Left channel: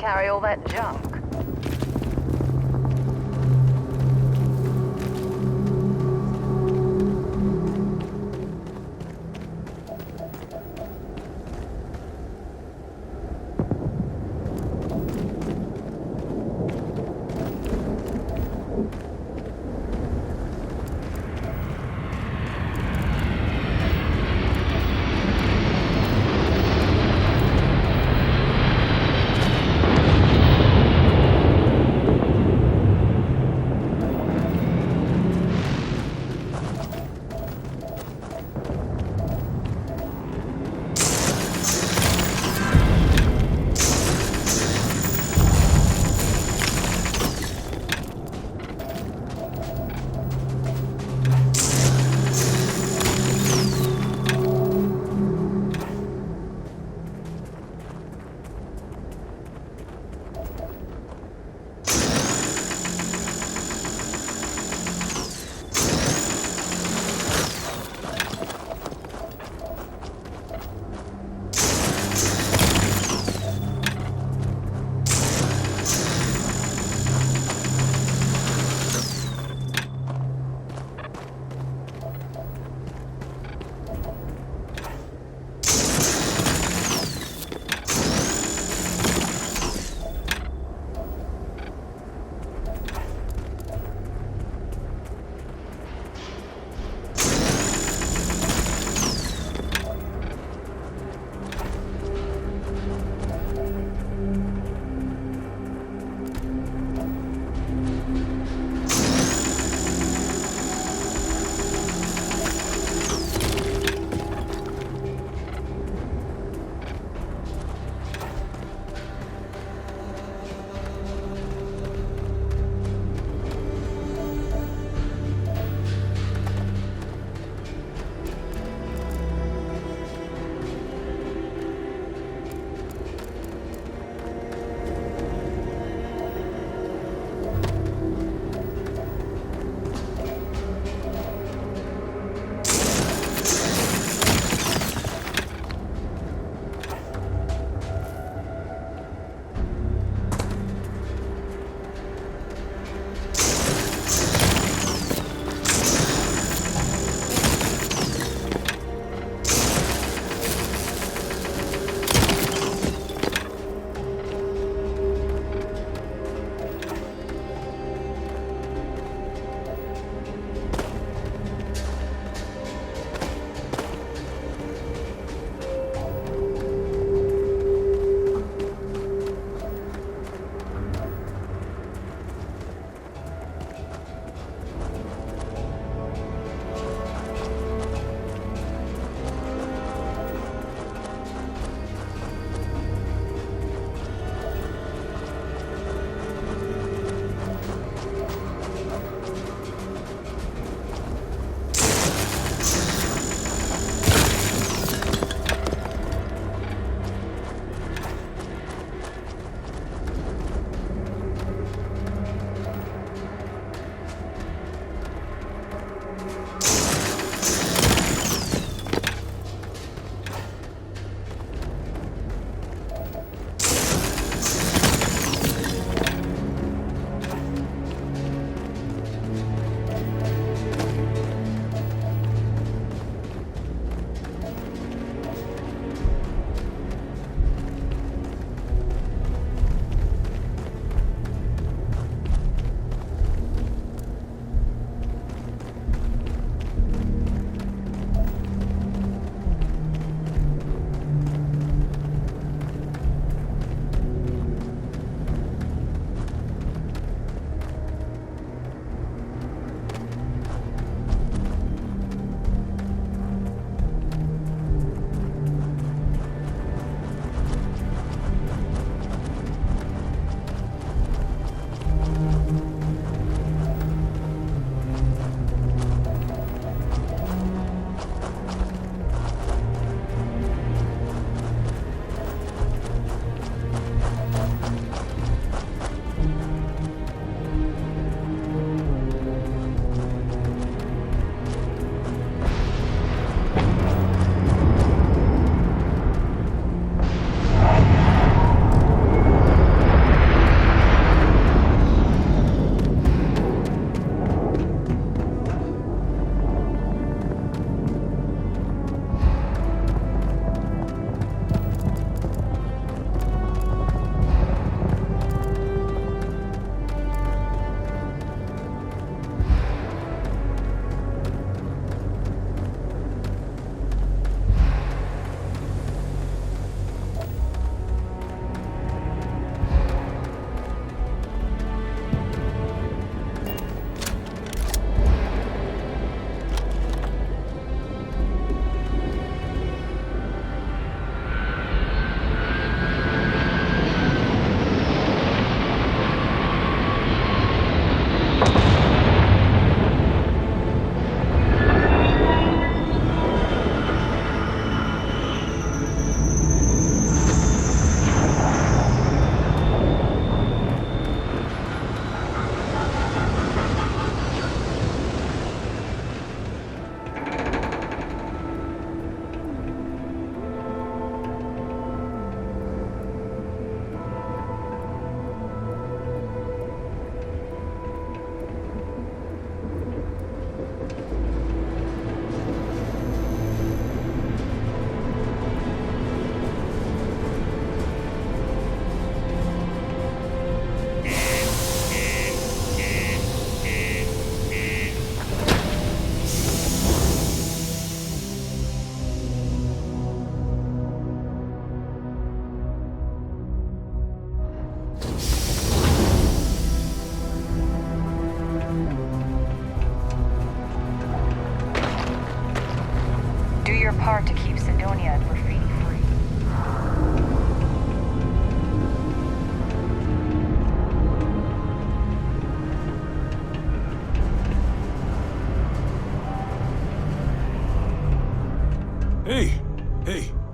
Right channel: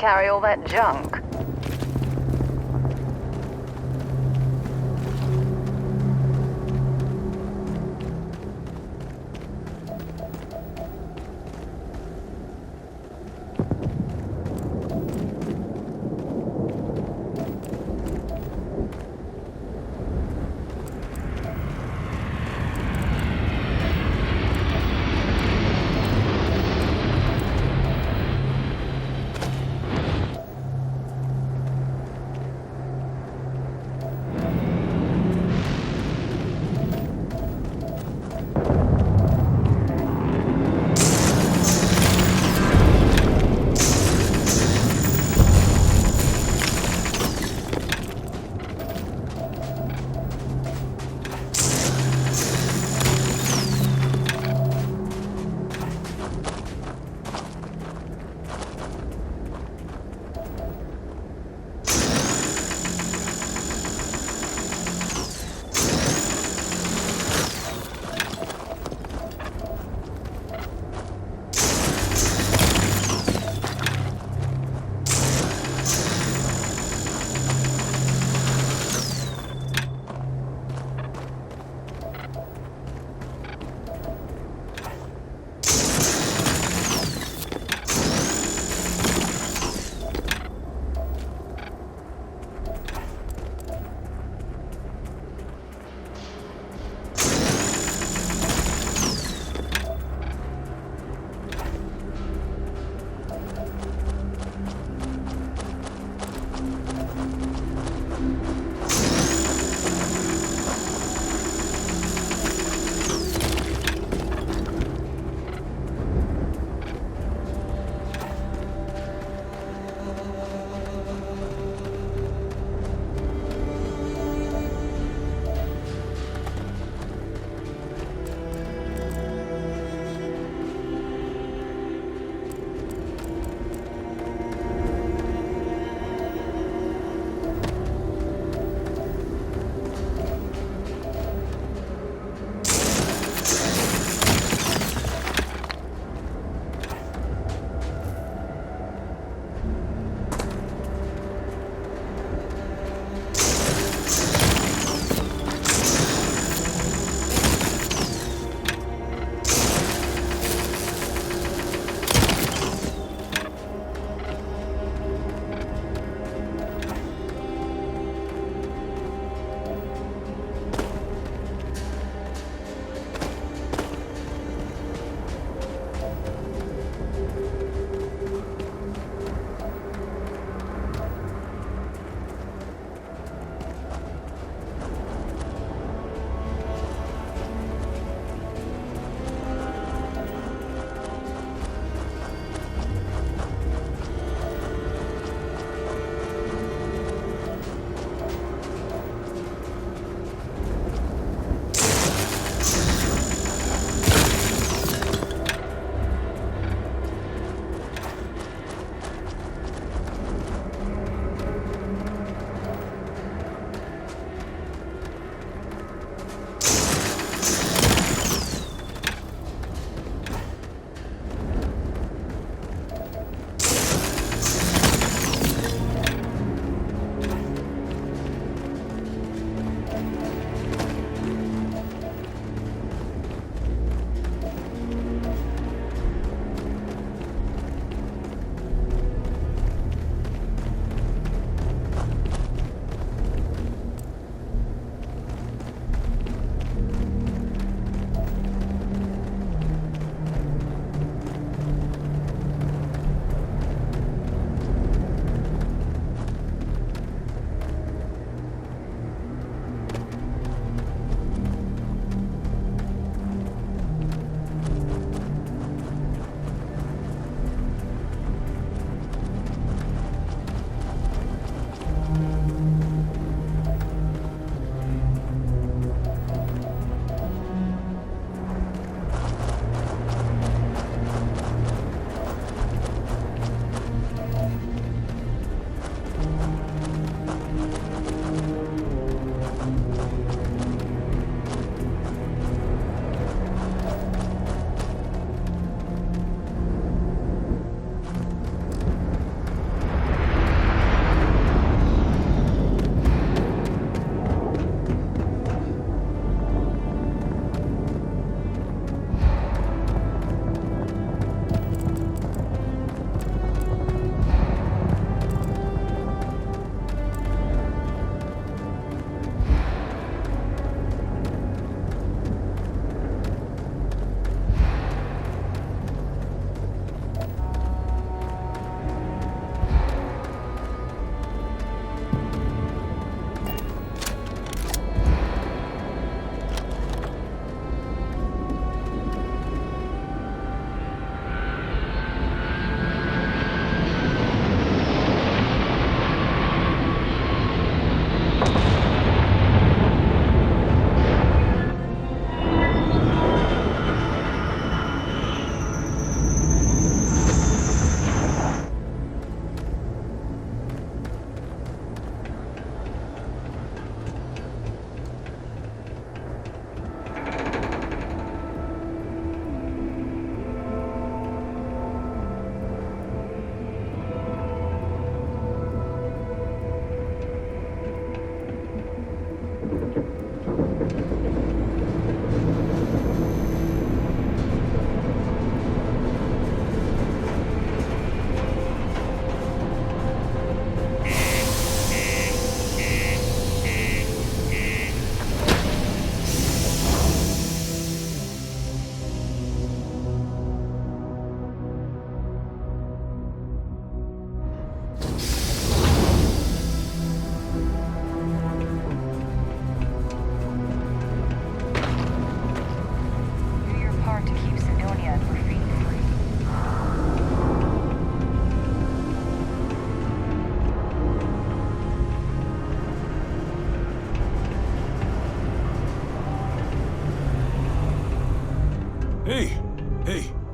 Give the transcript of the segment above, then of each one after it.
carry all that junk.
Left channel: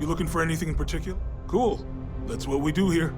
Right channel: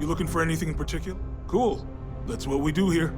You looking for anything in particular? Cool. That's what we do here.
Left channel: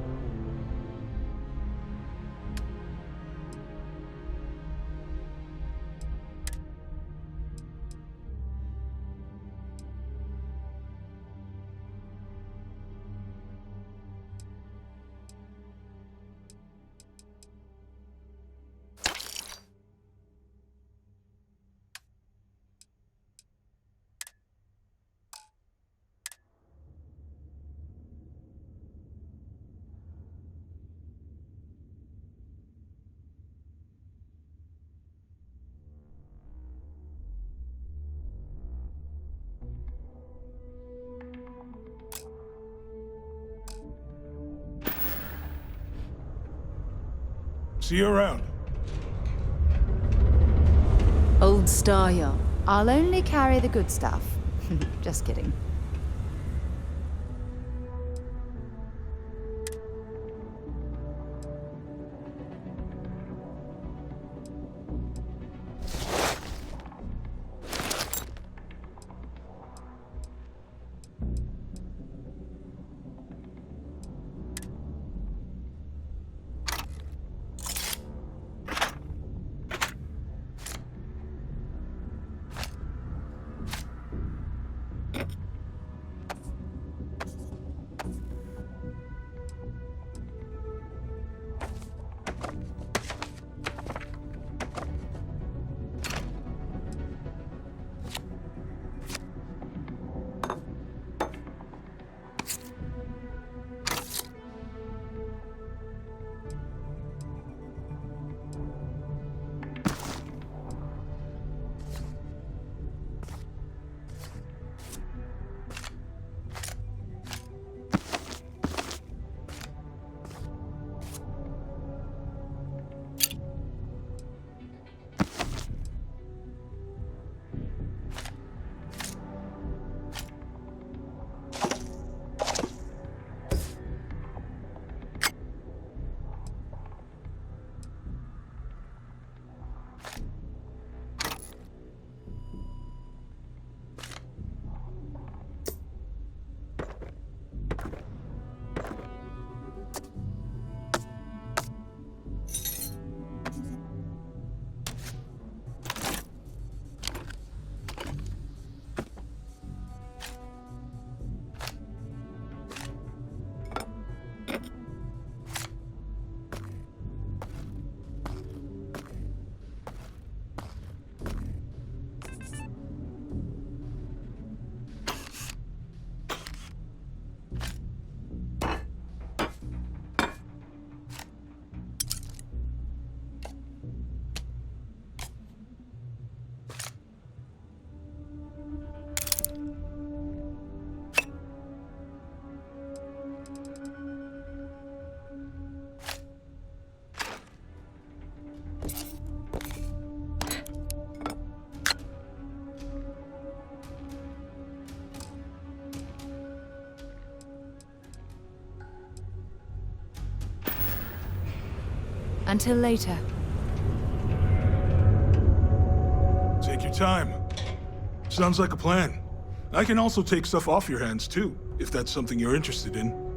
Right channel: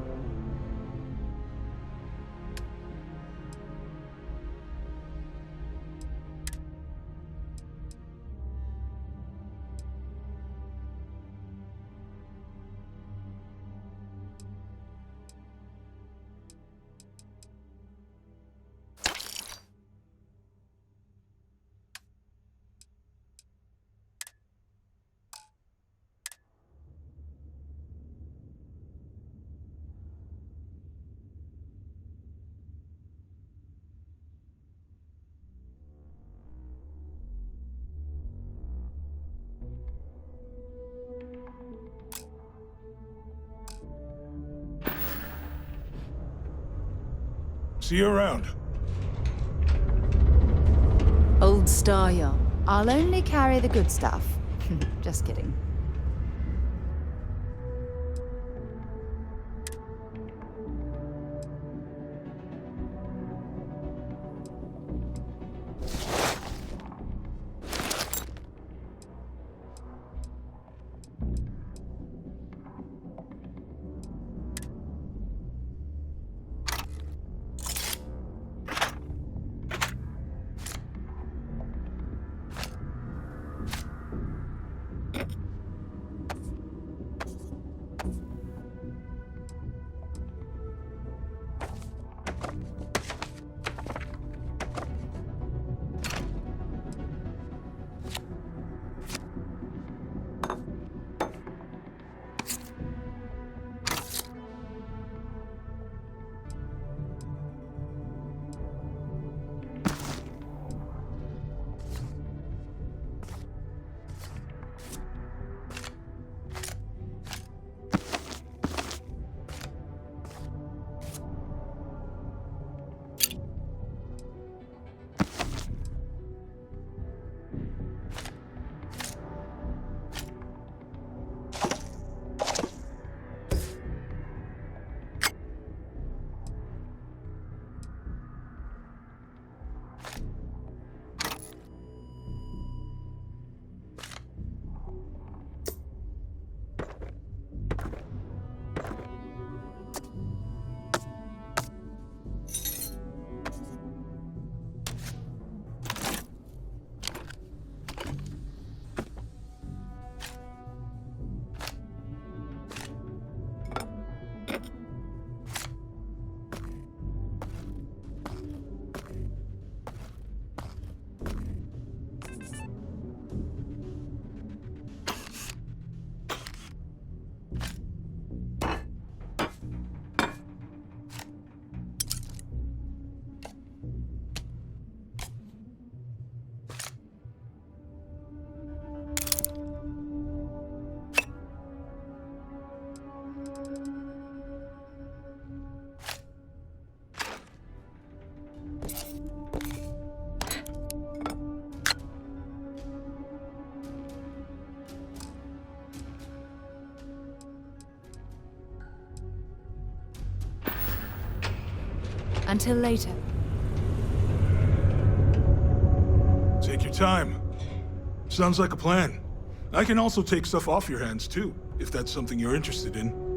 See you around. Old style. I'll only carry the good stuff. Just kidding. Until later. Take your time. Sounds like a plan. I can also take stuff off your hands too, if that's something you're interested in.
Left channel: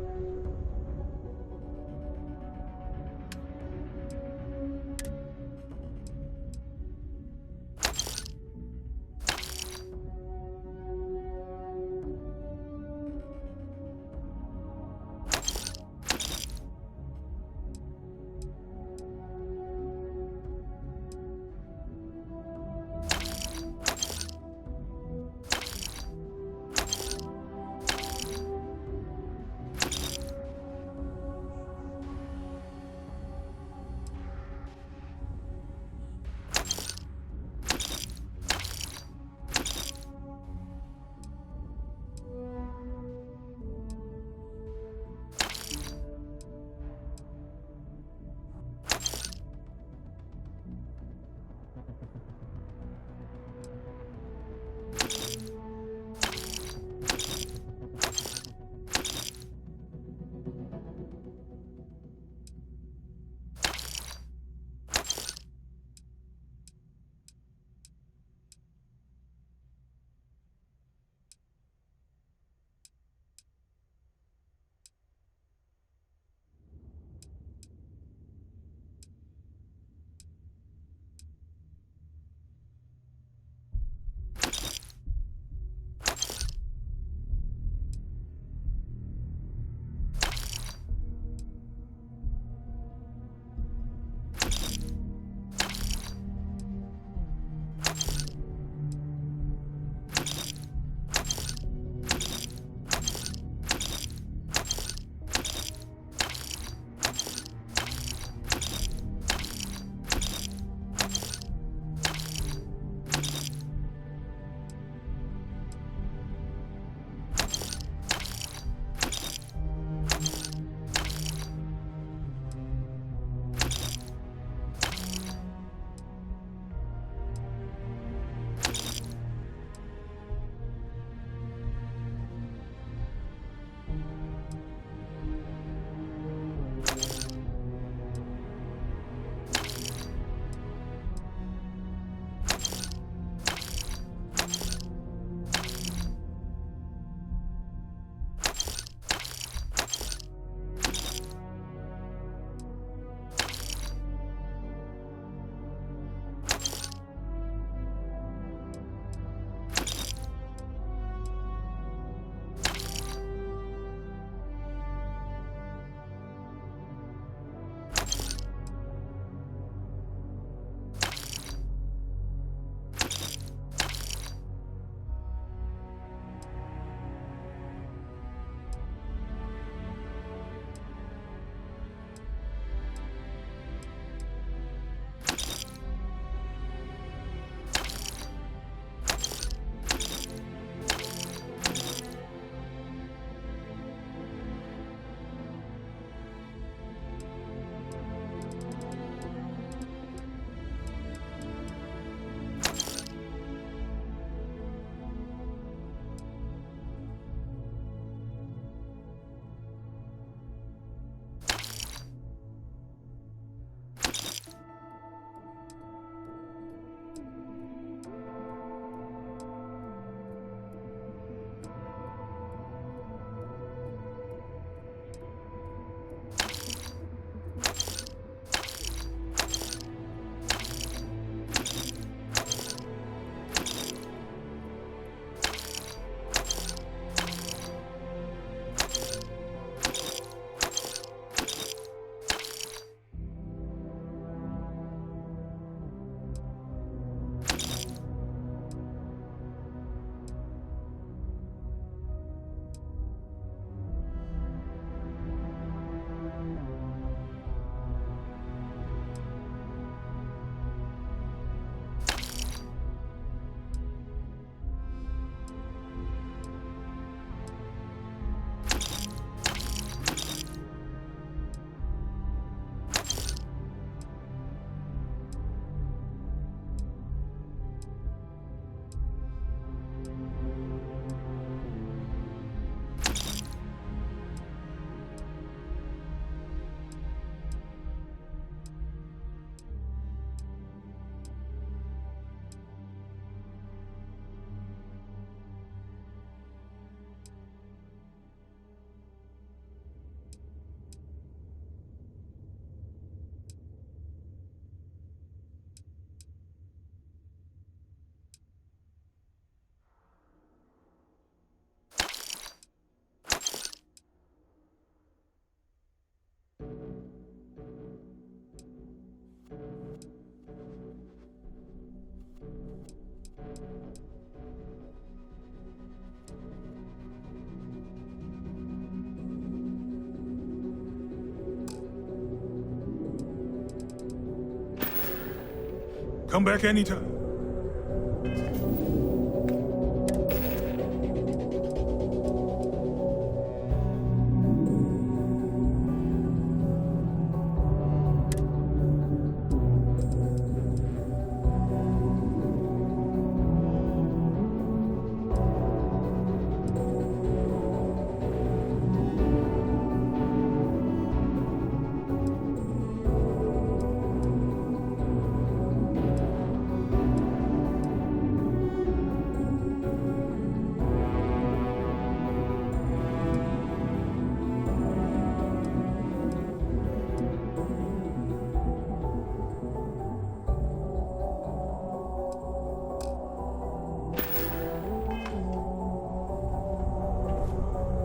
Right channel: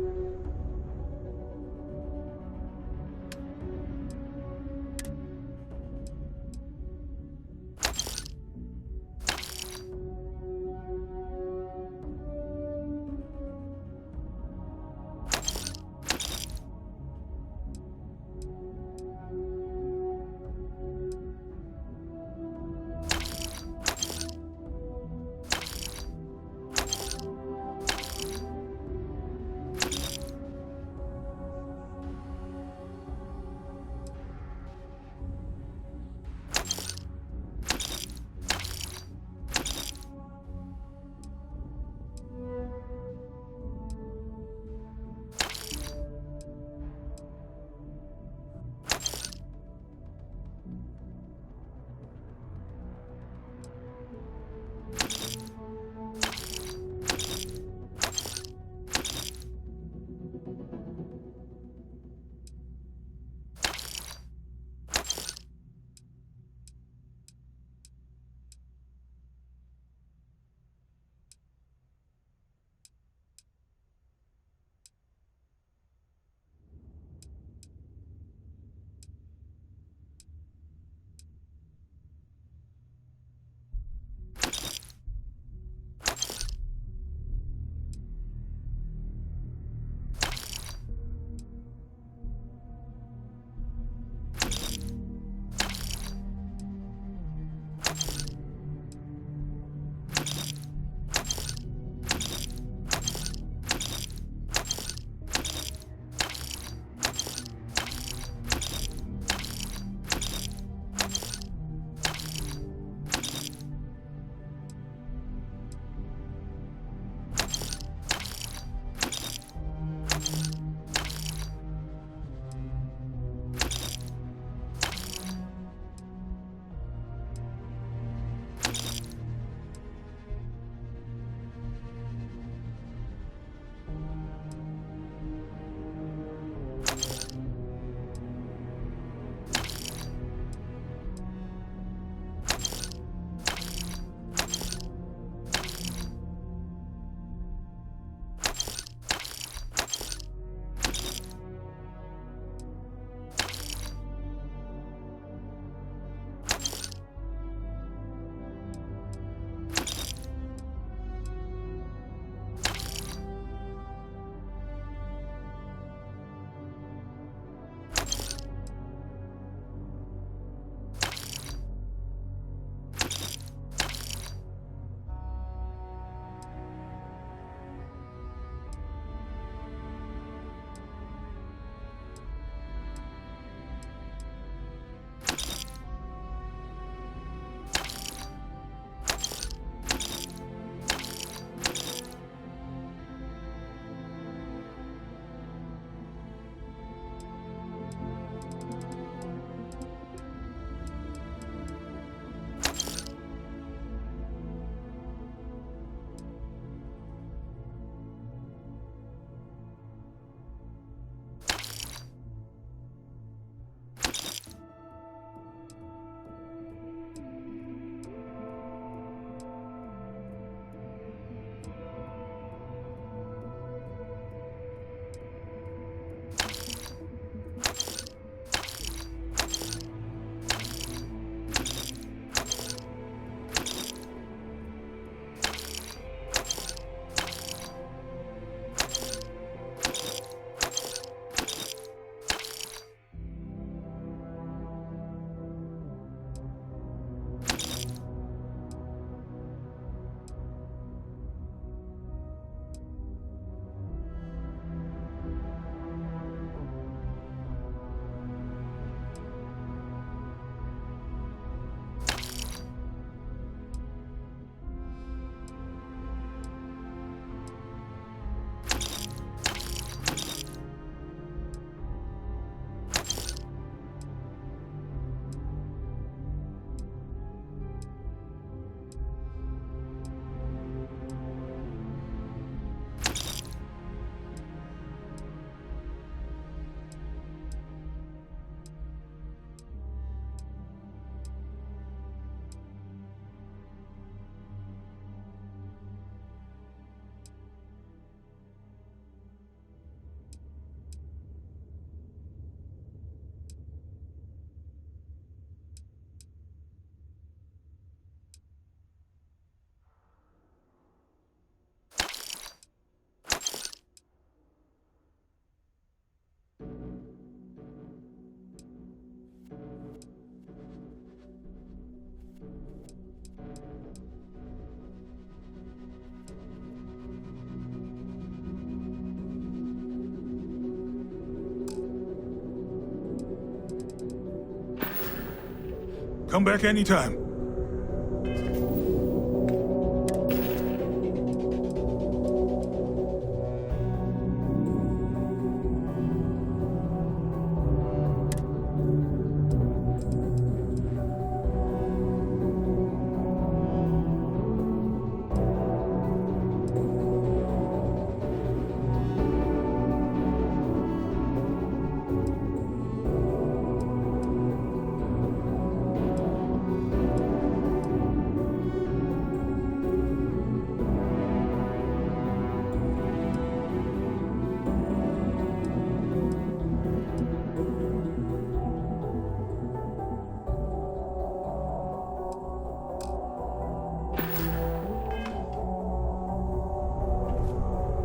Come back anytime.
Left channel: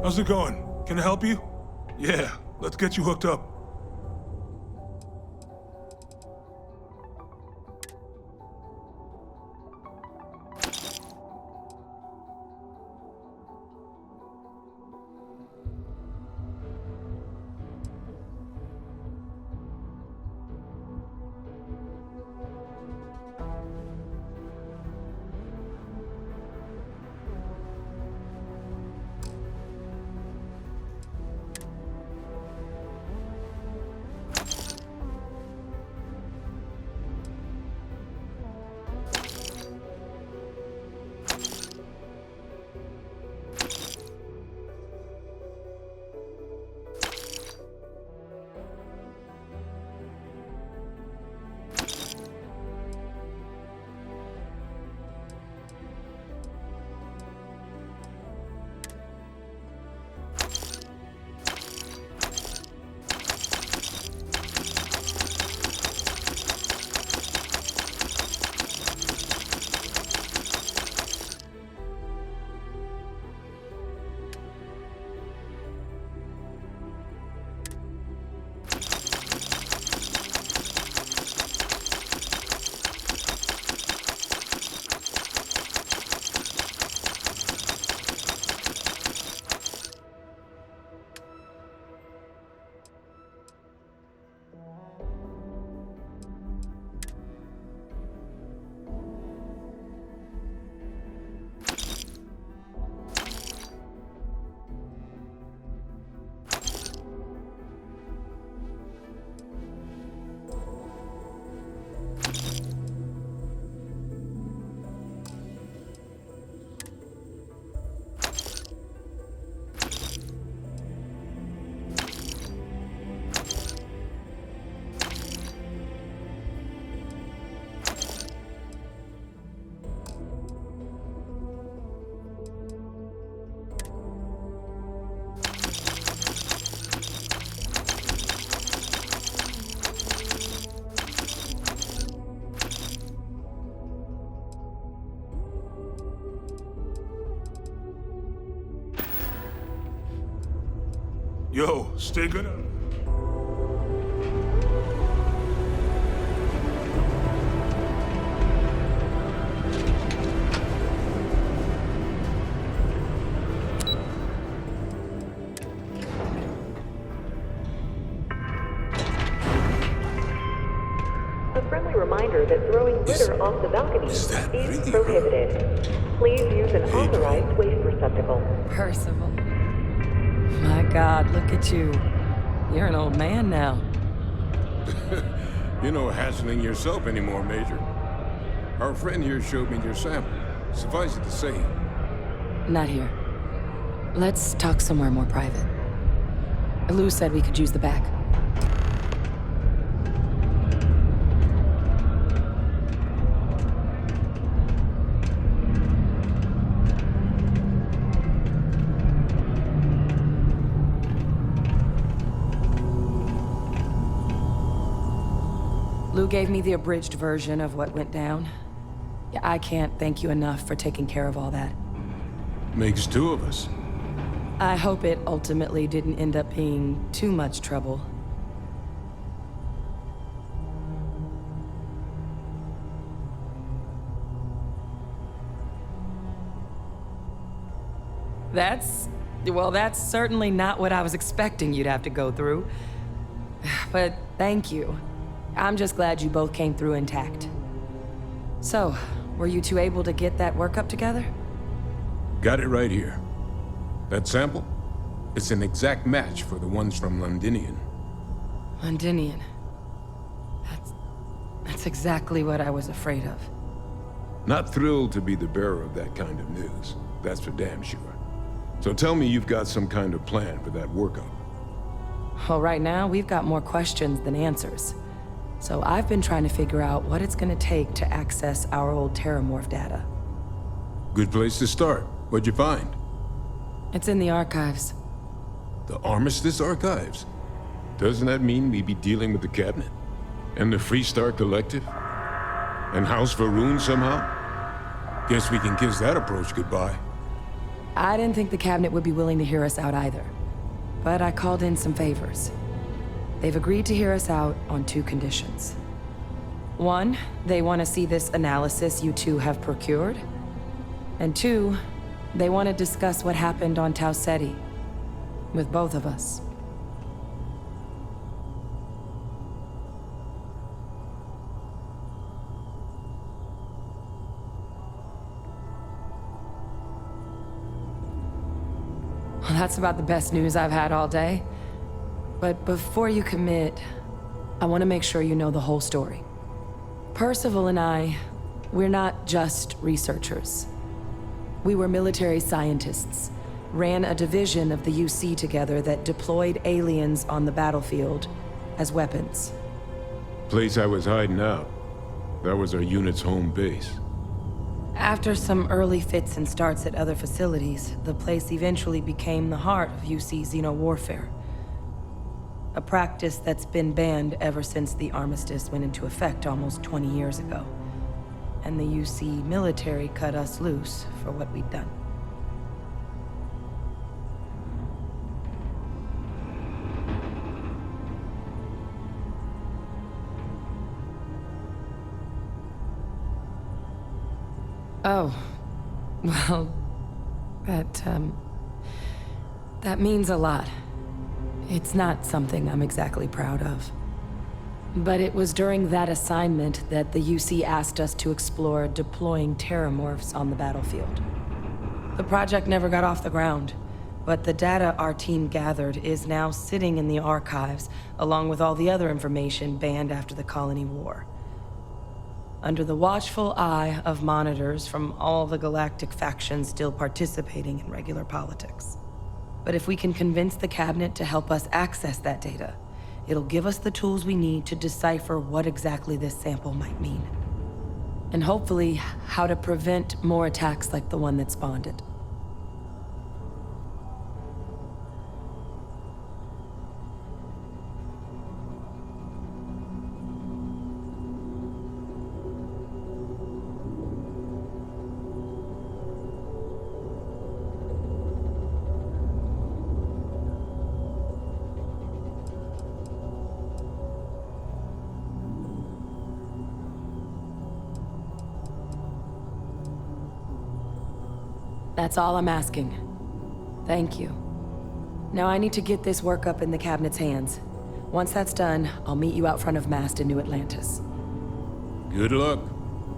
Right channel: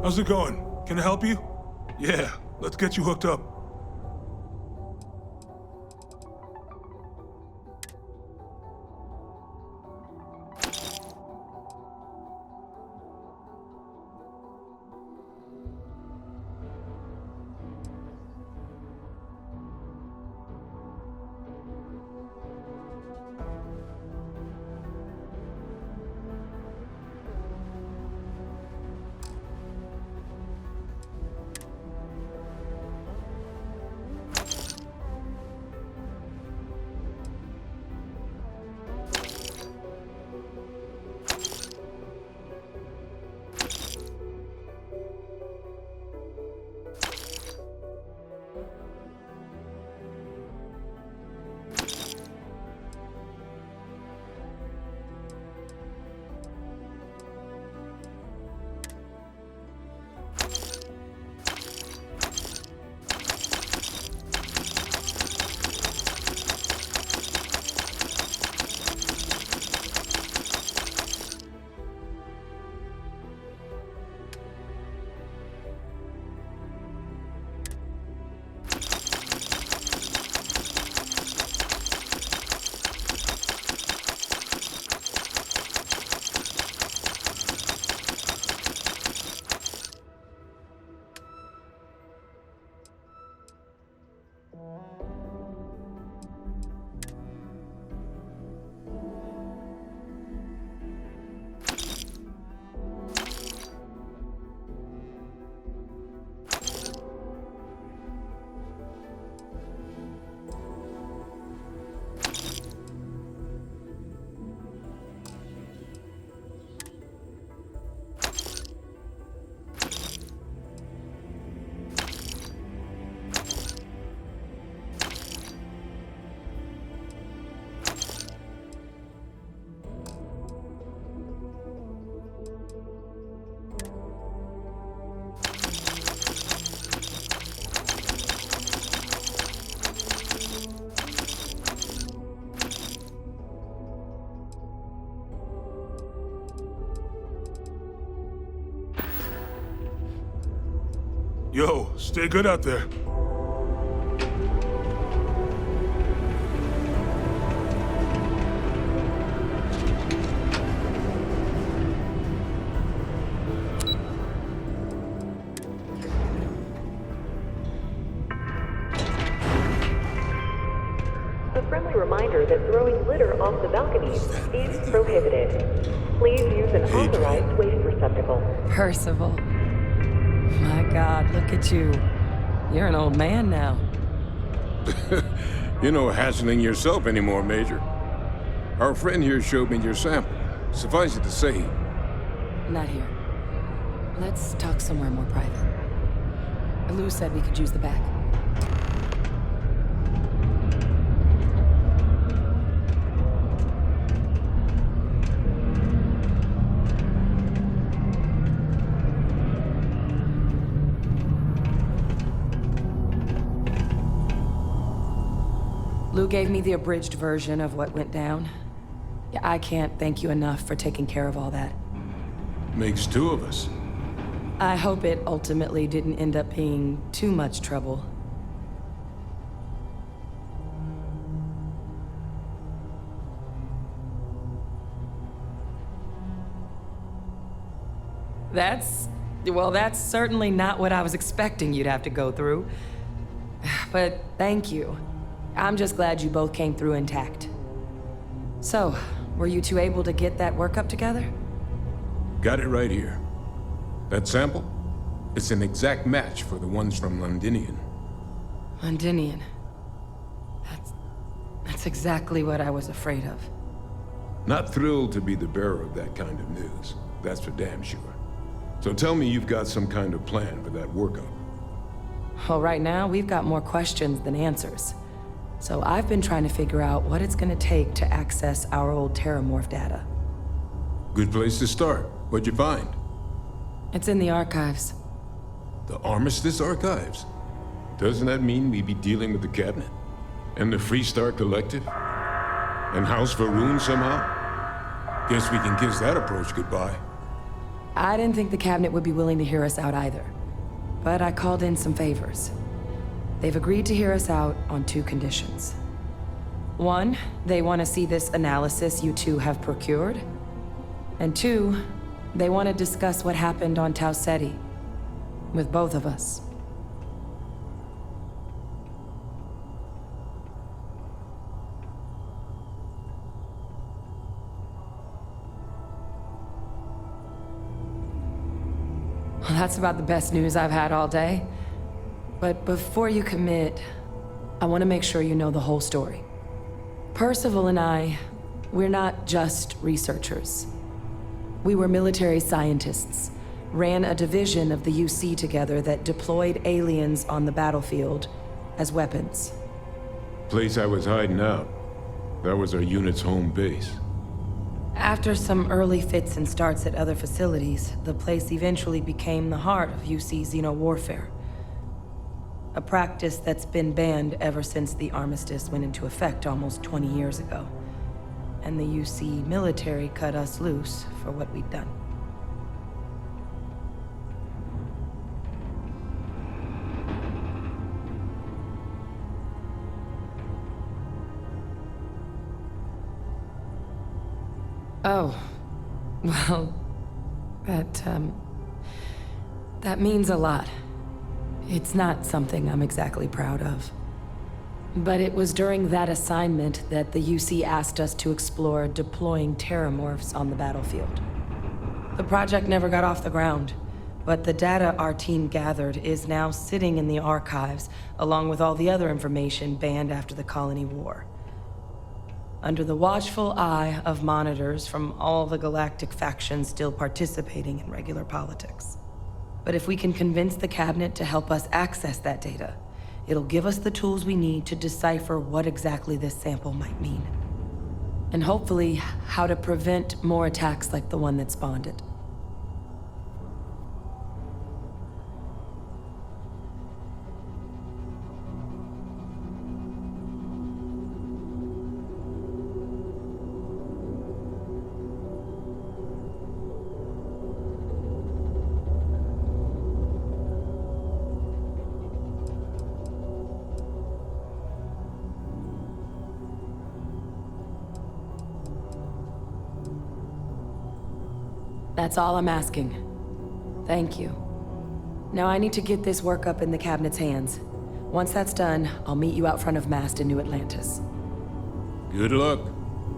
How's it going? Can I help you? Yeah, let's get you hooked up. Yo, stay good out there. A friendly reminder that throwing litter off the balcony is prohibited. Please use an authorized waste receptacle. Percival. My God, look at you. You're an old man now. You're no hassling yourself anymore, Major. Our friend here showed me your sample. Suffice it to say... Not here. Let's talk somewhere more private. Lou said we could use the back. Lou gave me the abridged version of what went down. Yeah, I can't thank you enough for taking care of all that. Makes two of us. I hope it ultimately didn't end up being too much trouble. Well, that's certainly not what I was expecting you'd have to go through. But thank you. I'm just glad you both came through intact. So, were you two able to get that workup together? Got it right here. That sample? It's an exact match for the ones from Londinian. Londinian. That's exactly what I was afraid of. Not thrilled to be the bearer of that kind of news. That's for damn sure. So tell me you've got some kind of plan for that workup. Well, right now, we've got more questions than answers. So I've been trying to figure out what it's gonna take to access our old Terramorph data. Good place to start. What'd you find? It's in the archives. The Armistice Archives? Doesn't that mean we'd be dealing with the Cabinet? And the Freestar Collective? And House Varun somehow? Guess we can kiss that approach goodbye. I didn't think the Cabinet would be willing to hear us out either. But I called in some favors. They've agreed to hear us out on 2 conditions. 1, they want to see this analysis you two have procured. And 2, they want to discuss what happened on Tau Ceti. With both of us. Well, that's about the best news I've had all day. But before you commit, I want to make sure you know the whole story. Percival and I, we're not just researchers. We were military scientists, ran a division of the UC together that deployed aliens on the battlefield as weapons. Place I was hiding out. That was our unit's home base. After some early fits and starts at other facilities, the place eventually became the heart of UC xeno-warfare. A practice that's been banned ever since the armistice went into effect almost 20 years ago. And the UC military cut us loose for what we'd done. Oh, well, that means a lot. It's not something I'm exactly proud of. But it was during that assignment that the UC asked us to explore deploying Terramorphs on the battlefield. The project never got off the ground, but the data our team gathered is now sitting in the archives, along with all the other information banned after the Colony War. Under the watchful eye of monitors from all the galactic factions still participating in regular politics. But if we can convince the Cabinet to help us access that data, it'll give us the tools we need to decipher what exactly this sample might mean. And hopefully, how to prevent more attacks like the one that spawned it. That's all I'm asking. Thank you. Now I need to get this work up in the Cabinet's hands. Once that's done, I'll meet you out front of Mast in New Atlantis. Good luck.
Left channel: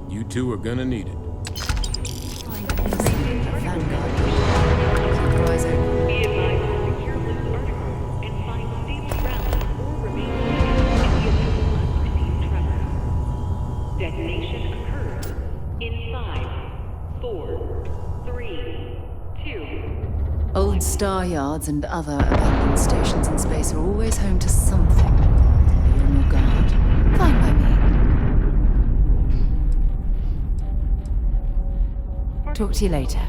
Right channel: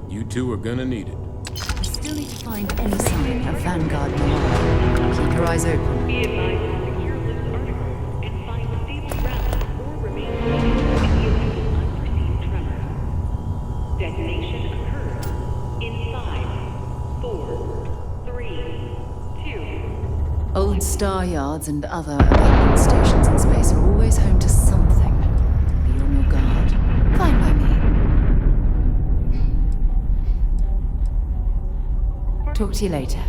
You two are gonna need it. Still need to find any sign of Vanguard Noir. Keep your eyes open. Be advised to secure this article and find stable ground or remain seated in the event of unforeseen tremor. Detonation occurs in 5, 4, 3, 2. Old star yards and other abandoned stations in space are always home to something. Be on your guard. Fine by me. Talk to you later.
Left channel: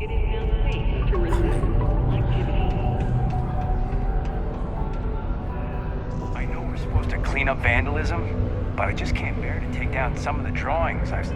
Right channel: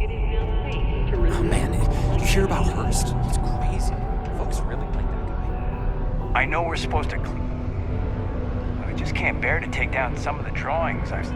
It is now safe to resume. Man, you hear about Hearst? It's crazy. Folks really like it. I know we're supposed to clean up vandalism, but I just can't bear to take down some of the drawings I've...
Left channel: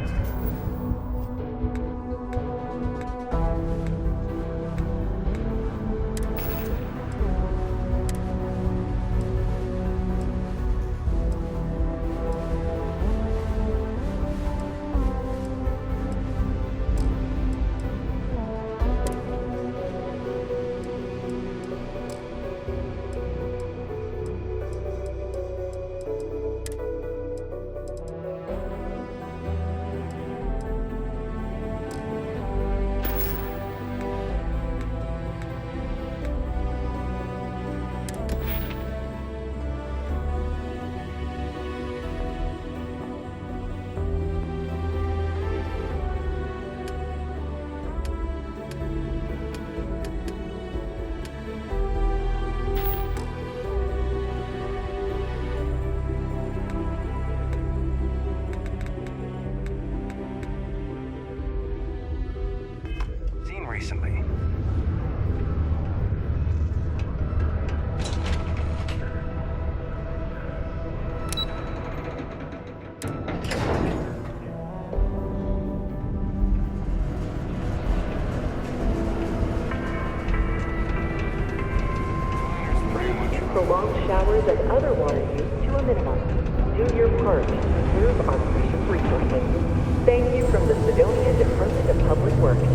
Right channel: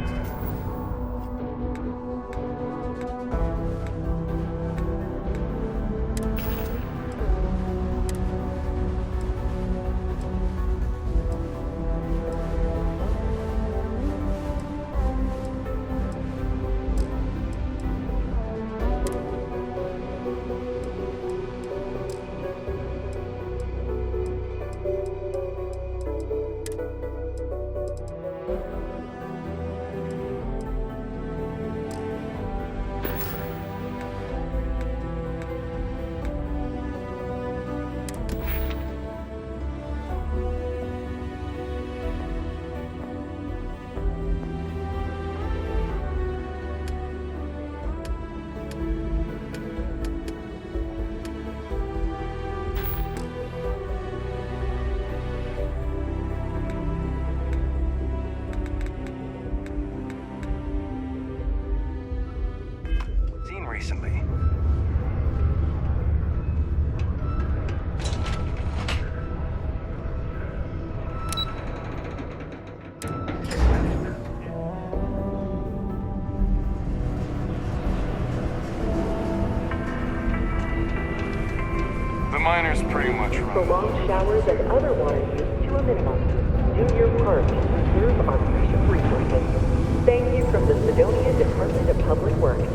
prolonged showers and other water use to a minimum. Do your part to preserve our precious resources. Thank you from the Sidonia Department of Public Works.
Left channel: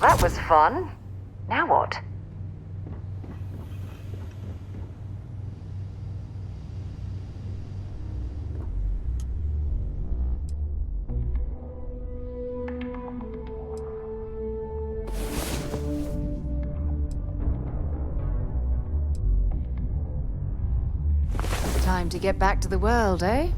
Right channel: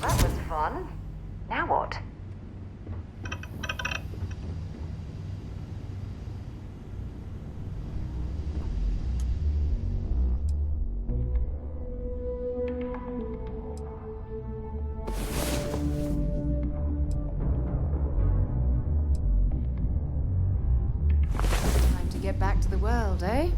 That was fun. Now what? Time to get back to the world, eh?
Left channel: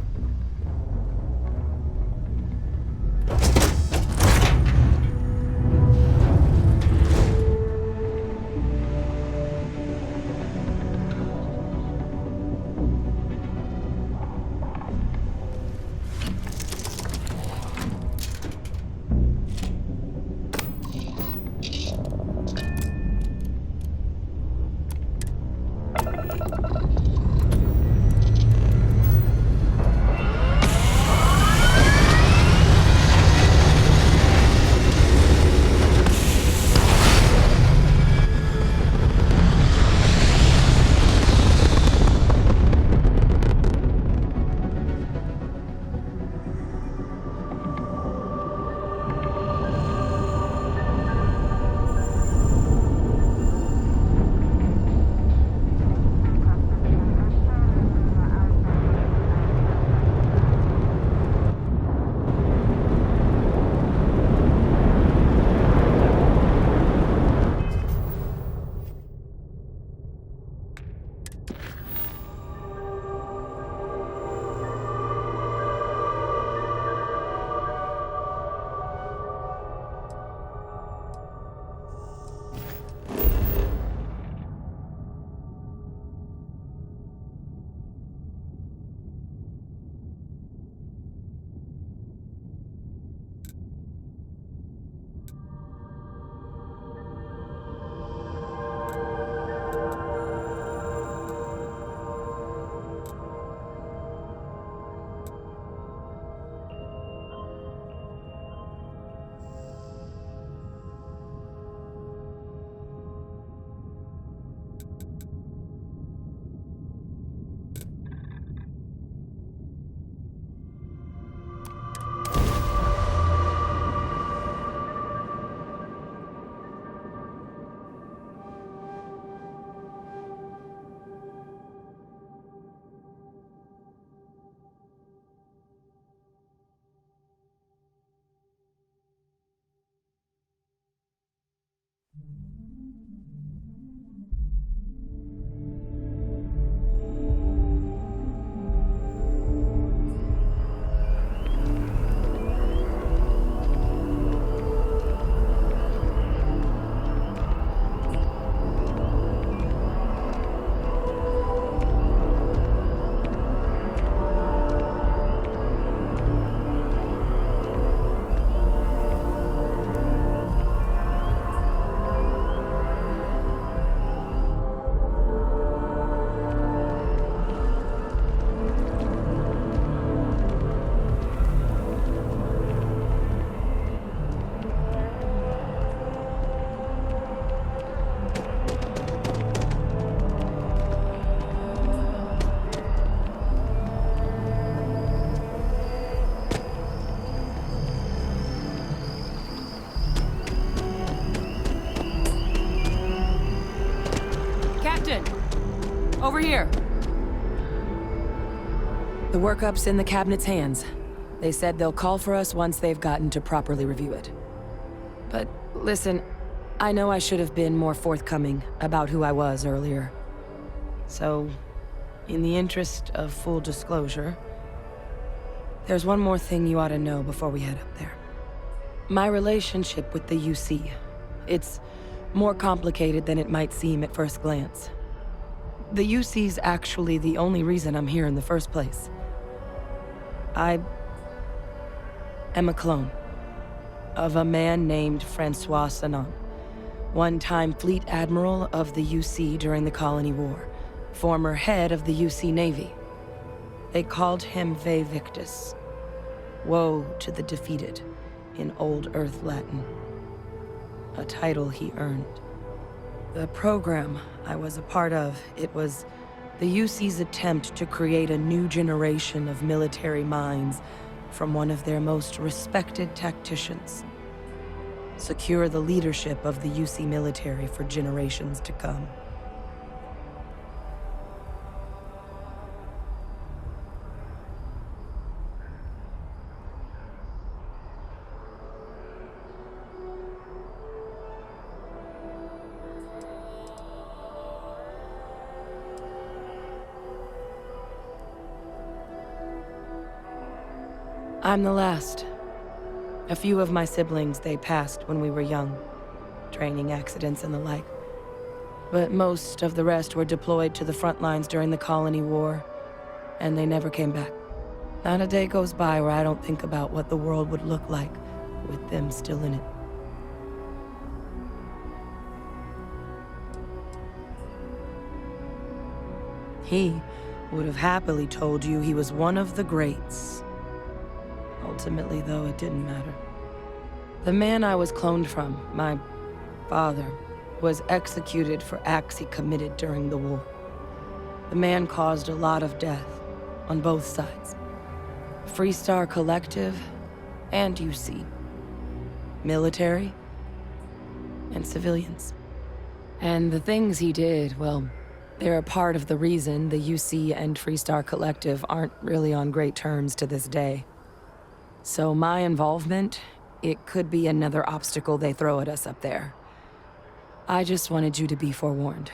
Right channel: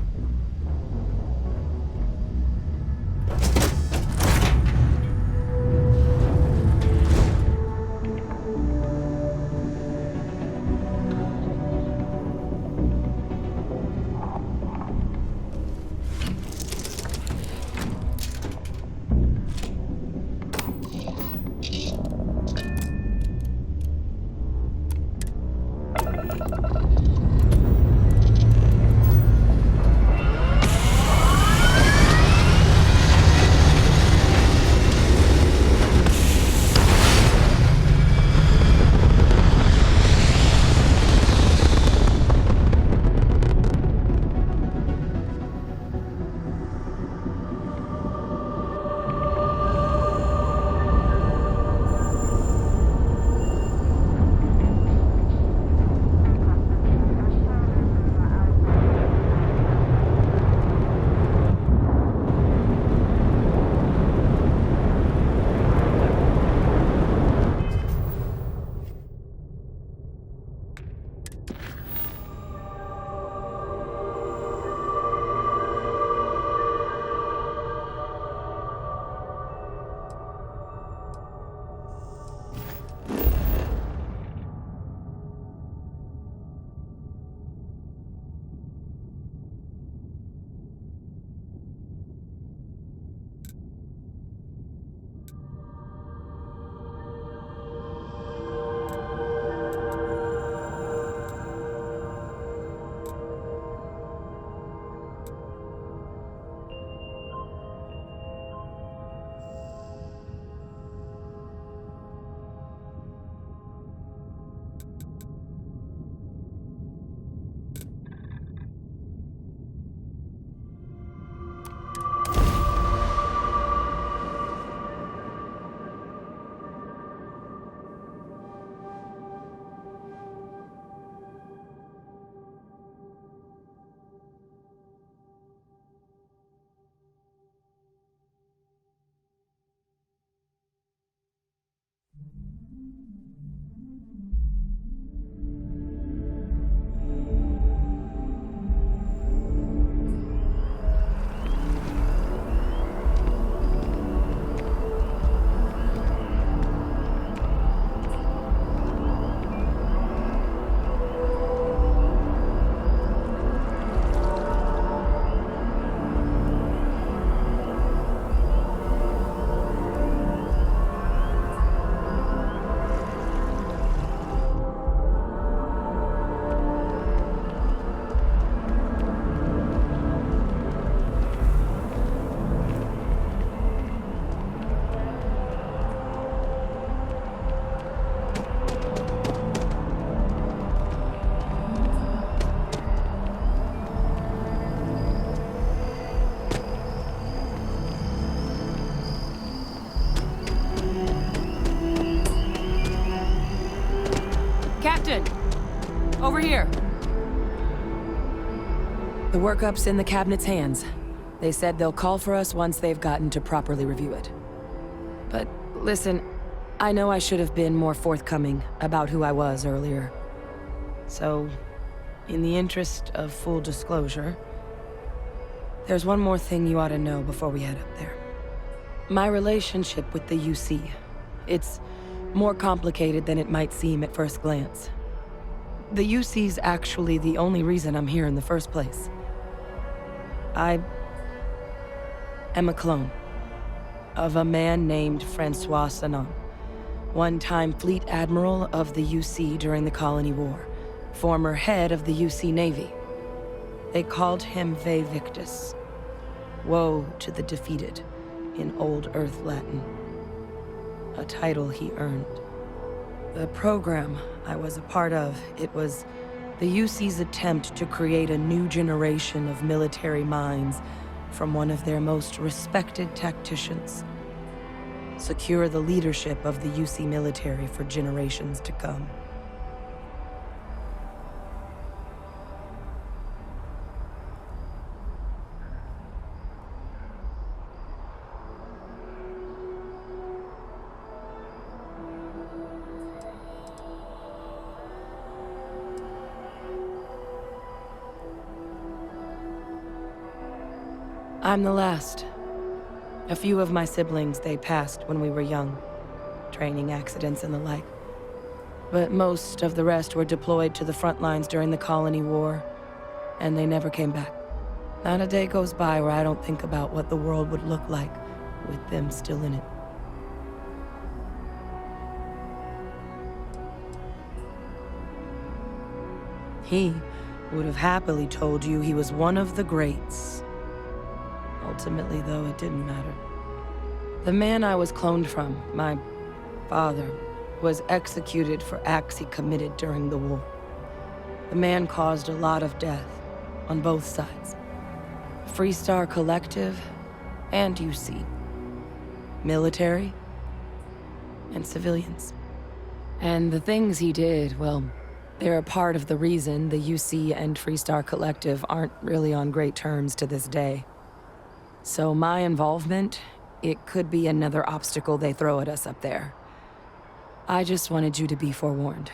Attention! Over here. The workup's in the cabinet's hands. They said they'll call for us once they've gotten to properly review it. But listen, I know I should have been more forthcoming about who I was earlier. So, in the interest of full disclosure, there's one more thing you ought to know before we head up there. My relationship with the UC. It's more complicated than it might seem at first glance. The UC's actually the only reason I'm here in the first place. I am a clone of a man named Francois Sanon, one-time fleet admiral of the UC during the Colony War, former head of the UC Navy. They called him Ve Victus, woe to the defeated, in Old Earth Latin, a title he earned. The program I was a part of, it was the UC's attempt to create a new generation of military minds from one of their most respected tacticians. Secure the leadership of the UC military for generations to come. I'm the last. A few of my siblings, they passed when we were young. Training accidents and the like. But most of the rest were deployed to the front lines during the Colony War, and they never came back. Not a day goes by where I don't think about what the world would look like with them still in it. He would have happily told you he was one of the greats. Ultimately, though, it didn't matter. The man I was cloned from, my father, was executed for acts he committed during the war. The man caused a lot of death, on both sides. Freestar Collective and UC. Military and civilians. And the things he did, well, they're a part of the reason the UC and Freestar Collective aren't really on great terms to this day. So my involvement, it could be another obstacle they throw at us up there. I just wanted you to be forewarned.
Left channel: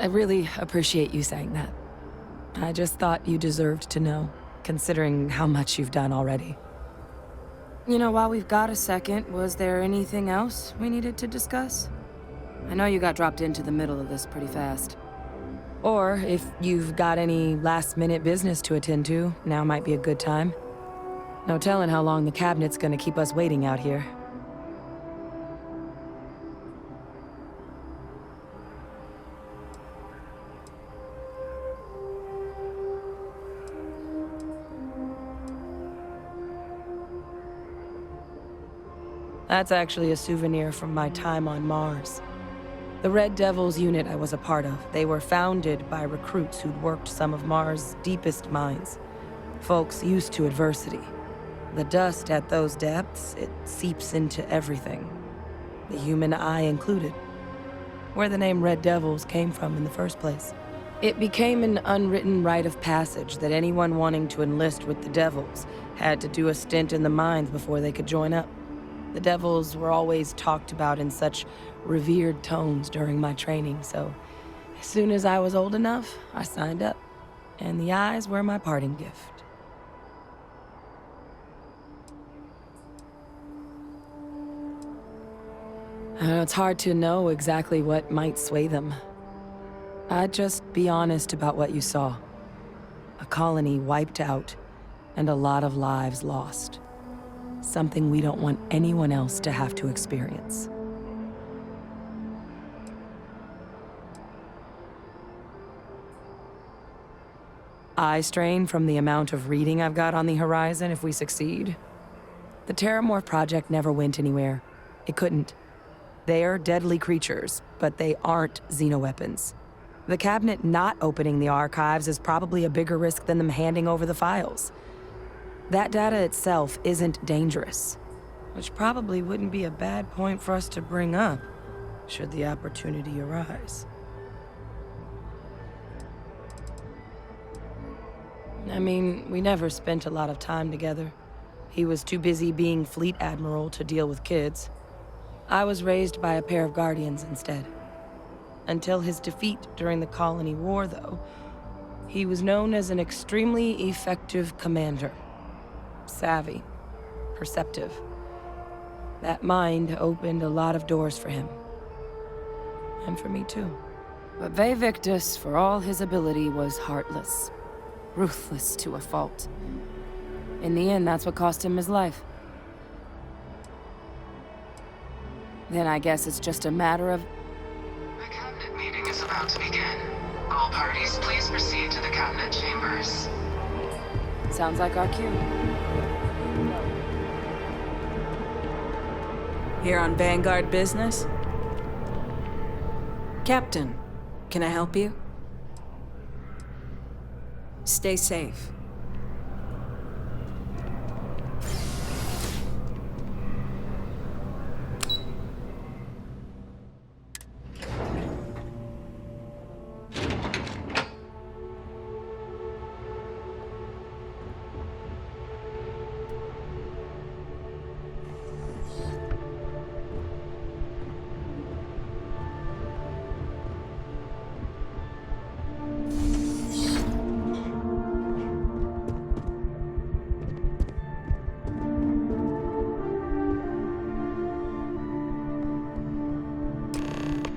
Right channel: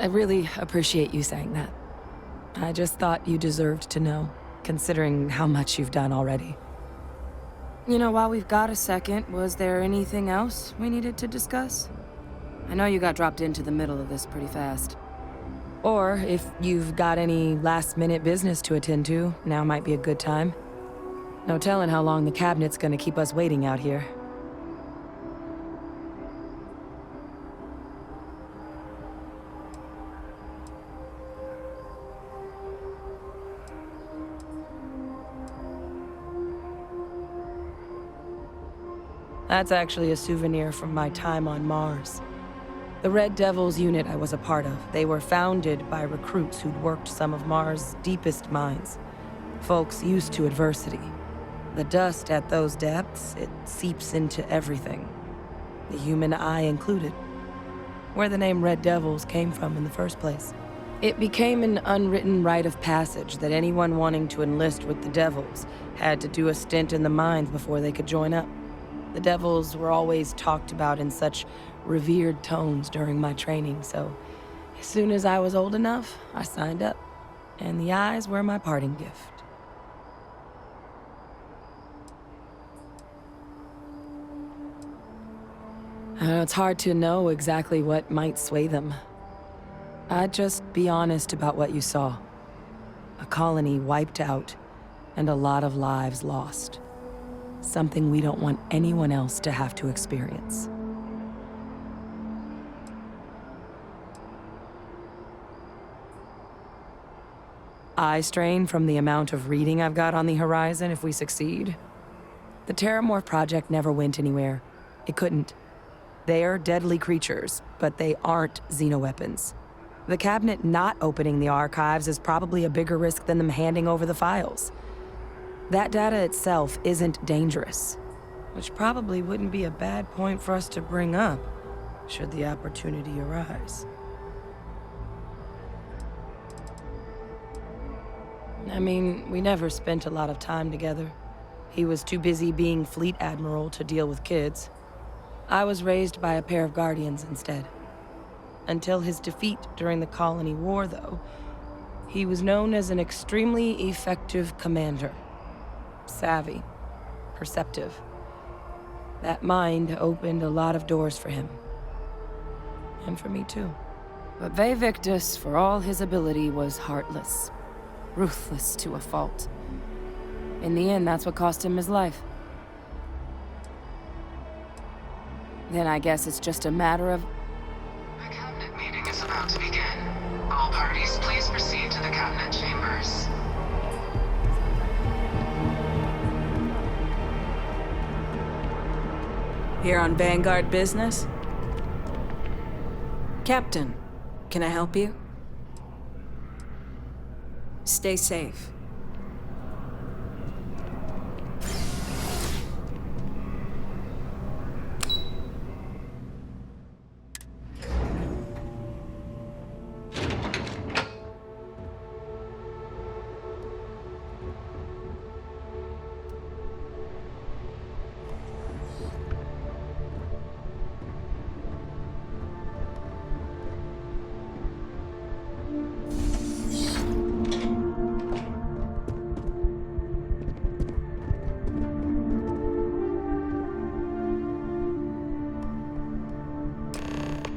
I really appreciate you saying that. I just thought you deserved to know, considering how much you've done already. You know, while we've got a second, was there anything else we needed to discuss? I know you got dropped into the middle of this pretty fast. Or if you've got any last-minute business to attend to, now might be a good time. No telling how long the cabinet's gonna keep us waiting out here. That's actually a souvenir from my time on Mars. The Red Devils unit I was a part of, they were founded by recruits who'd worked some of Mars' deepest mines. Folks used to adversity. The dust at those depths, it seeps into everything. The human eye included. Where the name Red Devils came from in the first place. It became an unwritten rite of passage that anyone wanting to enlist with the Devils had to do a stint in the mines before they could join up. The Devils were always talked about in such revered tones during my training, so as soon as I was old enough, I signed up. And the eyes were my parting gift. It's hard to know exactly what might sway them. I'd just be honest about what you saw. A colony wiped out, and a lot of lives lost. Something we don't want anyone else to have to experience. eye strain from the amount of reading I've got on the horizon if we succeed. The Terramorph project never went anywhere. It couldn't. They're deadly creatures, but they aren't xenoweapons. The cabinet not opening the archives is probably a bigger risk than them handing over the files. That data itself isn't dangerous, which probably wouldn't be a bad point for us to bring up, should the opportunity arise. I mean, we never spent a lot of time together. He was too busy being Fleet Admiral to deal with kids. I was raised by a pair of guardians instead. Until his defeat during the Colony War, though, he was known as an extremely effective commander. Savvy, perceptive. That mind opened a lot of doors for him. And for me, too. But Ve Victus, for all his ability, was heartless. Ruthless to a fault. In the end, that's what cost him his life. Then I guess it's just a matter of... The cabinet meeting is about to begin. All parties, please proceed to the cabinet chambers. Sounds like our cue. Here on Vanguard business? Captain, can I help you? Stay safe.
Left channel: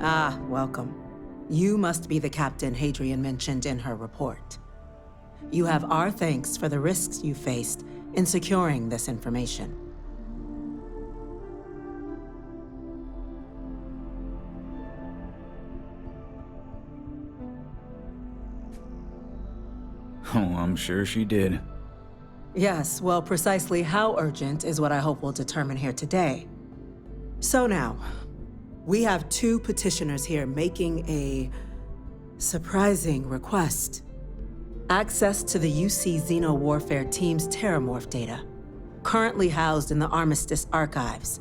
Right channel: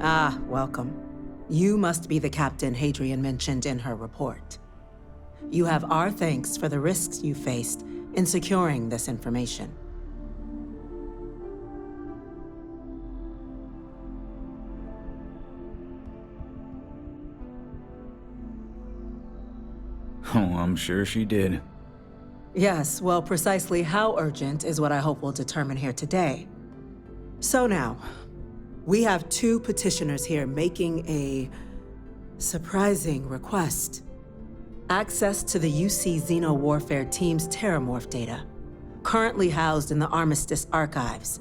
Ah, welcome. You must be the captain Hadrian mentioned in her report. You have our thanks for the risks you faced in securing this information. Oh, I'm sure she did. Yes, well, precisely how urgent is what I hope we'll determine here today. So now, we have two petitioners here making a surprising request. Access to the UC Xeno Warfare Team's Terramorph data, currently housed in the Armistice archives.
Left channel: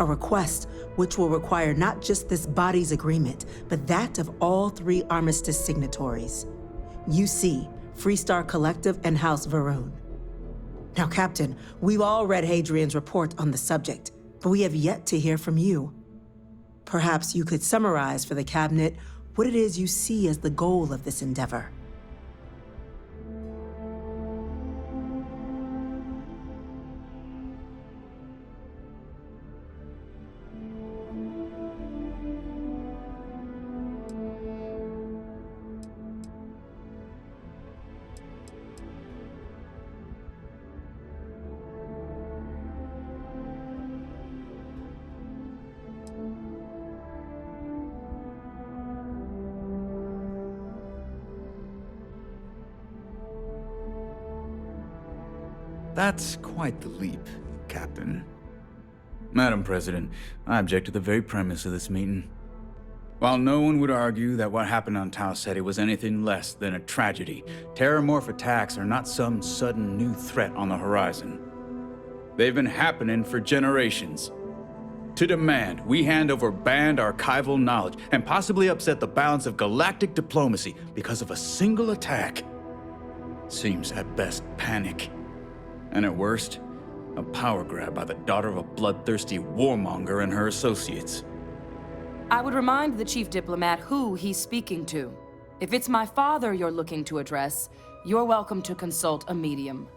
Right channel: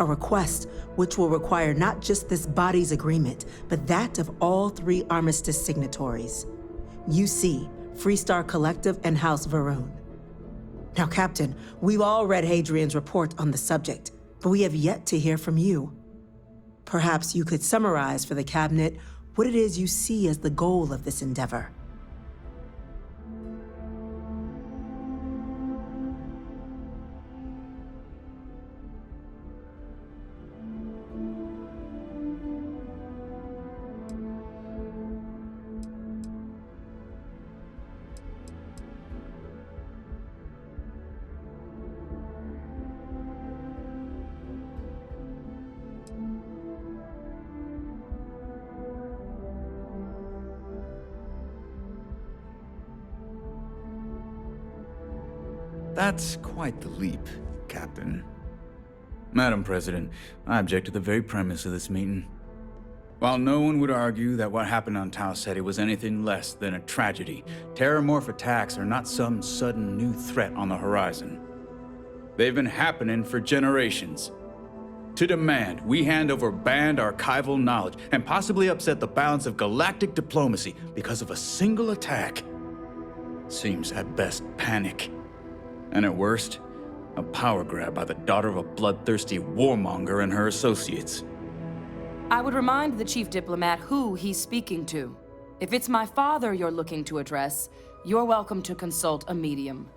A request which will require not just this body's agreement, but that of all three Armistice signatories. UC, Freestar Collective, and House Varun. Now, Captain, we've all read Hadrian's report on the subject, but we have yet to hear from you. Perhaps you could summarize for the Cabinet what it is you see as the goal of this endeavor. That's quite the leap, Captain. Madam President, I object to the very premise of this meeting. While no one would argue that what happened on Tau Ceti was anything less than a tragedy, Terramorph attacks are not some sudden new threat on the horizon. They've been happening for generations. To demand we hand over banned archival knowledge and possibly upset the balance of galactic diplomacy because of a single attack seems at best panic. And at worst, a power grab by the daughter of a bloodthirsty warmonger and her associates. I would remind the chief diplomat who he's speaking to. If it's my father you're looking to address, you're welcome to consult a medium.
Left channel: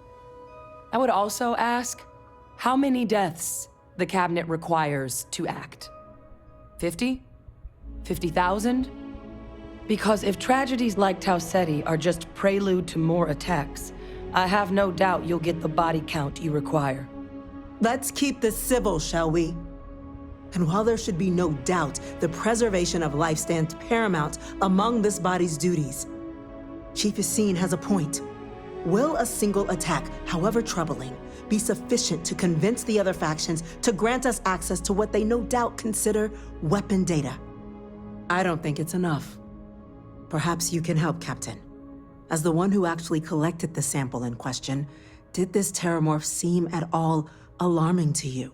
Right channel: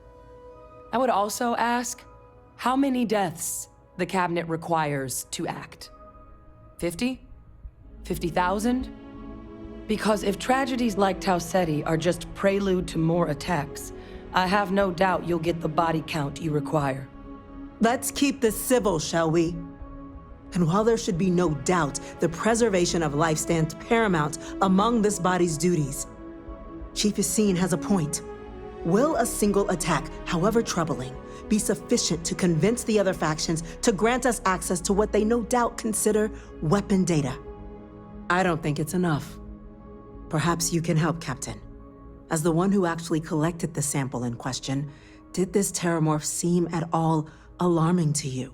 I would also ask how many deaths the Cabinet requires to act. 50? 50,000? Because if tragedies like Tau Ceti are just prelude to more attacks, I have no doubt you'll get the body count you require. Let's keep this civil, shall we? And while there should be no doubt the preservation of life stands paramount among this body's duties, Chief Yassine has a point. Will a single attack, however troubling, be sufficient to convince the other factions to grant us access to what they no doubt consider weapon data? I don't think it's enough. Perhaps you can help, Captain. As the one who actually collected the sample in question, did this terramorph seem at all alarming to you?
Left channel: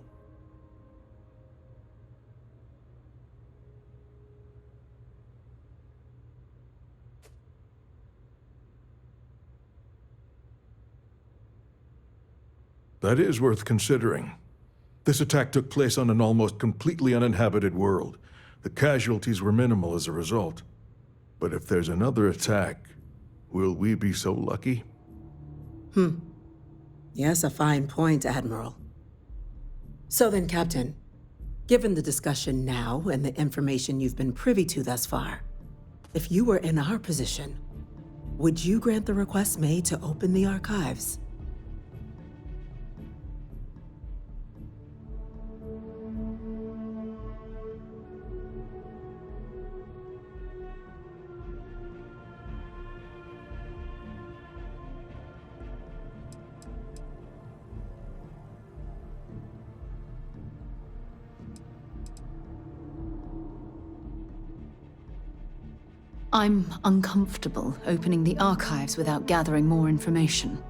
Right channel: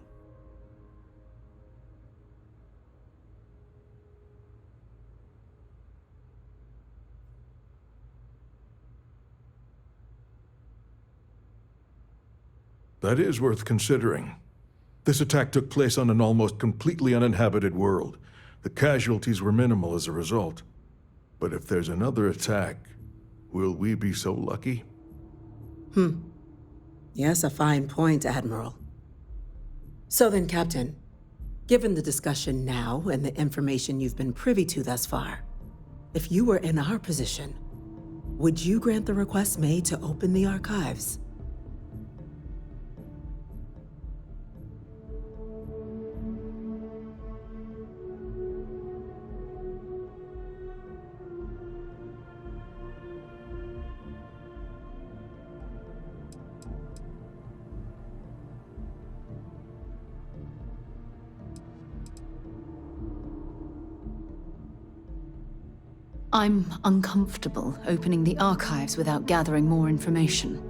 That is worth considering. This attack took place on an almost completely uninhabited world. The casualties were minimal as a result. But if there's another attack, will we be so lucky? Yes, a fine point, Admiral. So then, Captain, given the discussion now and the information you've been privy to thus far, if you were in our position, would you grant the request made to open the archives? I'm uncomfortable opening the archives without gathering more information.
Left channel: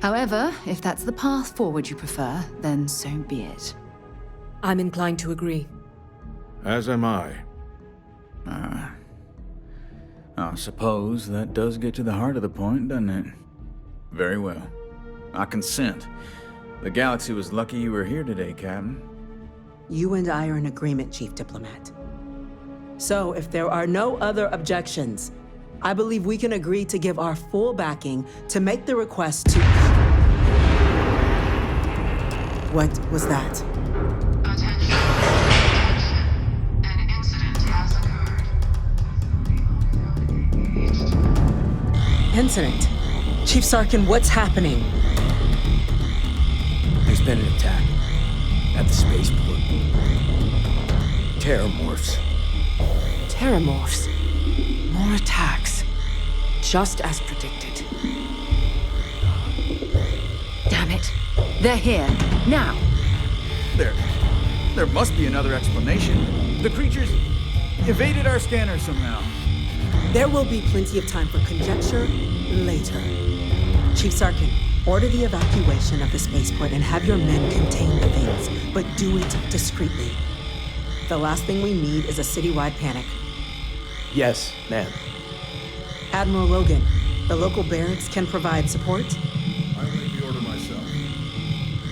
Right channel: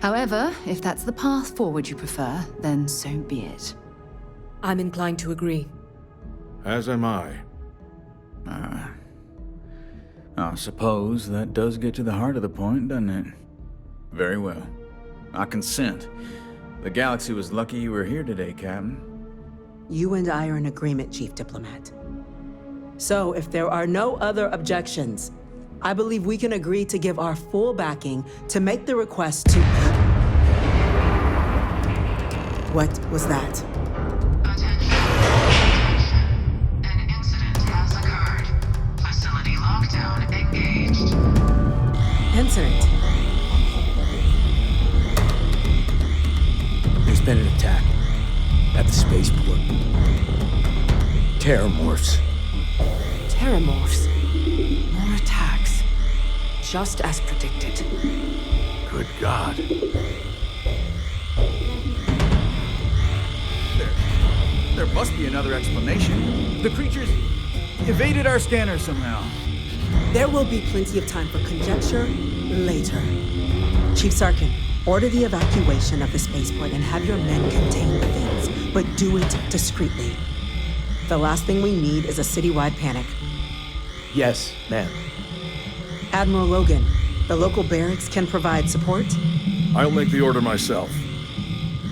However, if that's the path forward you prefer, then so be it. I'm inclined to agree. As am I. I suppose that does get to the heart of the point, doesn't it? Very well. I consent. The galaxy was lucky you were here today, Captain. You and I are in agreement, Chief Diplomat. So, if there are no other objections, I believe we can agree to give our full backing to make the request to... What was that? Attention. Attention. An incident has occurred. Facility lockdown engaged. Incident. Chief Sarkin, what's happening? There's been an attack at the spaceport. Terramorphs. Terramorphs. More attacks. Just as predicted. Good God. Damn it. They're here. Now. There must be another explanation. The creatures evaded our scanner somehow. There will be plenty of time for conjecture later. Chief Sarkin, order the evacuation of the spaceport and have your men contain the things, but do it discreetly. The last thing we need is a citywide panic. Yes, ma'am. Admiral Logan, the local barracks can provide support? I'll make the order myself.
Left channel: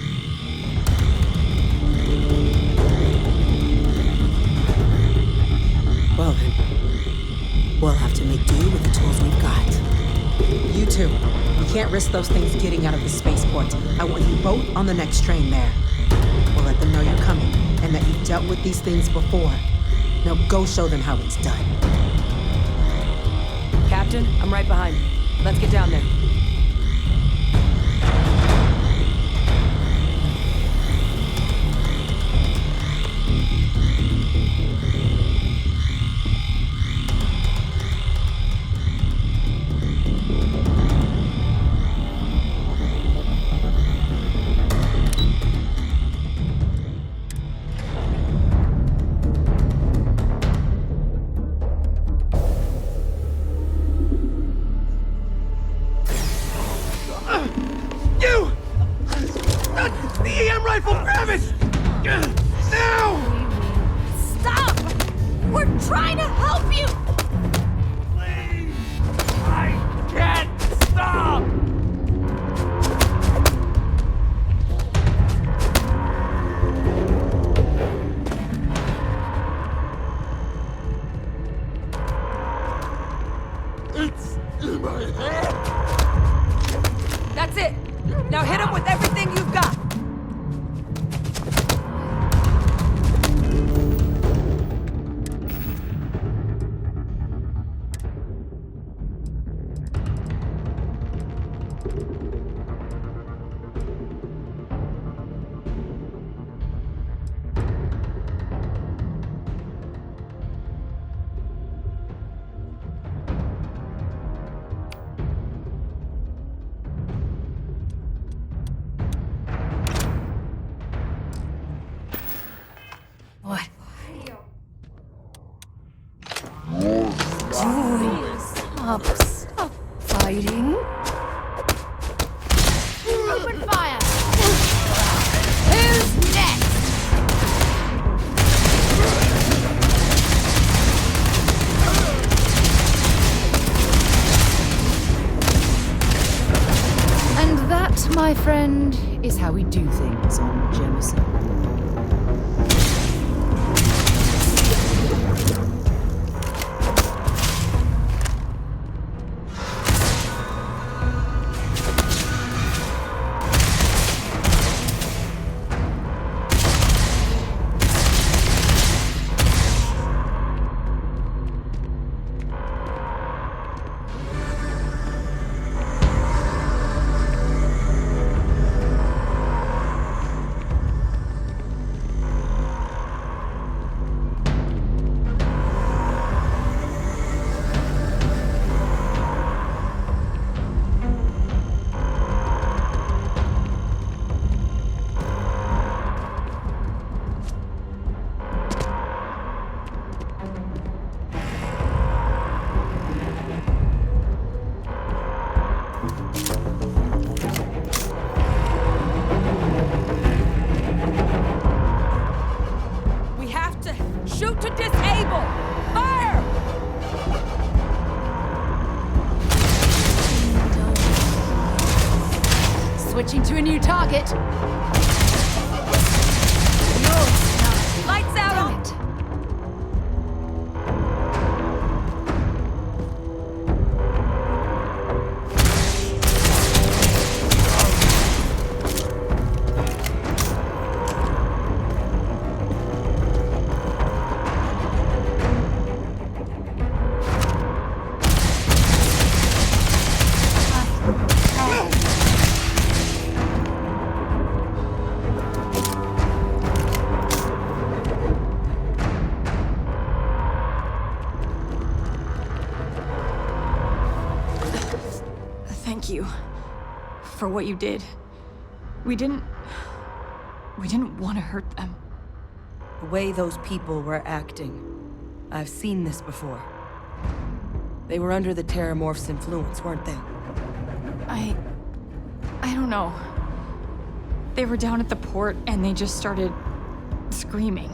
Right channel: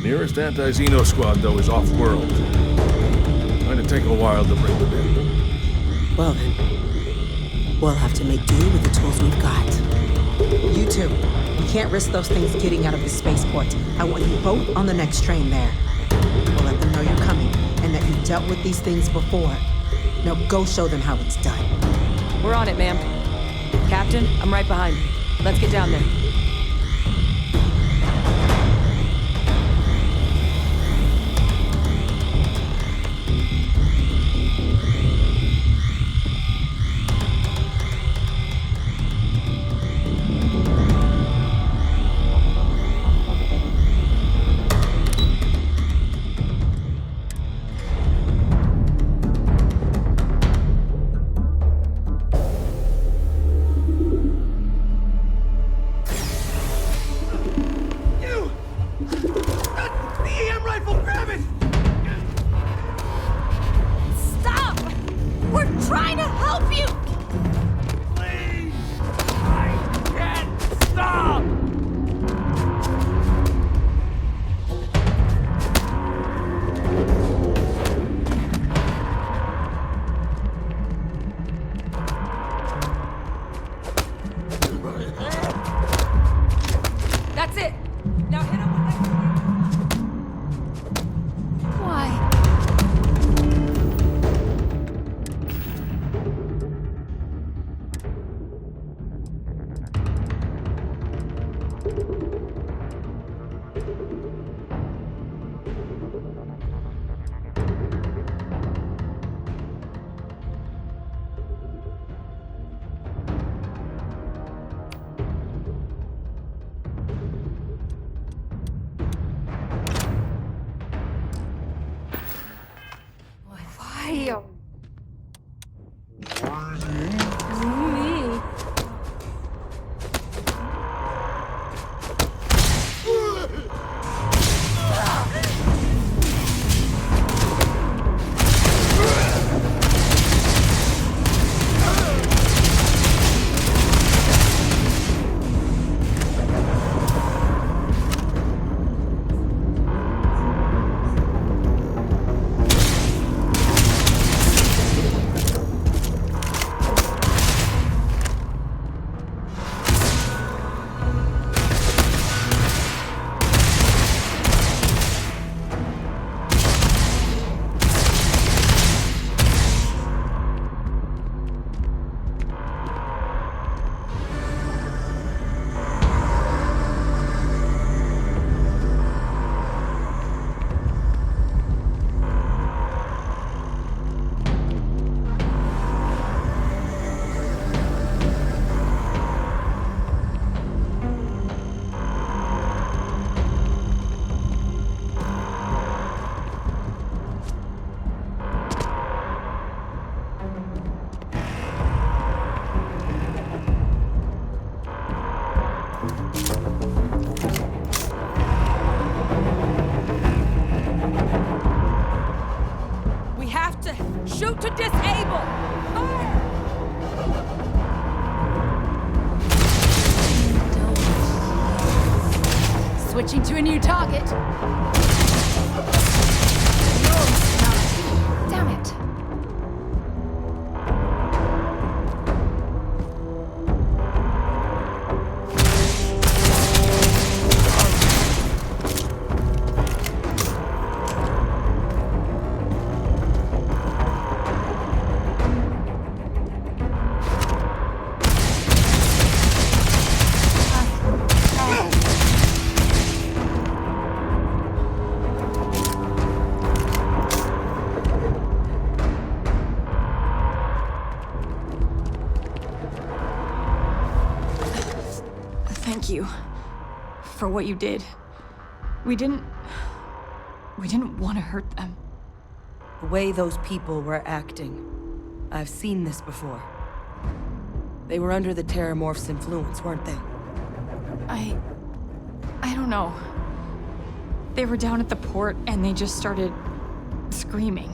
Nearest anti-Xeno squad, though, is off-world. It's going to take a while to bring them in. Well then, we'll have to make do with the tools we've got. You two, we can't risk those things getting out of the spaceport. I want you both on the next train there. We'll let them know you're coming and that you've dealt with these things before. Now go show them how it's done. We're on it, ma'am. Captain, I'm right behind you. Let's get down there. That's it! Now hit him with everything you've got! Why? fighting. Open fire! Who's next? And that, my friend, is how we do things on Jameson. We have to shoot to disable! Fire! Switching to a new target. Lights out! Damn it. Thank you for what you did. We didn't want to hurt them. The way those people were acting, I've seen this before. They were under the Terramorph's influence, weren't they? I don't know. They were down at the port and they just started screaming.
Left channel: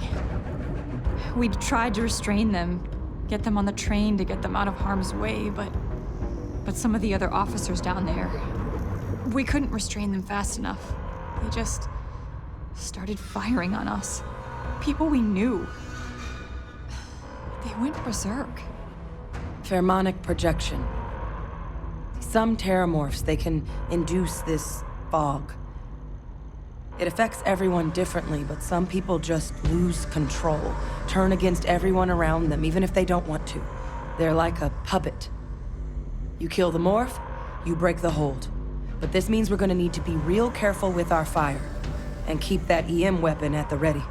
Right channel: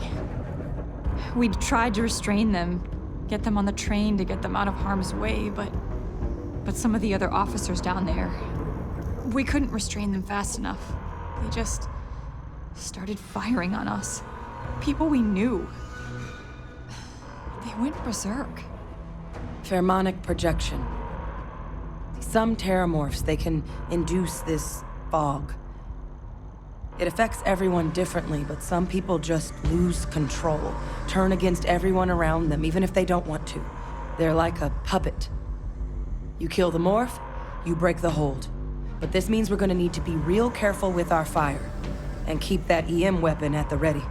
We tried to restrain them, get them on the train to get them out of harm's way, but some of the other officers down there, we couldn't restrain them fast enough. They just started firing on us. People we knew. They went berserk. Pheromonic projection. Some Terramorphs, they can induce this fog. It affects everyone differently, but some people just lose control, turn against everyone around them, even if they don't want to. They're like a puppet. You kill the morph, you break the hold. But this means we're gonna need to be real careful with our fire, and keep that EM weapon at the ready.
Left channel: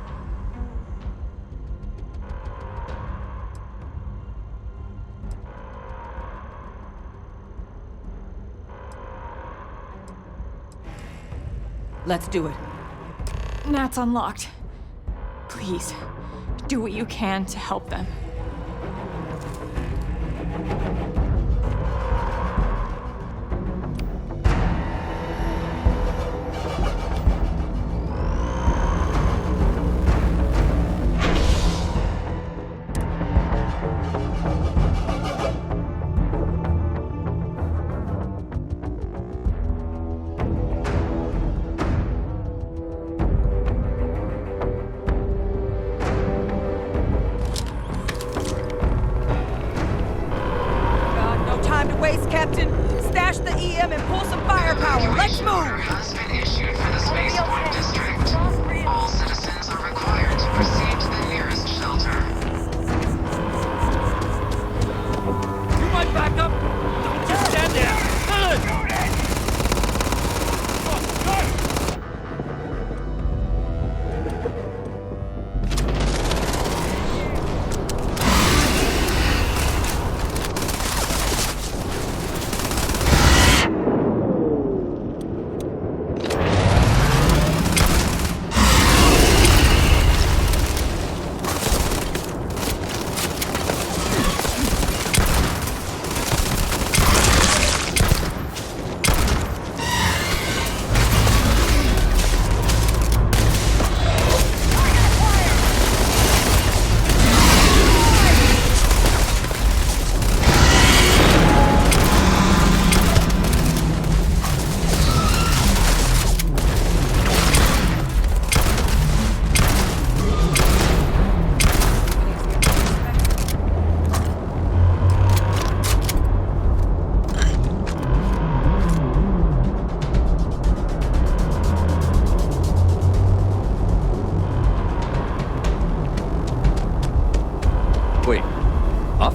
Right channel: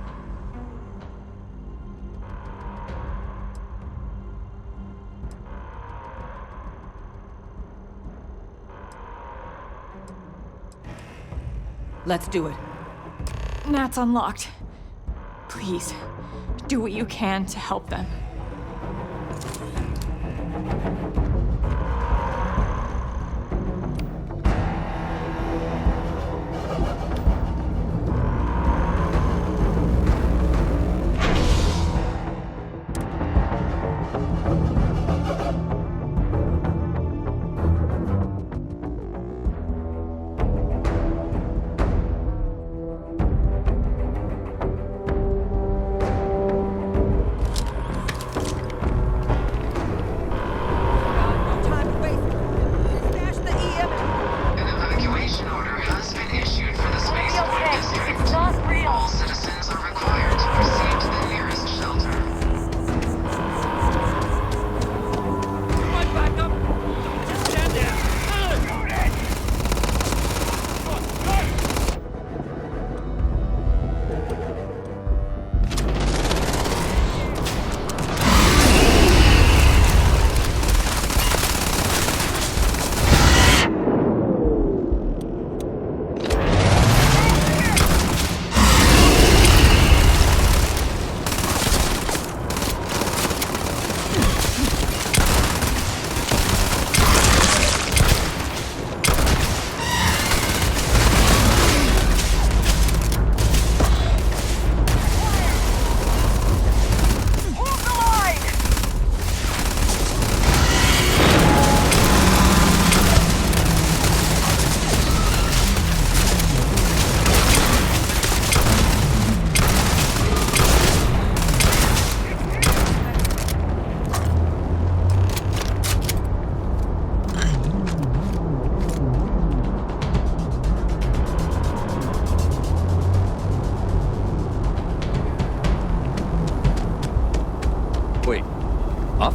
Let's do it. Nat's unlocked. Please, do what you can to help them.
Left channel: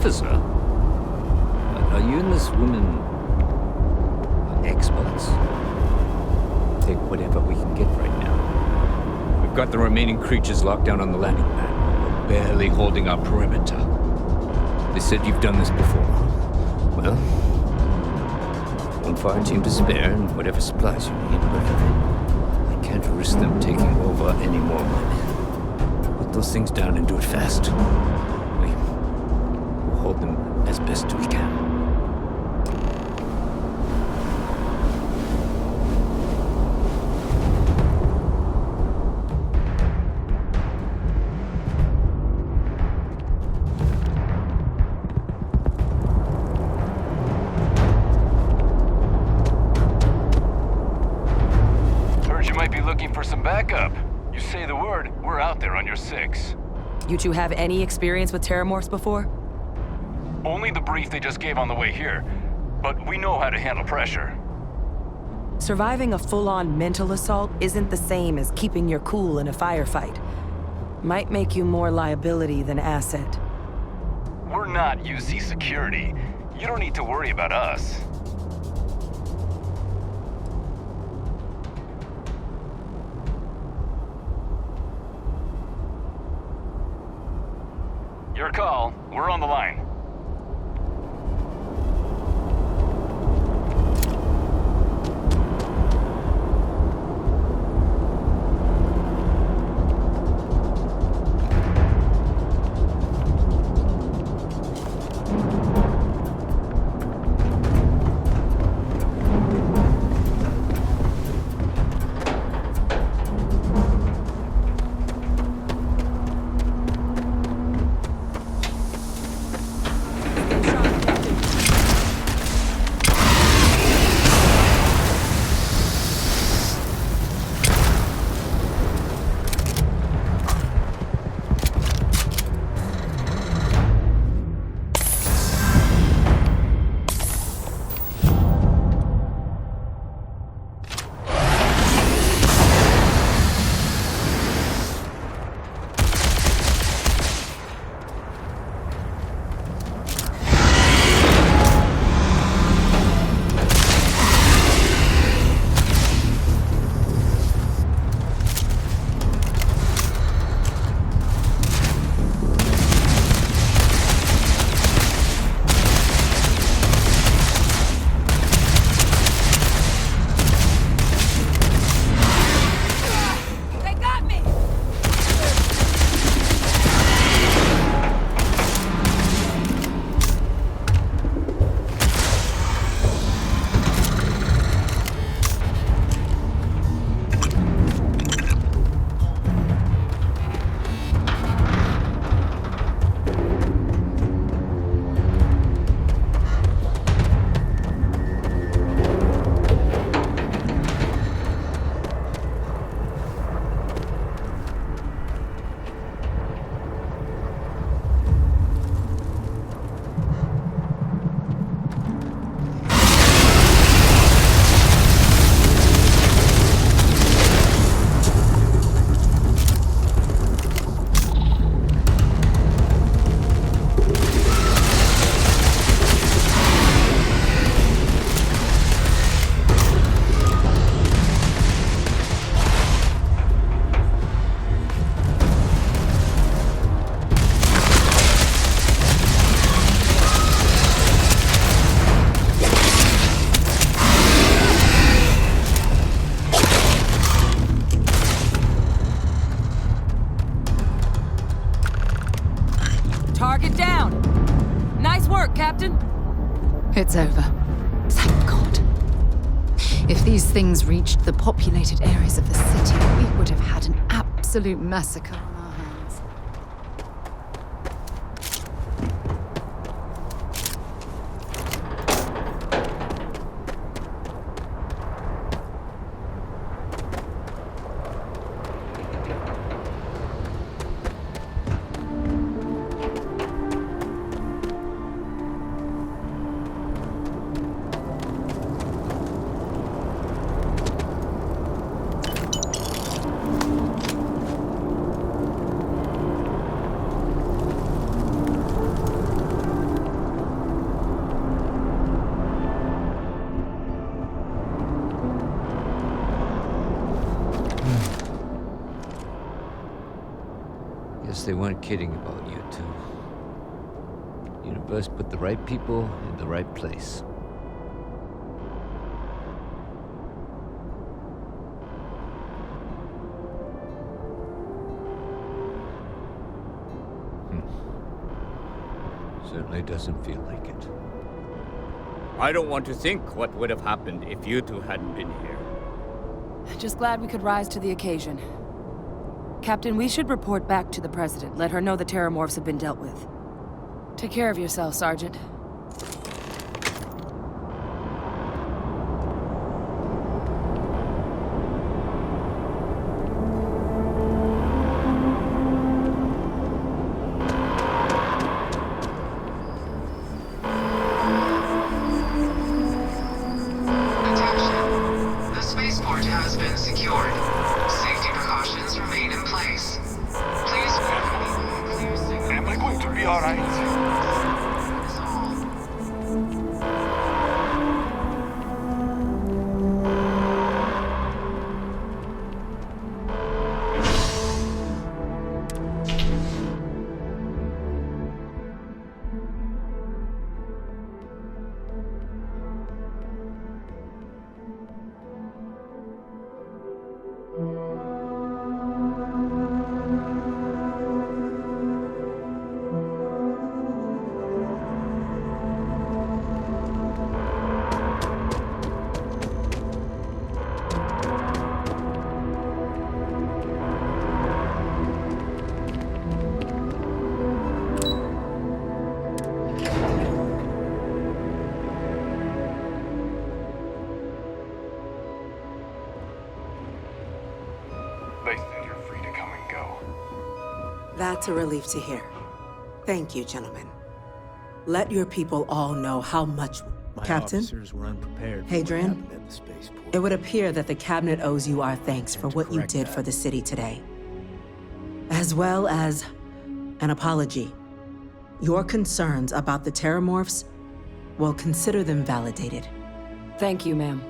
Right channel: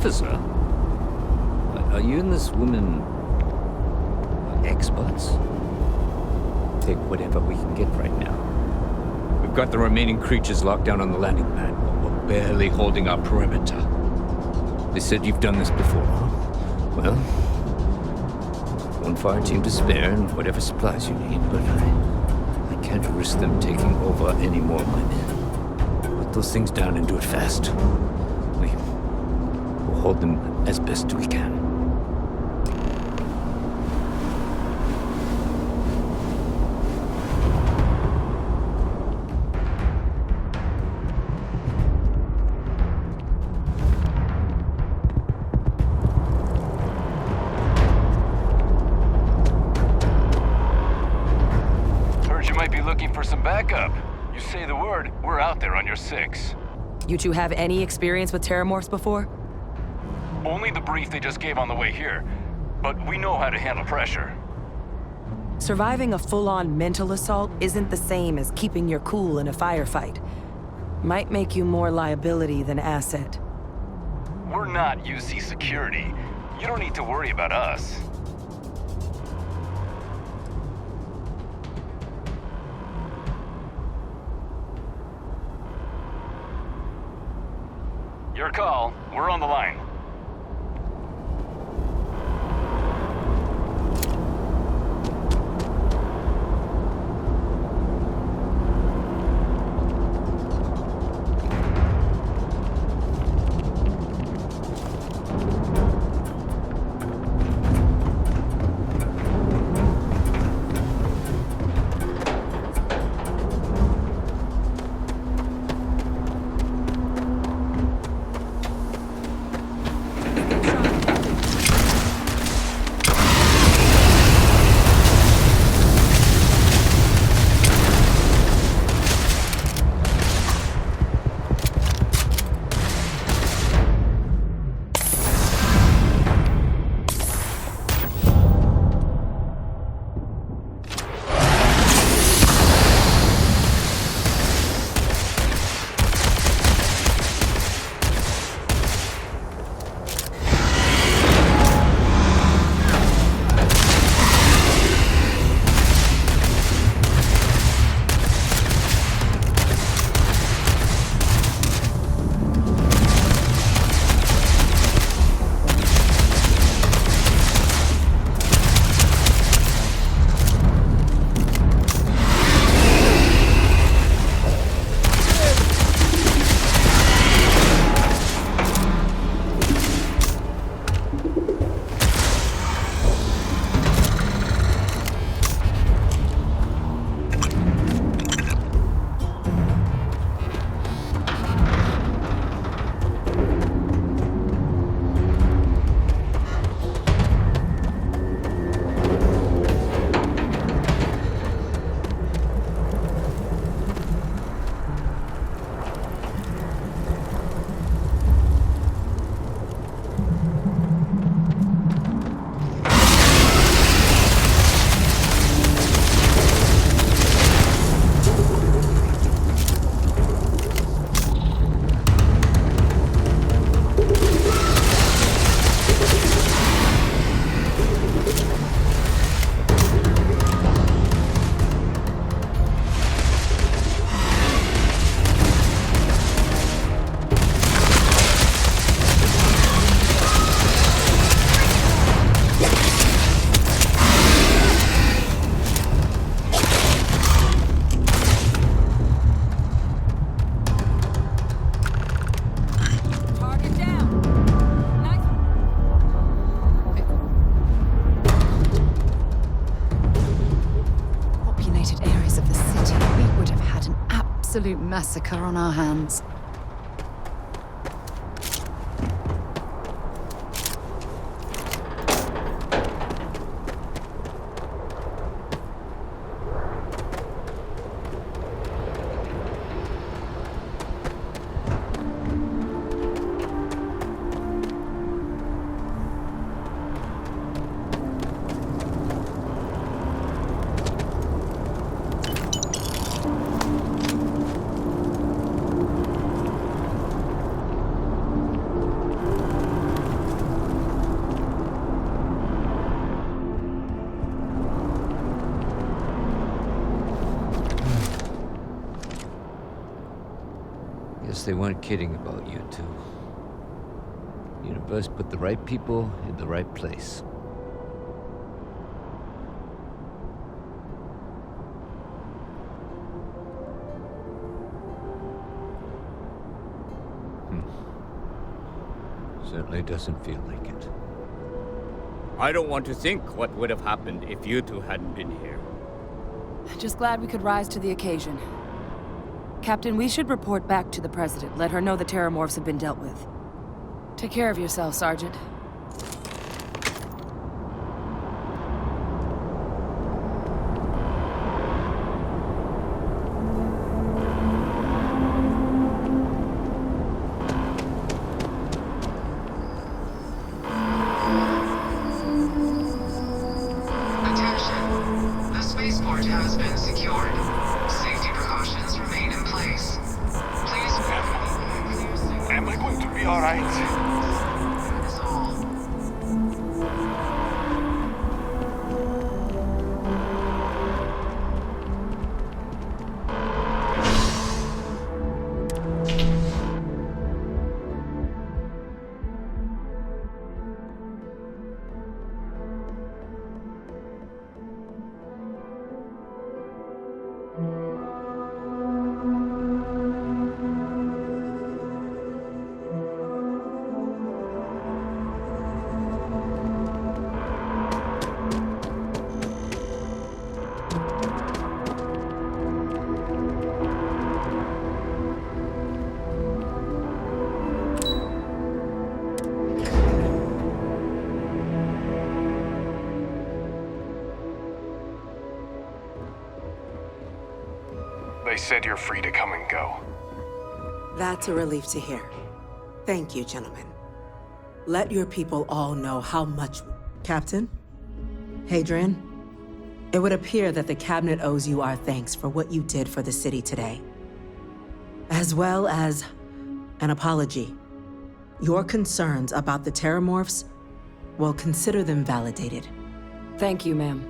officer. Are you and this woman experts? Take whatever we can get right now. We've got the remaining creatures locked down on the landing pad. We're barely holding our perimeter. They said you've done this before. Well, one fire team to spare and whatever supplies you need, but I can't risk them taking over any more of my men. Put those things down and do it fast. We'll hold them as best we can. For some backup. You say the word, we're out there on your 6. You two have any experience with terramorphs before? Only the brief they just gave on the way here, but we know how to handle pressure. Surviving a full-on mental assault isn't the same as keeping your cool in a firefight. Might make you more liability than asset. We're not UC security. You don't need to worry about us. Your call. We're on the line. It's over. Thank God. If these things reached the populated areas of the city, we would have had an absolute massacre on our hands. guess they weren't kidding about you two. Universe put the right people in the right place. Certainly doesn't feel like it. I don't want to think what would have happened if you two hadn't been here. Just glad we could rise to the occasion. Captain, we should report back to the President. Let her know the Terramorphs have been dealt with. Take care of yourself, Sergeant. They said you're free to come and go. That's a relief to hear. Thank you, gentlemen. Let your people all know how much... Captain? Hadrian? It would appear that the Cabinet owes you our thanks for what you did for the city today. As well as an apology. Your concerns about the Terramorphs, well, consider them validated. Thank you, ma'am.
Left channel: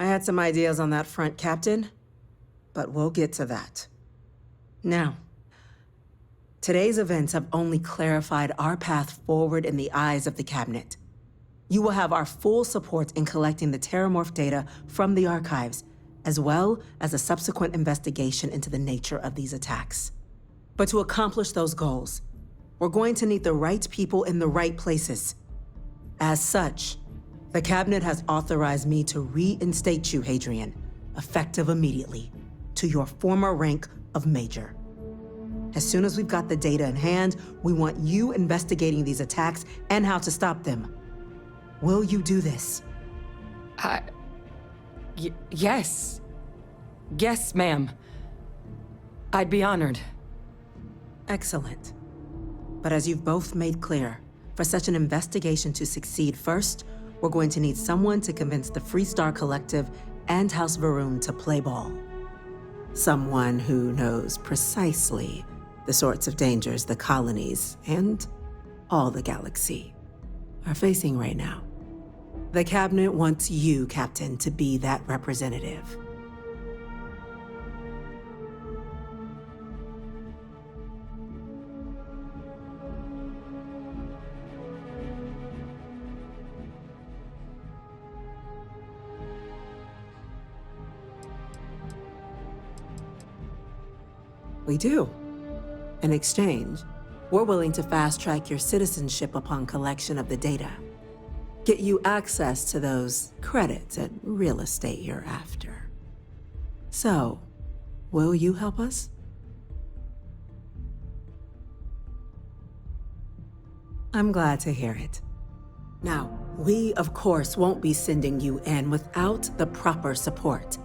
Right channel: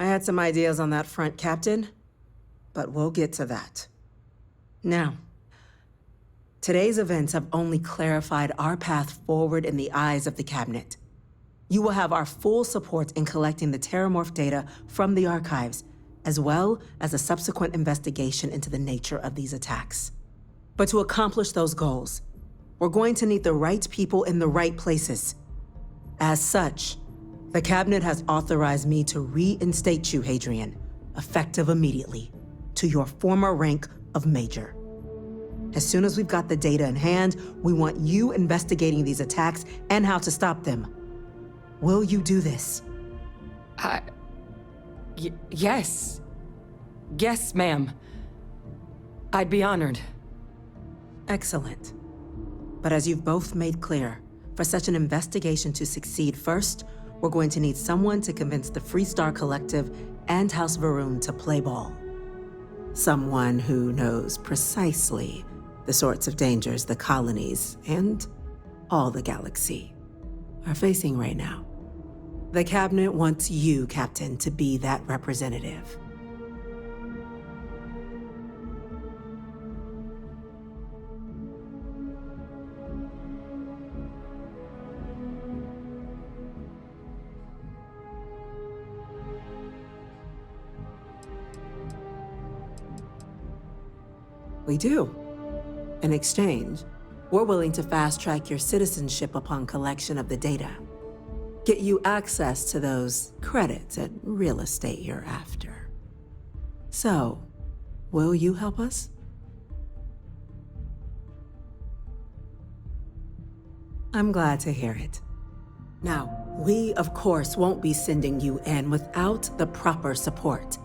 I had some ideas on that front, Captain, but we'll get to that. Now, today's events have only clarified our path forward in the eyes of the Cabinet. You will have our full support in collecting the Terramorph data from the archives, as well as a subsequent investigation into the nature of these attacks. But to accomplish those goals, we're going to need the right people in the right places. As such, the Cabinet has authorized me to reinstate you, Hadrian, effective immediately, to your former rank of Major. As soon as we've got the data in hand, we want you investigating these attacks and how to stop them. Will you do this? Yes. Yes, ma'am. I'd be honored. Excellent. But as you've both made clear, for such an investigation to succeed first, we're going to need someone to convince the Freestar Collective and House Varun to play ball. Someone who knows precisely the sorts of dangers the colonies and all the galaxy are facing right now. The Cabinet wants you, Captain, to be that representative. We do. In exchange, we're willing to fast-track your citizenship upon collection of the data. Get you access to those credits and real estate you're after. So, will you help us? I'm glad to hear it. Now, we, of course, won't be sending you in without the proper support.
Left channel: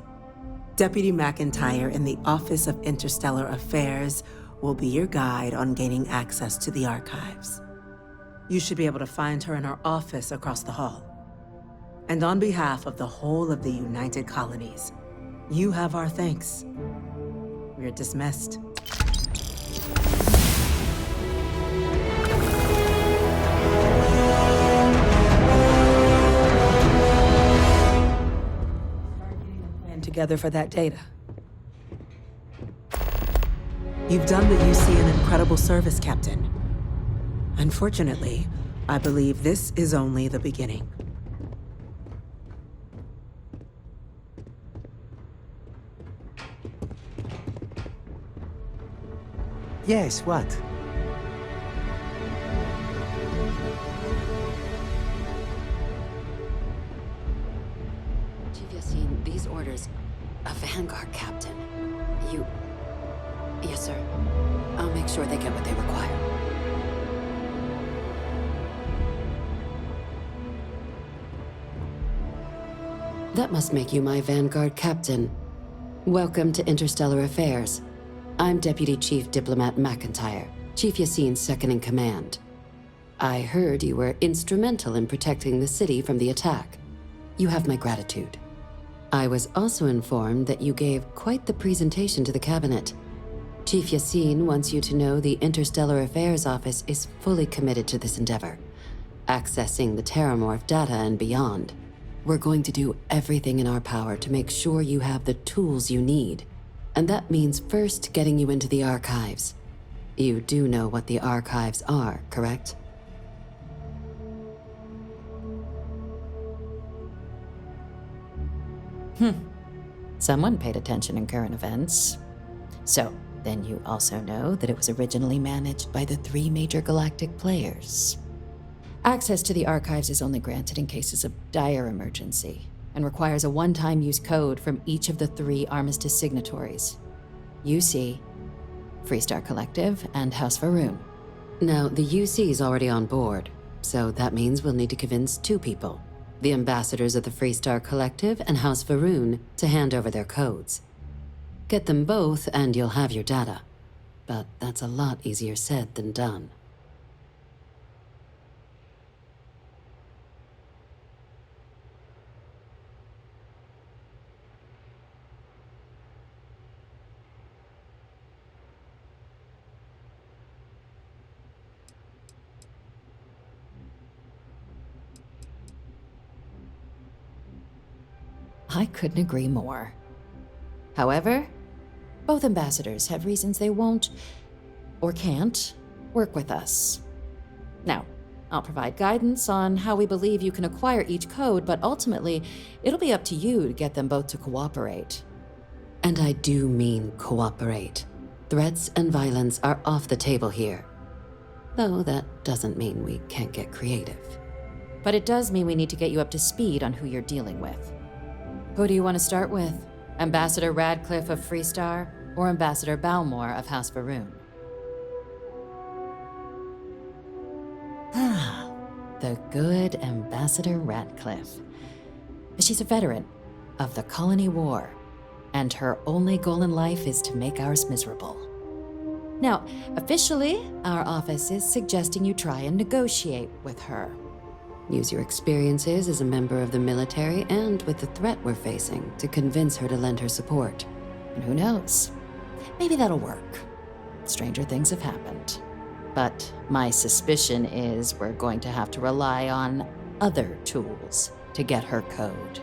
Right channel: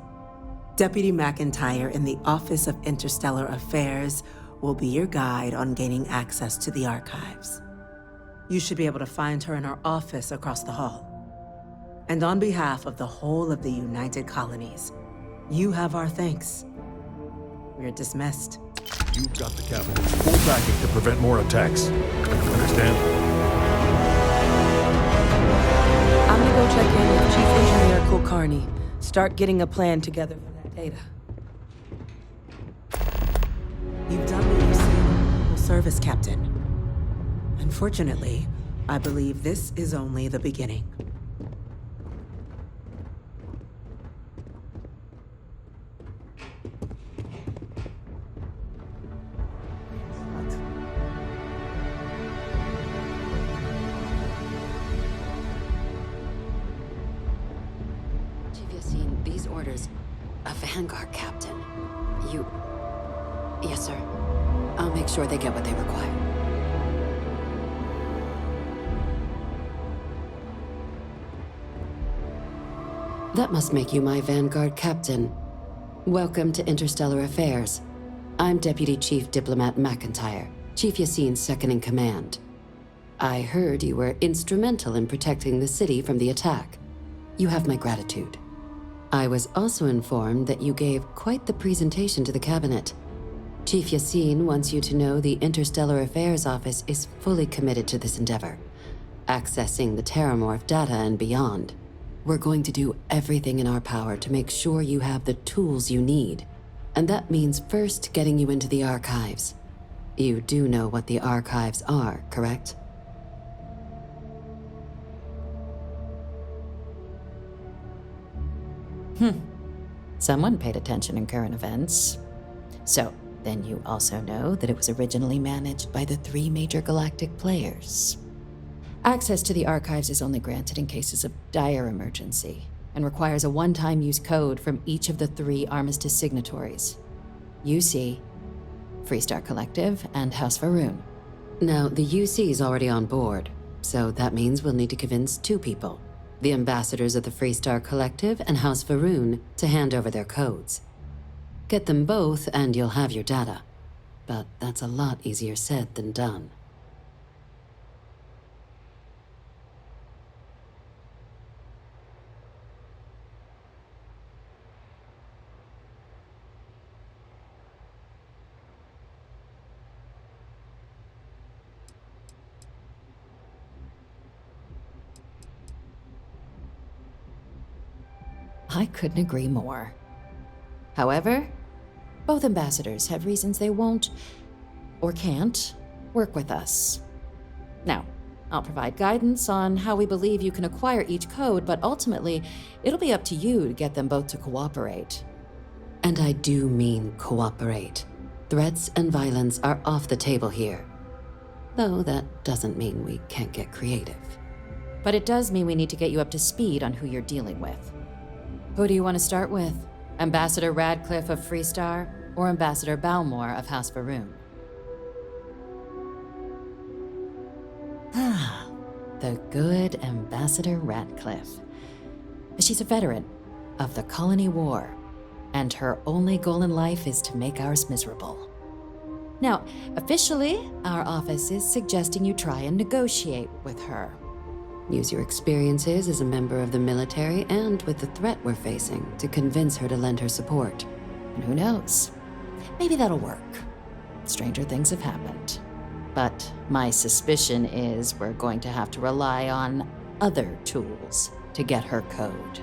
Deputy McIntyre in the Office of Interstellar Affairs will be your guide on gaining access to the archives. You should be able to find her in her office across the hall. And on behalf of the whole of the United Colonies, you have our thanks. We're dismissed. You've got the capital tracking to prevent more attacks. Understand? I'll go check in with Chief Engineer Kulkarni. Start getting a plan together for that data. You've done the UC an incredible service, Captain. Unfortunately, I believe this is only the beginning. Yes, what? Chief Yassine, these orders. A Vanguard captain. You... Yes, sir. I'll make sure they get what they require. That must make you my Vanguard captain. Welcome to Interstellar Affairs. I'm Deputy Chief Diplomat McIntyre, Chief Yassine's second-in-command. I heard you were instrumental in protecting the city from the attack. You have my gratitude. I was also informed that you gave quite the presentation to the cabinet. Chief Yassine wants you to know the Interstellar Affairs Office is fully committed to this endeavor, accessing the Terramorph data and beyond. We're going to do everything in our power to make sure you have the tools you need. And that means first getting you into the archives. You do know what the archives are, correct? Someone paid attention in current events. So, then you also know that it was originally managed by the 3 major galactic players. Access to the archives is only granted in cases of dire emergency, and requires a one-time use code from each of the 3 armistice signatories. UC, Freestar Collective, and House Faroon. Now, the UC is already on board, so that means we'll need to convince 2 people. The ambassadors of the Freestar Collective and House Faroon to hand over their codes. Get them both and you'll have your data. But that's a lot easier said than done. I couldn't agree more. However, both ambassadors have reasons they won't, or can't, work with us. Now, I'll provide guidance on how we believe you can acquire each code, but ultimately, it'll be up to you to get them both to cooperate. And I do mean cooperate. Threats and violence are off the table here. Though that doesn't mean we can't get creative. But it does mean we need to get you up to speed on who you're dealing with. Who do you want to start with? Ambassador Radcliffe of Freestar, or Ambassador Balmore of House Faroon? Ah, The good Ambassador Radcliffe. She's a veteran of the Colony War, and her only goal in life is to make ours miserable. Now, officially, our office is suggesting you try and negotiate with her. Use your experiences as a member of the military and with the threat we're facing to convince her to lend her support. And who knows? Maybe that'll work. Stranger things have happened. But my suspicion is we're going to have to rely on other tools to get her code.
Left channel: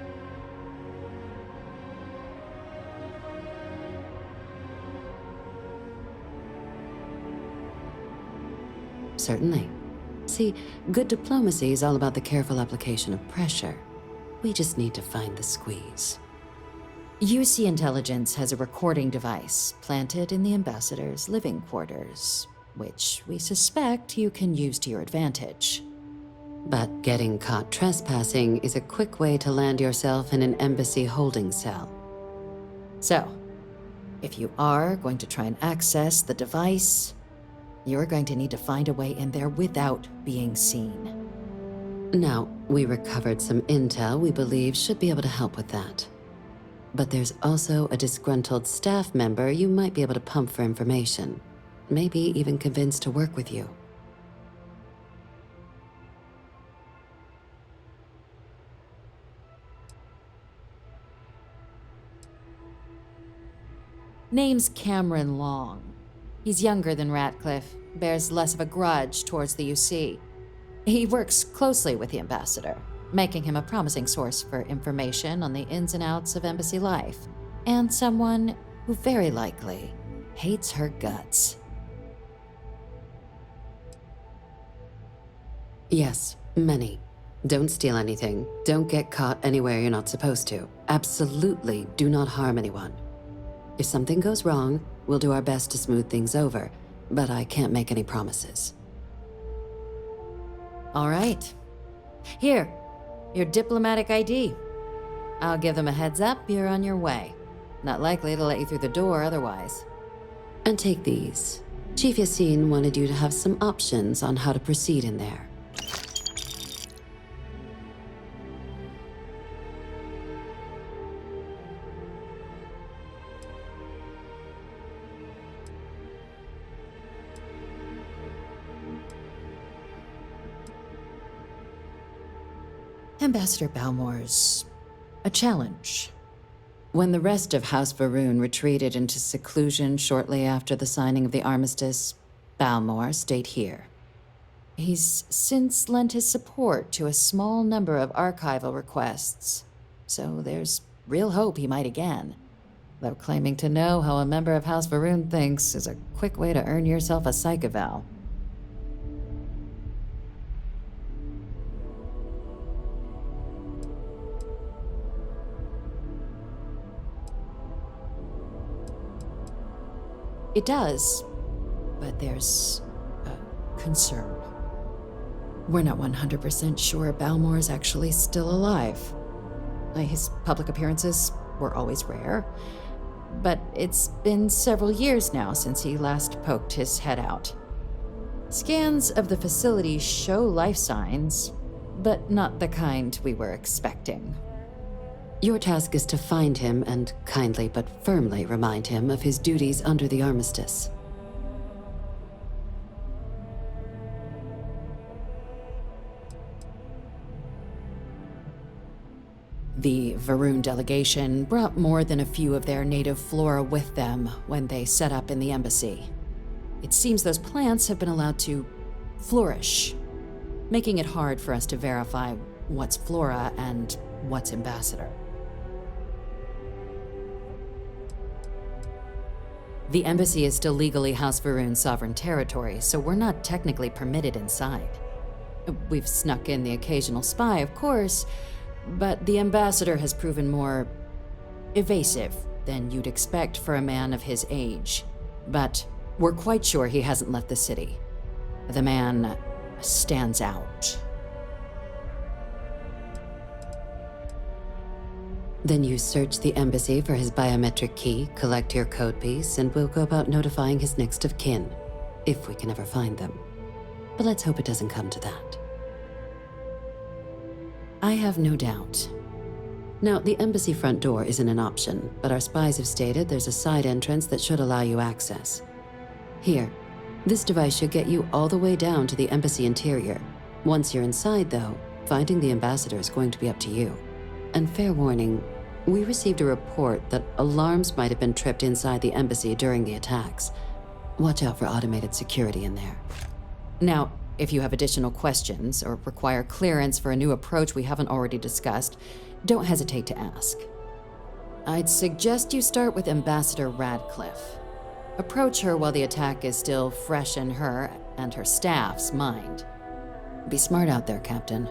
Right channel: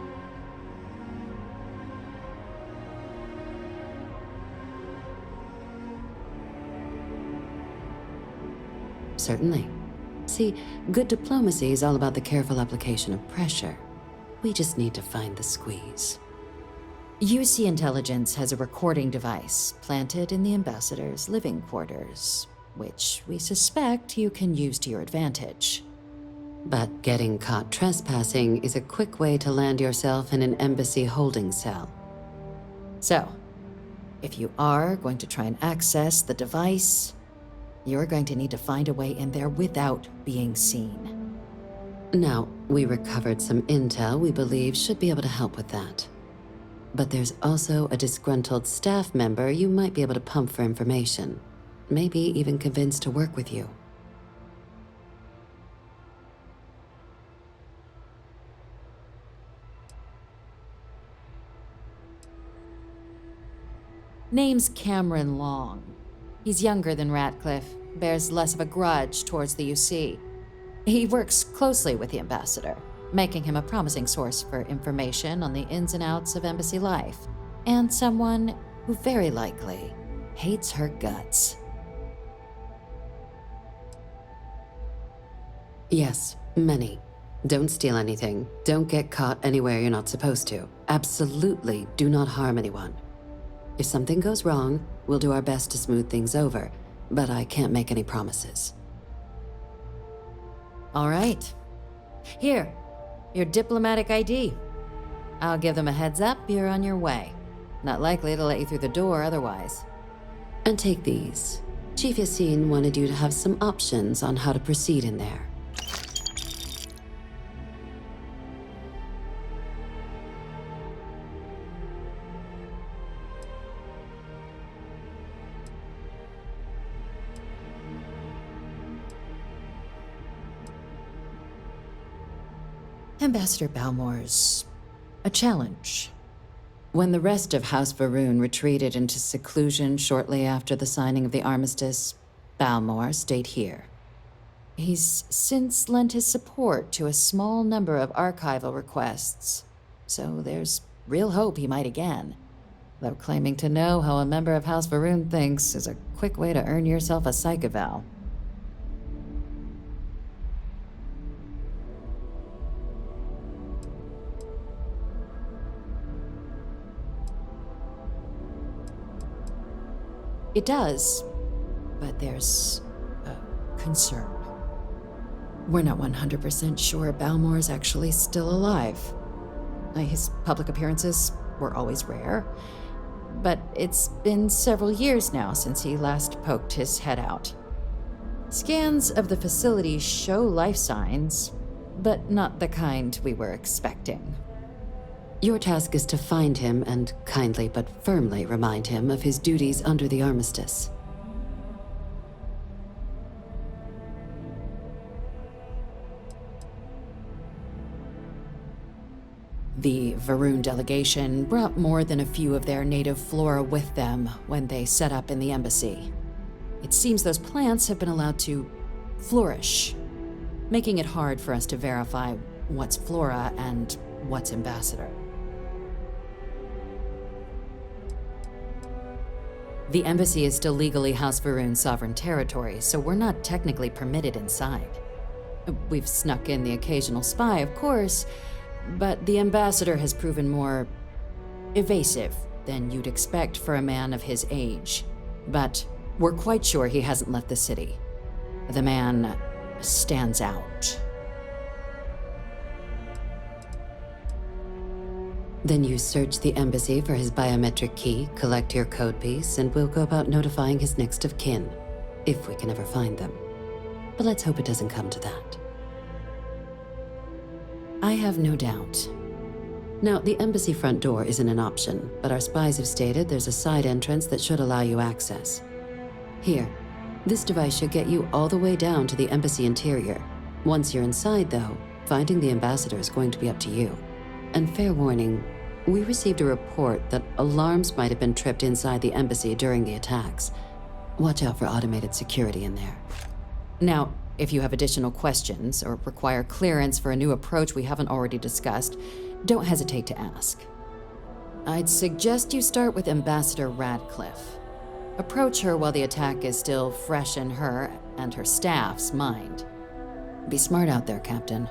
Certainly. See, good diplomacy is all about the careful application of pressure. We just need to find the squeeze. UC Intelligence has a recording device planted in the ambassador's living quarters, which we suspect you can use to your advantage. But getting caught trespassing is a quick way to land yourself in an embassy holding cell. So, if you are going to try and access the device, you're going to need to find a way in there without being seen. Now, we recovered some intel we believe should be able to help with that. But there's also a disgruntled staff member you might be able to pump for information. Maybe even convince to work with you. Name's Cameron Long. He's younger than Ratcliffe, bears less of a grudge towards the UC. He works closely with the ambassador, making him a promising source for information on the ins and outs of embassy life, and someone who very likely hates her guts. Yes, many. Don't steal anything. Don't get caught anywhere you're not supposed to. Absolutely do not harm anyone. If something goes wrong, we'll do our best to smooth things over, but I can't make any promises. All right. Here, your diplomatic ID. I'll give them a heads up you're on your way. Not likely to let you through the door otherwise. And take these. Chief Yassine wanted you to have some options on how to proceed in there. Ambassador Balmore's a challenge. When the rest of House Varun retreated into seclusion shortly after the signing of the armistice, Balmore stayed here. He's since lent his support to a small number of archival requests, so there's real hope he might again. Though claiming to know how a member of House Varun thinks is a quick way to earn yourself a psych eval. It does, but there's a concern. We're not 100% sure Balmore's actually still alive. His public appearances were always rare, but it's been several years now since he last poked his head out. Scans of the facility show life signs, but not the kind we were expecting. Your task is to find him and kindly but firmly remind him of his duties under the armistice. The Varun delegation brought more than a few of their native flora with them when they set up in the embassy. It seems those plants have been allowed to flourish, making it hard for us to verify what's flora and what's ambassador. The embassy is still legally House Varun's sovereign territory, so we're not technically permitted inside. We've snuck in the occasional spy, of course, but the ambassador has proven more evasive than you'd expect for a man of his age. But we're quite sure he hasn't left the city. The man stands out. Then you search the embassy for his biometric key, collect your code piece, and we'll go about notifying his next of kin, if we can ever find them. But let's hope it doesn't come to that. I have no doubt. Now, the embassy front door isn't an option, but our spies have stated there's a side entrance that should allow you access. Here, this device should get you all the way down to the embassy interior. Once you're inside, though, finding the ambassador is going to be up to you. And fair warning, we received a report that alarms might have been tripped inside the embassy during the attacks. Watch out for automated security in there. Now, if you have additional questions or require clearance for a new approach we haven't already discussed, don't hesitate to ask. I'd suggest you start with Ambassador Radcliffe. Approach her while the attack is still fresh in her and her staff's mind. Be smart out there, Captain.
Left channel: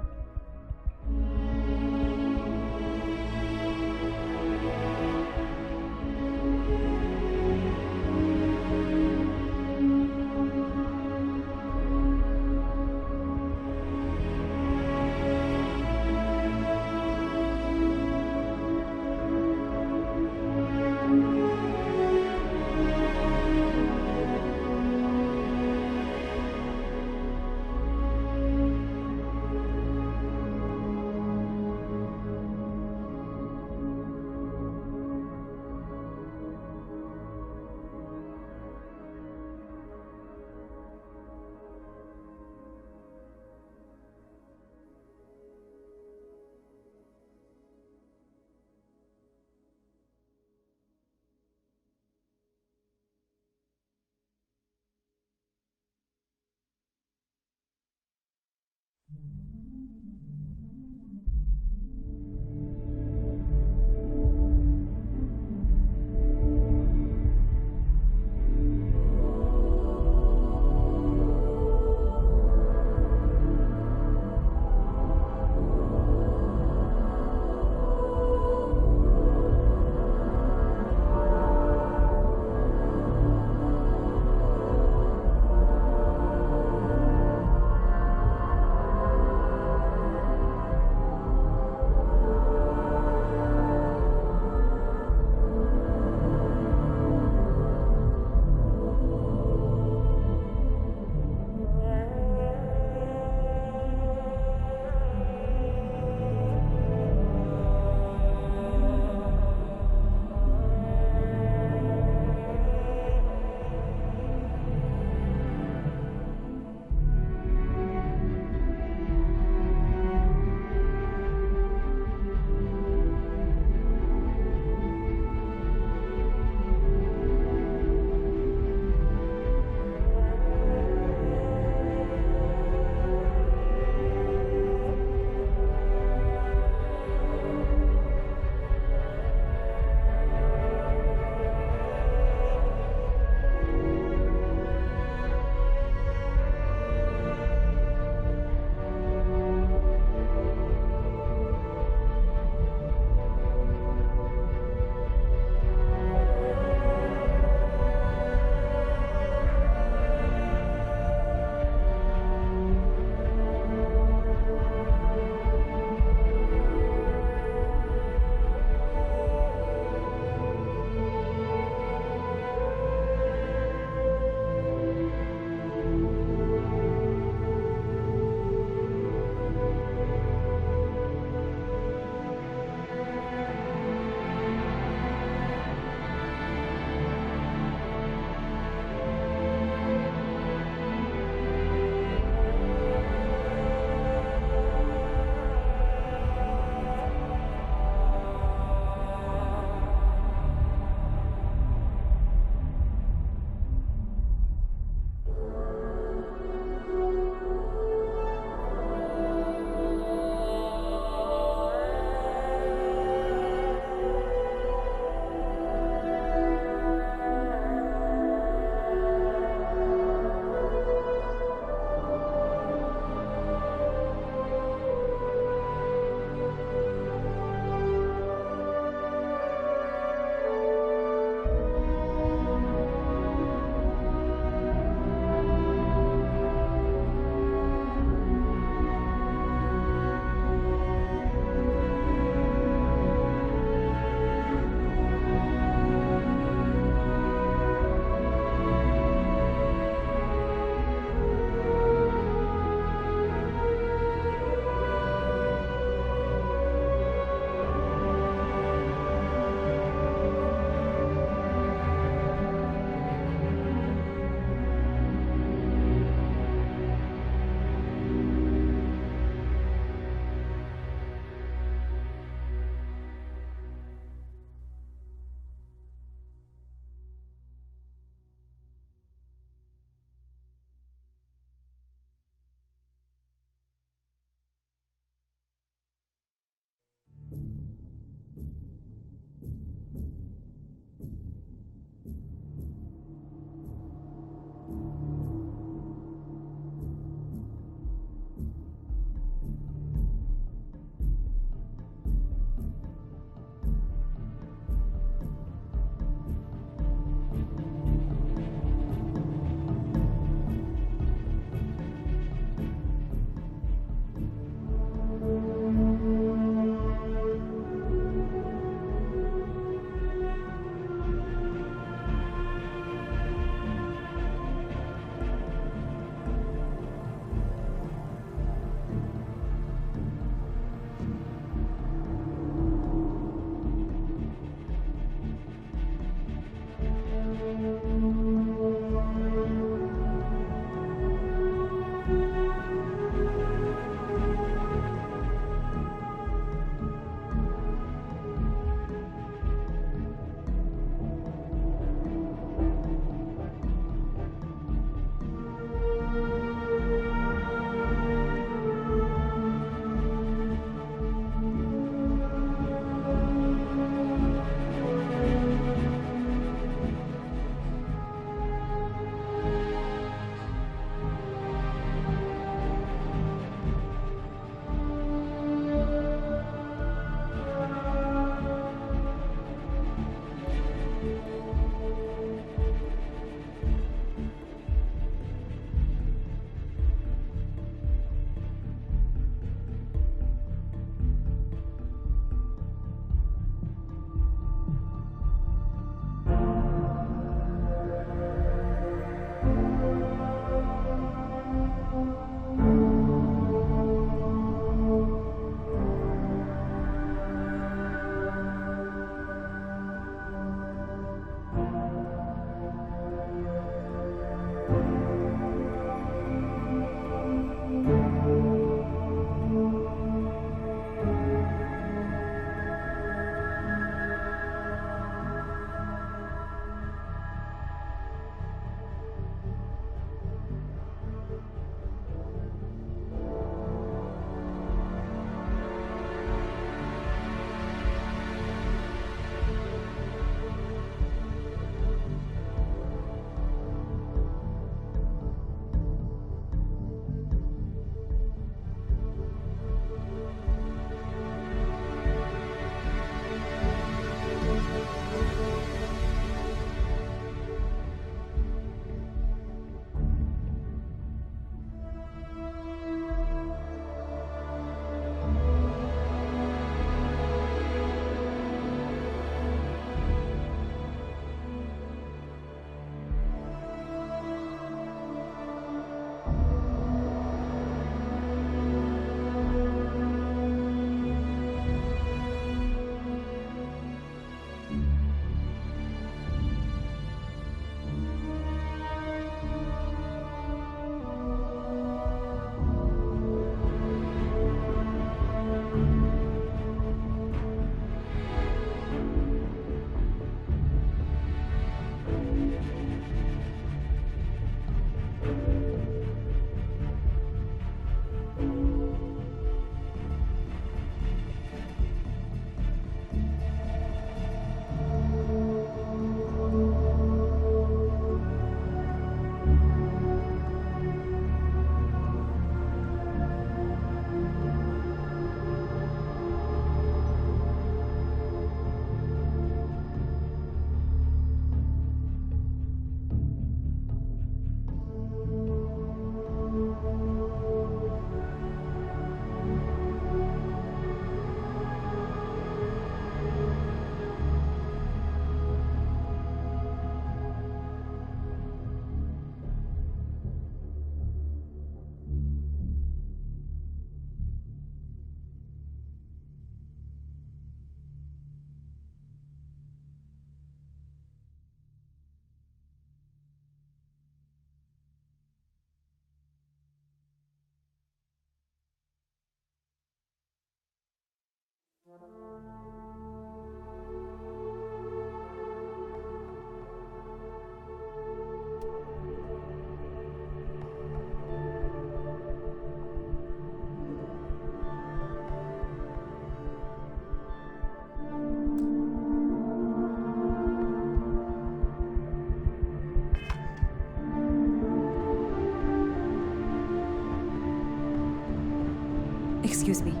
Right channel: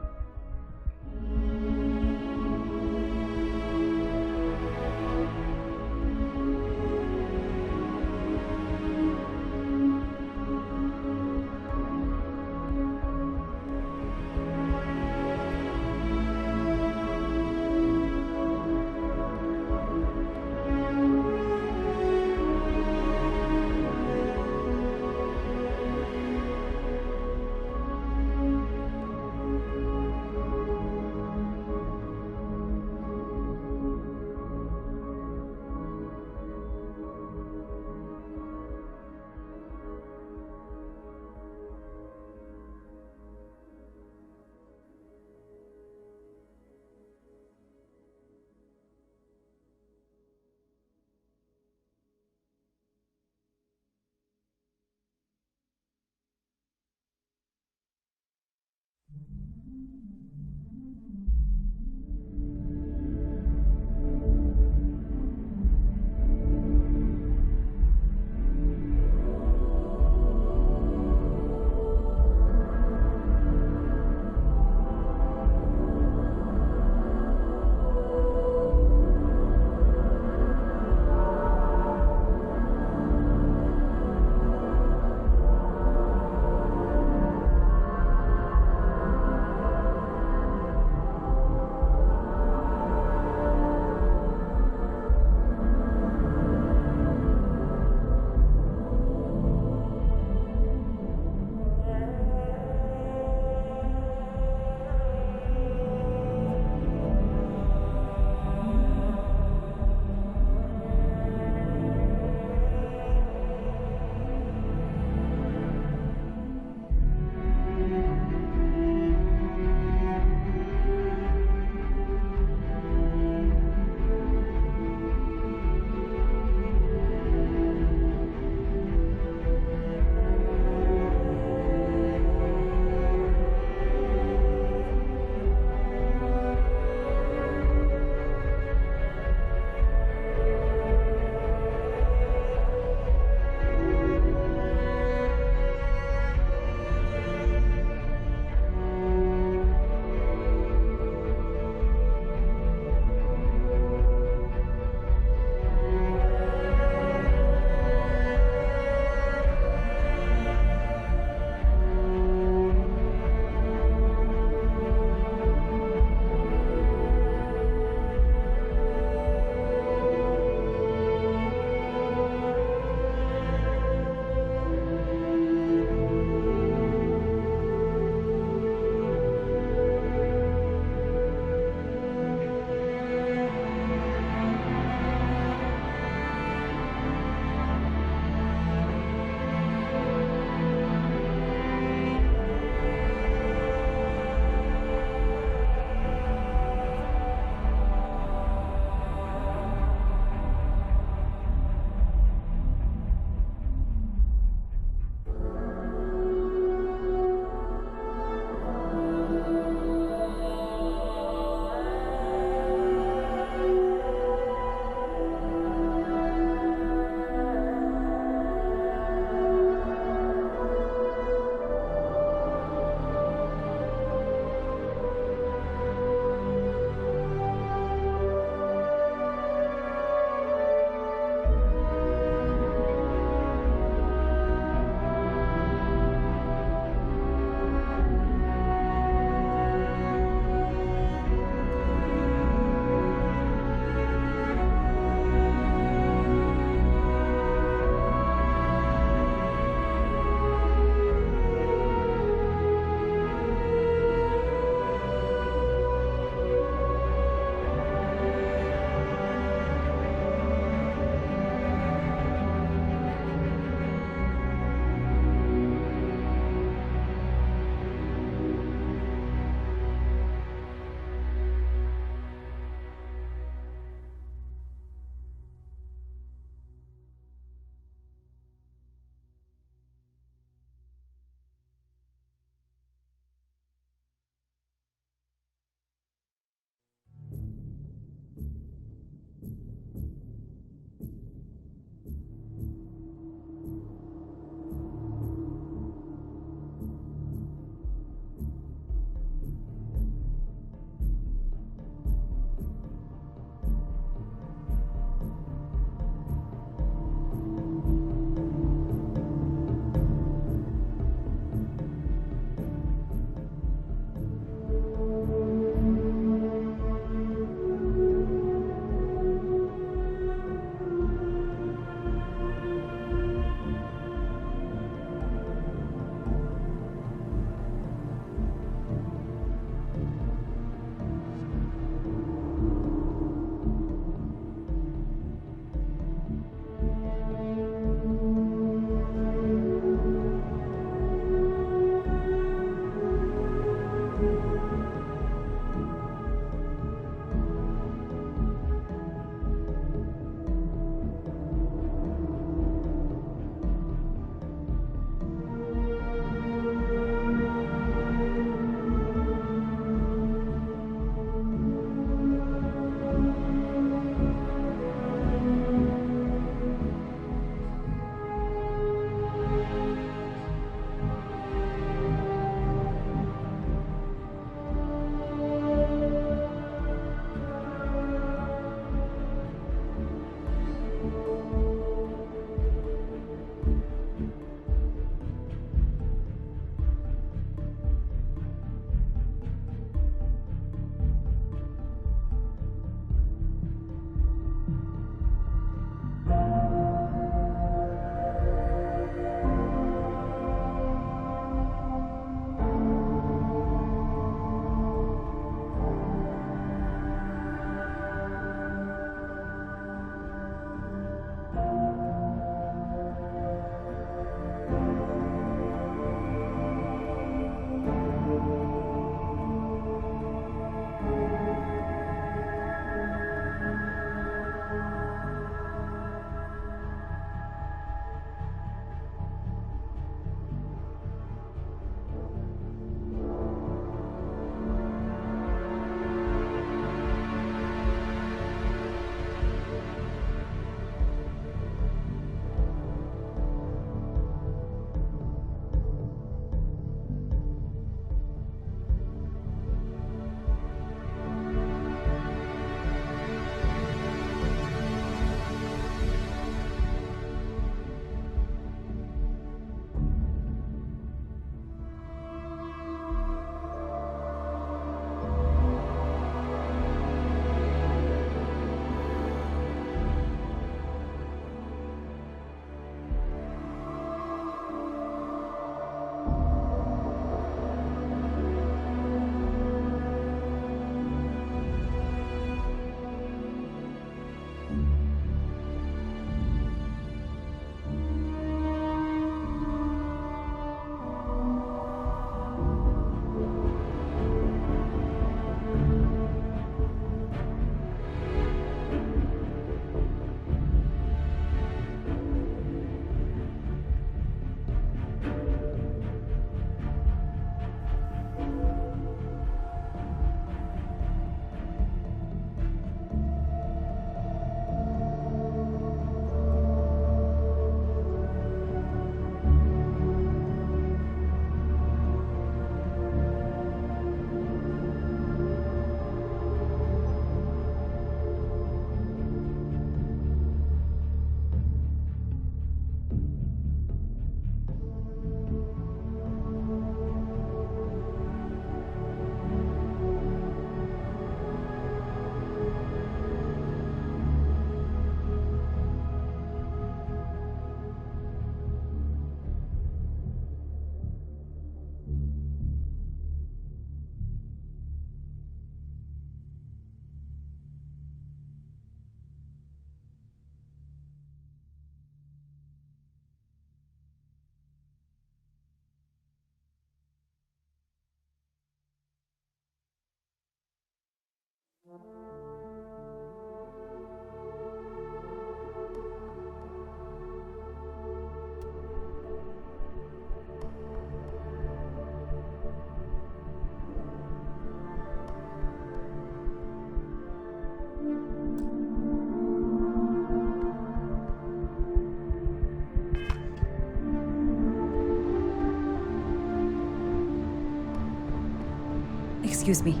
Excuse me.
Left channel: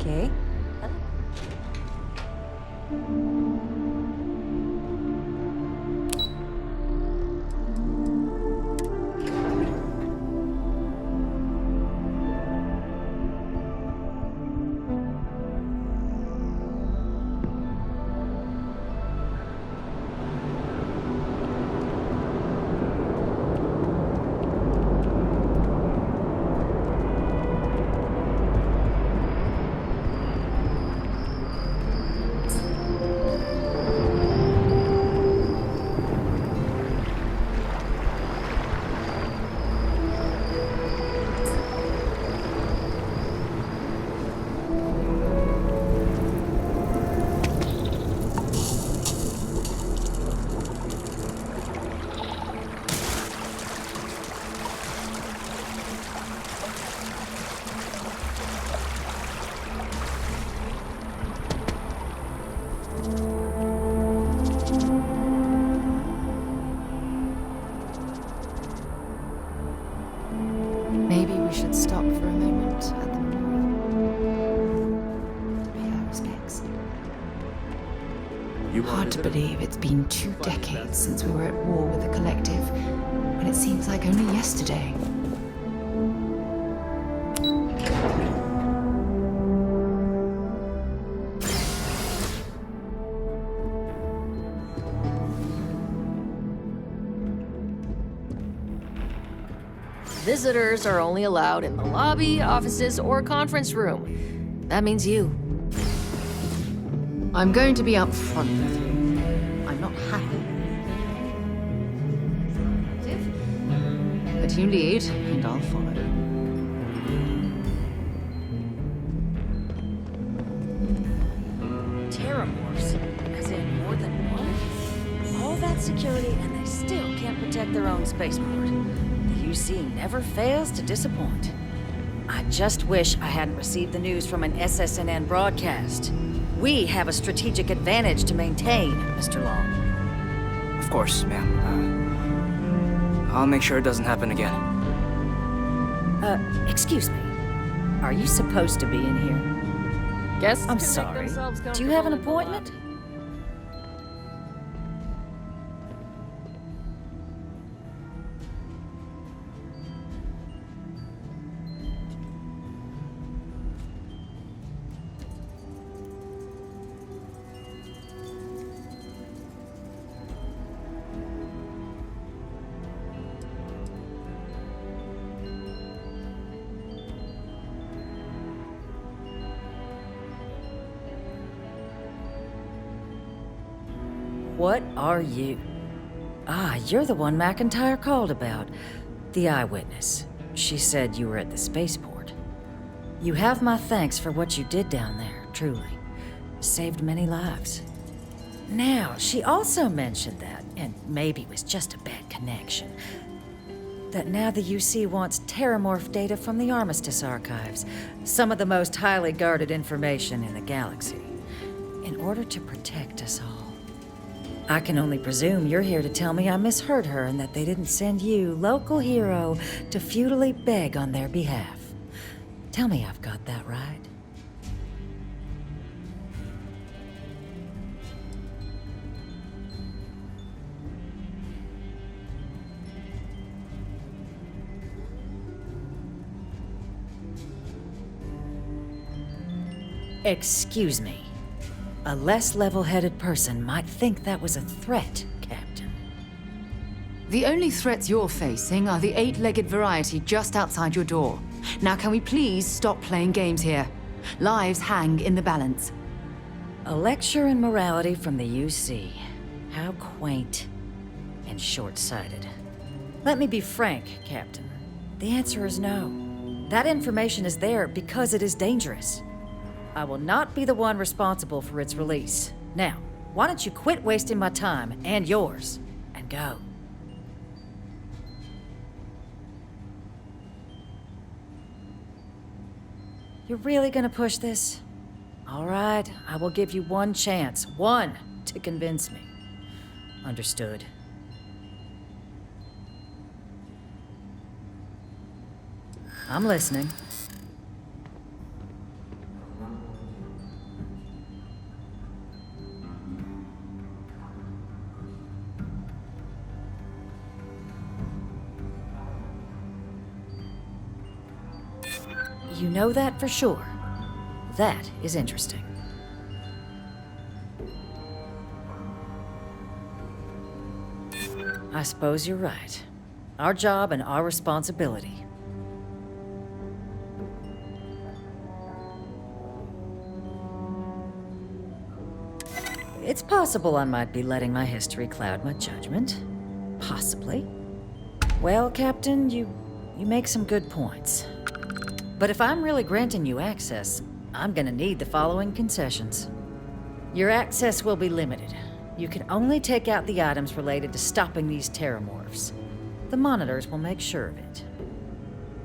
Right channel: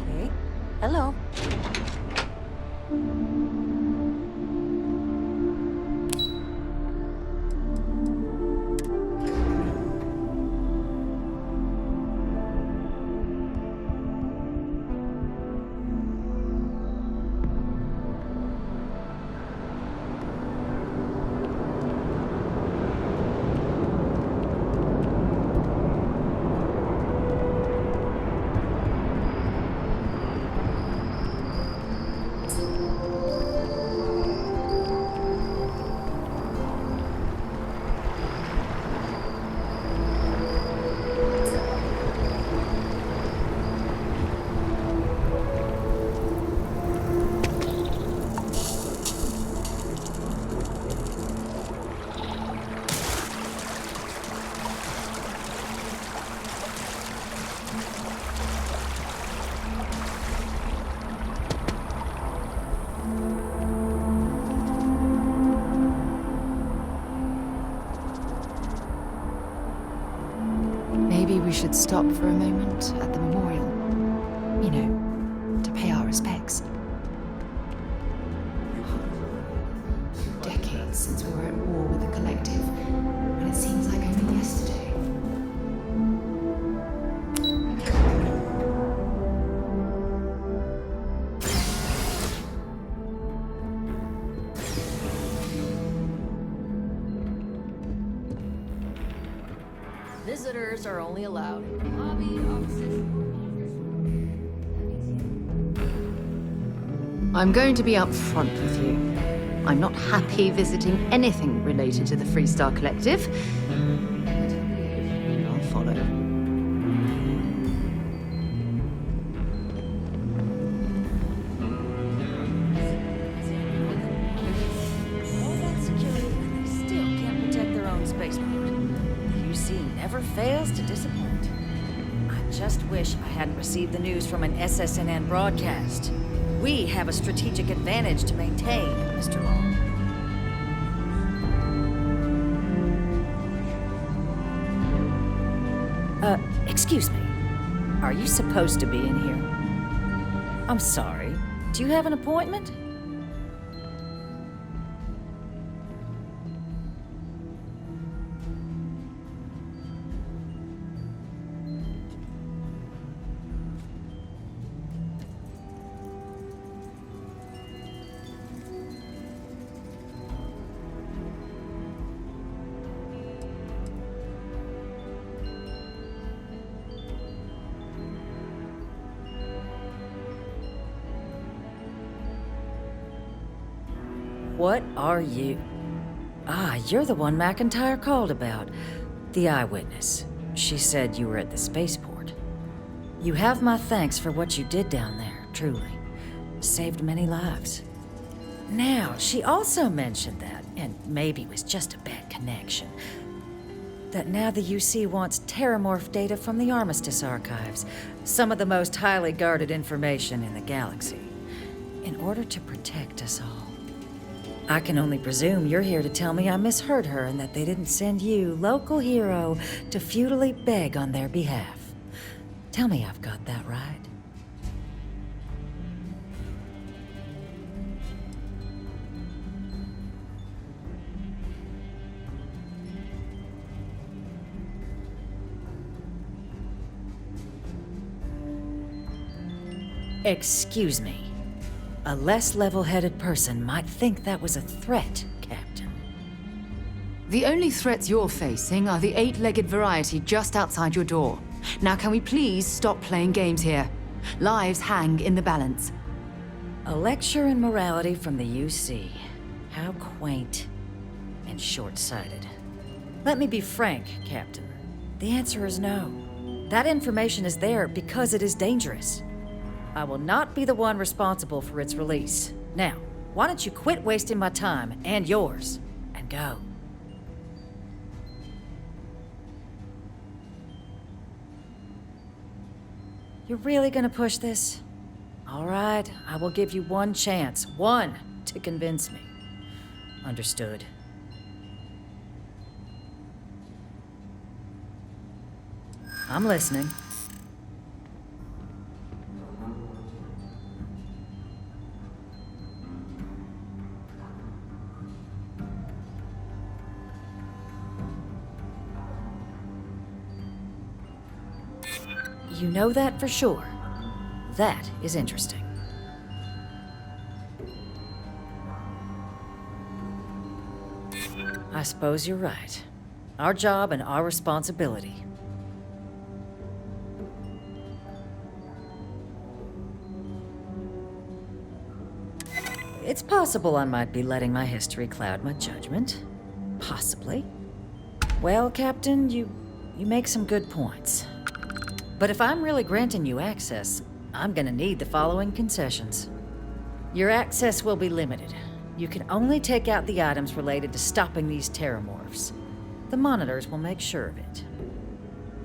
Okay. Hello. Maybe we should stop for a moment at the memorial. You know, to pay our respects. Hard to believe it's been 2 decades since we were at war with the Collective, and it seems like only yesterday. Visitors are only allowed in the lobby, offices, or conference room. That means you. I'm going to be upfront with you. I'm not happy visiting anything related to the Freestar Collective, but you lead, and I'll follow. Terrorforce, as in more than one. All that security, and they still can't protect their own spaceport. The UC never fails to disappoint. I just wish I hadn't received the news from an SSNN broadcast. We have a strategic advantage to maintain, Mr. Long. Of course, ma'am. I'll make sure it doesn't happen again. Excuse me. Are you supposed to be in here? Guess I'm sorry. Do you have an appointment? What are you? Ah, you're the one McIntyre called about. The eyewitness. She said you were at the spaceport. You have my thanks for what you did down there, truly. Saved many lives. Now, she also mentioned that, and maybe it was just a bad connection, that now the UC wants terramorph data from the Armistice archives, some of the most highly guarded information in the galaxy, in order to protect us all. I can only presume you're here to tell me I misheard her and that they didn't send you, local hero, to futilely beg on their behalf. Tell me I've got that right. Excuse me. A less level-headed person might think that was a threat, Captain. The only threats you're facing are the 8-legged variety just outside your door. Now can we please stop playing games here? Lives hang in the balance. A lecture in morality from the UC. How quaint and short-sighted. Let me be frank, Captain. The answer is no. That information is there because it is dangerous. I will not be the one responsible for its release. Now, why don't you quit wasting my time and yours, and go? You're really gonna push this? All right, I will give you one chance. One to convince me. Understood. I'm listening. You know that for sure. That is interesting. I suppose you're right. Our job and our responsibility. It's possible I might be letting my history cloud my judgment. Possibly. Well, Captain, you make some good points. But if I'm really granting you access, I'm gonna need the following concessions. Your access will be limited. You can only take out the items related to stopping these terramorphs. The monitors will make sure of it.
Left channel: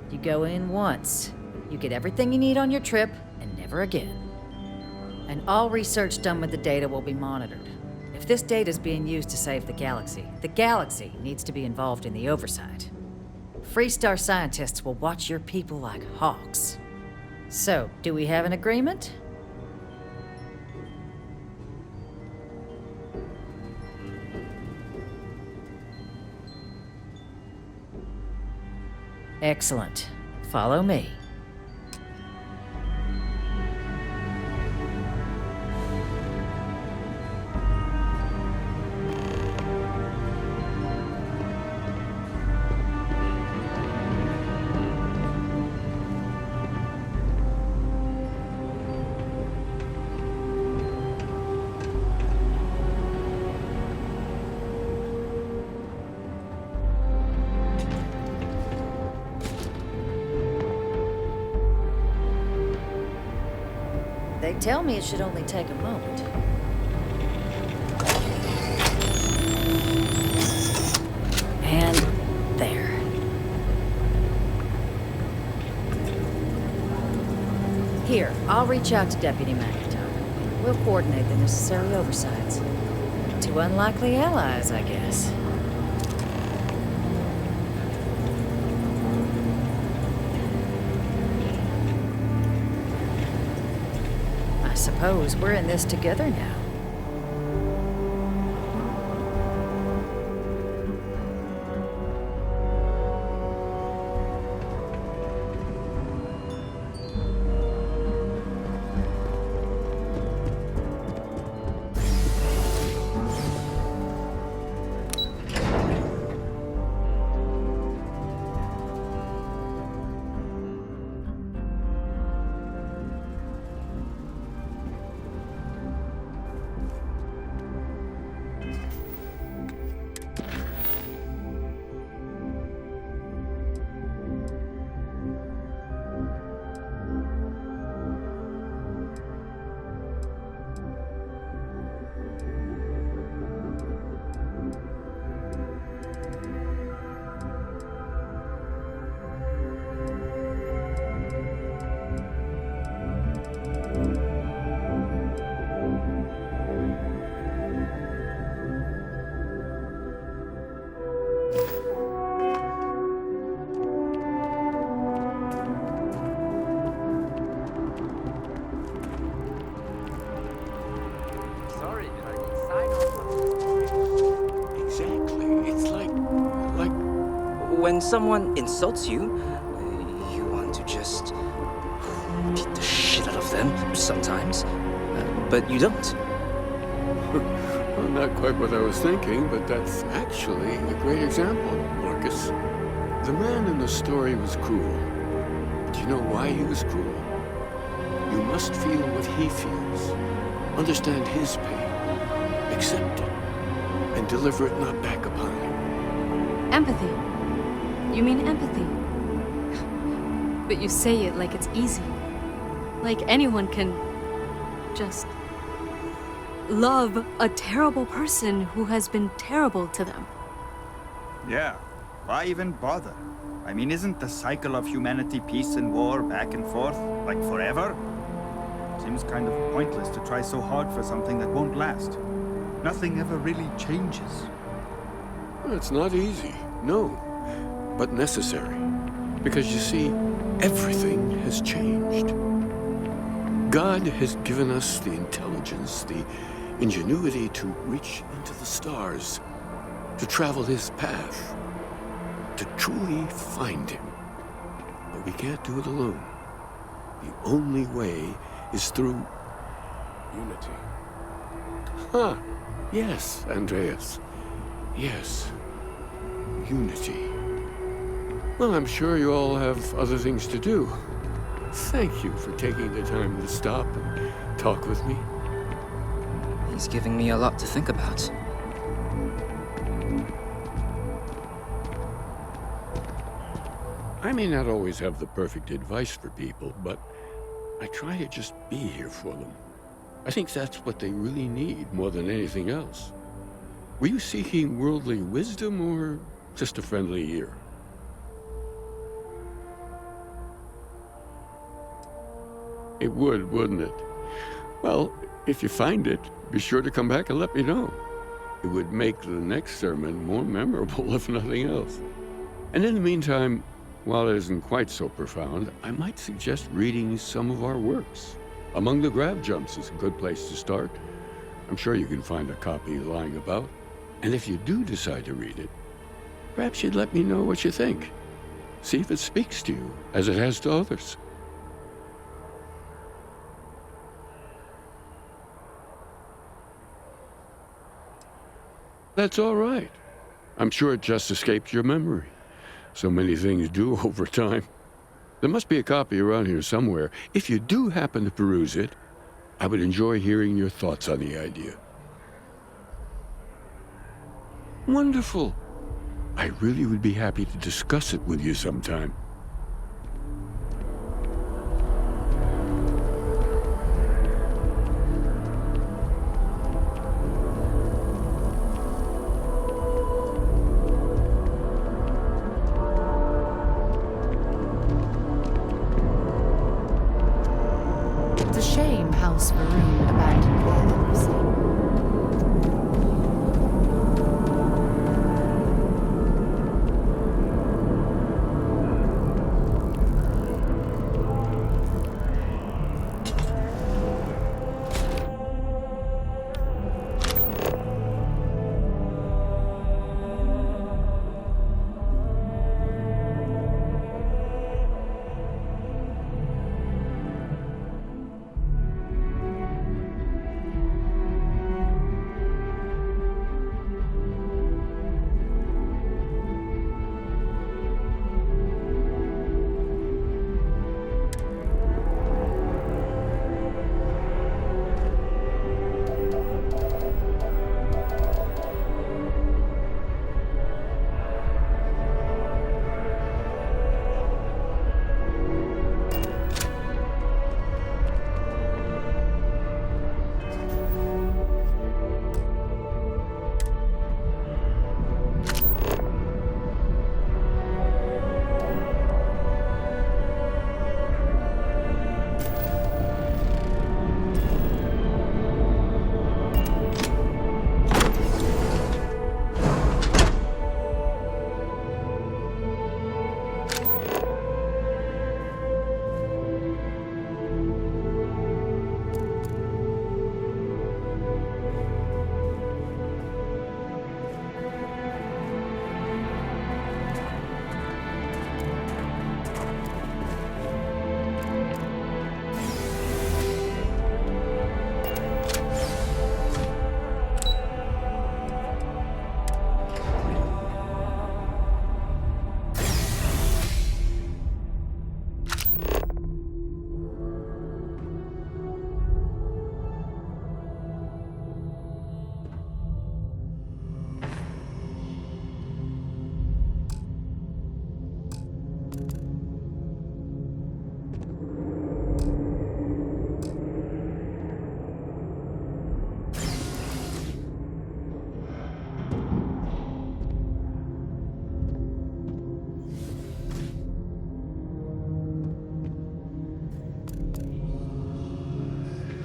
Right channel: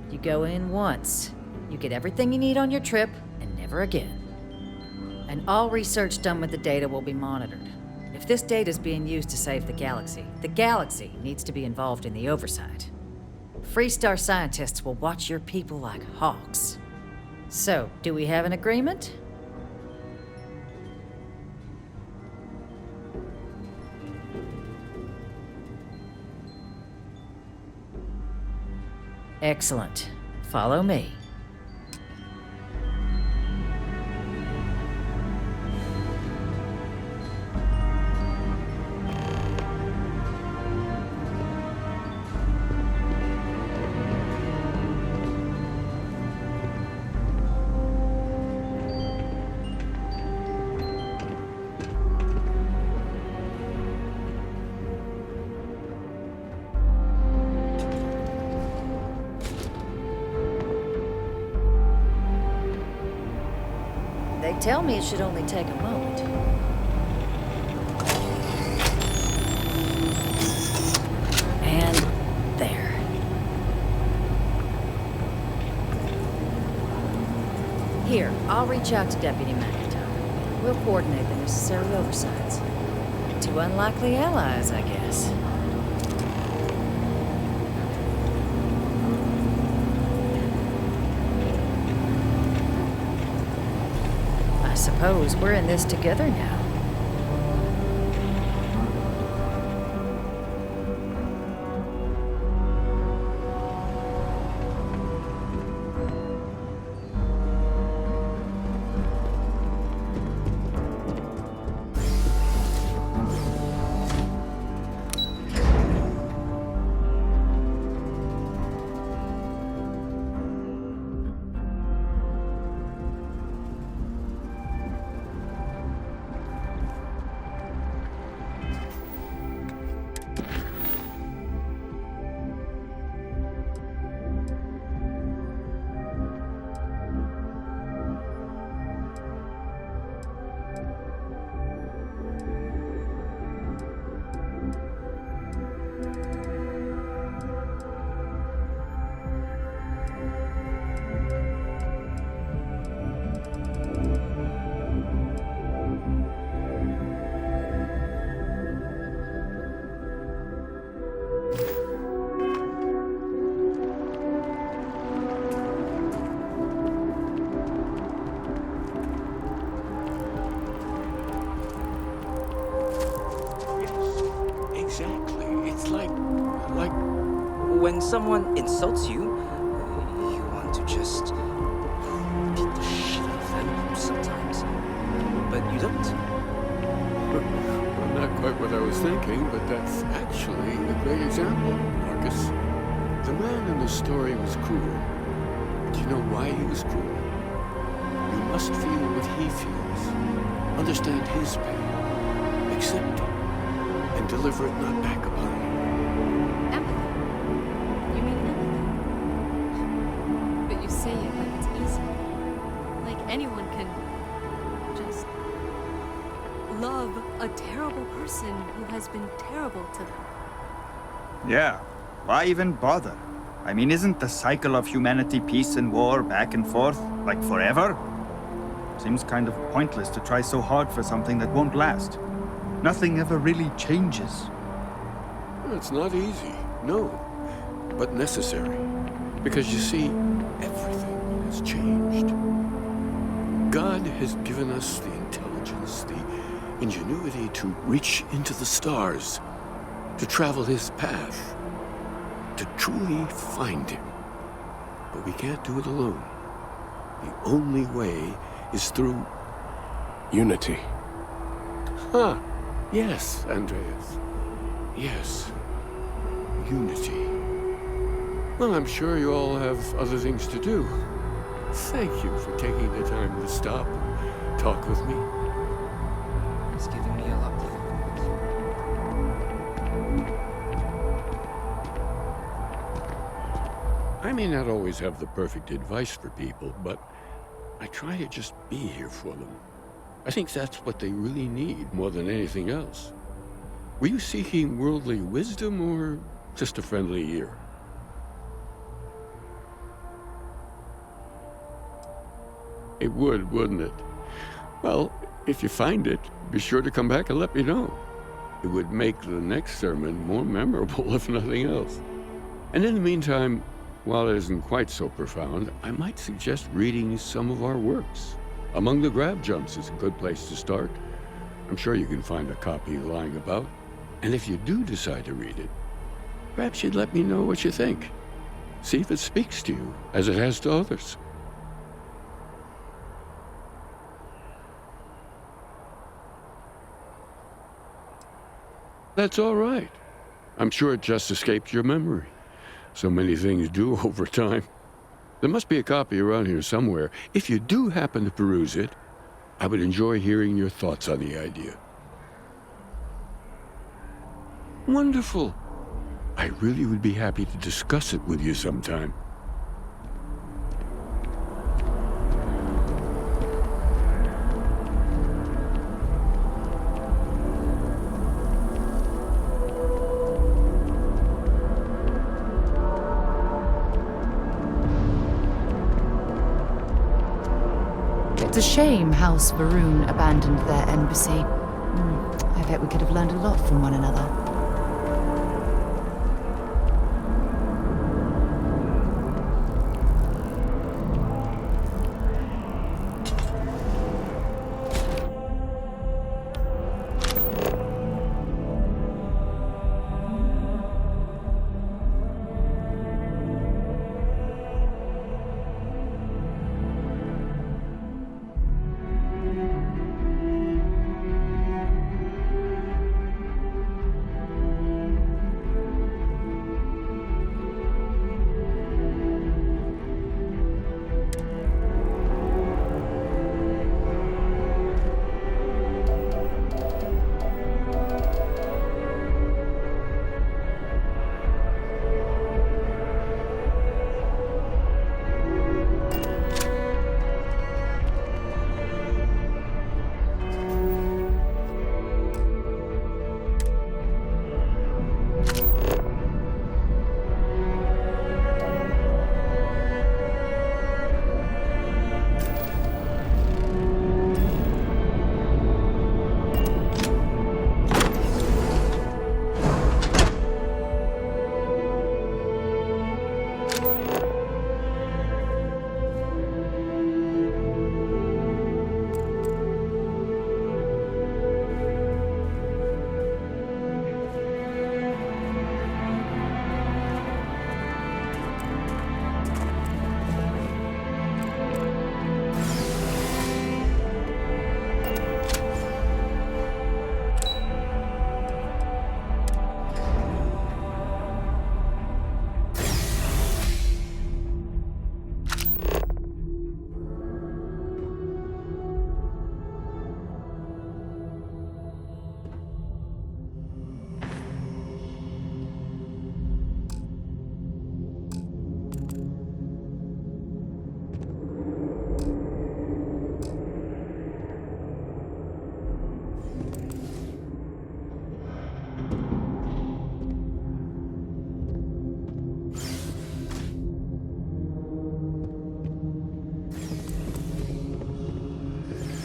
You go in once, you get everything you need on your trip, and never again. And all research done with the data will be monitored. If this data is being used to save the galaxy needs to be involved in the oversight. Freestar scientists will watch your people like hawks. So, do we have an agreement? Excellent. Follow me. They tell me it should only take a moment. And there. Here, I'll reach out to Deputy McIntyre. We'll coordinate the necessary oversights. Two unlikely allies, I guess. I suppose we're in this together now. Exactly. It's like... When someone insults you, you want to just beat the shit out of them sometimes, but you don't. Well, not quite what I was thinking, but that's actually a great example, Marcus. The man in the story was cruel. Do you know why he was cruel? You must feel what he feels, understand his pain, accept it, and deliver it not back upon him. Empathy. You mean empathy? But you say it like it's easy. Like anyone can just love a terrible person who has been terrible to them. Yeah, why even bother? I mean, isn't the cycle of humanity peace and war back and forth, like forever? Seems kind of pointless to try so hard for something that won't last. Nothing ever really changes. It's not easy, no, but necessary. Because you see, everything has changed. God has given us the intelligence, the ingenuity to reach into the stars, to travel his path, to truly find him. But we can't do it alone. The only way is through unity. Huh. Yes, Andreas. Yes. Unity. Well, I'm sure you all have other things to do. Thank you for taking the time to stop and talk with me. He's giving me a lot to think about. I may not always have the perfect advice for people, but I try to just be here for them. I think that's what they really need more than anything else. Were you seeking worldly wisdom or just a friendly ear? It would, wouldn't it? Well, if you find it, be sure to come back and let me know. It would make the next sermon more memorable, if nothing else. And in the meantime, while it isn't quite so profound, I might suggest reading some of our works. Among the Grab Jumps is a good place to start. I'm sure you can find a copy lying about. And if you do decide to read it, perhaps you'd let me know what you think. See if it speaks to you, as it has to others. That's all right. I'm sure it just escaped your memory. So many things do over time. There must be a copy around here somewhere. If you do happen to peruse it, I would enjoy hearing your thoughts on the idea. Wonderful. I really would be happy to discuss it with you sometime. It's a shame House Varun abandoned their embassy. I bet we could have learned a lot from one another.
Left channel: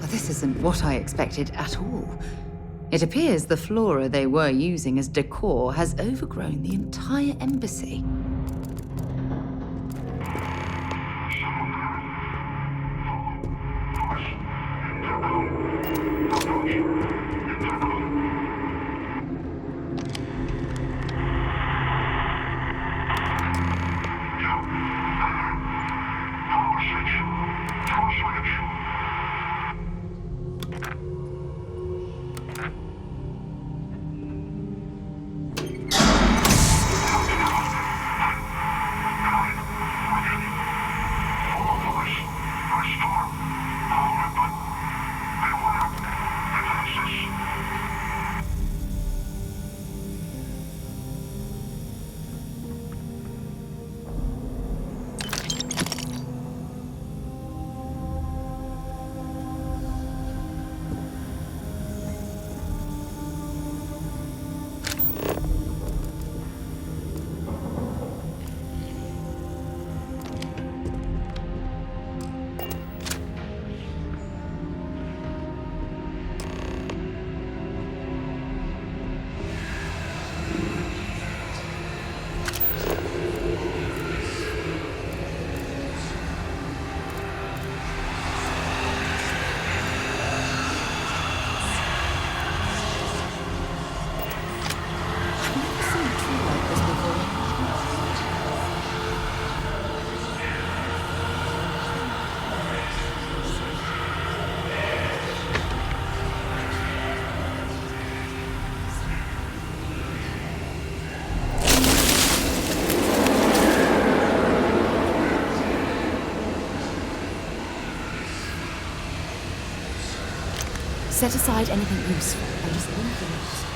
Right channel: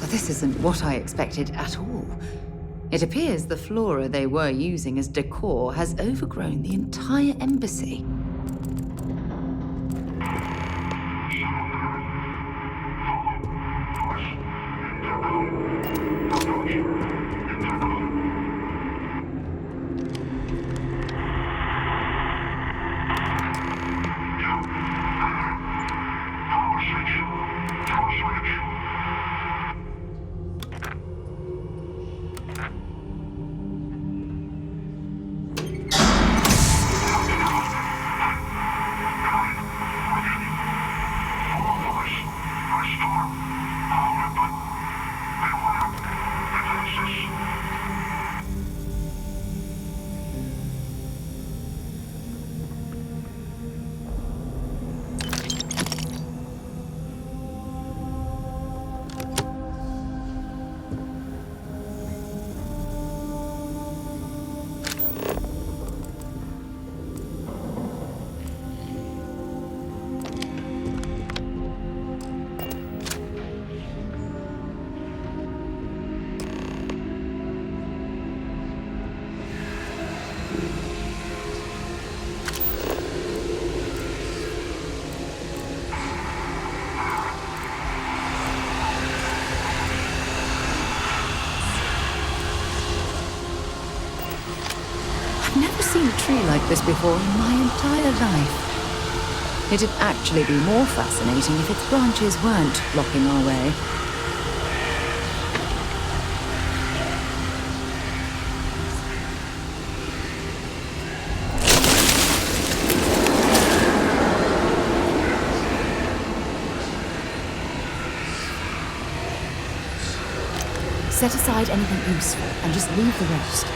Well, this isn't what I expected at all. It appears the flora they were using as decor has overgrown the entire embassy. Like this before in my entire life. It'd actually be more fascinating if its branches weren't blocking our way. Set aside anything useful and just leave the rest.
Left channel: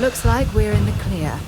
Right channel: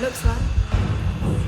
Looks like we're in the clear.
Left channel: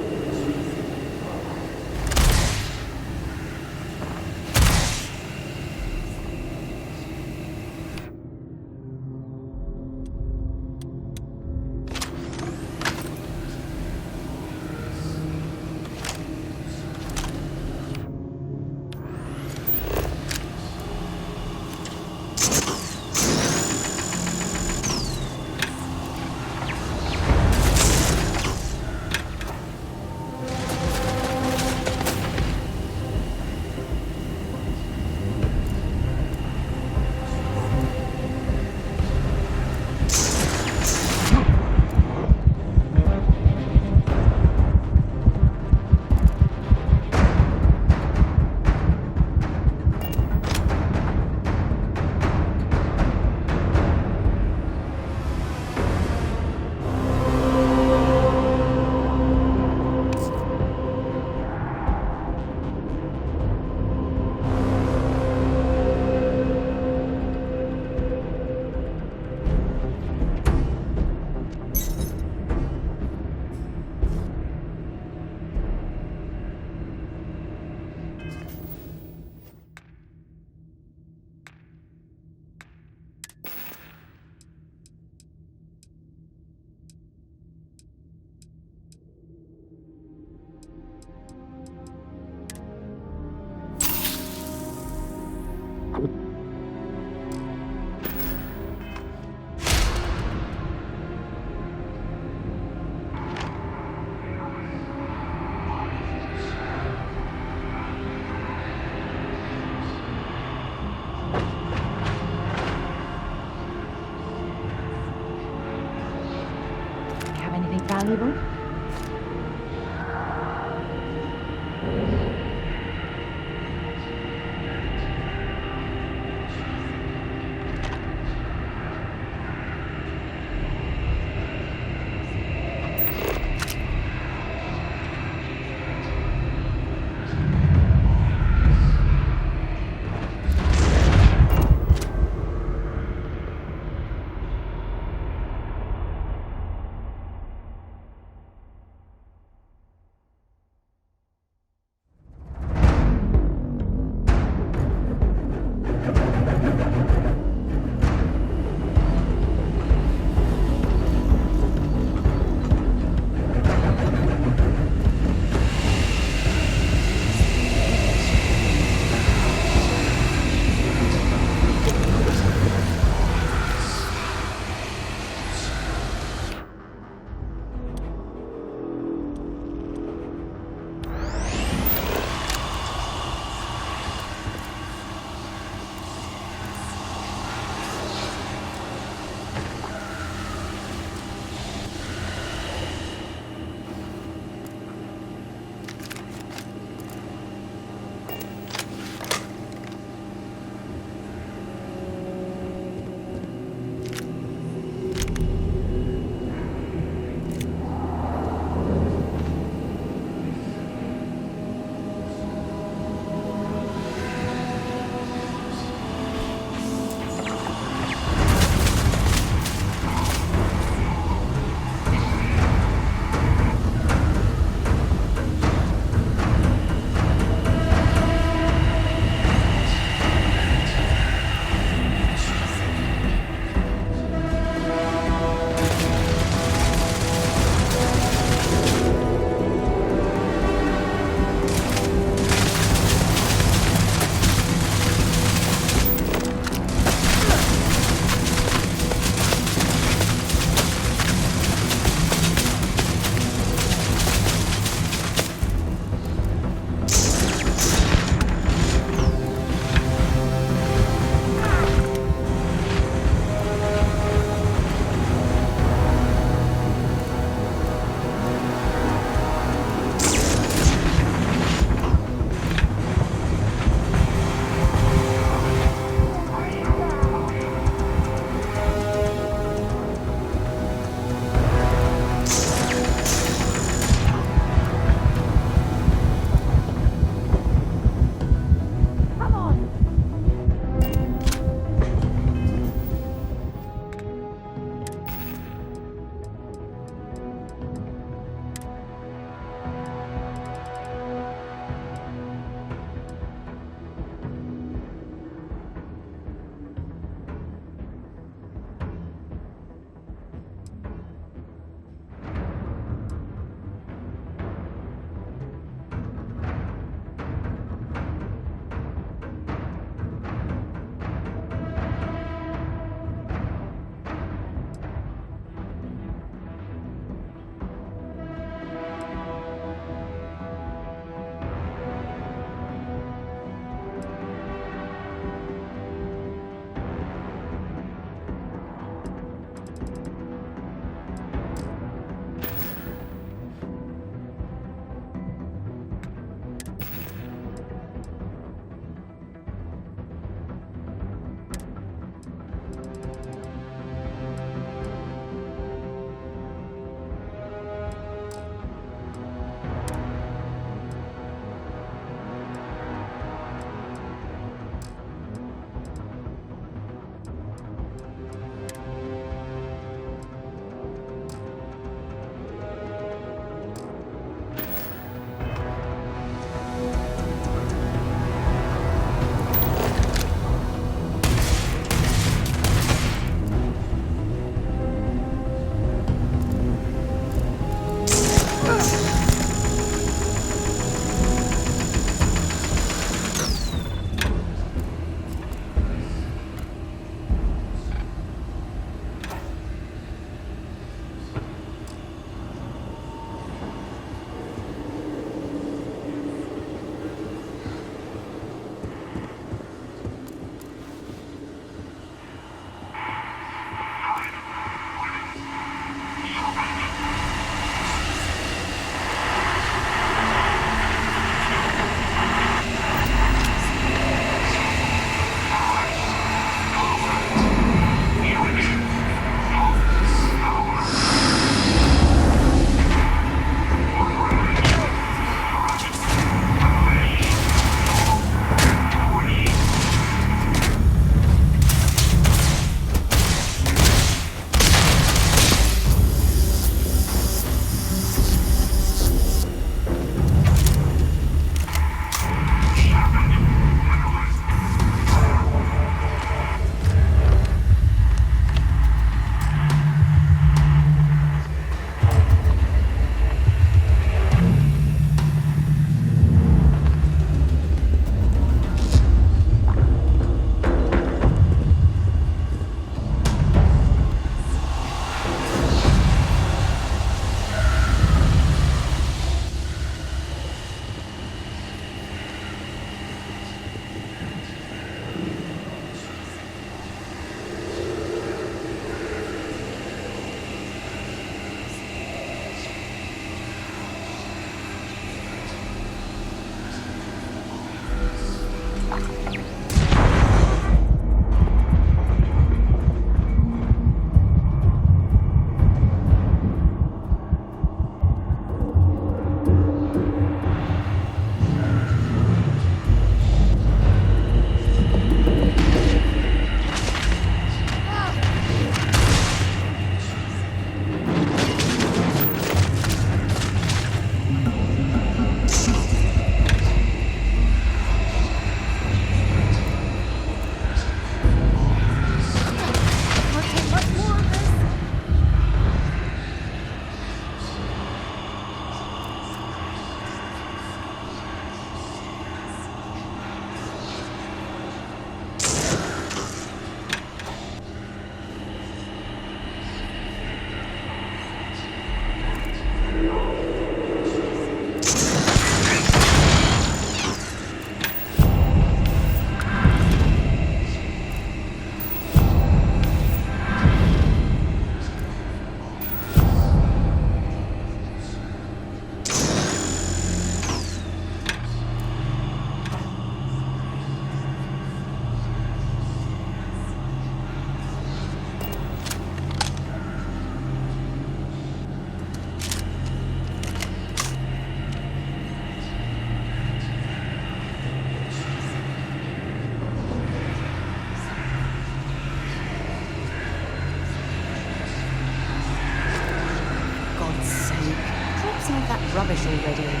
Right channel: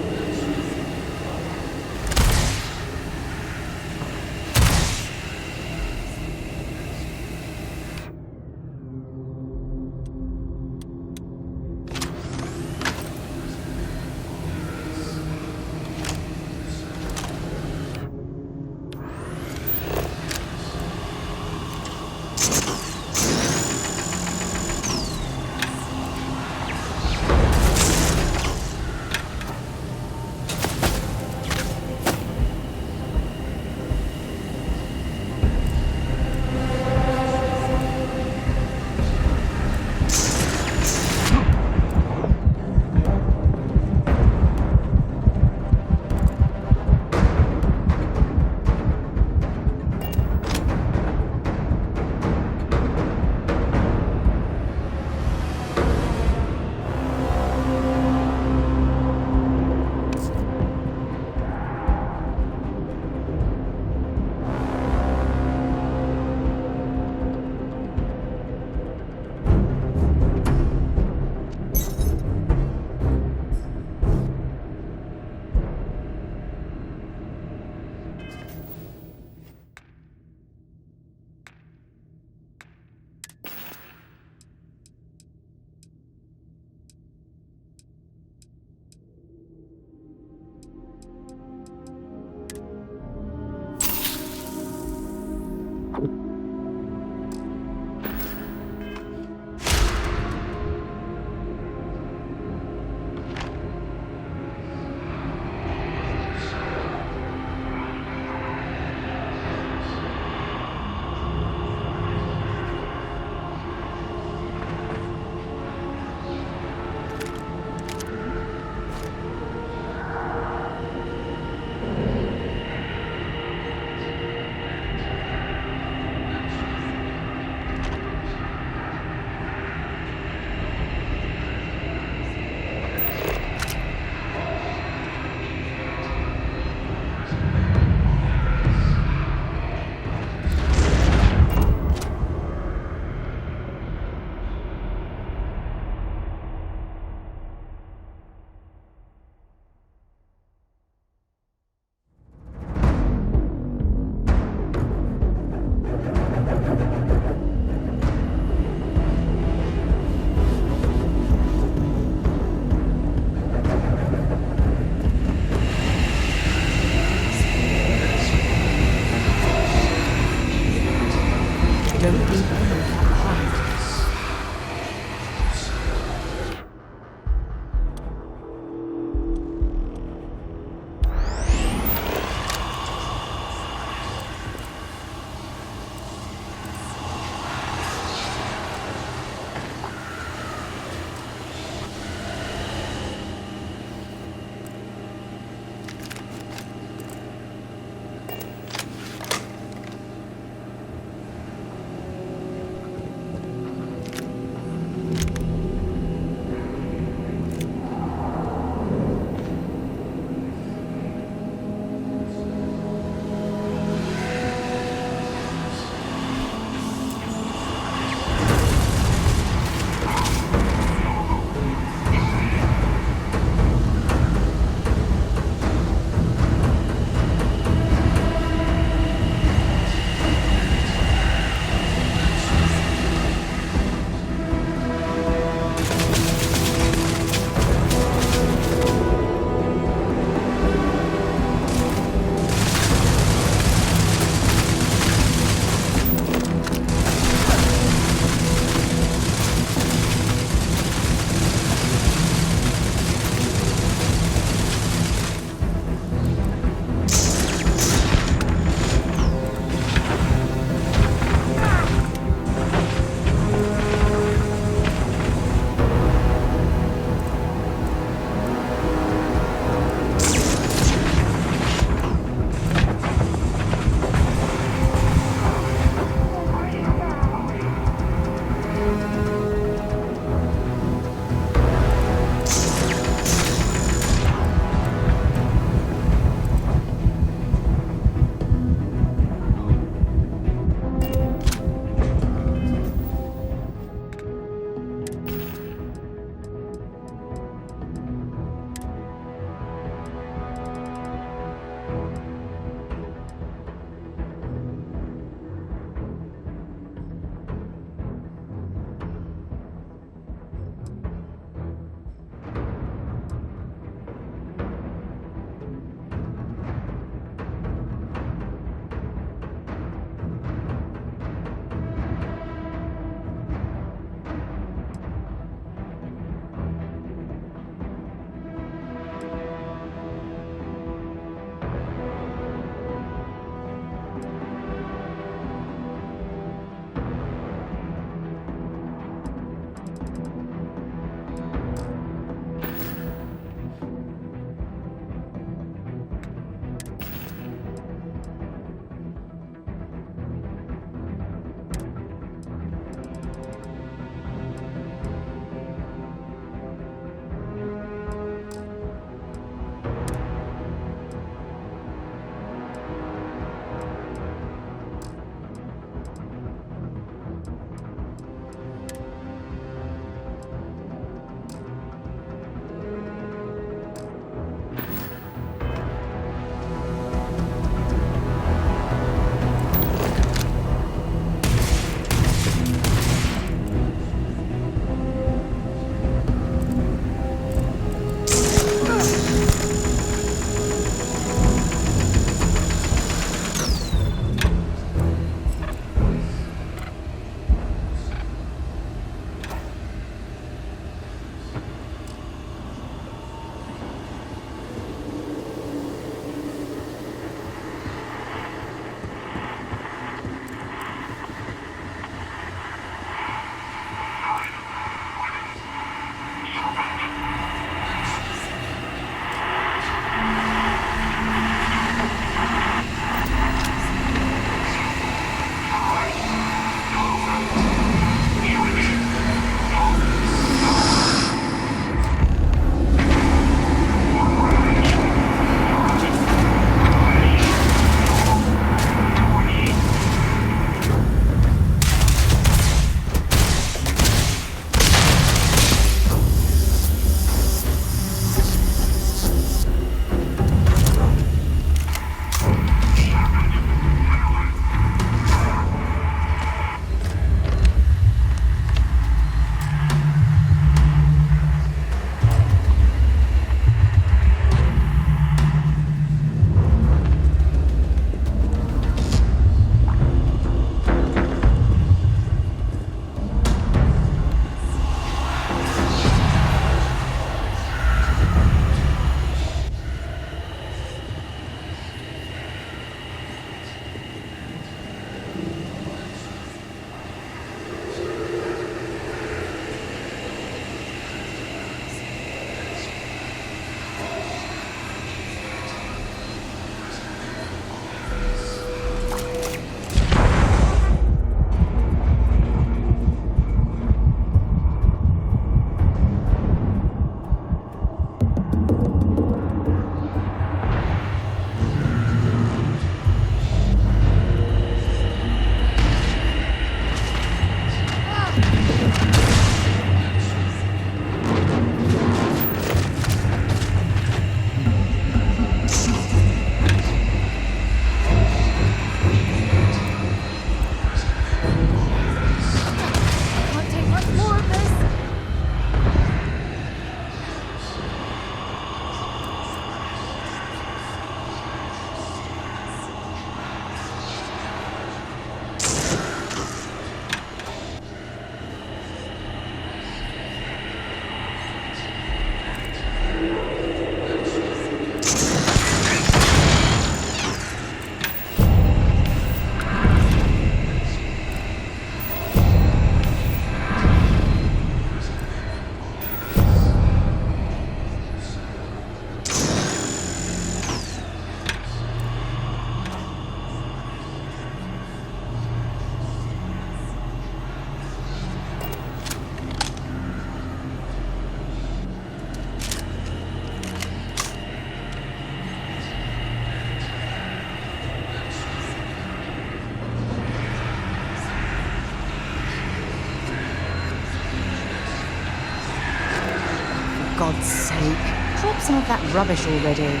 God's sake. Drop some of that rubbish already.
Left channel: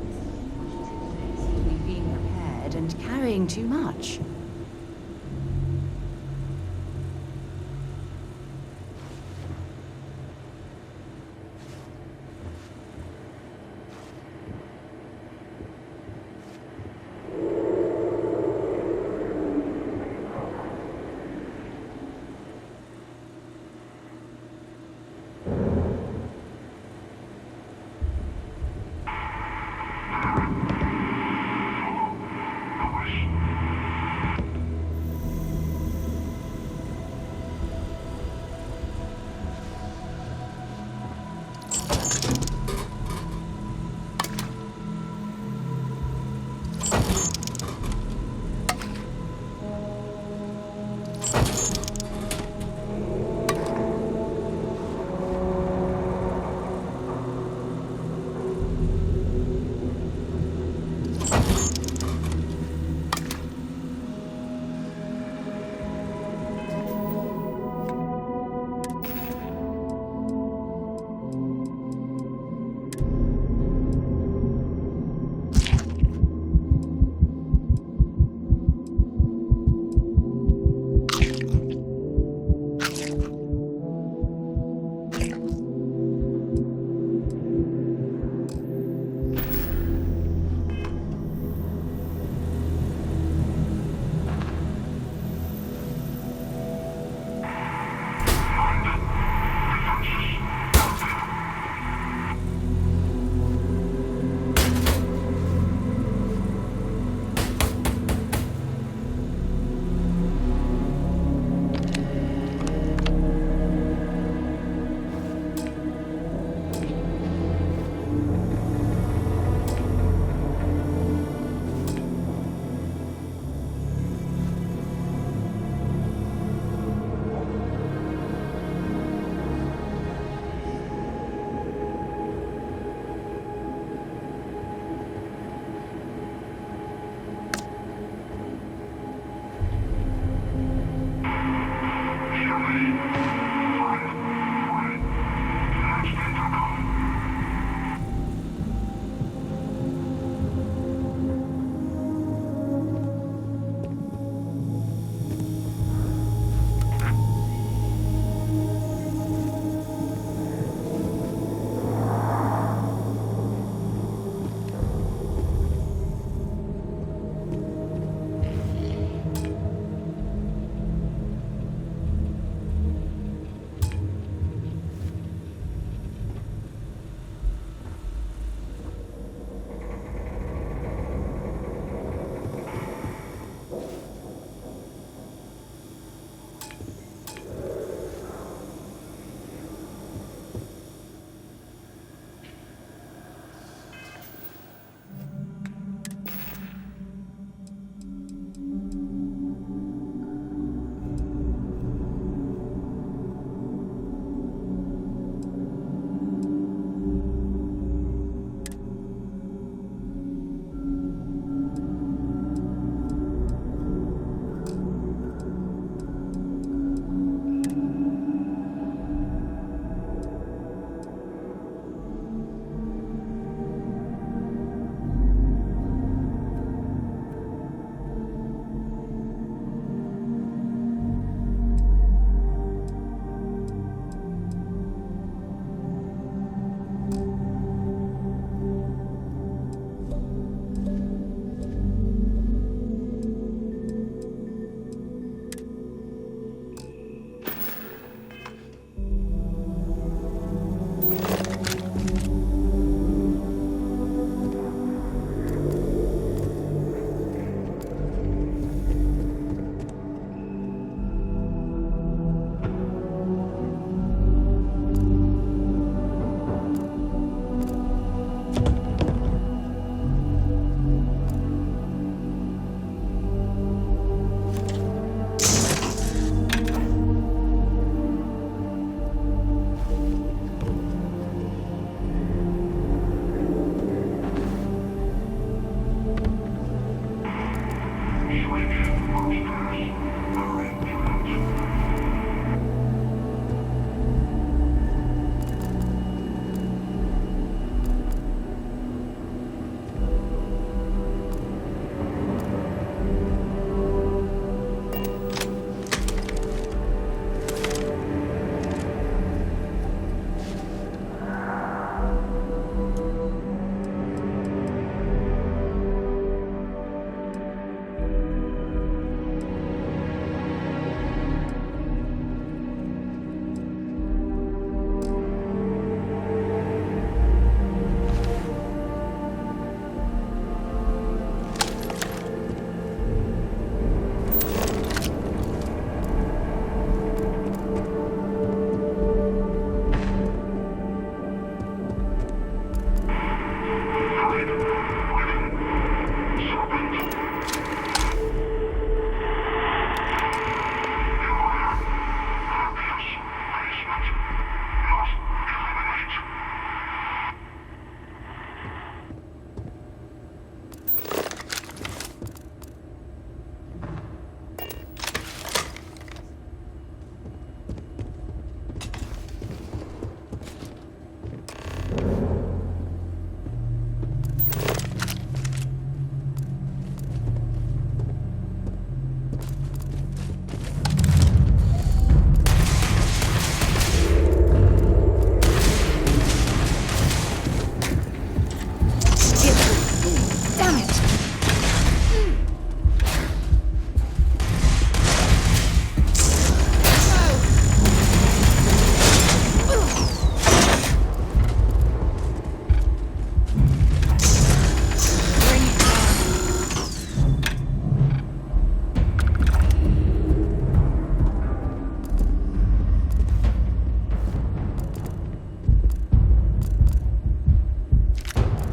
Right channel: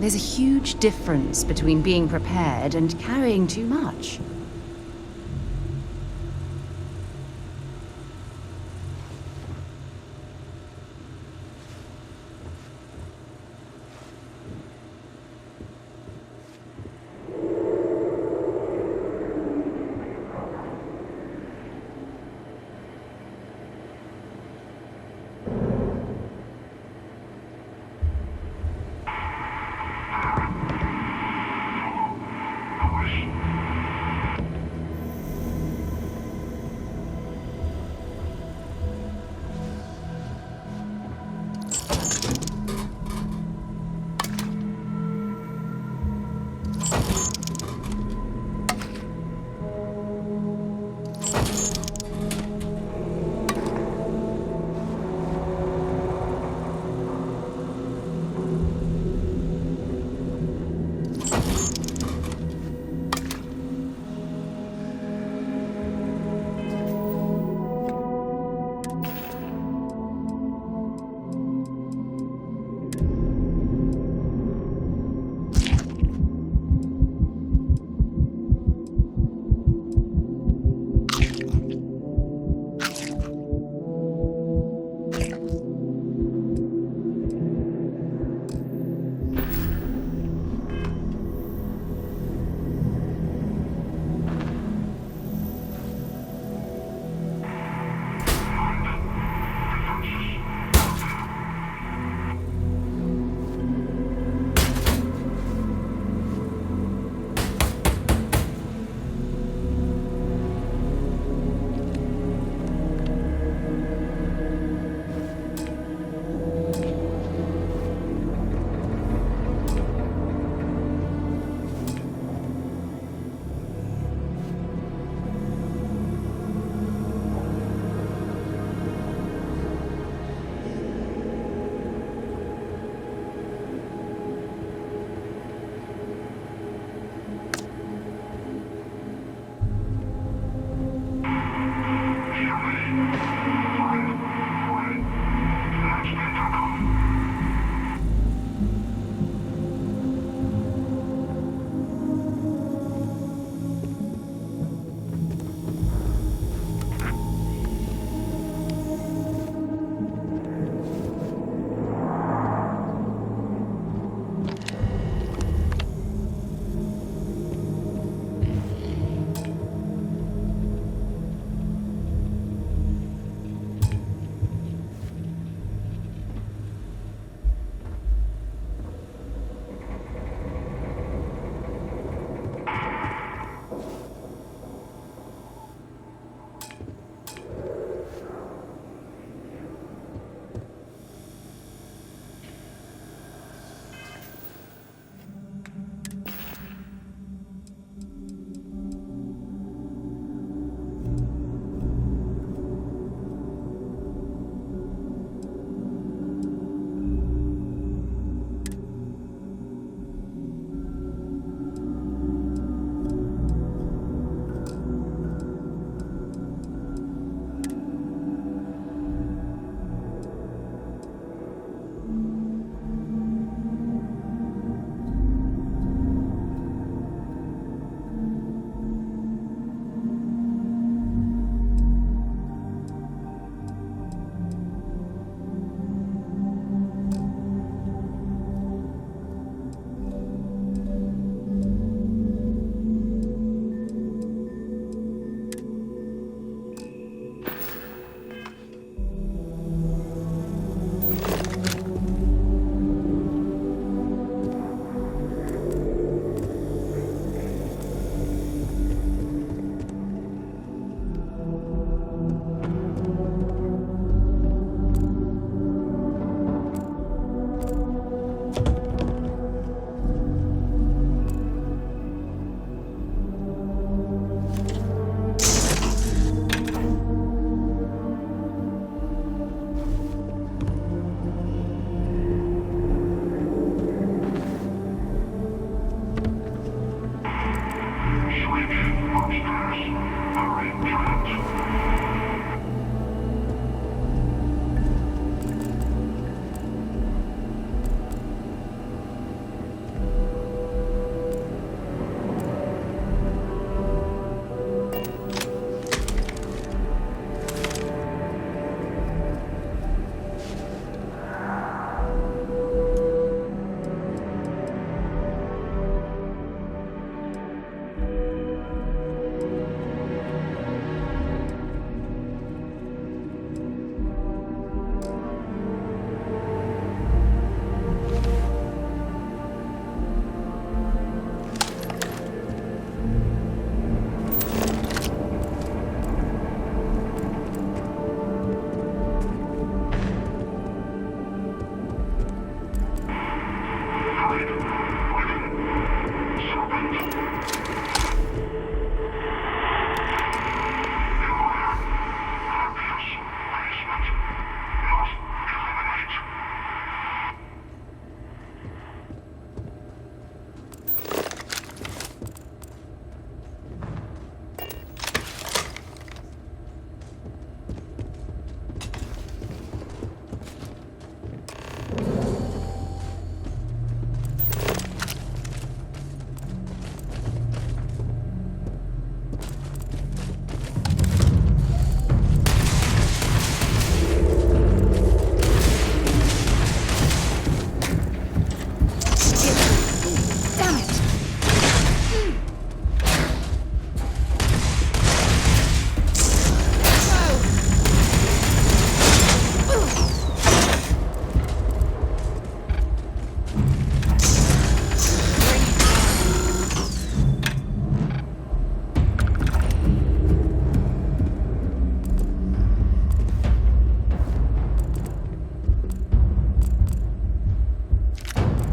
There's a huge difference between being prepared and carrying too much.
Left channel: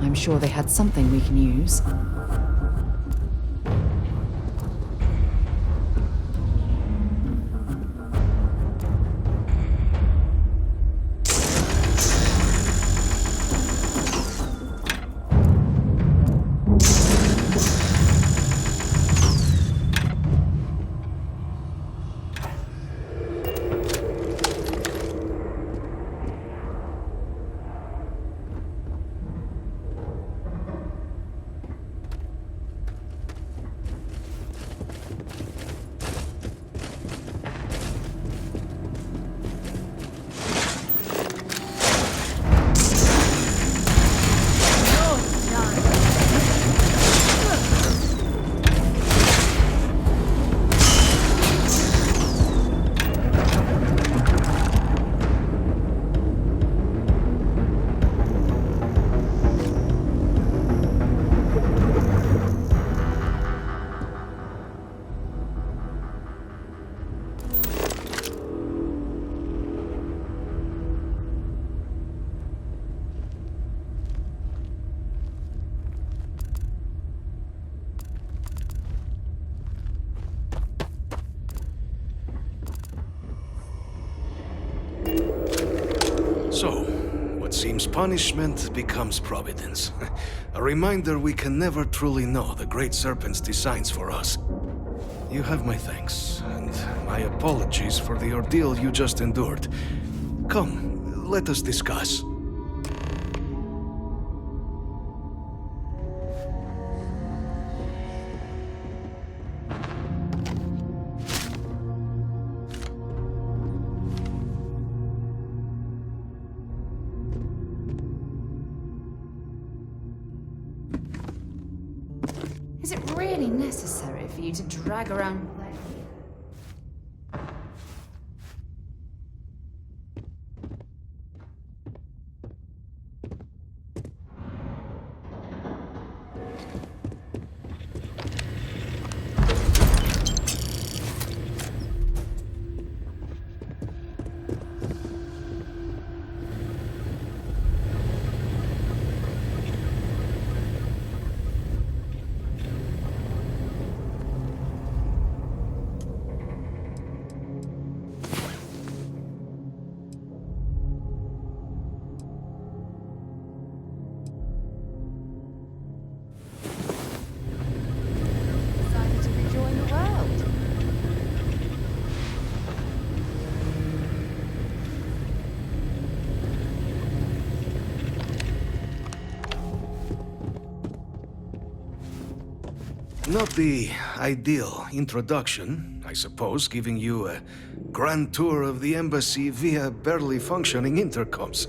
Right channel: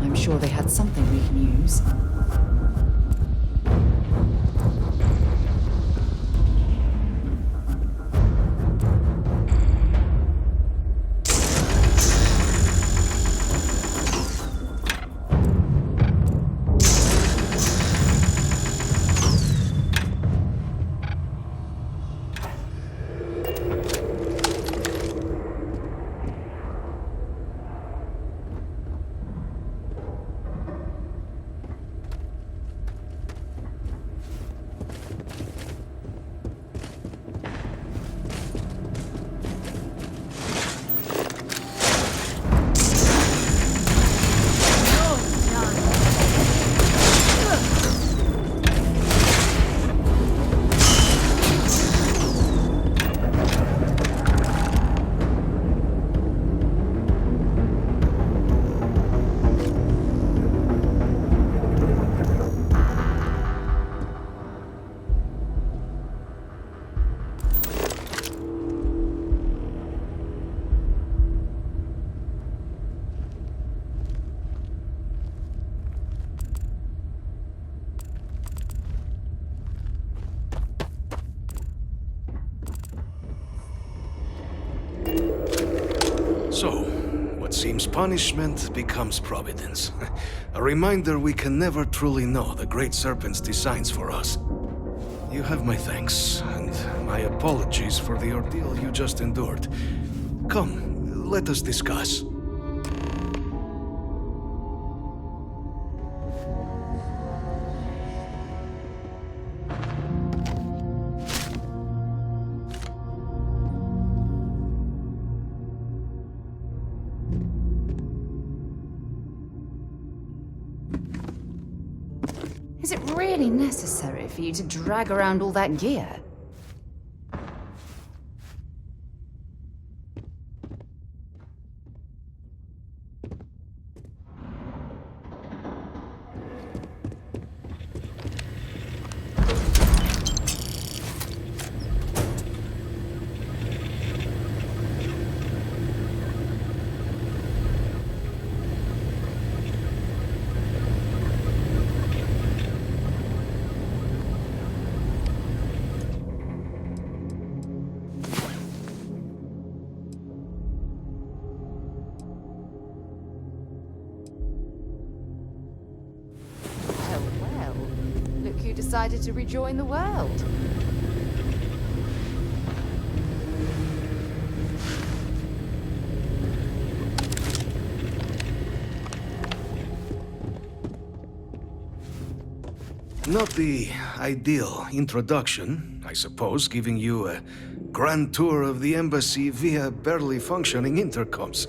I'm sure they had something we can use. So, what seems punishment becomes providence. A reminder we can never truly know the Great Serpent's designs for us. You have my thanks, and my apologies for the ordeal you just endured. Come, let us discuss. Is it really necessary for you to drag around all that gear? Decided to rejoin the world. Not the ideal introduction, I suppose, giving you a grand tour of the embassy via barely functioning intercoms.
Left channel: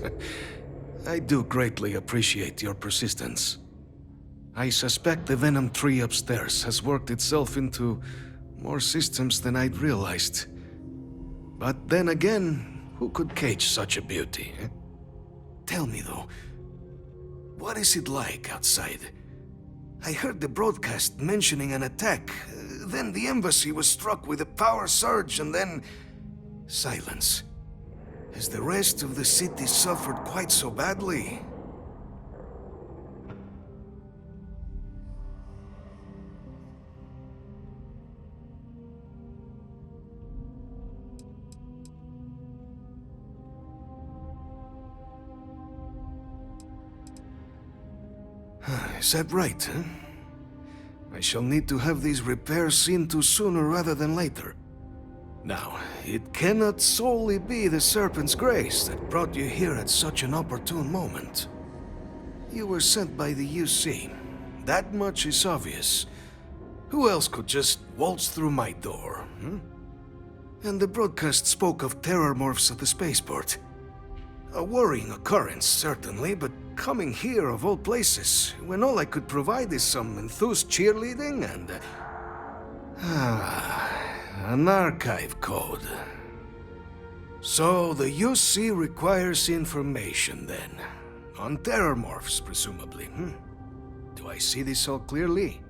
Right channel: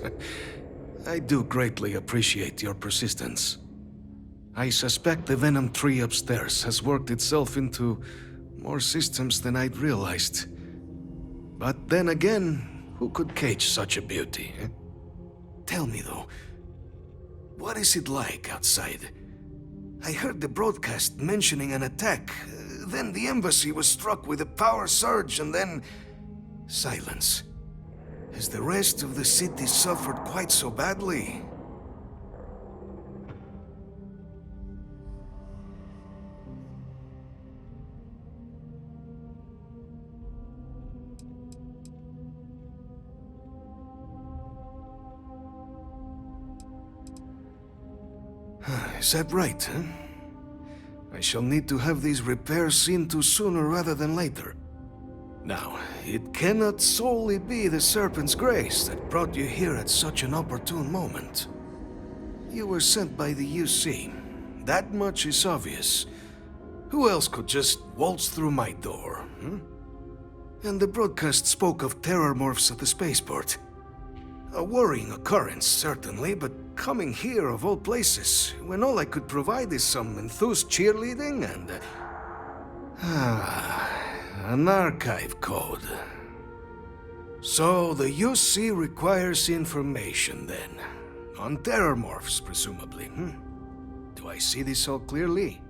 I do greatly appreciate your persistence. I suspect the Venom tree upstairs has worked itself into more systems than I'd realized. But then again, who could cage such a beauty? Eh? Tell me though, what is it like outside? I heard the broadcast mentioning an attack, then the embassy was struck with a power surge and then silence. Has the rest of the city suffered quite so badly? Is that right, huh? I shall need to have these repairs seen to sooner rather than later. Now, it cannot solely be the Serpent's grace that brought you here at such an opportune moment. You were sent by the UC. That much is obvious. Who else could just waltz through my door, hmm? And the broadcast spoke of terror morphs at the spaceport. A worrying occurrence, certainly, but coming here of all places, when all I could provide is some enthused cheerleading and... an archive code. So the UC requires information, then. On terror morphs, presumably, hmm? Do I see this all clearly?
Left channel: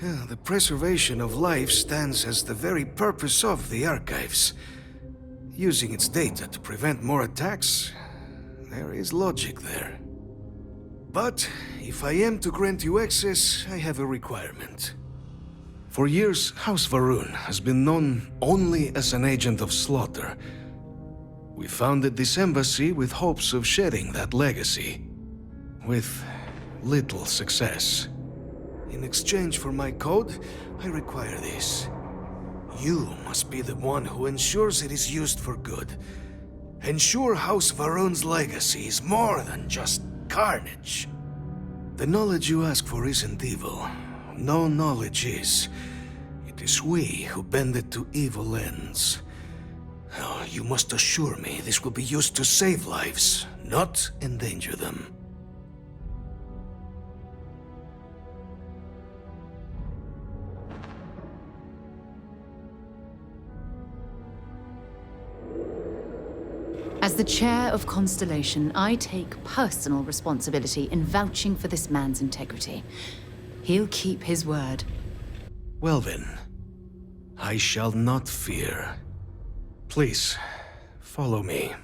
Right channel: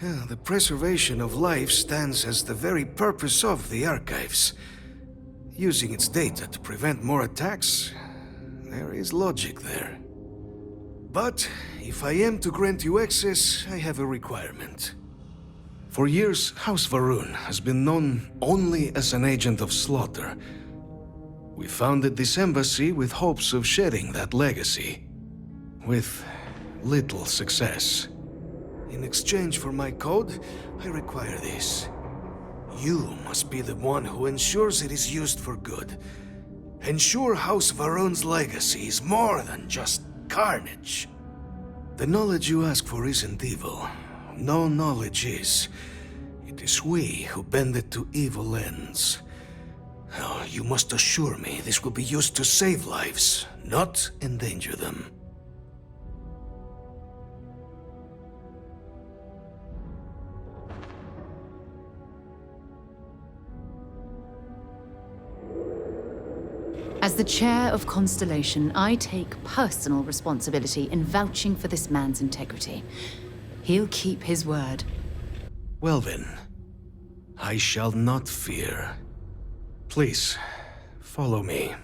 The preservation of life stands as the very purpose of the archives. Using its data to prevent more attacks, there is logic there. But if I am to grant you access, I have a requirement. For years, House Va'ruun has been known only as an agent of slaughter. We founded this embassy with hopes of shedding that legacy, with little success. In exchange for my code, I require this. You must be the one who ensures it is used for good. Ensure House Va'ruun's legacy is more than just carnage. The knowledge you ask for isn't evil. No knowledge is. It is we who bend it to evil ends. Oh, you must assure me this will be used to save lives, not endanger them. As the chair of Constellation, I take personal responsibility in vouching for this man's integrity. He'll keep his word. Well then, I shall not fear. Please, follow me.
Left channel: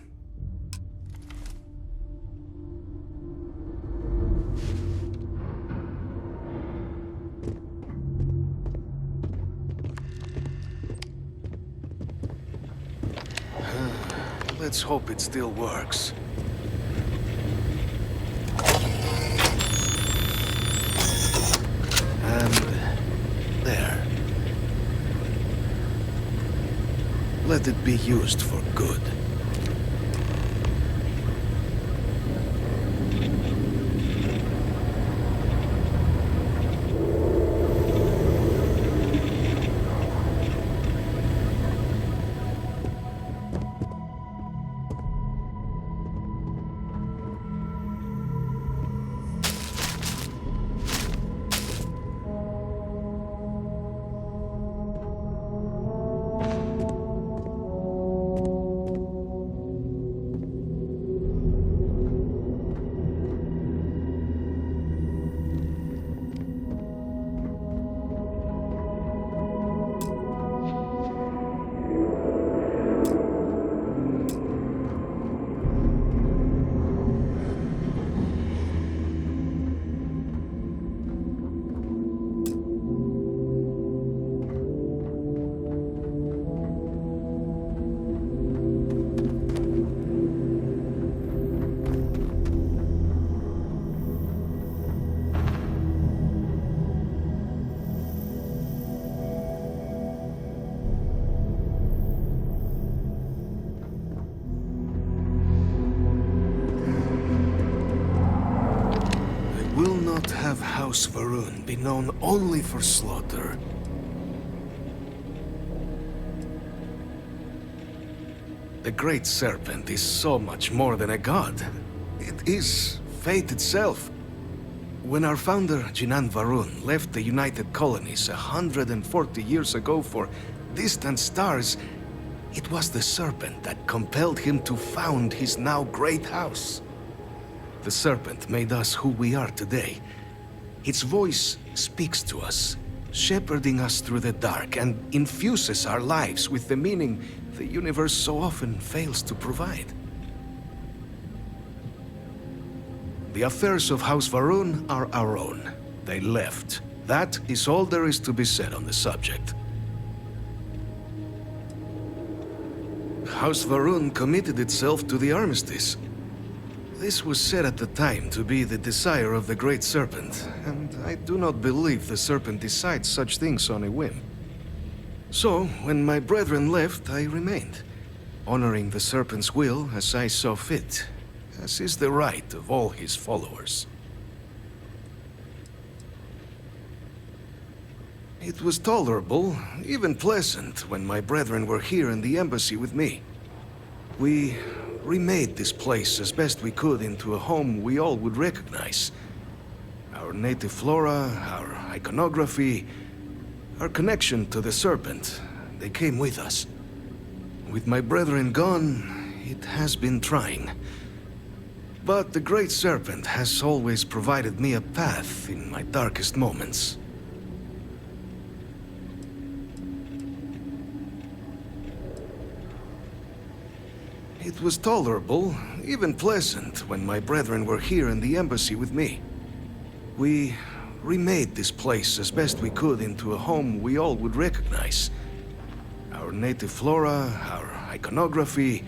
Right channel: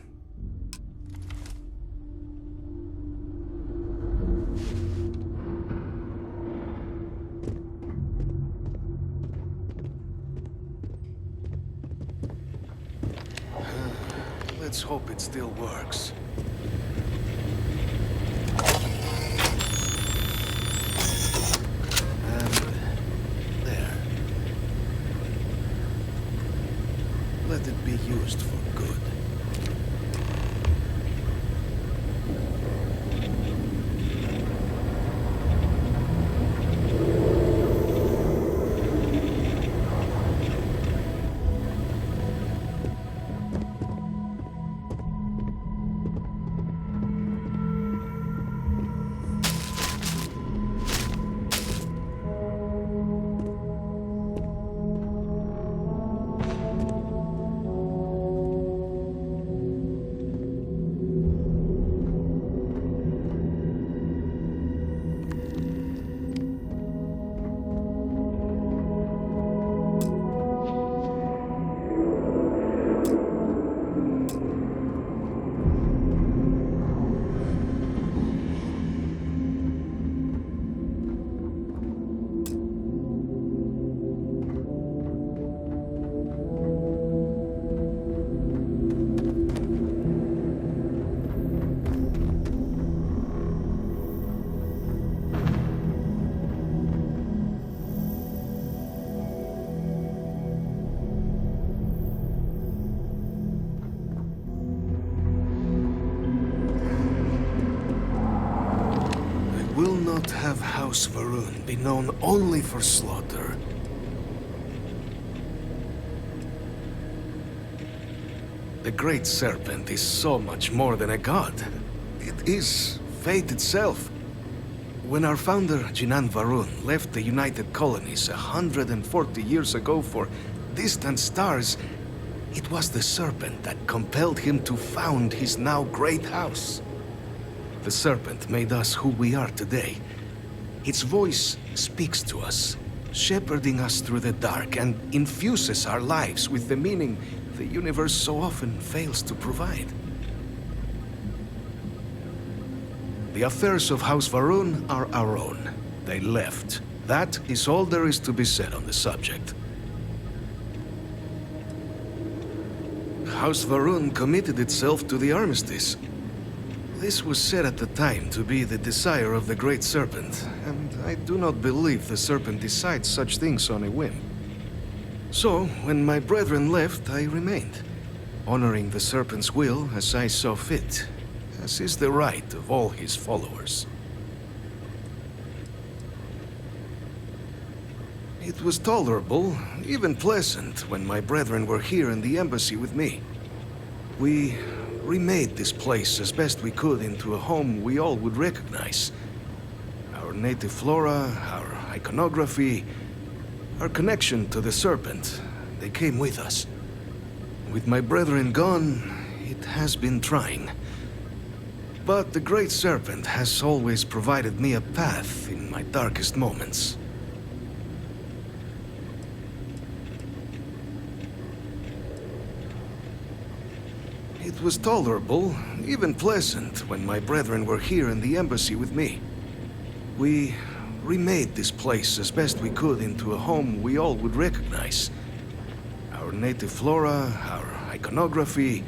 Let's hope it still works. And there. Let it be used for good. Will not have House Va'ruun be known only for slaughter. The Great Serpent is so much more than a god. It is fate itself. When our founder, Jinan Va'ruun, left the United Colonies 140 years ago for distant stars, it was the Serpent that compelled him to found his now great house. The Serpent made us who we are today. Its voice speaks to us, shepherding us through the dark, and infuses our lives with the meaning the universe so often fails to provide. The affairs of House Va'ruun are our own. They left. That is all there is to be said on the subject. House Va'ruun committed itself to the armistice. This was said at the time to be the desire of the Great Serpent, and I do not believe the Serpent decides such things on a whim. So, when my brethren left, I remained, honoring the Serpent's will as I saw fit, as is the right of all his followers. It was tolerable, even pleasant, when my brethren were here in the embassy with me. We remade this place as best we could into a home we all would recognize. Our native flora, our iconography, our connection to the Serpent, they came with us. With my brethren gone, it has been trying. But the Great Serpent has always provided me a path in my darkest moments. it was tolerable, even pleasant, when my brethren were here in the embassy with me. We remade this place as best we could into a home we all would recognize. Our native flora, our iconography,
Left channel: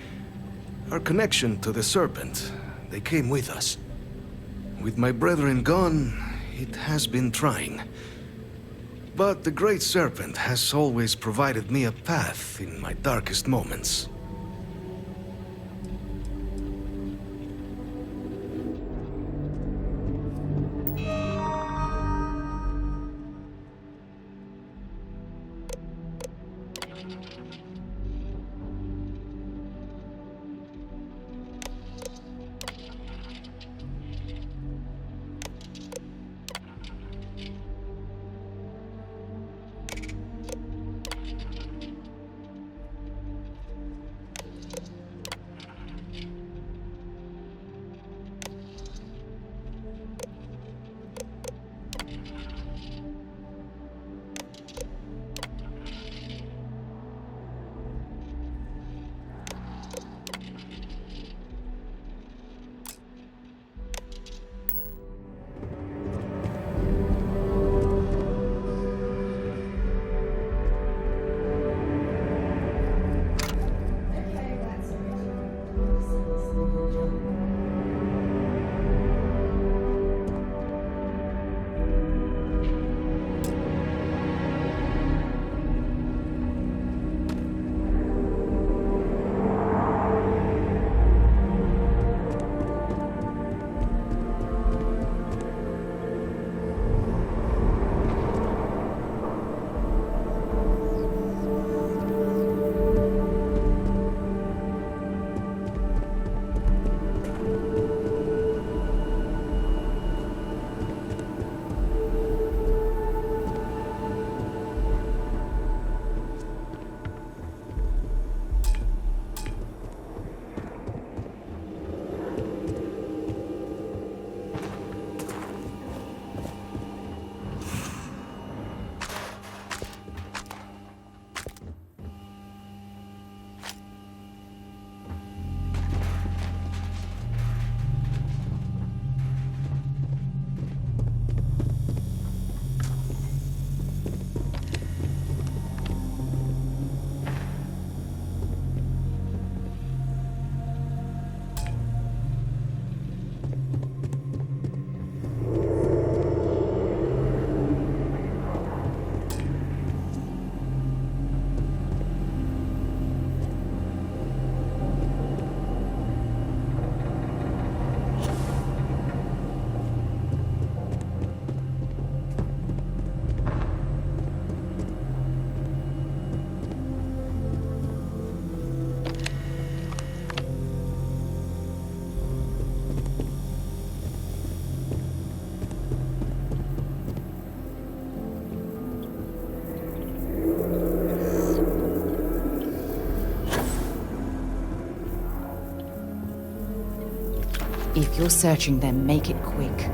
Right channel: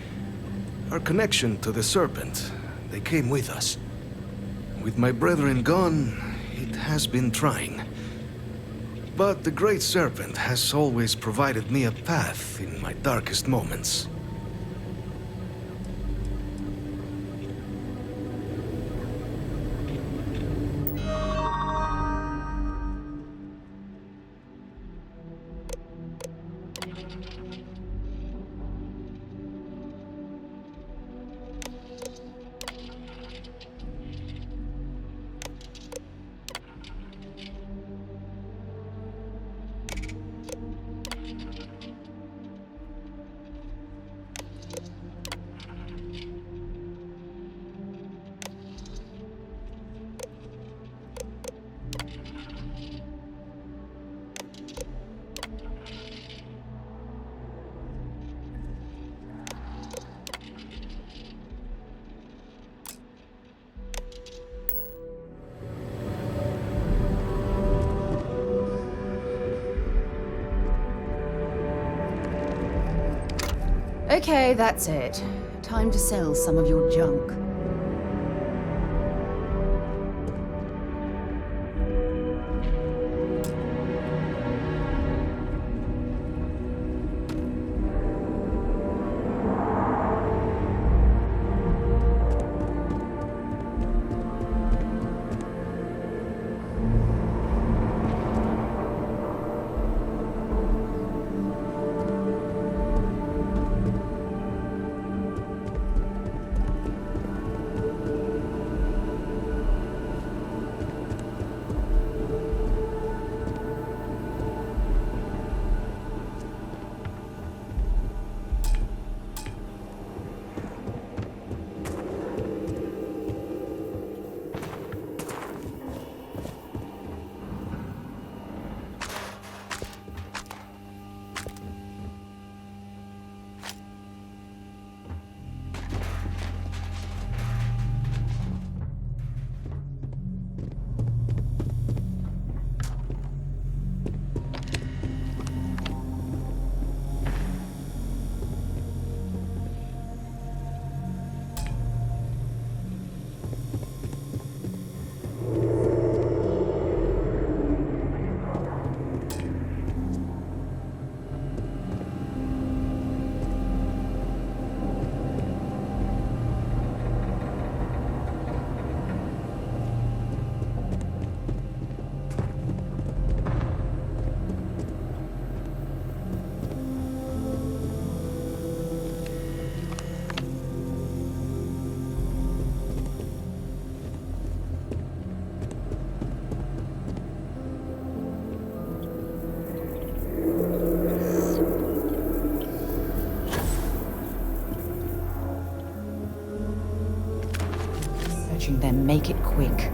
our connection to the serpent, they came with us. With my brethren gone, it has been trying. But the Great Serpent has always provided me a path in my darkest moments. Okay, that's it. Time to sell some of your junk. If you're searching them, make it quick.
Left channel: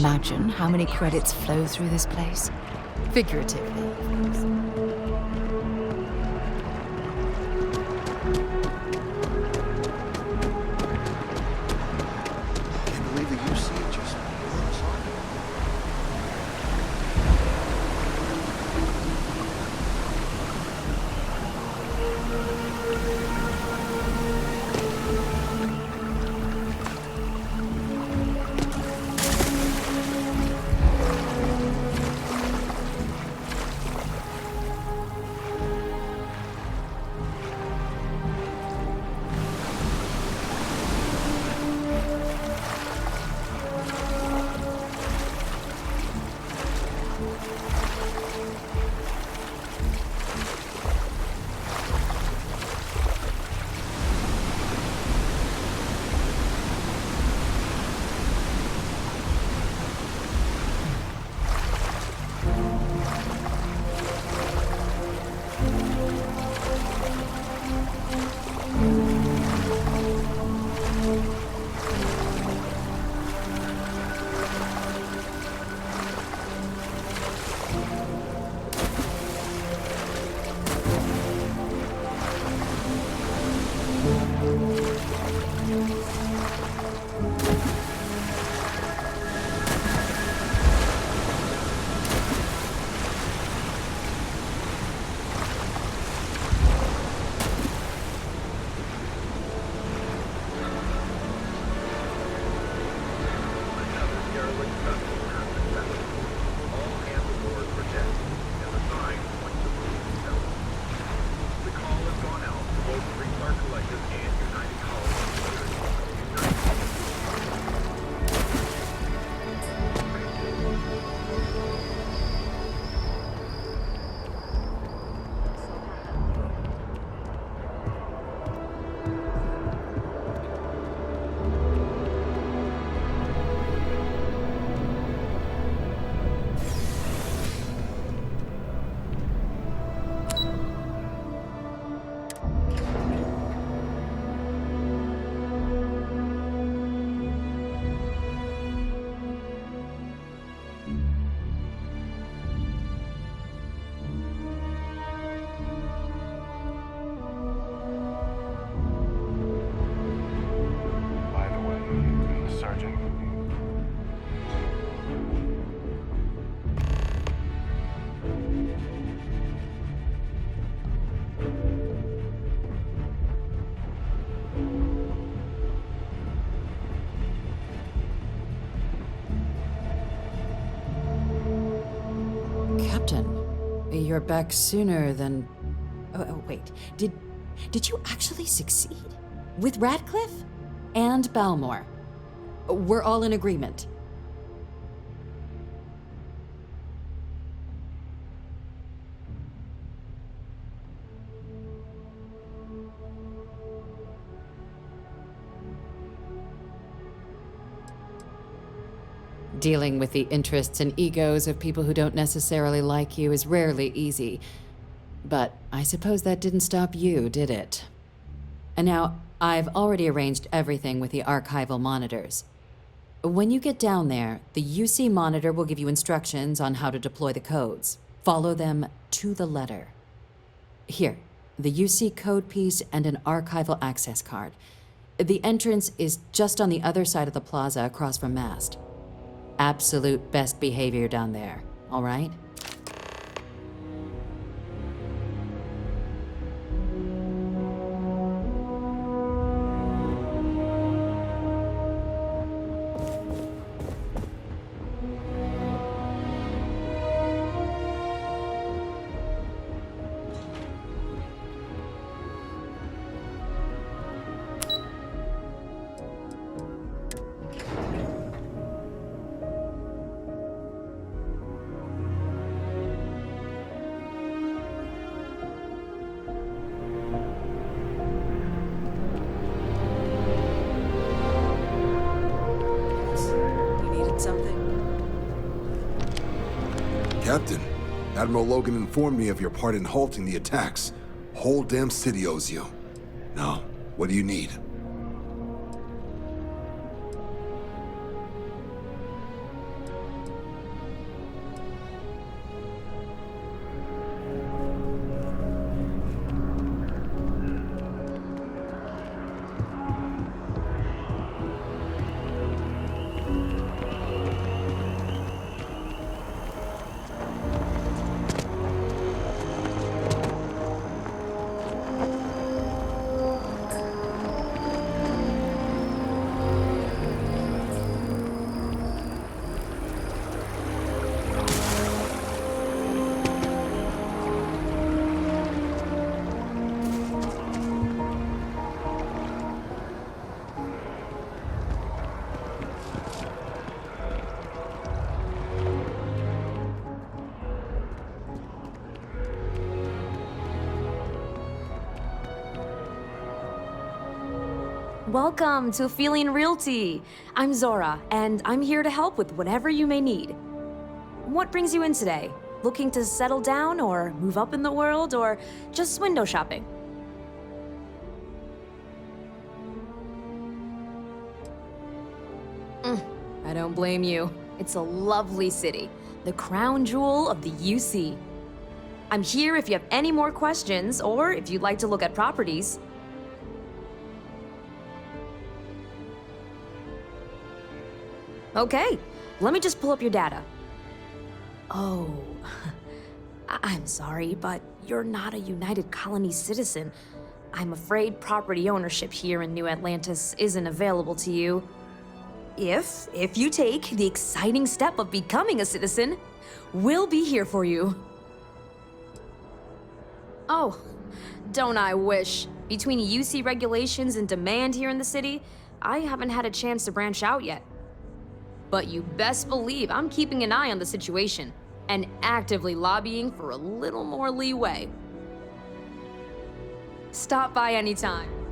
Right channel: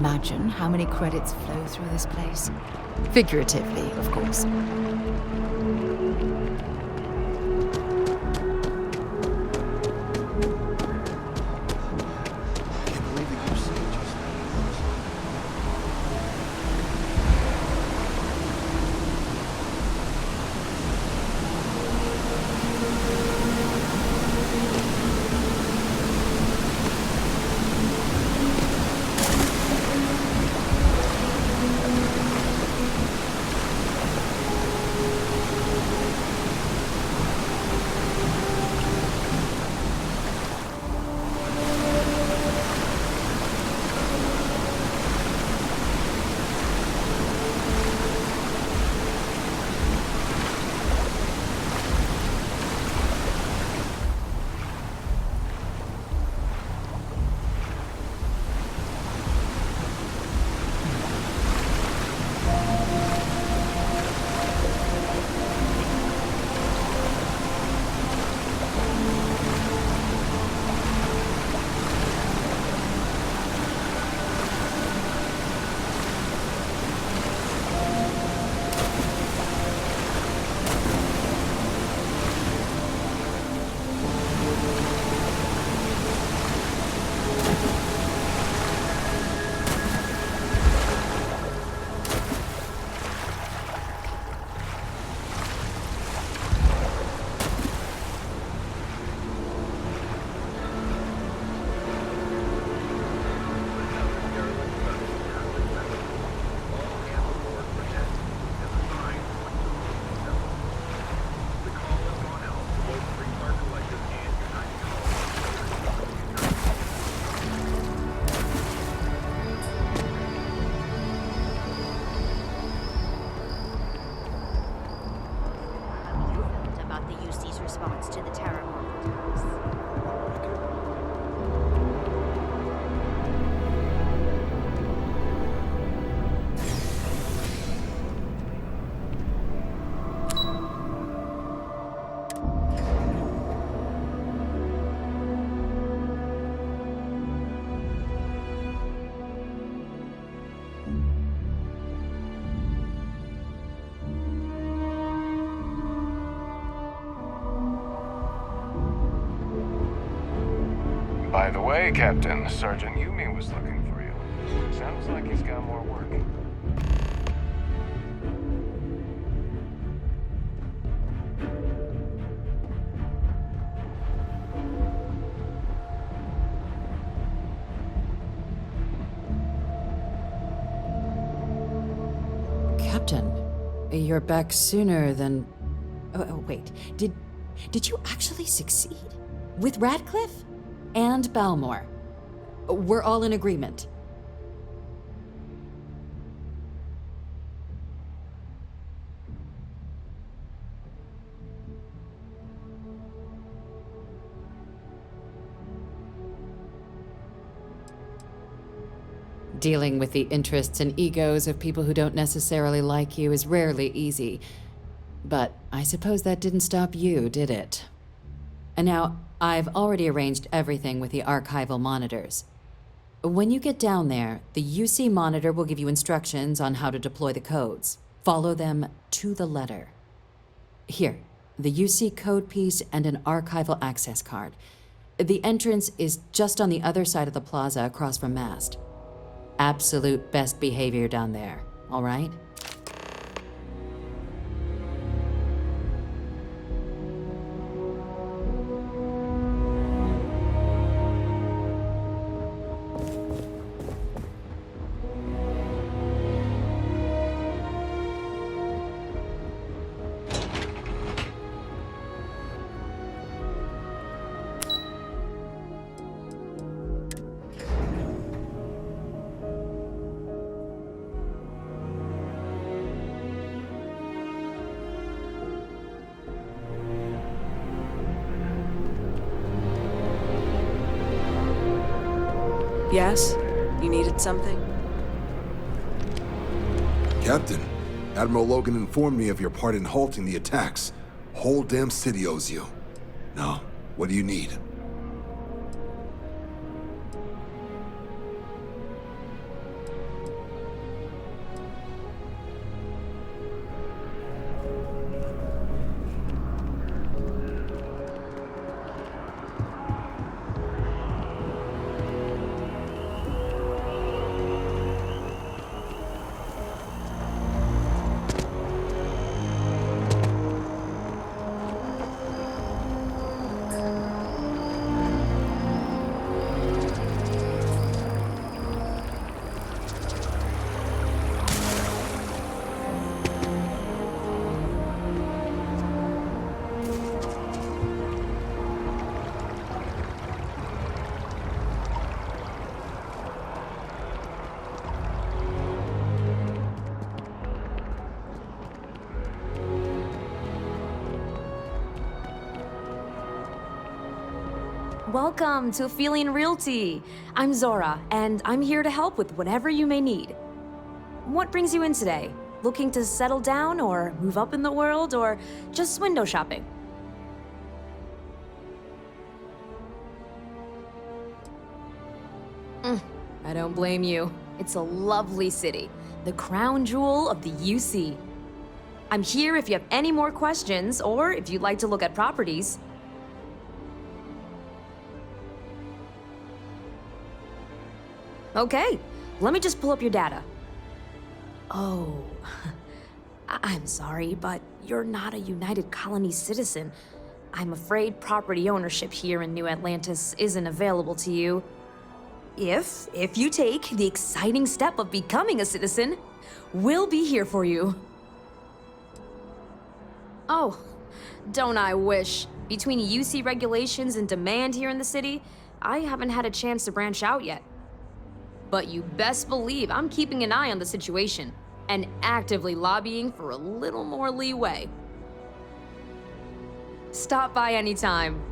imagine how many credits flow through this place? Figuratively, of course. By the way, Captain, Sergeant Yumi was looking for you. Sounds like he's got more work. Captain, you're back sooner than... Oh, wait. Did you actually succeed? With Radcliffe? And Balmore. We're all in agreement. Dealing with the interests and egos of people who don't necessarily like you is rarely easy. But I suppose that didn't stop you, did it? And now, I've already arranged everything with the archival monitors. When you get down there, the UC monitor will give you instructions on how to deploy the codes. Follow them to the letter. Here, the UC code piece and an archival access card. The entrance is just on the other side of the plaza across from Mast. Absolute best behavior down there, all right? Yes? You needed something? Captain, Admiral Logan informed me of your part in halting the attacks. Whole damn city owes you. Now, what do you need? Welcome to Aphelion Realty. I'm Zora, and I'm here to help with whatever you may need. What brings you in today? Looking to settle down, or move up in the world, or just window shopping? I don't blame you. It's a lovely city, the crown jewel of the UC. I'm here if you have any more questions, or if you'd like to look at properties. Okay, let me just pull up your data. Oh, I'm sorry, but you're not a United Colony citizen. I'm afraid property ownership here in New Atlantis isn't available to you. If you take the exciting step of becoming a citizen, we'll be here for you. Oh, don't I wish. Between UC regulations and demand here in the city, I haven't had a chance to branch out yet. But you best believe I'm keeping an eye on the situation and actively lobbying for a little more leeway. Stop by anytime.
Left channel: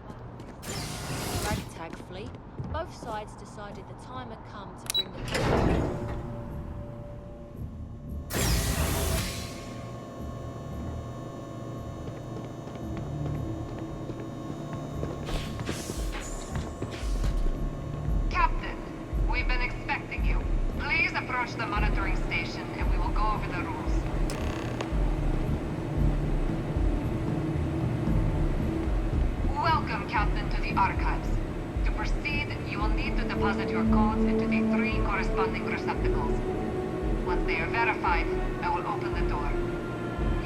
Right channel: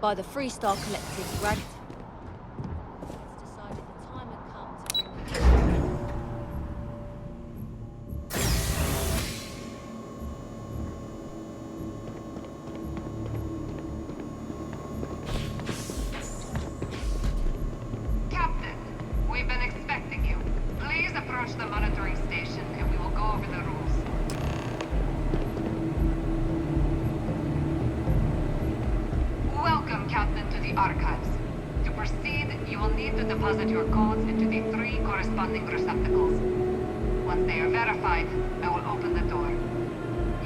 By the Freestar Collective ragtag fleet, both sides decided the time had come to bring the Captain, we've been expecting you. Please approach the monitoring station and we will go over the rules. Welcome, Captain, to the Archives. To proceed, you will need to deposit your codes into the 3 corresponding receptacles. Once they are verified, I will open the door.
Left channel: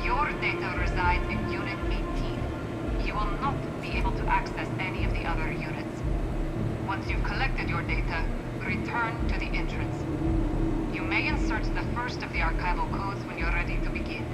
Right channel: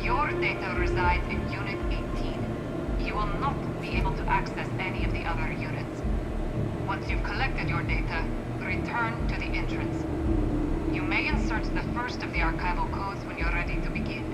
Your data resides in Unit 18. You will not be able to access any of the other units. Once you've collected your data, return to the entrance. You may insert the first of the archival codes when you're ready to begin.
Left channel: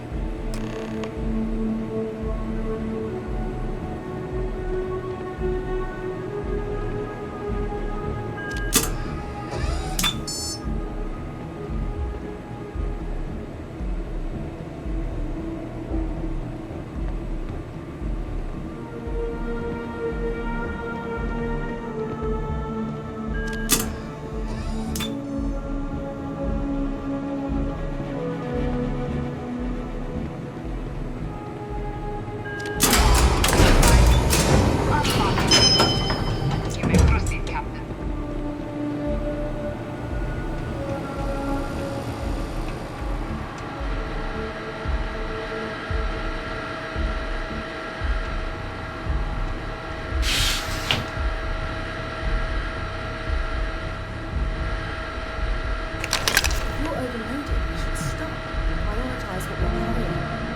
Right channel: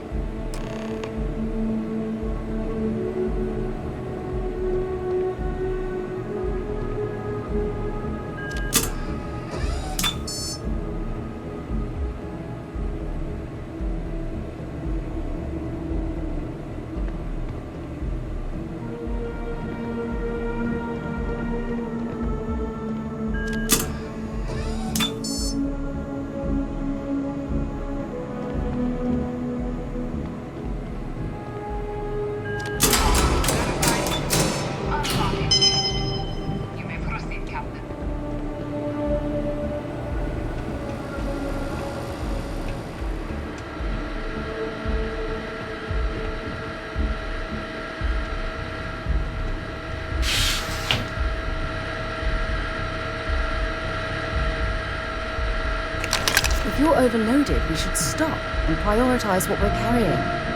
If you're overloaded, we should stop and prioritize what we're carrying.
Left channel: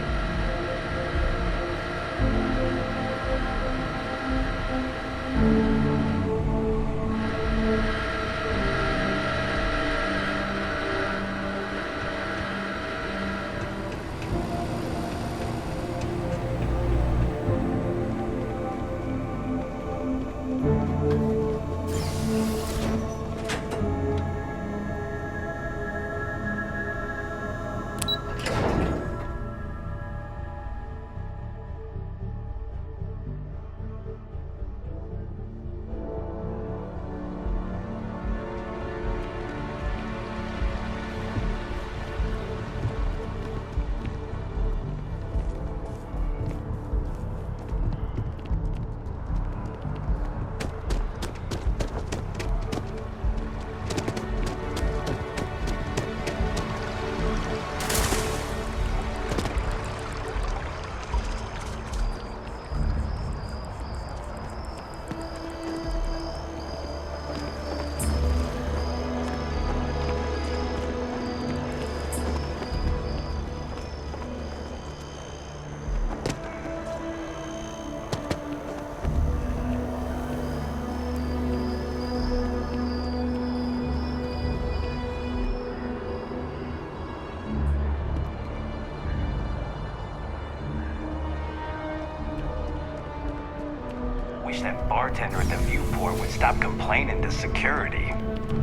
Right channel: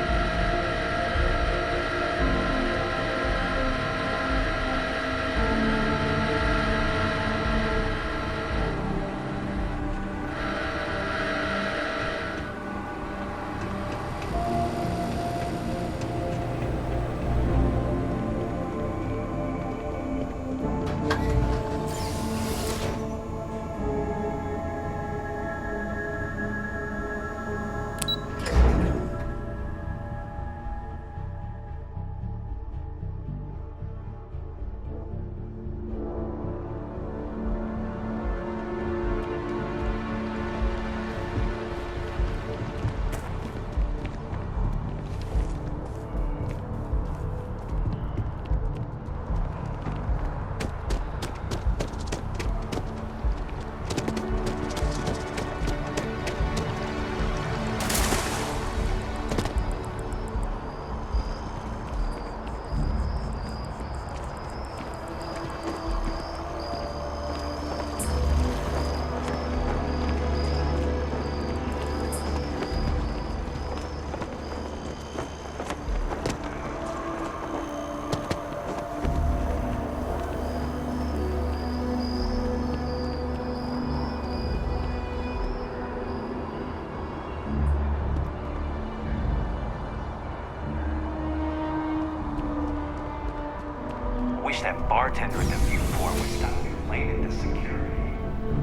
wish that bartender at the viewport would stop complaining to security.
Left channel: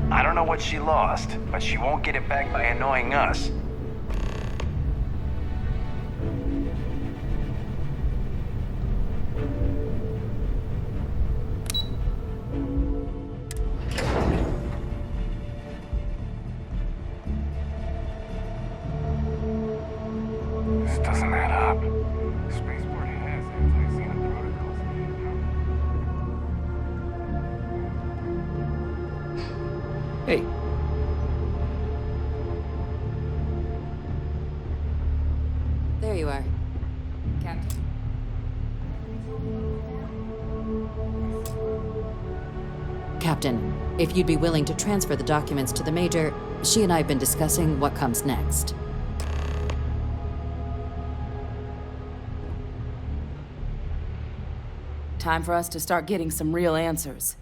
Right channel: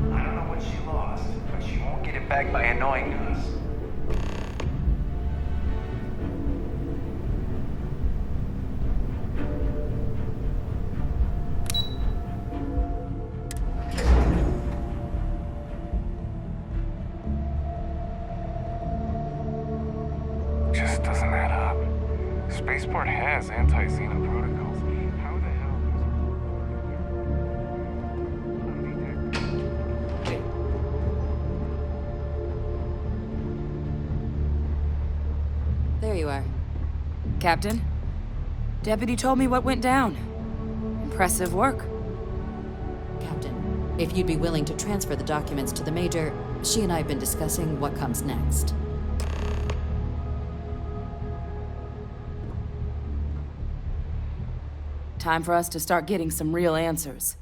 I don't know what she lost, but she won't get it back by annoying us. Just doesn't add up. Spaceport has anti-Xena protocols. How the hell? Hey. There you are. Captain, Deputy told me what went down. Impressive work. Captain, if you'd be willing to transfer the documents to the Major, she and I have been discussing what comes next. Time for us to start getting some real answers,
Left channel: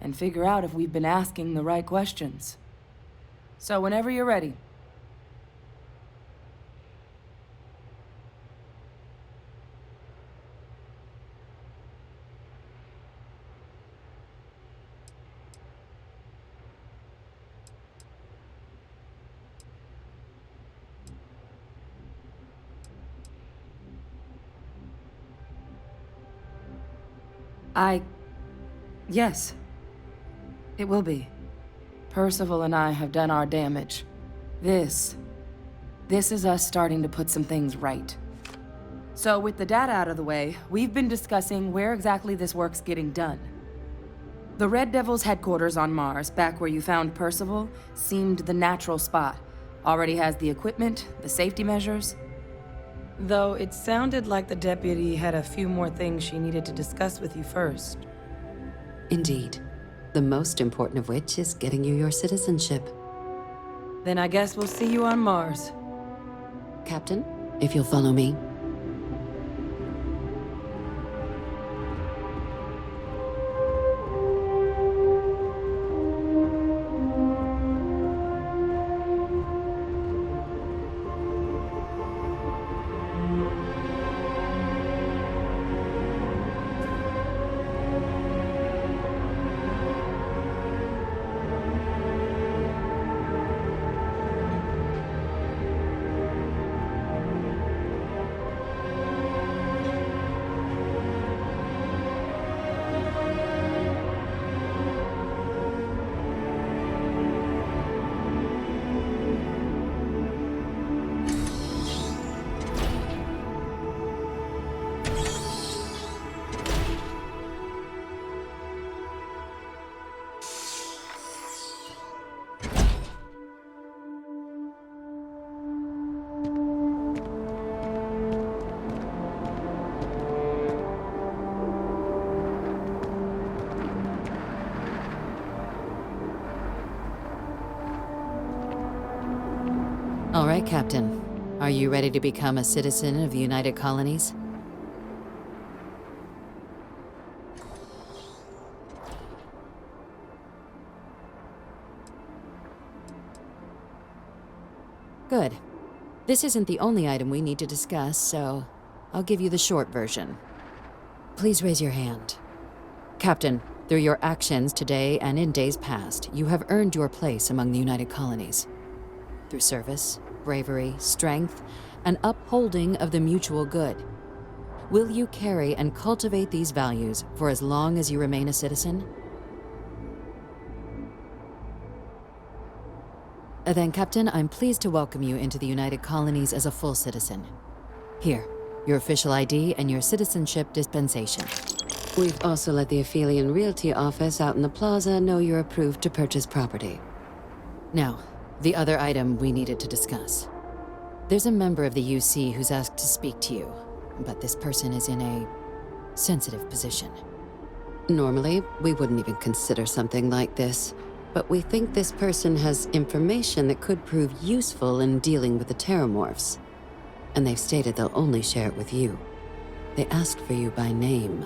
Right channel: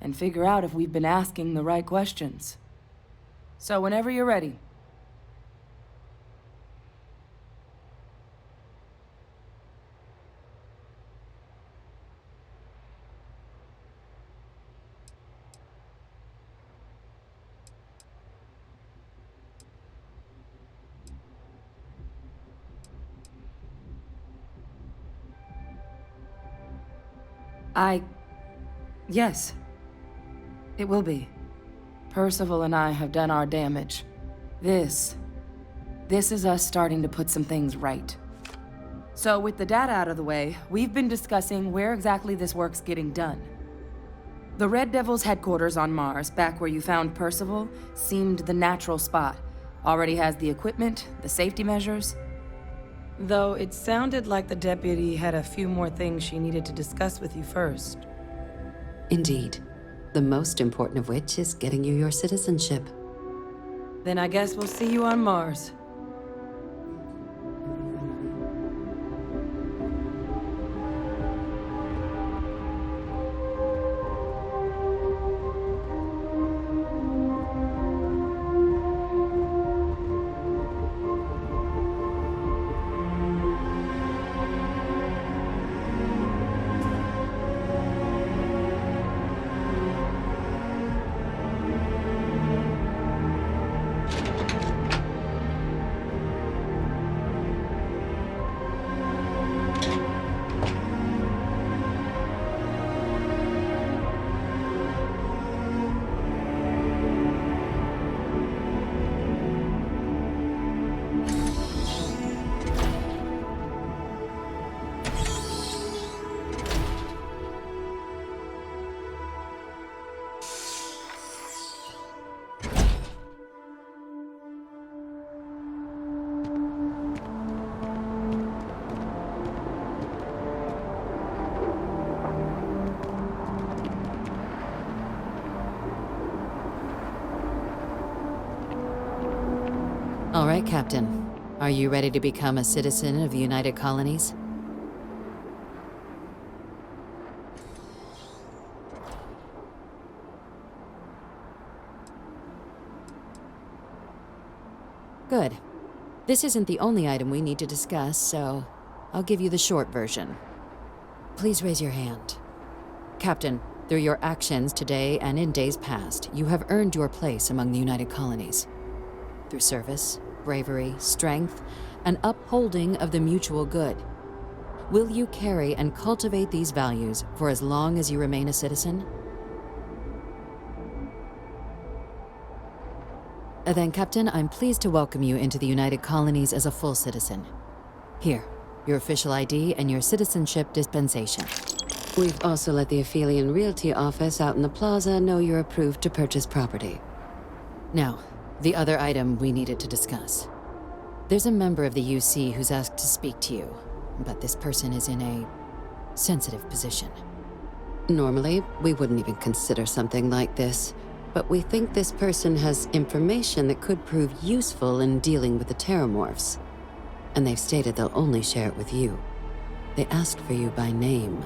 and figure out if we've been asking the right questions. So whenever you're ready. Yes. It will be. Percival and I have done our damage. This is us starting to put some things right. So with the data out of the way, we've been discussing where exactly this work's getting done. The Red Devil's headquarters on Mars, back where you found Percival, seemed the natural spot. Already has the equipment, the safety measures. Though it sounded like the deputy had a few more things she needed to discuss with you first. Indeed. The most important of which is getting you your citizenship. Then I guess we'll see you on Mars. Captain, if you'll follow me. All right, Captain. Are you ready to become a citizen of the United Colonies? Good. This isn't the only item we need to discuss, so I'll give you the short version. Please raise your hand. Captain, through your actions today and in days past, you have earned your place among the United Colonies. Through service, bravery, strength, and upholding of the mutual good. Will you carry and cultivate these values for as long as you remain a citizen? Then, Captain, I'm pleased to welcome you into the United Colonies as a full citizen. Here, your official ID and your citizenship dispensation. We've also let the Aphelion Realty office out in the plaza know you're approved to purchase property. Now, the other item we needed to discuss. There's a member of the UC who's asked to speak to you, but this person is in a sensitive position. Normally, we wouldn't even consider something like this, but we think this person has information that could prove useful in dealing with the Terramorphs. And they've stated they'll only share it with you. They asked for you by name.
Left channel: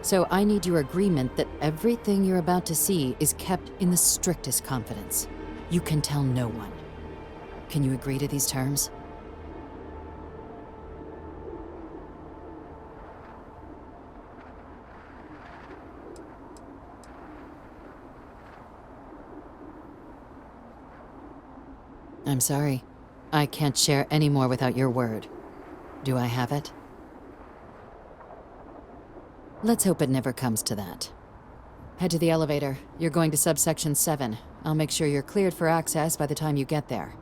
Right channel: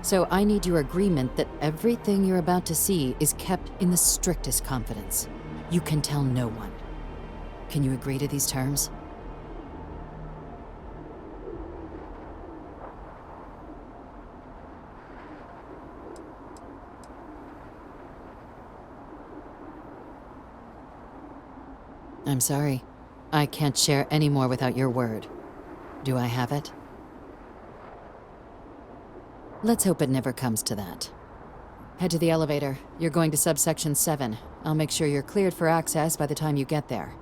So I need your agreement that everything you're about to see is kept in the strictest confidence. You can tell no one. Can you agree to these terms? I'm sorry. I can't share any more without your word. Do I have it? Let's hope it never comes to that. Head to the elevator. You're going to subsection 7. I'll make sure you're cleared for access by the time you get there.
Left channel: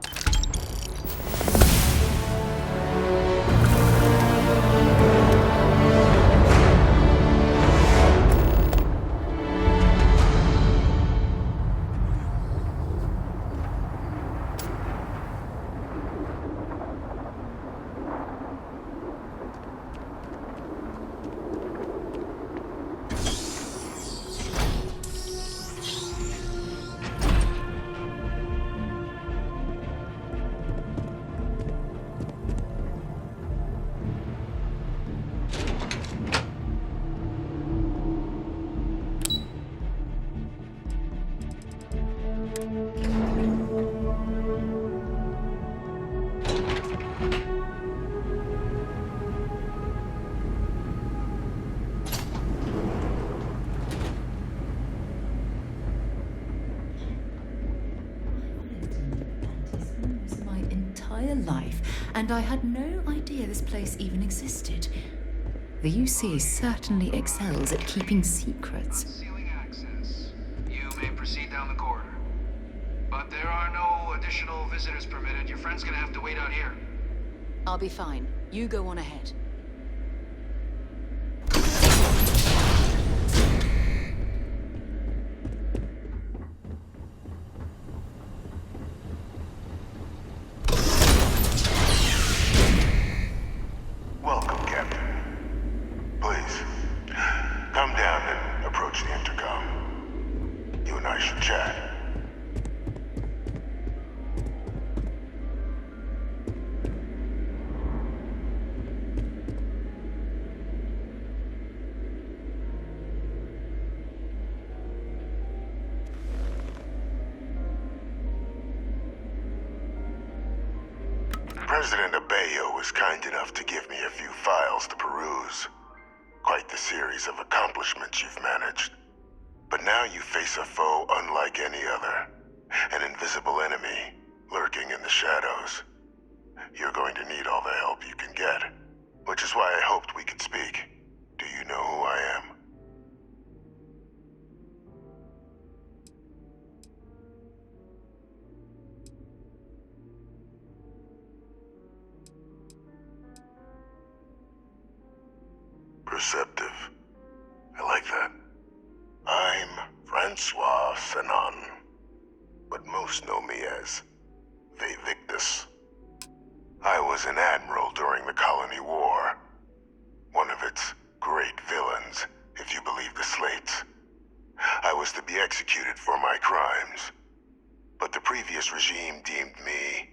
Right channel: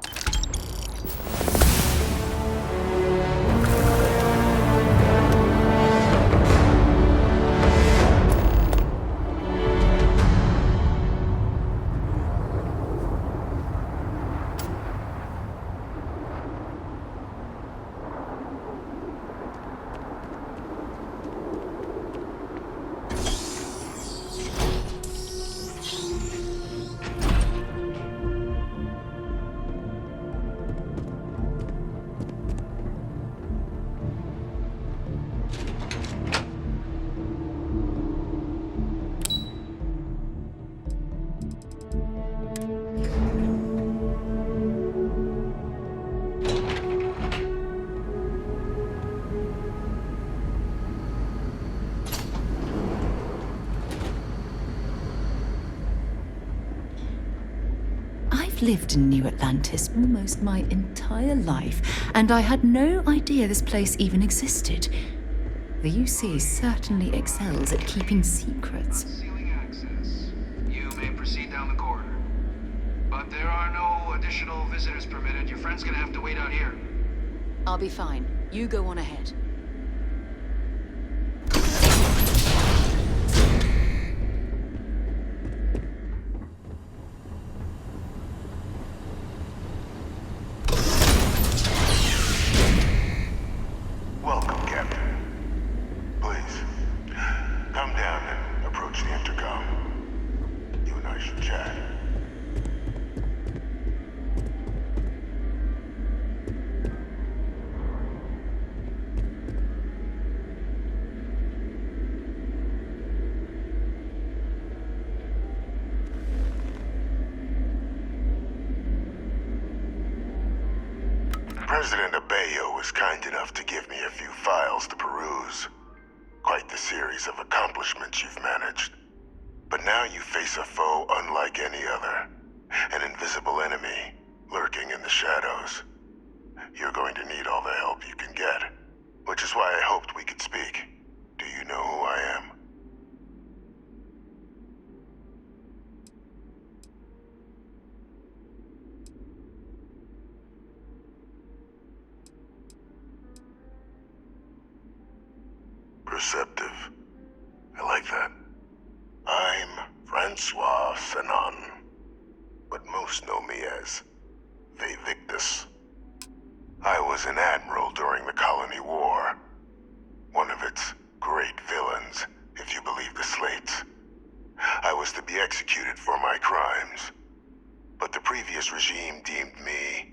Lived in New Atlantis almost my entire life, and I had no idea this place even existed. The UC certainly excels at keeping secrets. Unsealing access. You may proceed down the corridor. But there are no additional visitors permitted. Your friend's gonna have to wait out here. I'll be fine. You go on ahead. President Abeyo was kind enough to give me a few files to peruse. Quite the series of accomplishments you've managed. But now you face a foe unlike any other. An invisible enemy, lurking in the shadows. You're going to need all the help you can get. Which is why I hoped we could speak. Do you know who I am? Perceptive. I like that. I'm Francois Sanon, but most know me as Victus. I was an admiral during the Colony War. One of its great villains, if you believe the slates. I was to be executed for my crimes, but the previous regime deemed me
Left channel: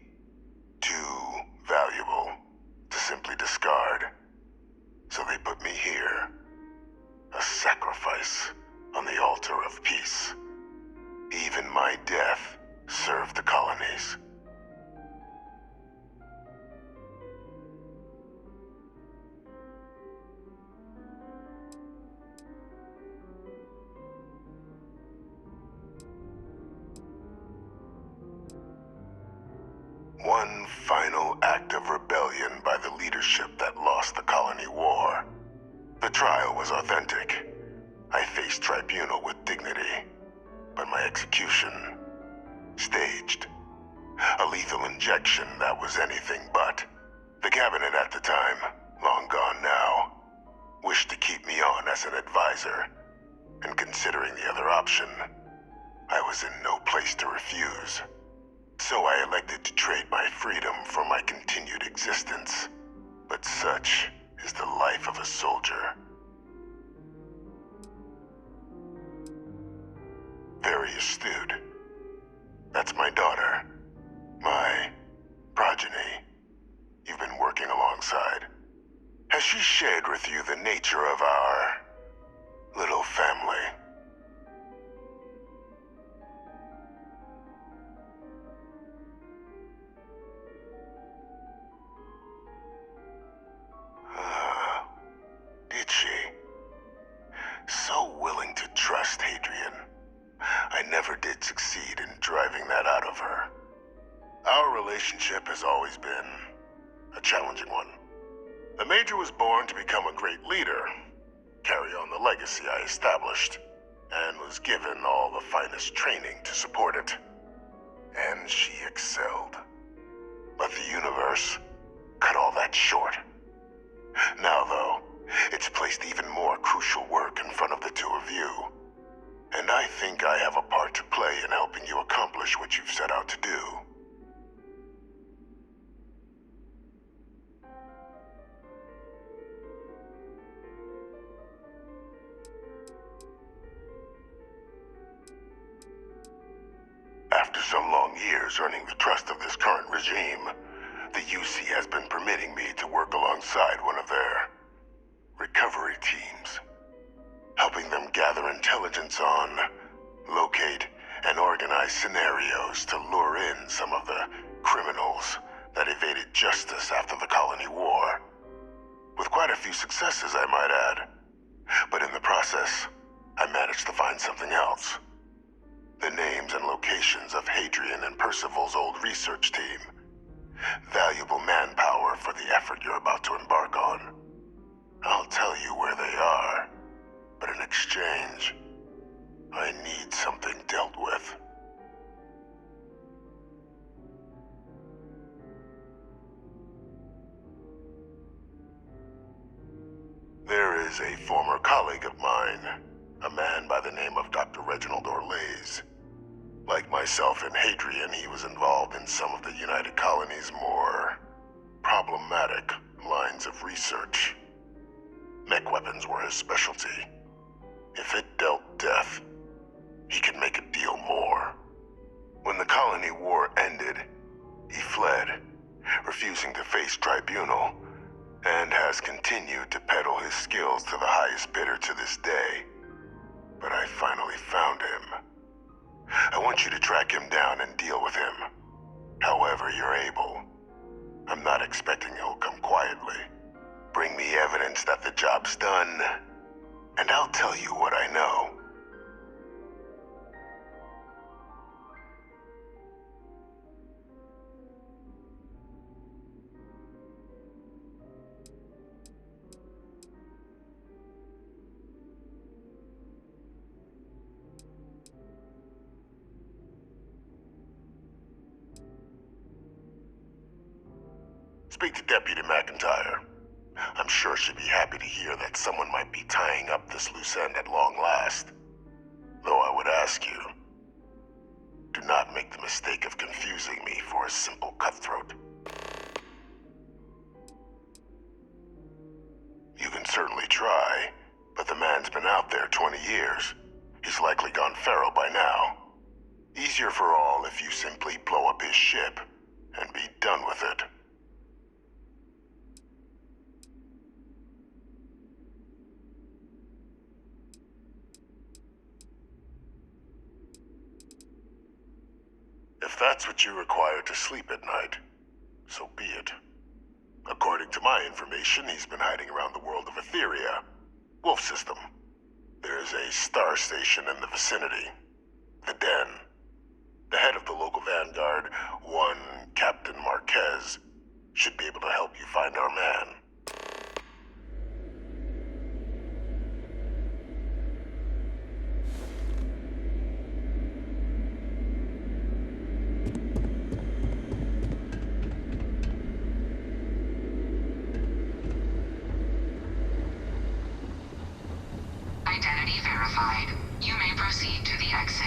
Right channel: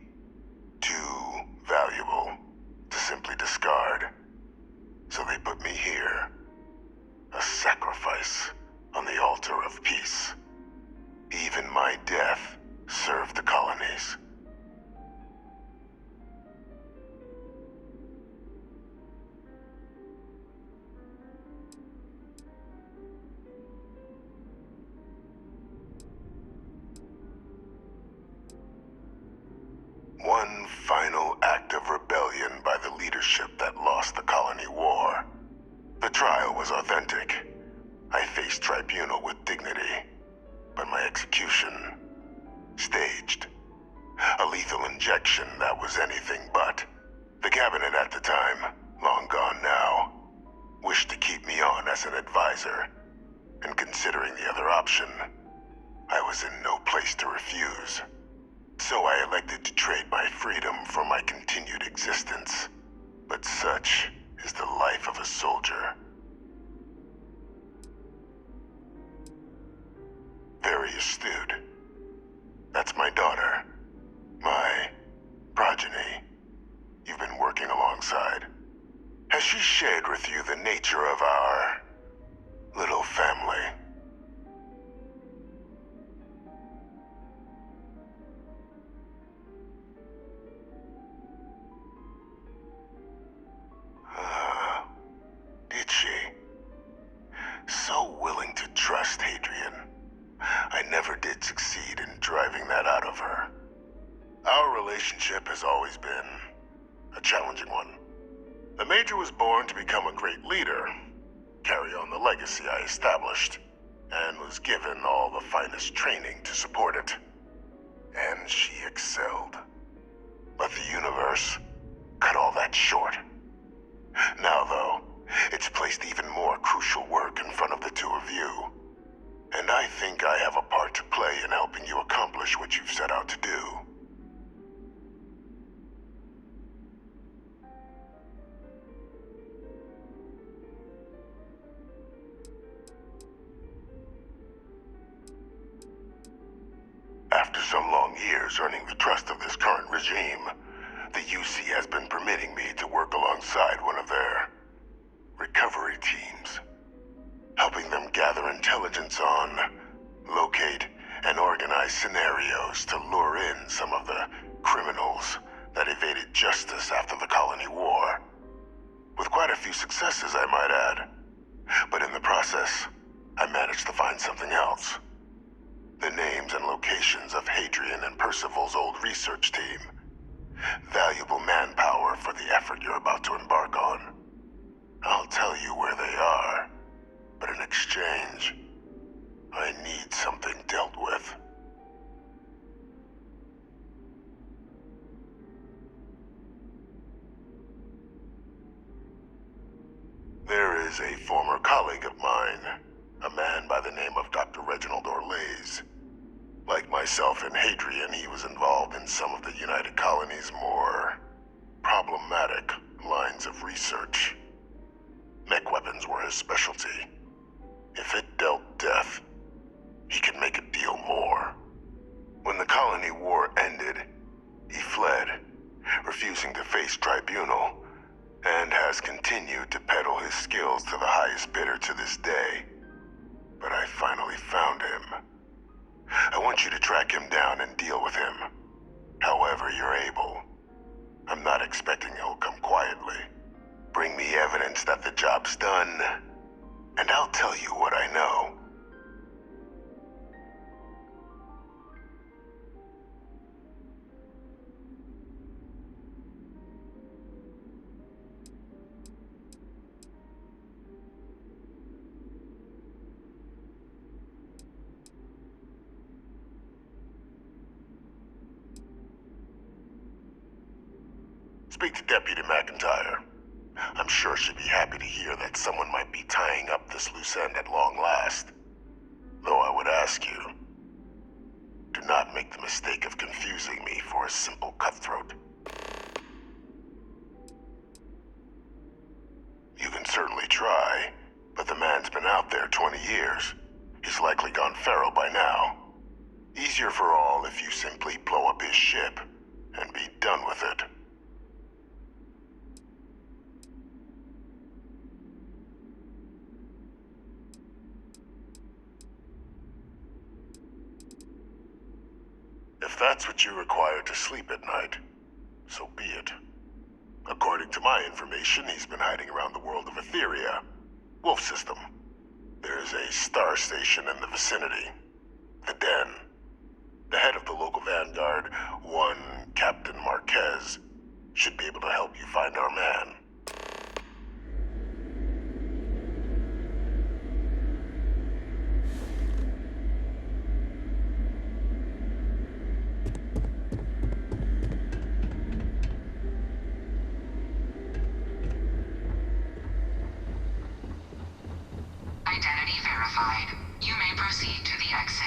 too valuable to simply discard. So they put me here, a sacrifice on the altar of peace. Even my death served the colonies. One final act of rebellion by the leadership that lost the Colony War. The trial was authentic. I faced tribunal with dignity, but my execution, staged. A lethal injection that was anything but. The cabinet at the time, long gone now, wished to keep me on as an advisor, and considering the other option, I was in no place to refuse. So I elected to trade my freedom for my continued existence. But such is the life of a soldier. Very astute. That's my daughter. My progeny. You've been working alongside. Has she shared with you the nature of our little family? Did she? So willing to trust Hadrian. I never did succeed in driving that out of her. Our relationship has always been a challenging one. The Major was born to become a great leader, carry on the legacy I established, and was given all the finest training to support it. And she excelled. But the universe cut all that short. Now, though, it's placed even more crucial work in front of the two of you. And I think I have a part to play in helping you accomplish what you've set out to do. After some long years earning the trust of this current regime, the UC has been permitting me to work alongside one of their recovery teams, helping them gather intelligence on, locate, and organize scenarios to lure in some of the criminals that evaded justice after the colony war. With quite a few successes, I might add. But in the process, I managed to find something else. The names and locations of Hadrian and Percival's old research team. Valuable manpower for the effort you're about to embark on. I'll tell you where they are, but in exchange, I need something dealt with. There is a former colleague of mine, a man by the name of Dr. Reginald Orlaise. Like myself and Hadrian, he was involved in some of the United Colony's more problematic lines of research. Mech weapons were his specialty. If it dealt death, he could make a deal more. When the colony war ended, he fled, refusing to face tribunal, and has continued to peddle his skills to the highest bidder to this day. But I finally found him. I want you to track him down and deal with him, however you're able. I'm not expecting he'll come quietly. Bring me evidence that the job's done, and I'll tell you what I know. Speak to Deputy McIntyre. I'm sure she'd be happy to hear that someone might be tying up this loose end at long last. Though I would ask you, do not make the mistake of confusing me for a simple cutthroat. You can certainly try, but the man's been out there 20 years. He's likely gone feral by now. Easier for all if you simply blow up his ship and be done with it. If that's what you require to sleep at night, so be it. According to my information, he's been hiding around the world of Etheria, Wolf System. There's a star station in the vicinity, the Den. The head of the local vanguard, one Captain Marquez, should be able to help you find our man. Identity verified. You may proceed to the exit.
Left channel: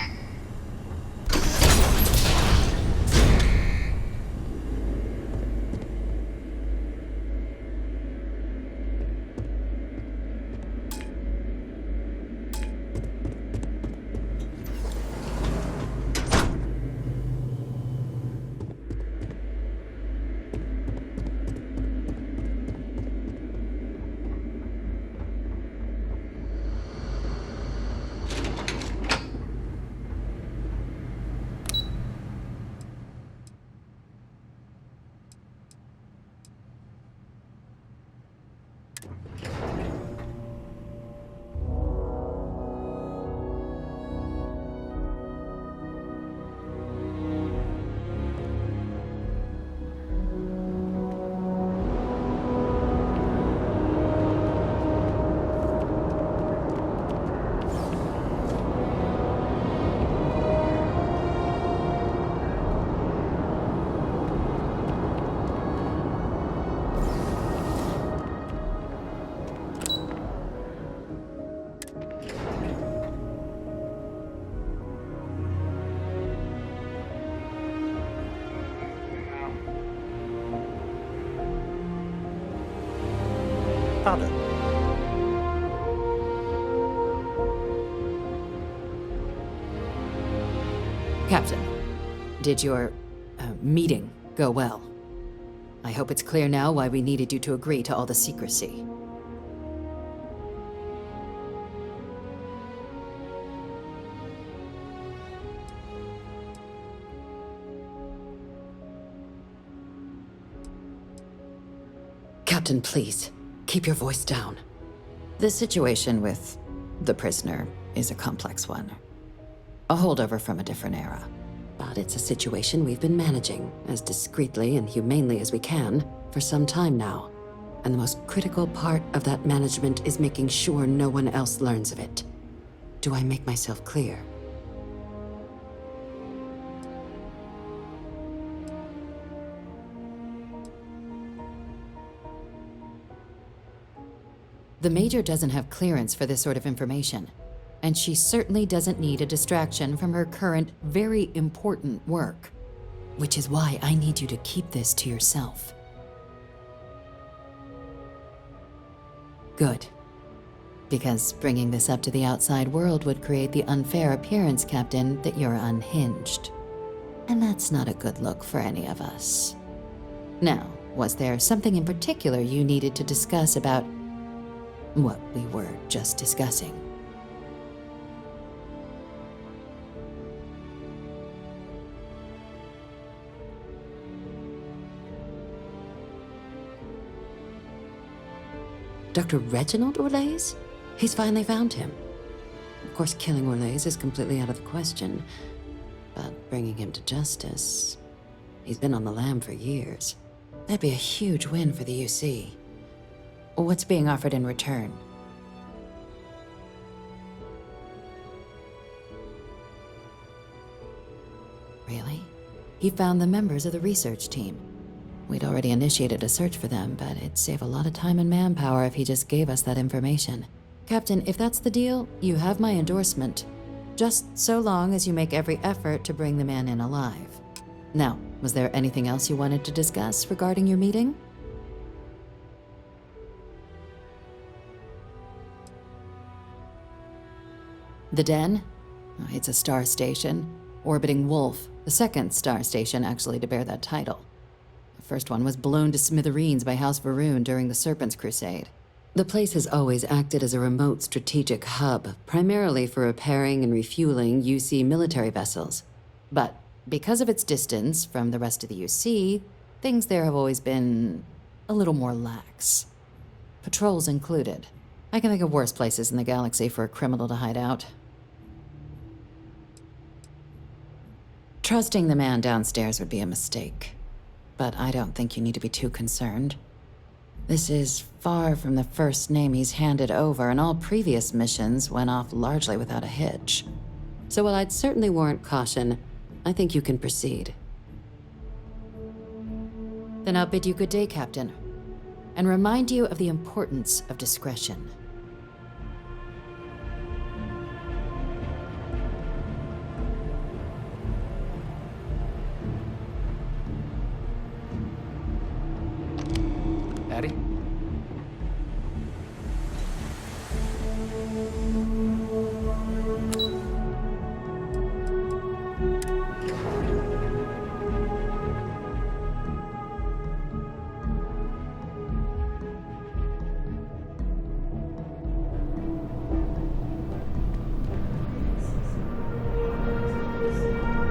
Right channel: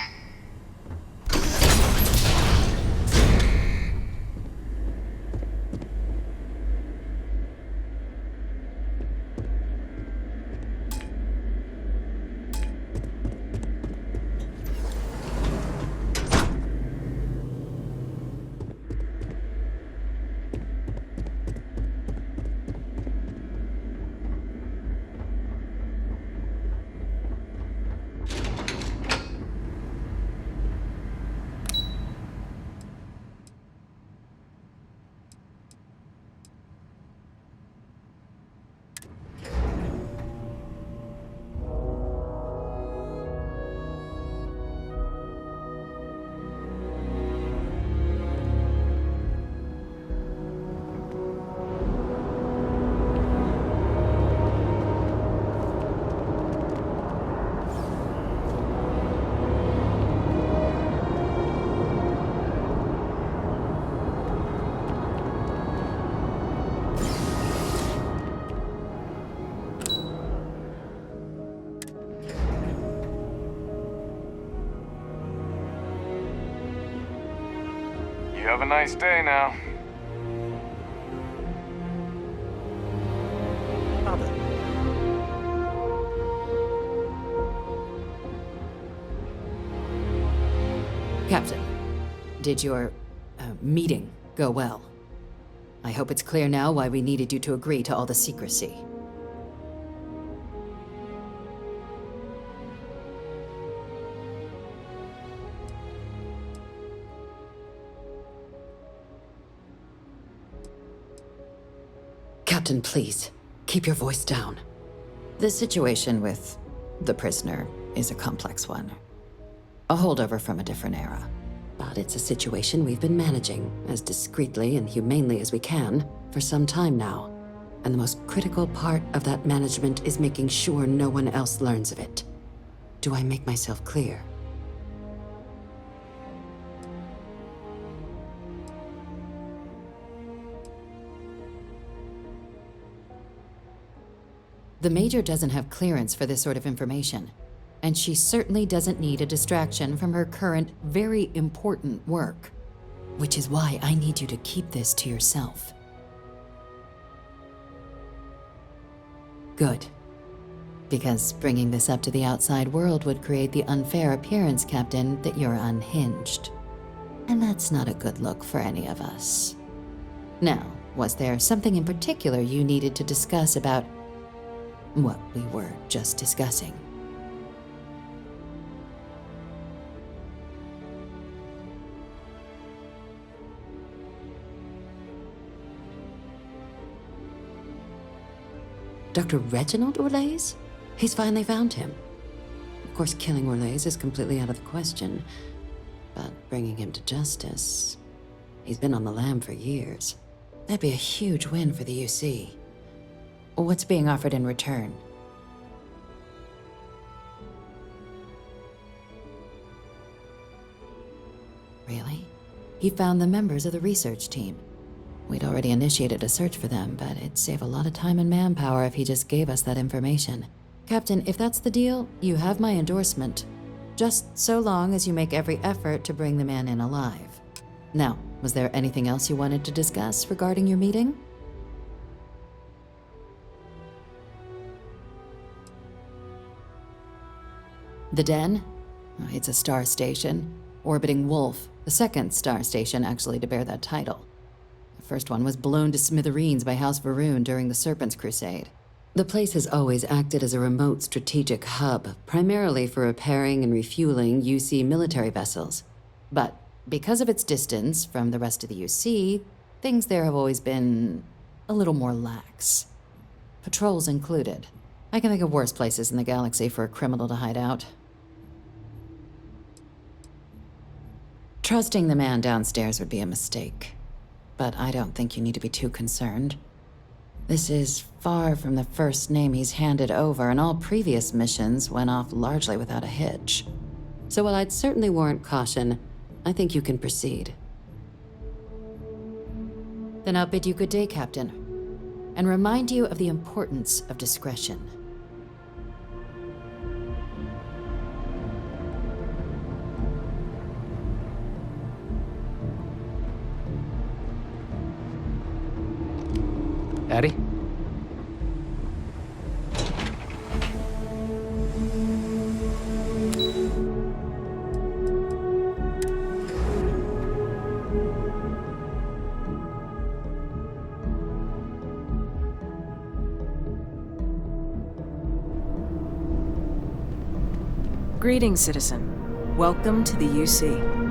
Have a nice day now. Pardon? Captain, did your meeting go well? I hope it's clear now why we needed you to agree to all the secrecy. Captain, please, keep your voice down. The situation with the prisoner is a complex one. A holdover from a different era. But it's a situation we've been managing as discreetly and humanely as we can for some time now. And the most critical part of that management is making sure no one else learns of it. Do I make myself clear? The Major doesn't have clearance for this sort of information. And she certainly doesn't need a distraction from her current, very important work. Which is why I need you to keep this to yourself. Good. Because bringing this up to the outside world would create the unfair appearance, Captain, that you're unhinged. And that's not a good look for any of us. Now, was there something in particular you needed to discuss about what we were just discussing? Dr. Reginald Orlaise? He's finally found him. Of course, killing Orlaise is completely out of the question, but bringing him to justice... He's been on the lam for years. That'd be a huge win for the UC. What's being offered in return? Really? He found the members of the research team. We'd already initiated a search for them, but it'd save a lot of time and manpower if he just gave us that information. Captain, if that's the deal, you have my endorsement. Just so long as you make every effort to bring the man in alive. Now, was there anything else you wanted to discuss regarding your meeting? The Den? It's a star station. Orbiting Wolf, the second star station actually to bear that title. The first one was blown to smithereens by House Varun during the Serpent's Crusade. The place has always acted as a remote strategic hub, primarily for repairing and refueling UC military vessels. But because of its distance from the rest of the UC, things there have always been a little more lax. Patrols included. I can think of worse places in the galaxy for a criminal to hide out. Trusting the man downstairs would be a mistake. But I don't think you need to be too concerned. This is far from the first name he's handed over, and all previous missions went off largely without a hitch. So while I'd certainly warrant caution, I think you can proceed. Then I'll bid you good day, Captain, and remind you of the importance of discretion. Addy? Greetings, citizen. Welcome to the UC.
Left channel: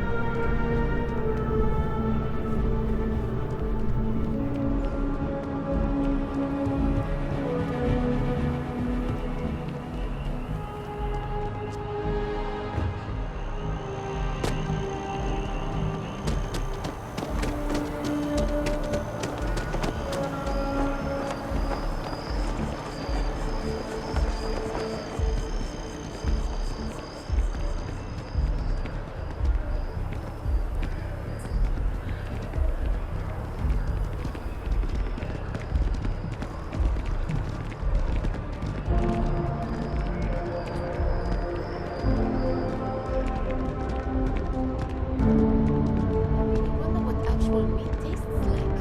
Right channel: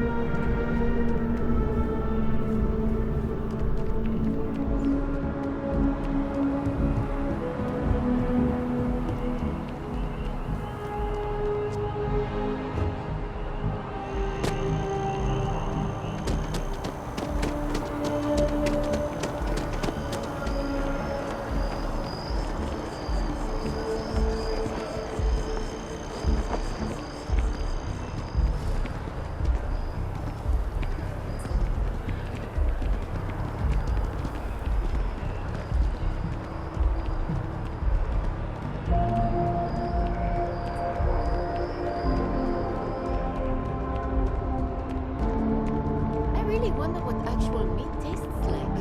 meat tastes like?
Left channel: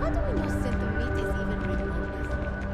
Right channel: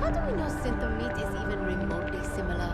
How do we know synth meat is even remotely similar?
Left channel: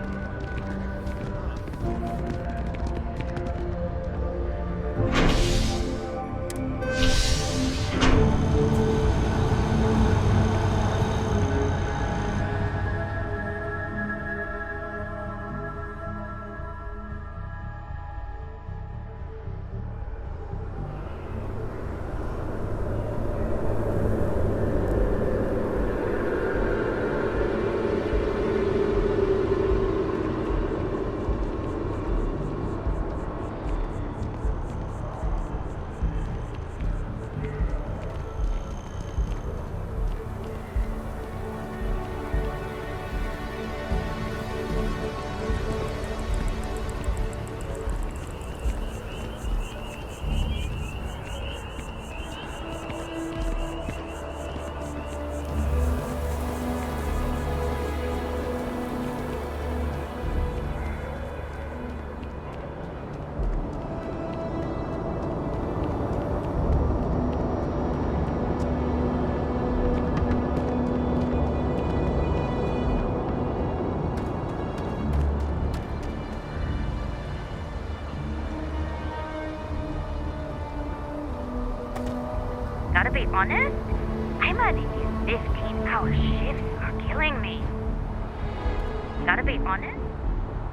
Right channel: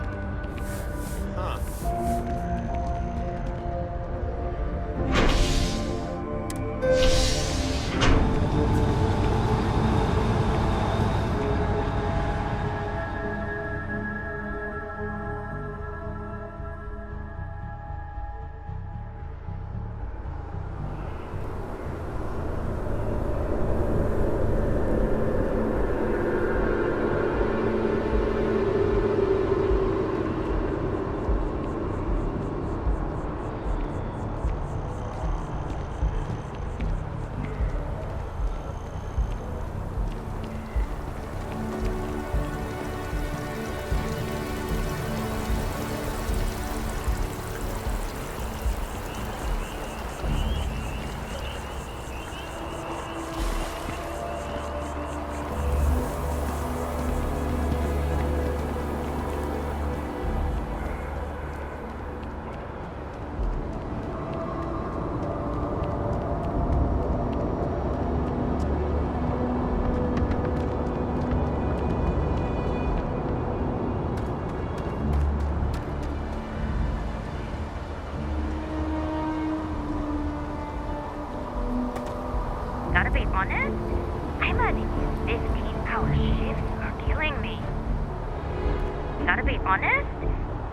Gotta be honest, I'm at these 15-hour shifts are killing me. Gotta be honest,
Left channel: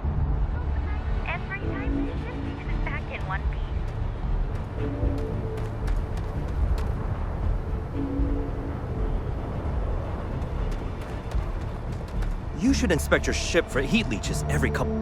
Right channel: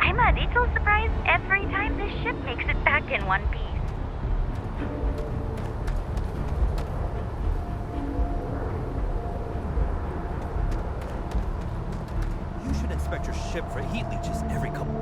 I'm a little surprised every time this ship makes it back in one piece. You should inspect your ship for heat leeches every couple...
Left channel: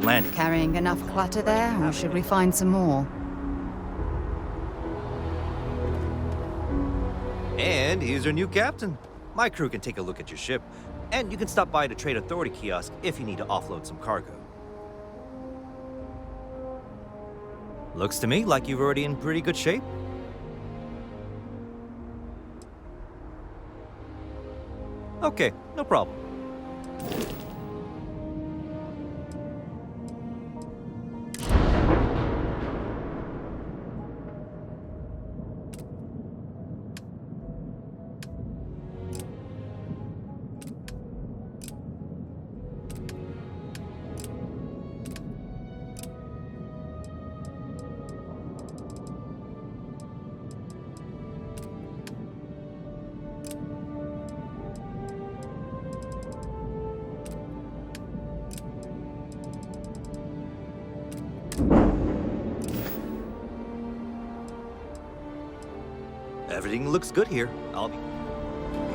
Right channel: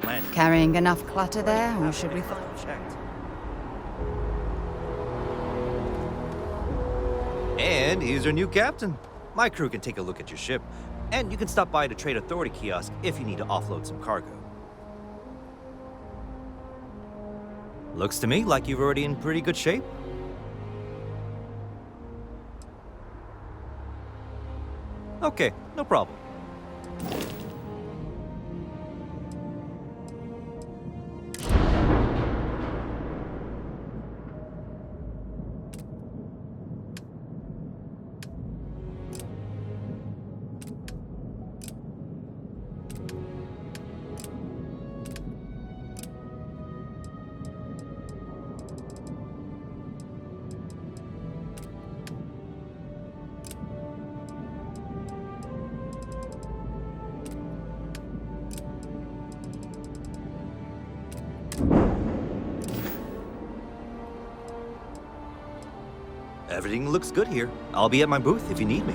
Landing. Carrying enough clutter there, or should we find some more? And here's our new captain. My crew can take a look at your ship, and you can stop by the Trade Authority kiosk if you need to offload some cargo. Looks to me like you're already in pretty good shape. Okay, no problem. Everything looks good here. I'll be at my booth if you need me.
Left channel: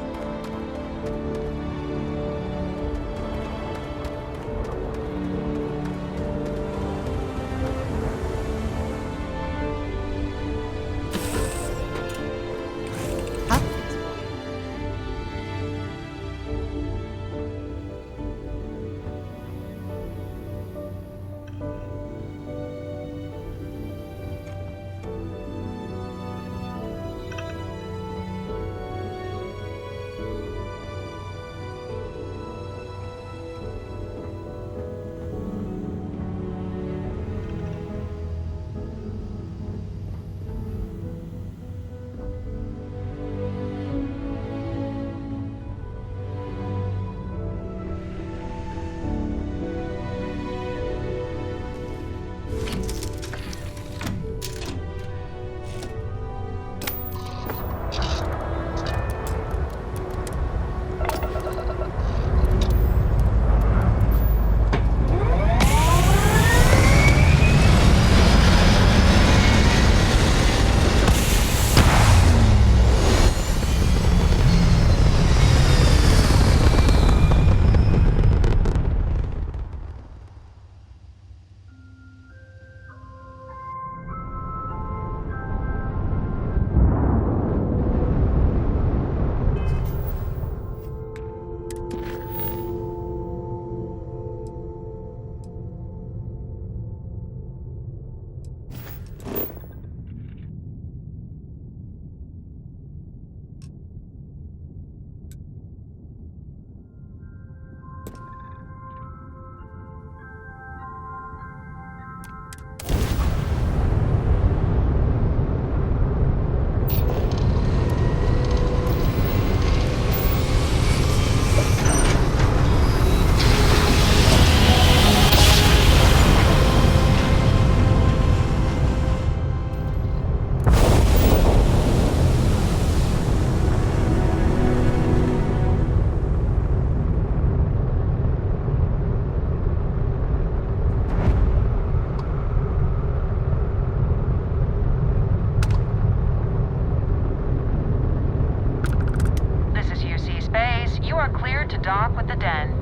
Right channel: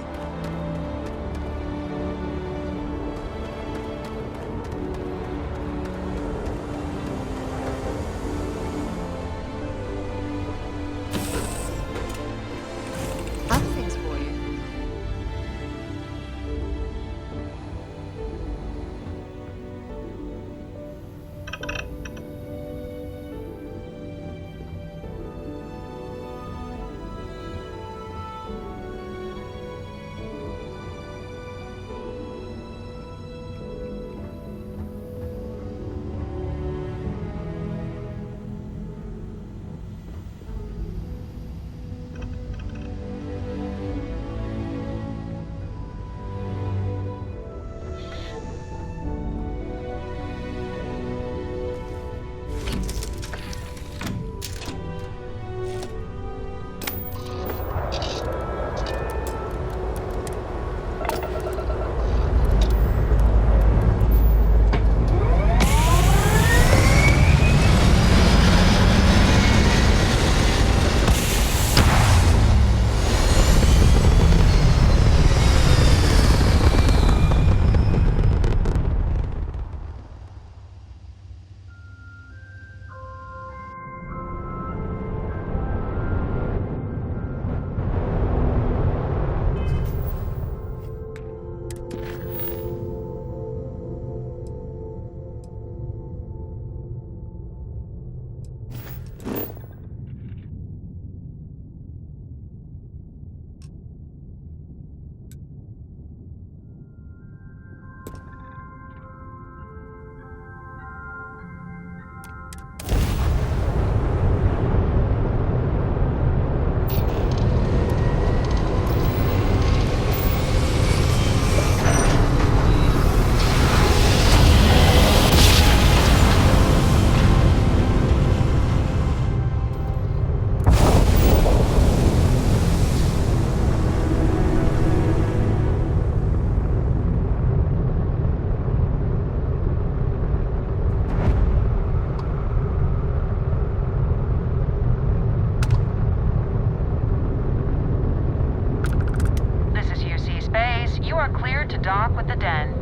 dock with the den.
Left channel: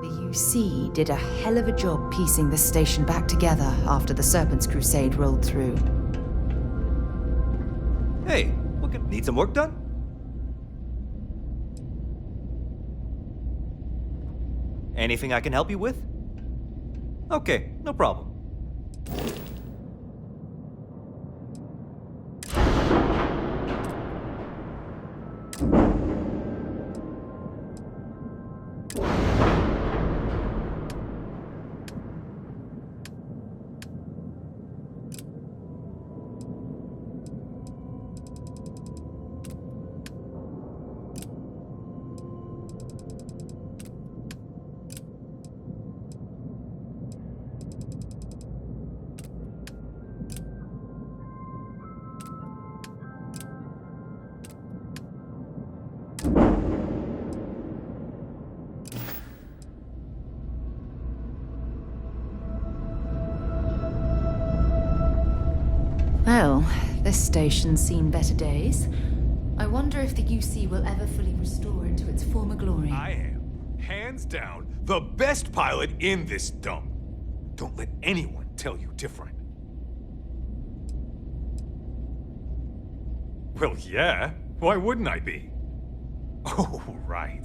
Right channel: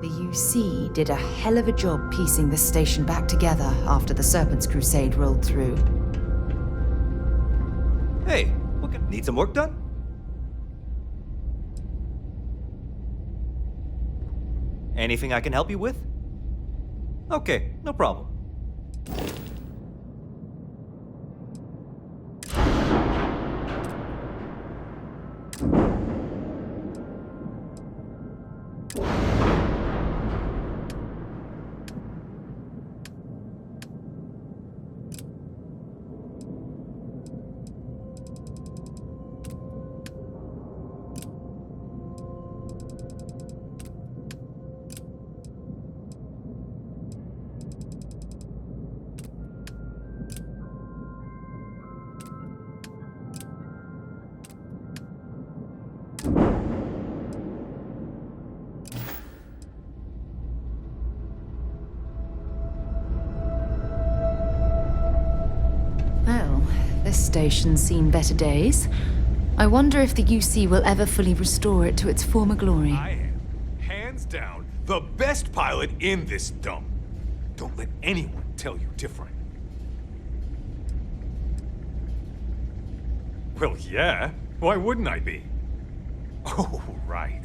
The UC did a hell of a job piecing this station back together after the Serpent's Crusade rolled through. Hey, need some work done? Anything I can help you with? Okay, no problem. Well, this station's seen better days. I wonder if the UC will ever fully restore it to its former glory. I am, hands down, the best pilot in this dump. Don't let anyone tell you different. Well, yeah. Why wouldn't I be? Oh, right.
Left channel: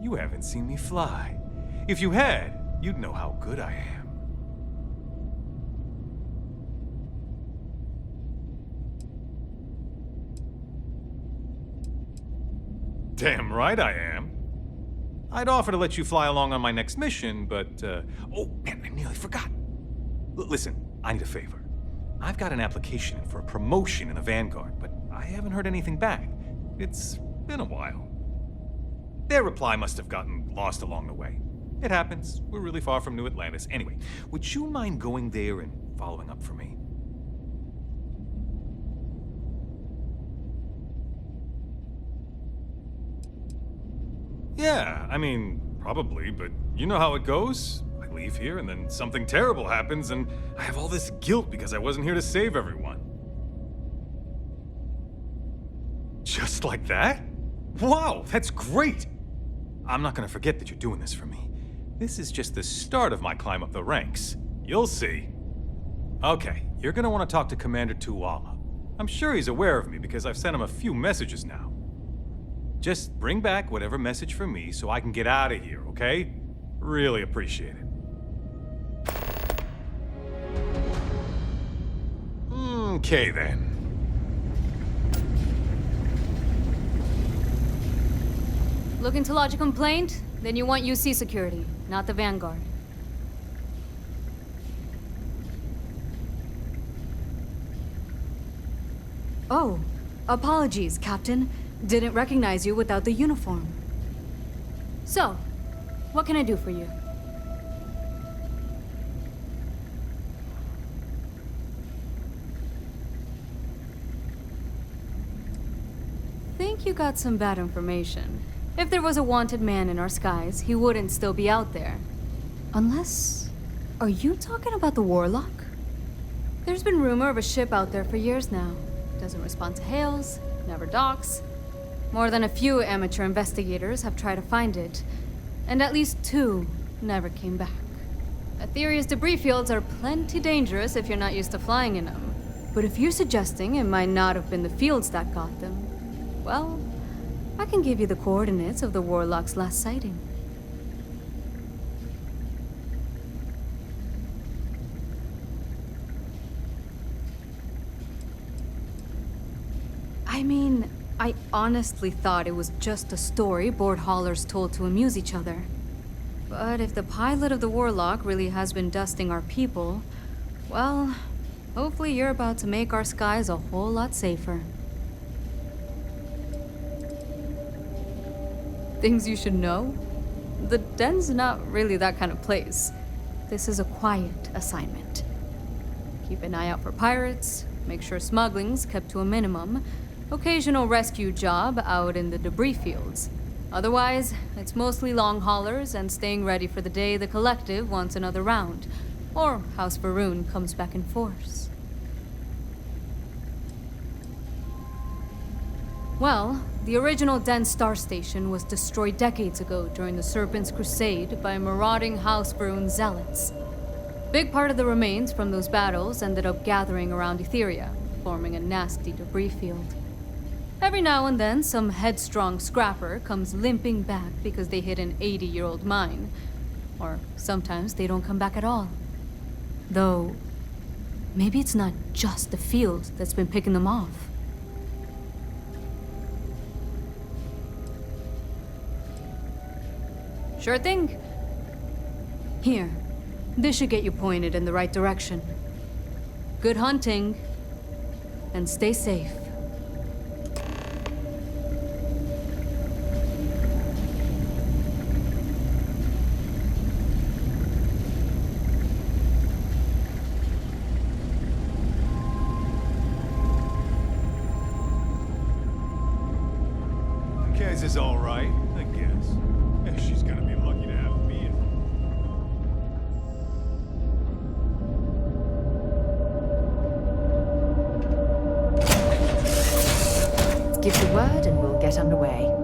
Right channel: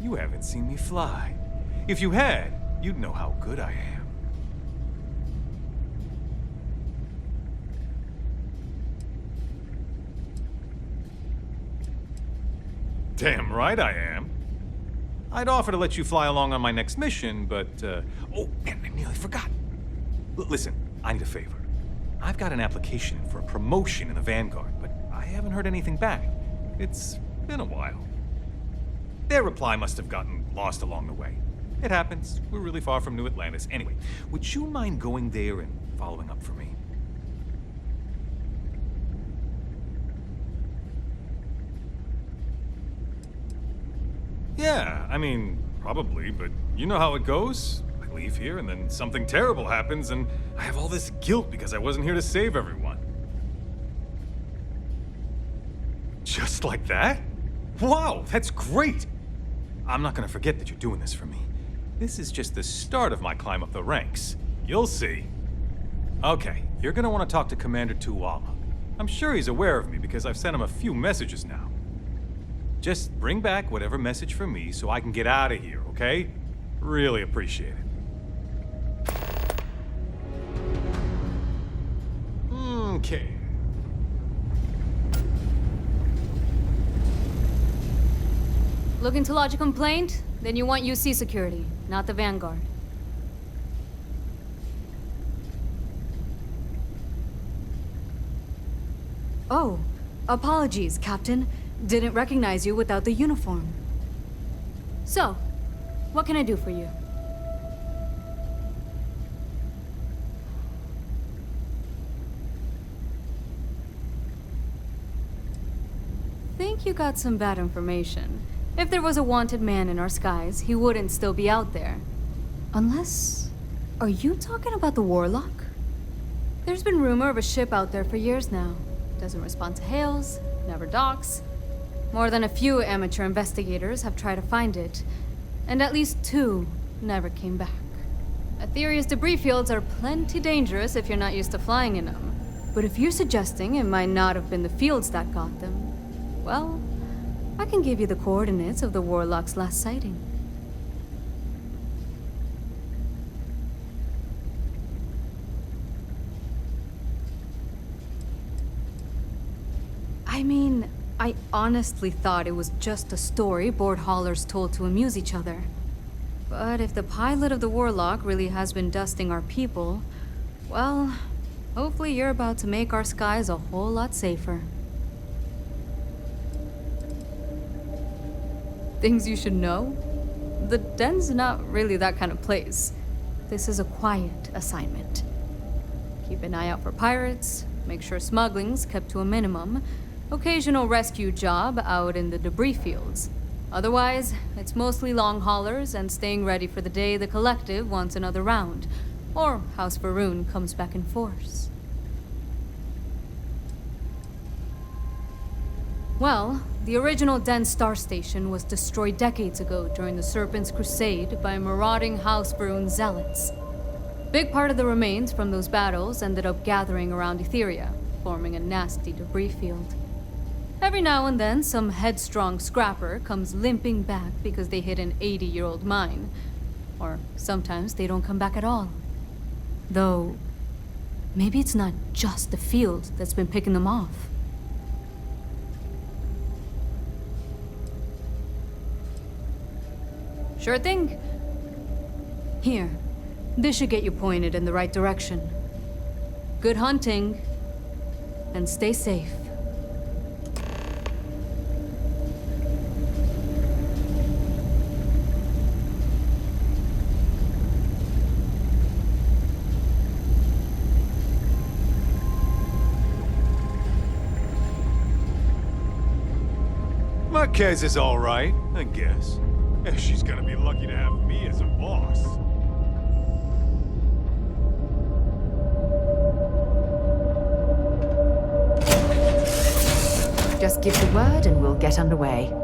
You haven't seen me fly. If you had, you'd know how good I am. Damn right I am. I'd offer to let you fly along on my next mission, but, oh, man, I nearly forgot. Listen, I need a favor. I've got an application in for a promotion in the Vanguard, but I haven't heard anything back. It's been a while. Their reply must have gotten lost along the way. It happens. We're really far from New Atlantis. Anyway, would you mind going there and following up for me? Yeah, I mean, probably, but you know how it goes. I leave here and then something terrible happens and I have all this guilt because I wasn't here to save everyone. Just like that? Wow, that's great! I'm not gonna forget that you're doing this for me. This is just the start of my climb up the ranks. You'll see. Okay, you're gonna want to talk to Commander Tuala. I'm sure he's aware of me because I've sent him a few messages now. Just bring back whatever message for me so I can get out of here, okay? Really appreciate it. Okay then. Looking to lodge a complaint? Then you want UC security, not the Vanguard. Oh, apologies, Captain. Didn't recognize you without the uniform. So, what can I do for you? Think you got some bad information. If there was a wanted man in our skies, he wouldn't still be out there. Unless... Are you talking about the Warlock? There's been rumor of a ship out there for years now. Doesn't respond to hails, never docks. More than a few amateur investigators have tried to find it, and at least 2 never came back. Aetheria's debris fields are plenty dangerous if you're not used to flying in them. But if you're suggesting it might not have been the fields that got them, well, I can give you the coordinates of the Warlock's last sighting. I mean, I honestly thought it was just a story board haulers told to amuse each other. But if the pilot of the Warlock really has been dusting our people, well, hopefully you're about to make our skies a whole lot safer. Things you should know? The den's not really that kind of place. This is a quiet assignment. Keep an eye out for pirates, make sure smuggling's kept to a minimum, occasional rescue job out in the debris fields. Otherwise, it's mostly long haulers and staying ready for the day the Collective wants another round, or House Varun comes back in force. Well, the original Den Star Station was destroyed decades ago during the Serpent's Crusade by marauding House Varun zealots. Big part of the remains from those battles ended up gathering around Aetheria, forming a nasty debris field. Every now and then, some headstrong scrapper comes limping back because they hit an 80-year-old mine. Or sometimes they don't come back at all. Though, maybe it's not just the field that's been picking them off. Sure thing. Here, this should get you pointed in the right direction. Good hunting, and stay safe. Marquez is all right, I guess. She's gonna be lucky to have me as a boss. Just give the word and we'll get underway.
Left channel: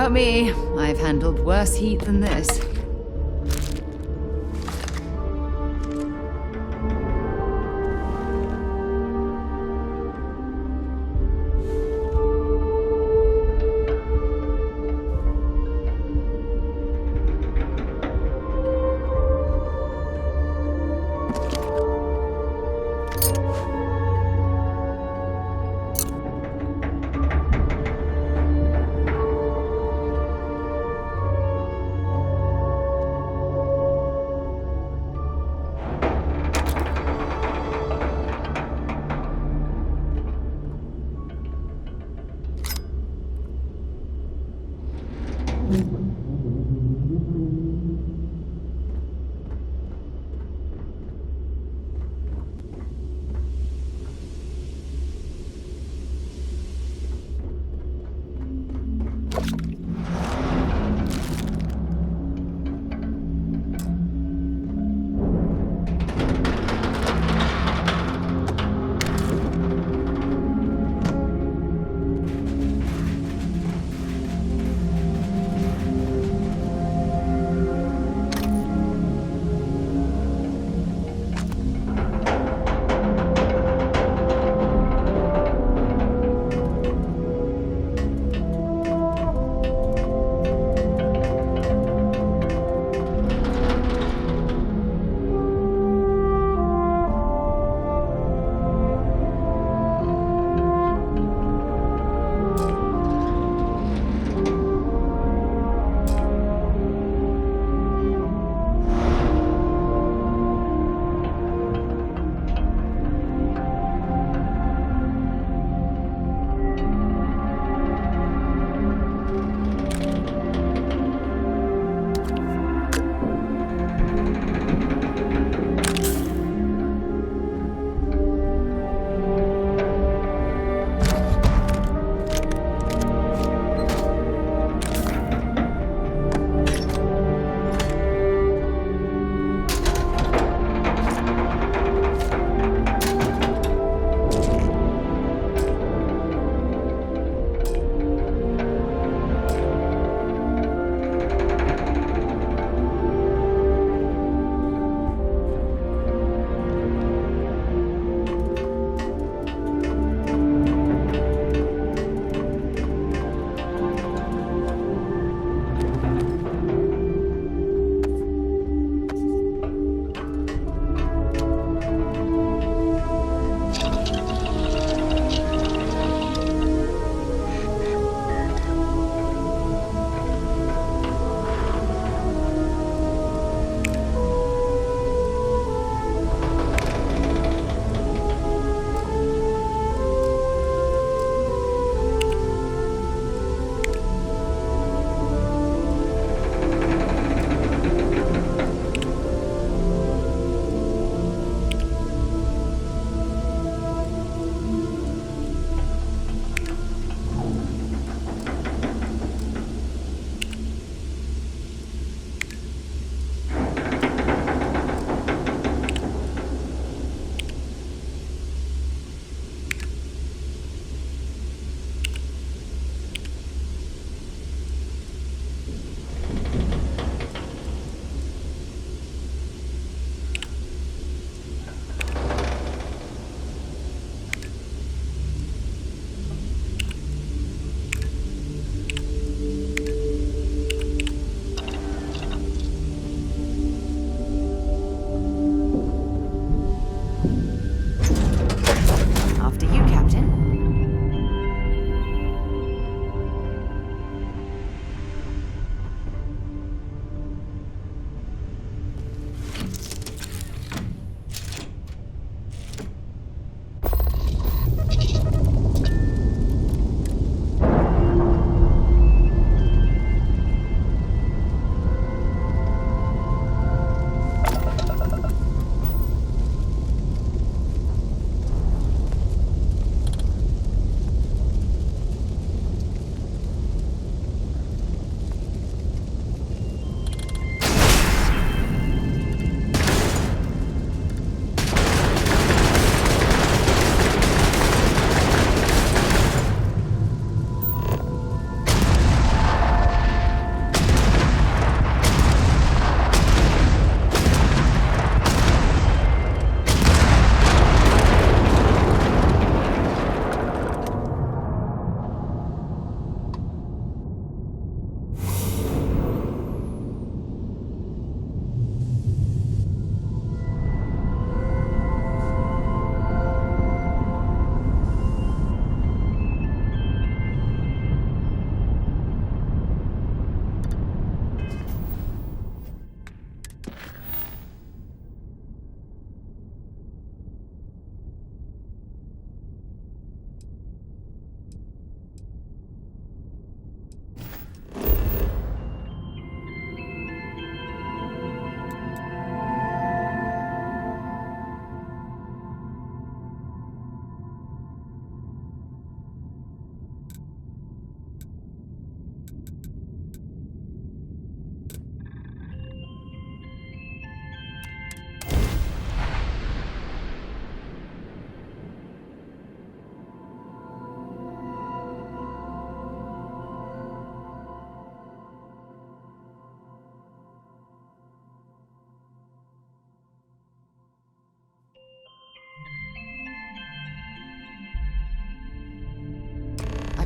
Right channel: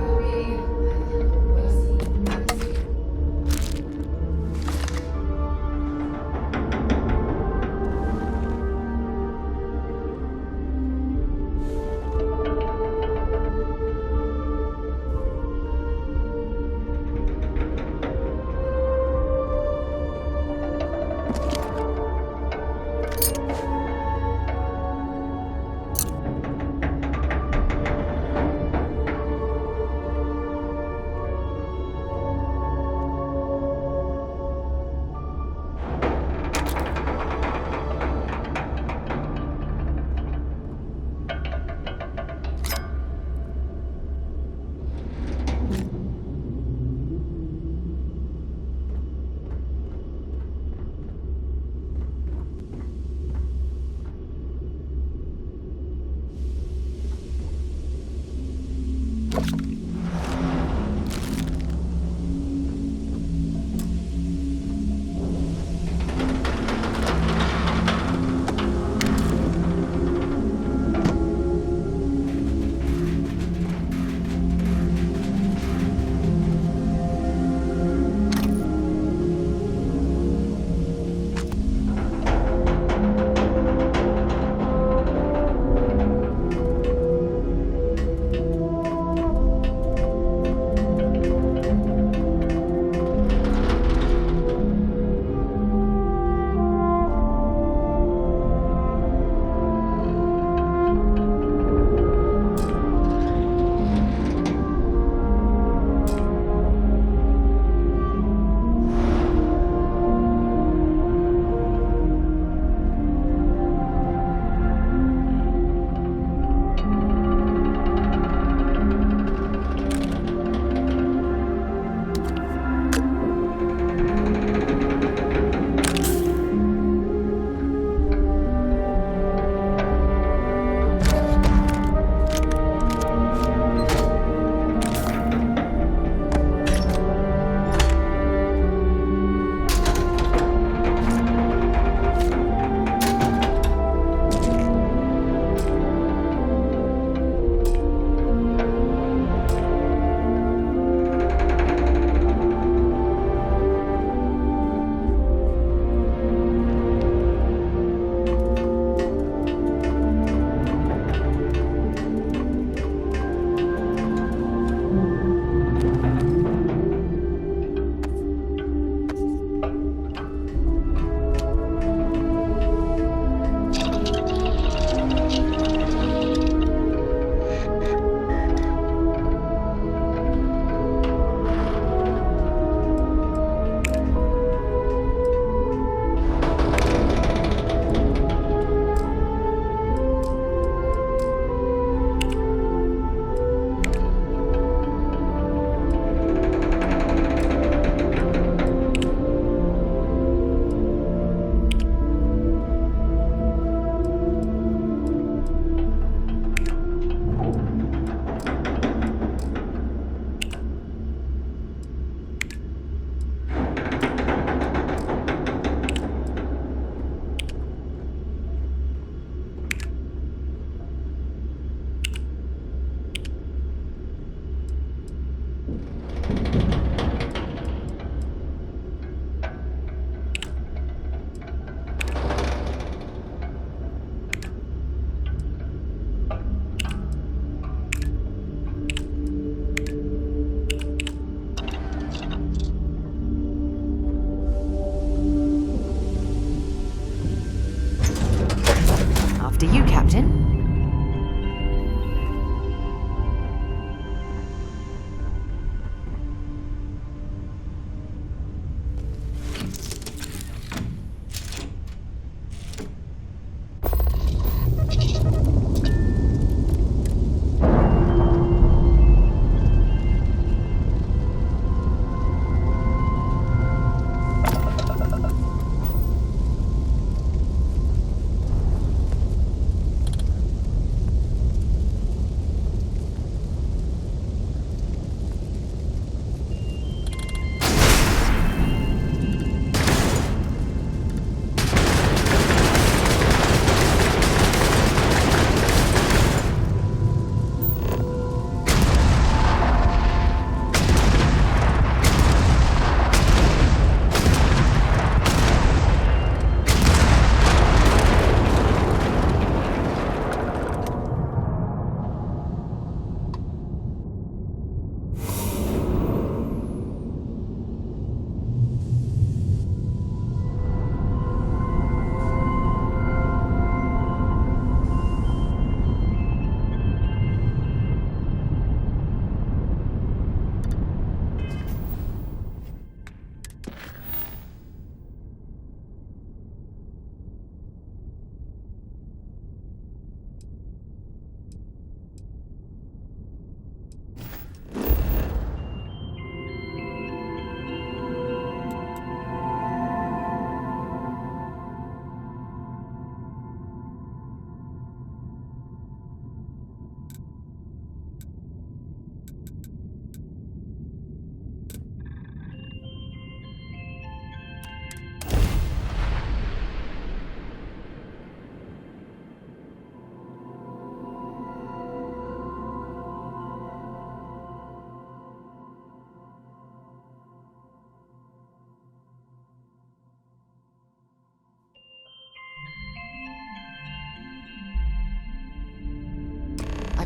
about me. I've handled worse heat than this.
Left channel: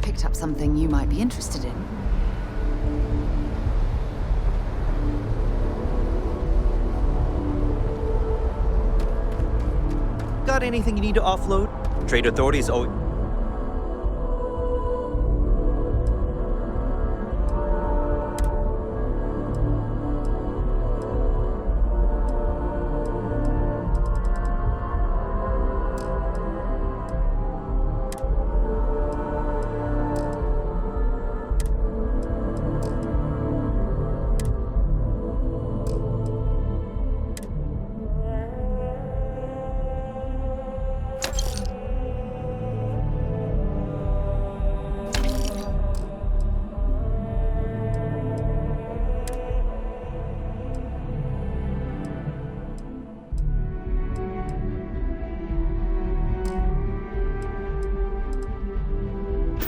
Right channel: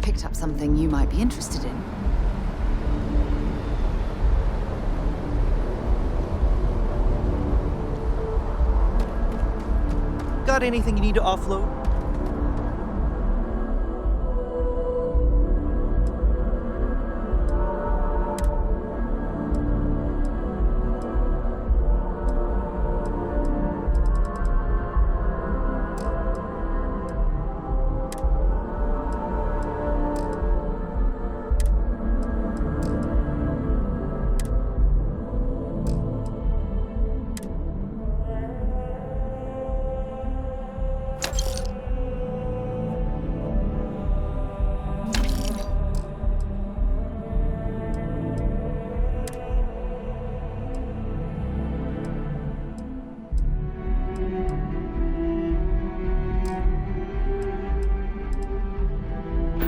picked up something you might be interested in. Got anything you need to offload? Trade authorities owe...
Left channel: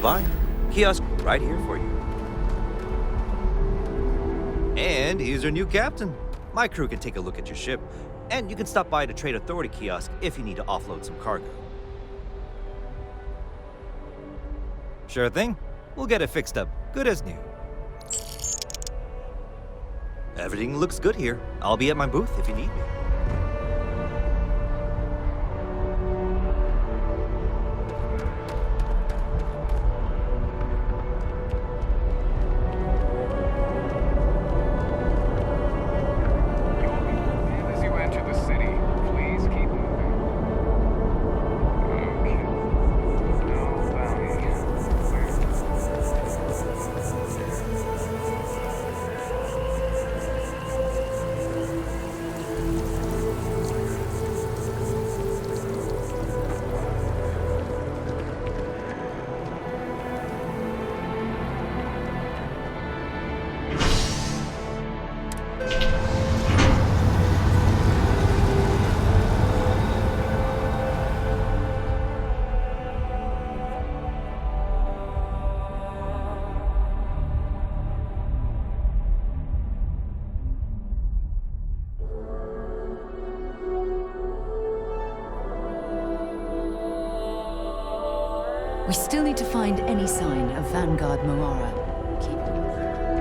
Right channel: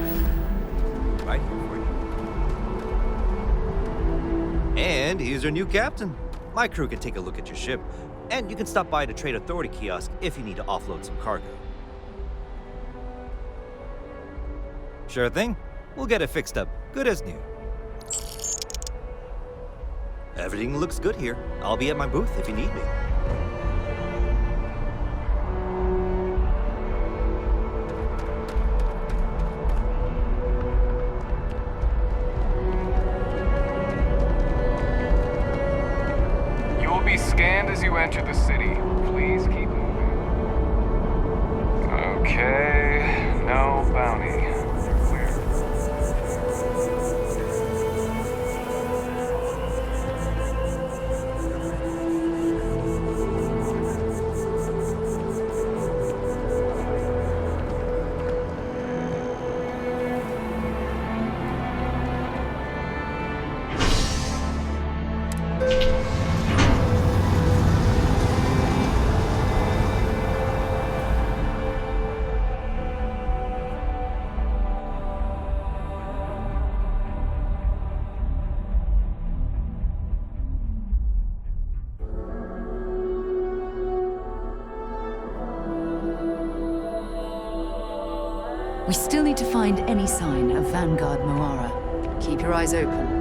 Fine. Kiosk right here for you. And here's our new captain. My crew can take a look at your ship, and you can stop by the Trade Authority kiosk if you need to offload some cargo. Sure thing. We'll get it fixed up, good as new. Everything looks good here. I'll be at my booth if you need me. You will be scanned as you enter the city. Please keep moving. Okay, no bounty. Clear. We still need to find any sign of Vanguard Moara. Keep your eyes open.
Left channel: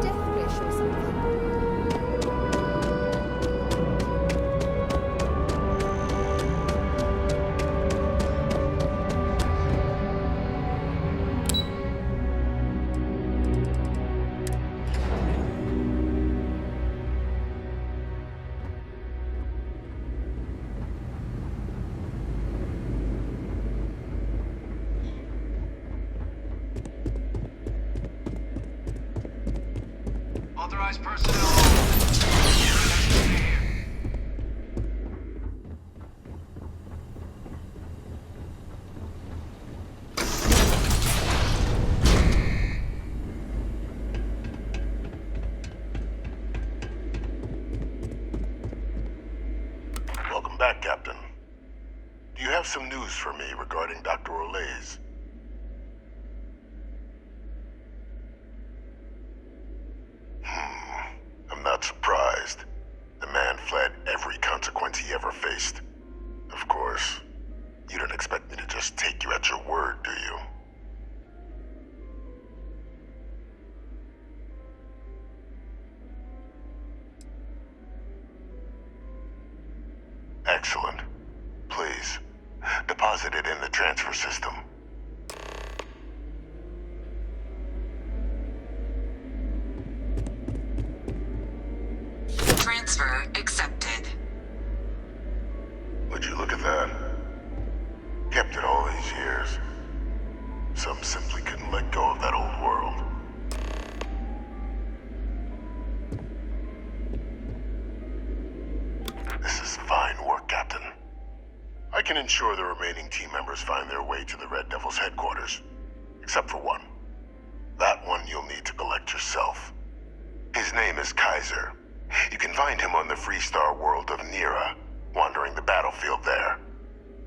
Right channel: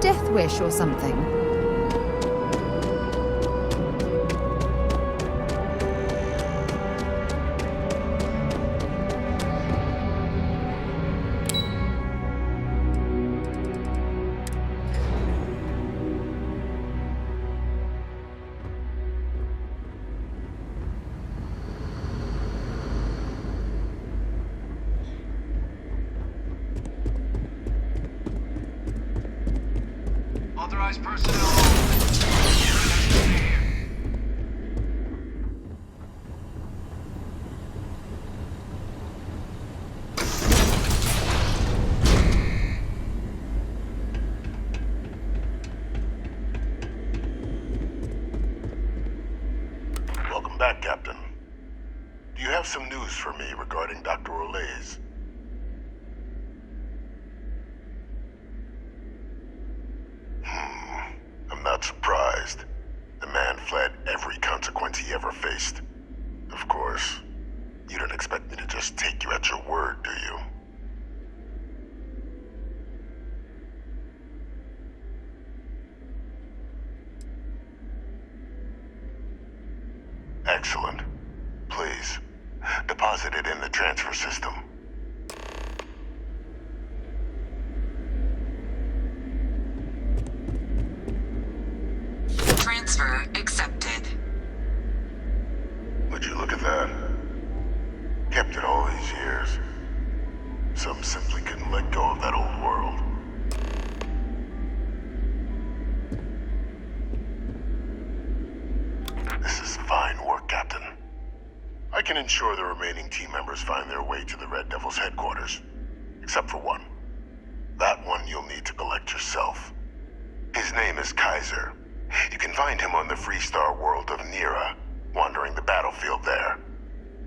Death wish or something. Authorized personnel. Welcome back, Captain. Do you have some news for me regarding Dr. Olays? I'm not surprised. The man fled every consequence he ever faced. Of course, you don't expect me to just take you at your word, do you? Excellent. Please, deposit it in the transfer system. Transfer accepted. Would you look at that? Kept it all these years. Some simply couldn't let go of that old world. This is fine work, Captain. can ensure the remaining team members find their way to the Red Devil's headquarters. Except for one. That one you'll need to collect yourself. His name is Kaiser. You can find him on the Freestar world of Nira, wandering the battlefield there.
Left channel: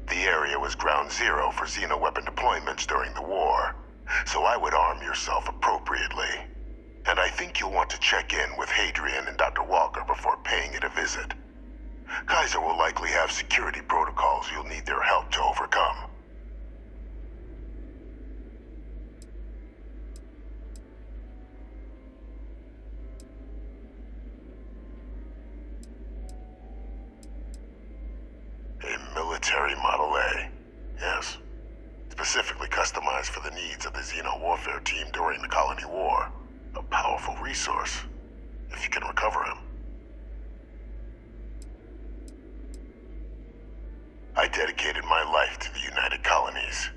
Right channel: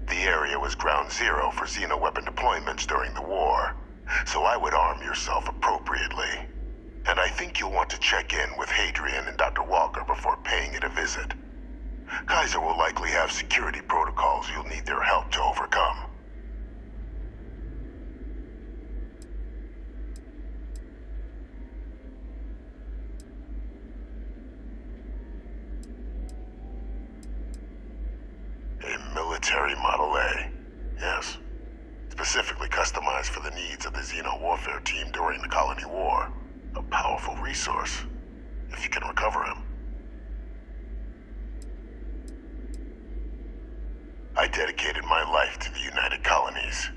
The area was ground zero for xeno-weapon deployments during the war, so I would arm yourself appropriately. And I think you'll want to check in with Hadrian and Dr. Walker before paying it a visit. Kaiser will likely have security protocols you'll need their help to overcome. A military Model A, yes. Specifically customized for the needs of the Xeno warfare team during the Colony War. A powerful resource, if you can recover him. I dedicated my life to the United Colonies.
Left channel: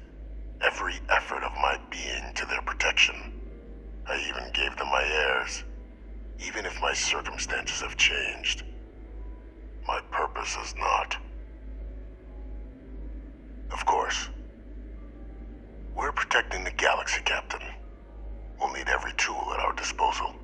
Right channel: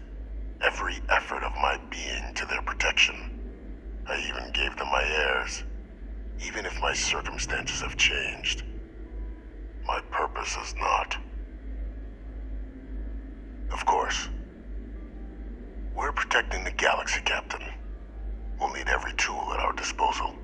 Every effort of my being to their protection. I even gave them my heirs. Even if my circumstances have changed, my purpose has not. Of course. We're protecting the galaxy, Captain. We'll need every tool at our disposal.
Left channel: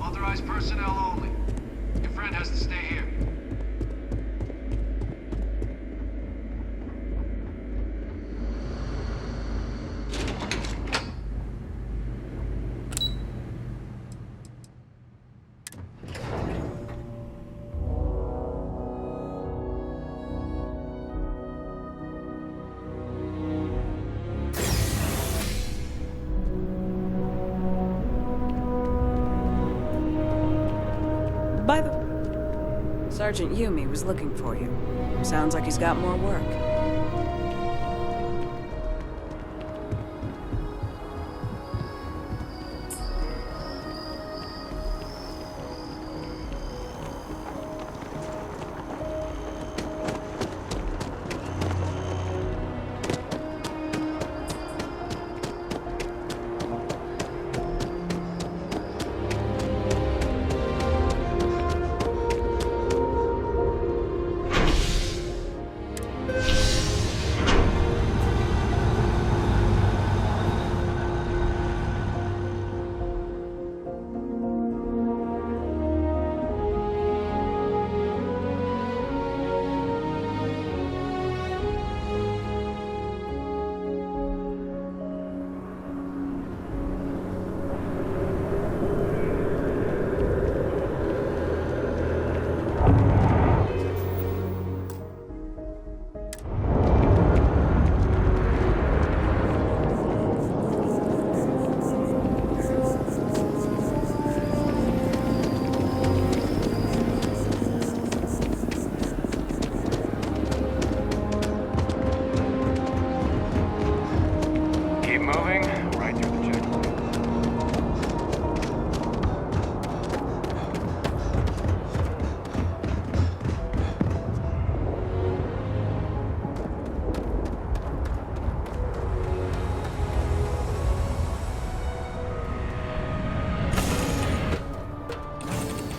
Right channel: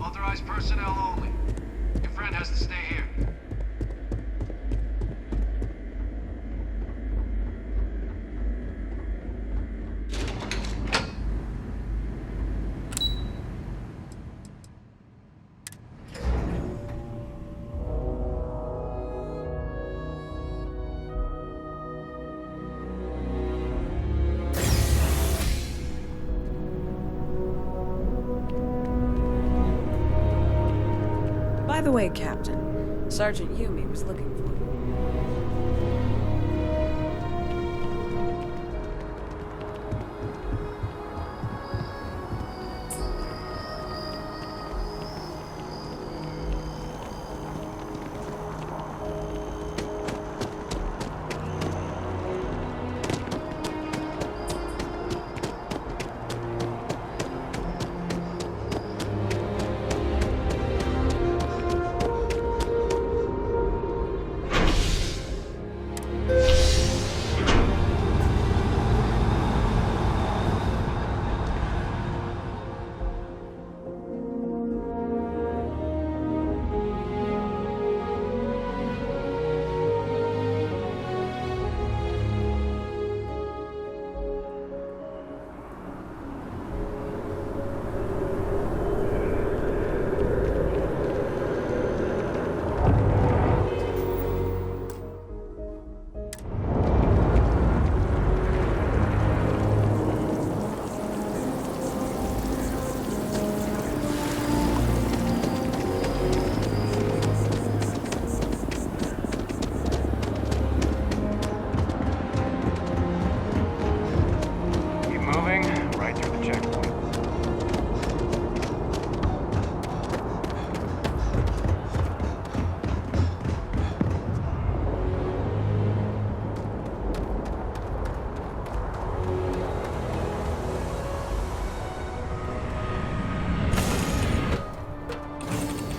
Authorized personnel only. Your friend has to stay here. By the way, Captain, Sergeant Yumi was looking for you. Sounds like he's got more work.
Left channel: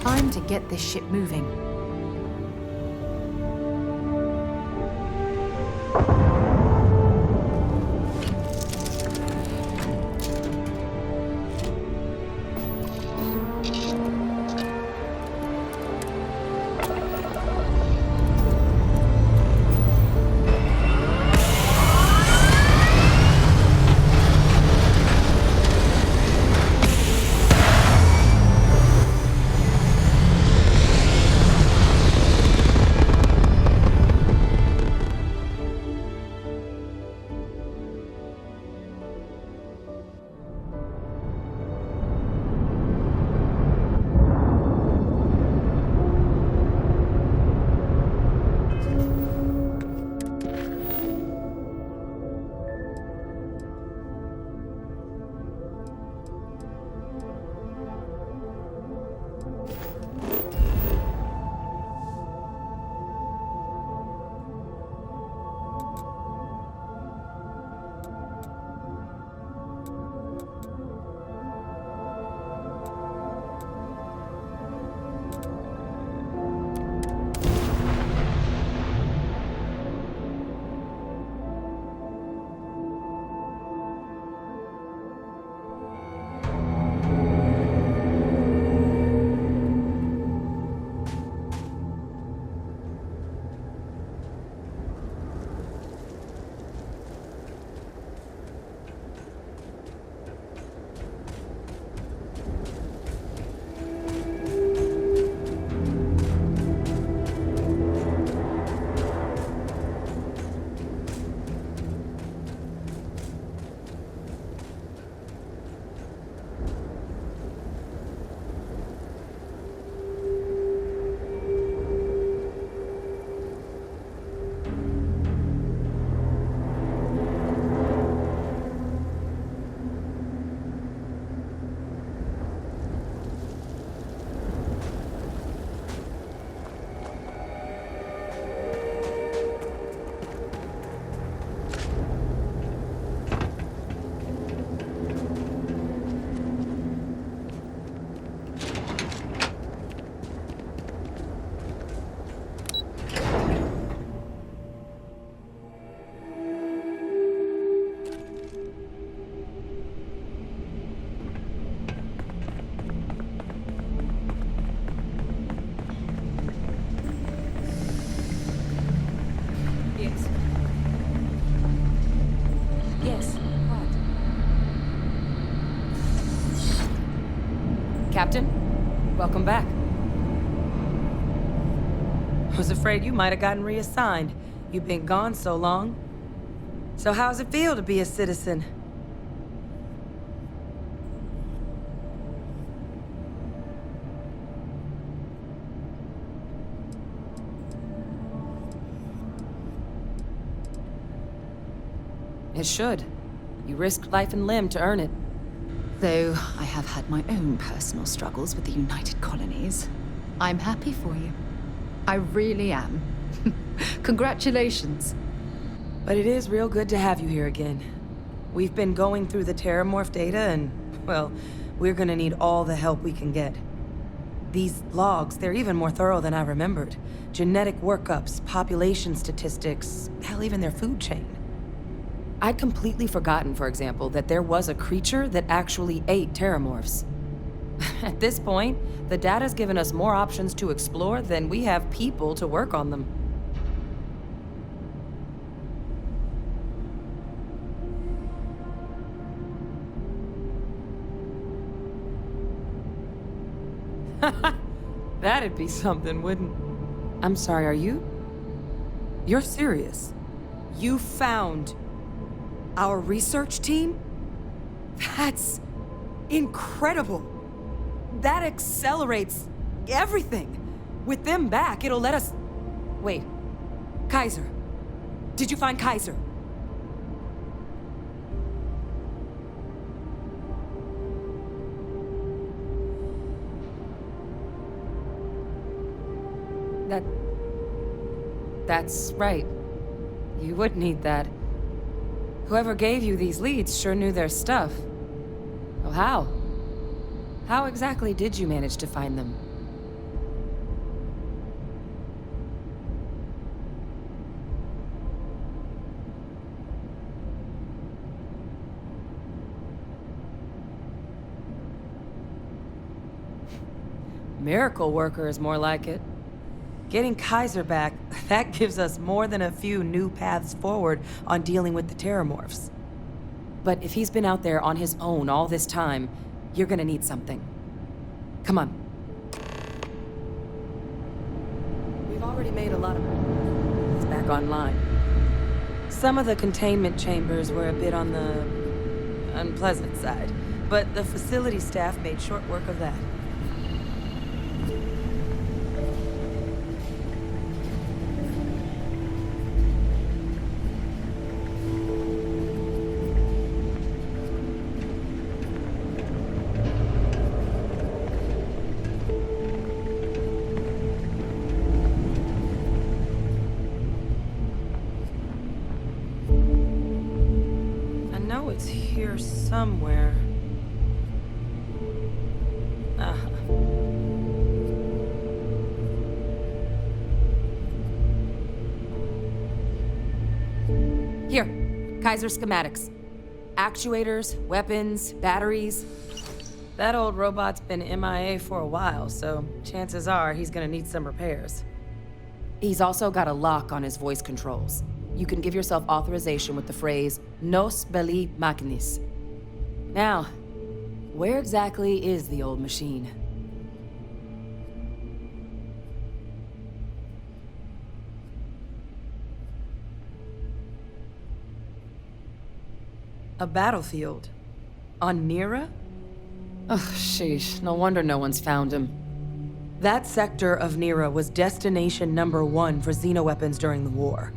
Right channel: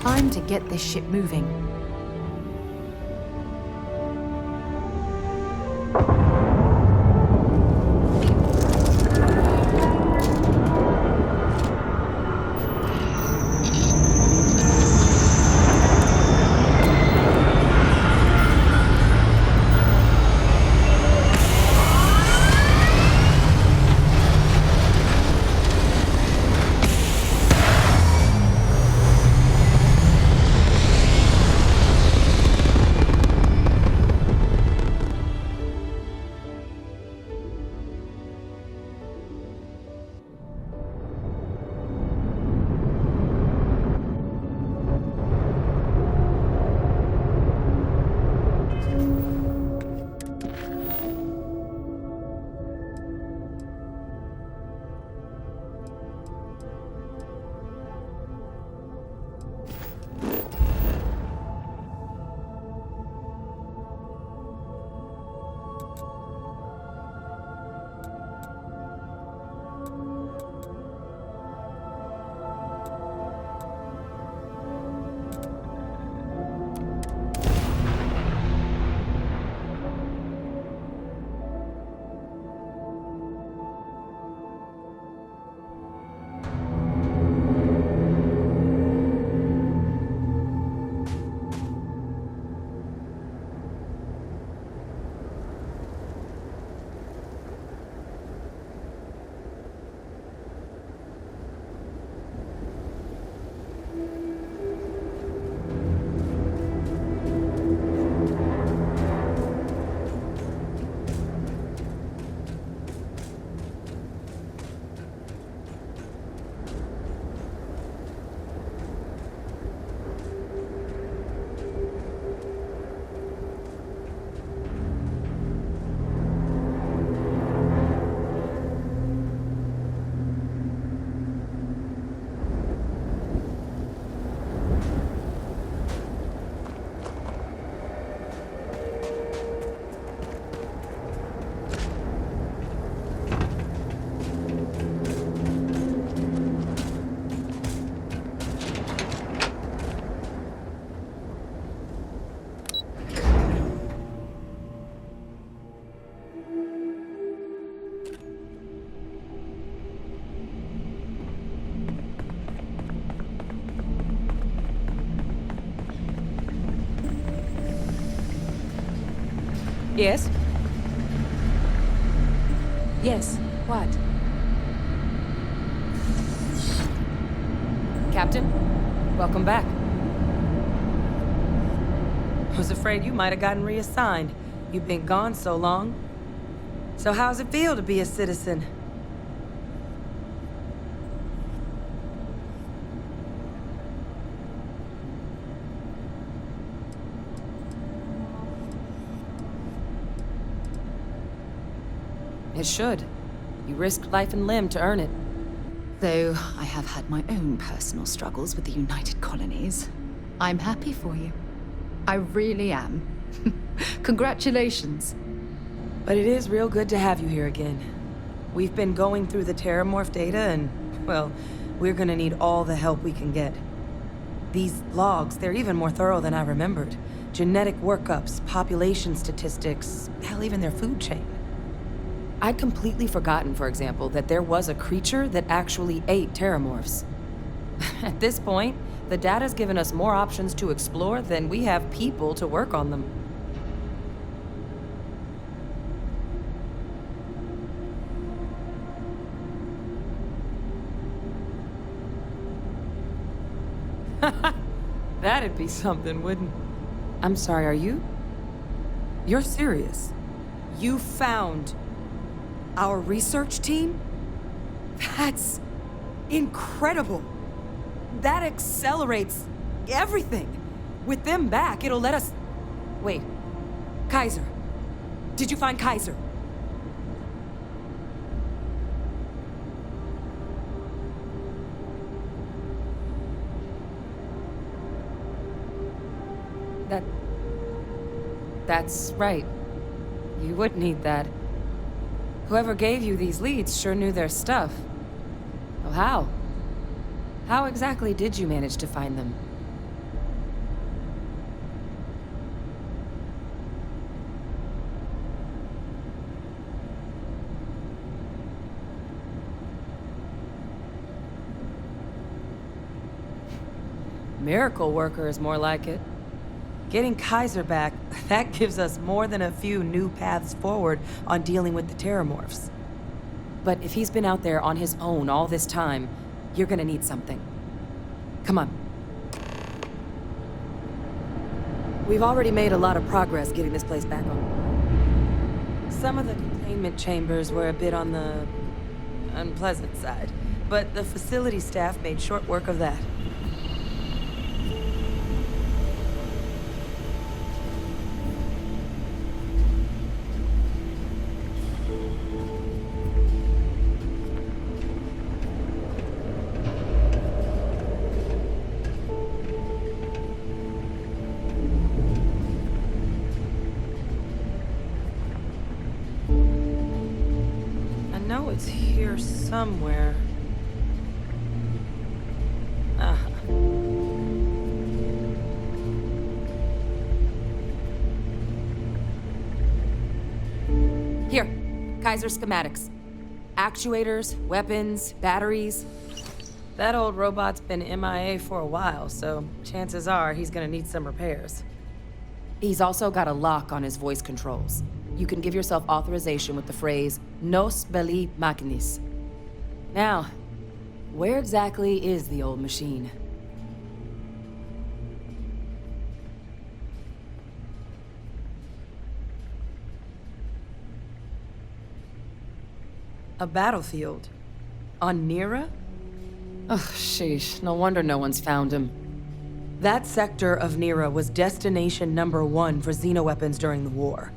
Time to get this ship moving. Yes? Yes, what? Captain, welcome back. Was afraid you might have gotten reassigned. You've been gone so long. So how's it feel to be a citizen? It should. You risked life and limb to earn it. Though I have had my own personal struggles with the United Colonies, I'm happy for you. I really am. Congratulations. But it is real good to have you here again. We've been going through the Terramorph data and, well, we're gonna need all the help we can get. These logs, they're even more thorough than I remembered. Genetic workups, population statistics, hell, even their food chain. I'd completely forgotten, for example, that there was a creature that actually ate Terramorphs. At this point, the data's given us more options to explore than we have people to work on them. That'd be something, wouldn't... I'm sorry, are you? You're serious? You found our research team? That's incredible. That accelerates everything. With them back, it'll let us... Wait. Kaiser. Did you find Kaiser? That's right. You would need that. Whoever gave you these leads sure knew their stuff. Well, how? How exactly did you manage to find them? Miracle worker is more like it. Getting Kaiser back, that gives us more than a few new paths forward on dealing with the Terramorphs. But if he's been out there on his own all this time, you're gonna need something. Come on. We've already made a lot of progress getting this place back online. Some of the containment chambers were a bit on the unpleasant side, but the facility staff made short work of that. It's here somewhere. Here, Kaiser schematics. Actuators, weapons, batteries. That old robot's been MIA for a while, so chances are he's gonna need some repairs. He's also got a lock on his voice controls. You can give yourself authorization with the phrase, Nos belli machinis. Now, where exactly is the old machine? A battlefield? On Nira? Ugh, sheesh, no wonder no one's found him. That sector of Nira was destination #1 for xenoweapons during the war.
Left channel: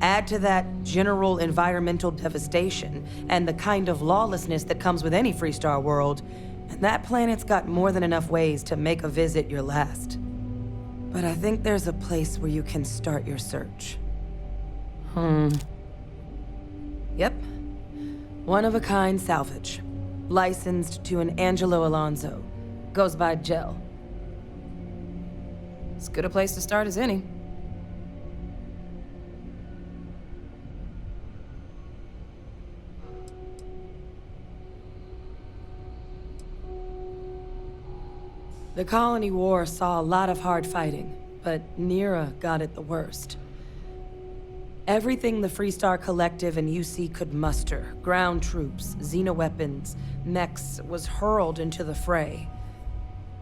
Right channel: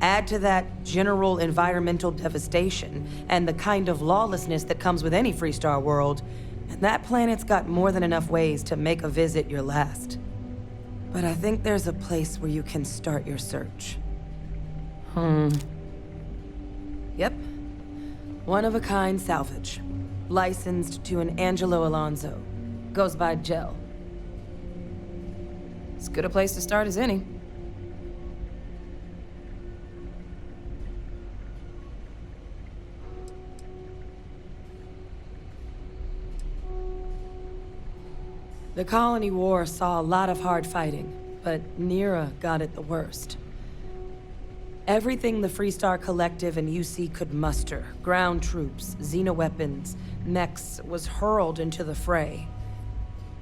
Add to that general environmental devastation and the kind of lawlessness that comes with any Freestar world, and that planet's got more than enough ways to make a visit your last. But I think there's a place where you can start your search. Yep. One-of-a-kind salvage. Licensed to an Angelo Alonso. Goes by Gel. As good a place to start as any. The Colony War saw a lot of hard fighting, but Nira got it the worst. Everything the Freestar Collective and UC could muster, ground troops, xenoweapons, mechs, was hurled into the fray.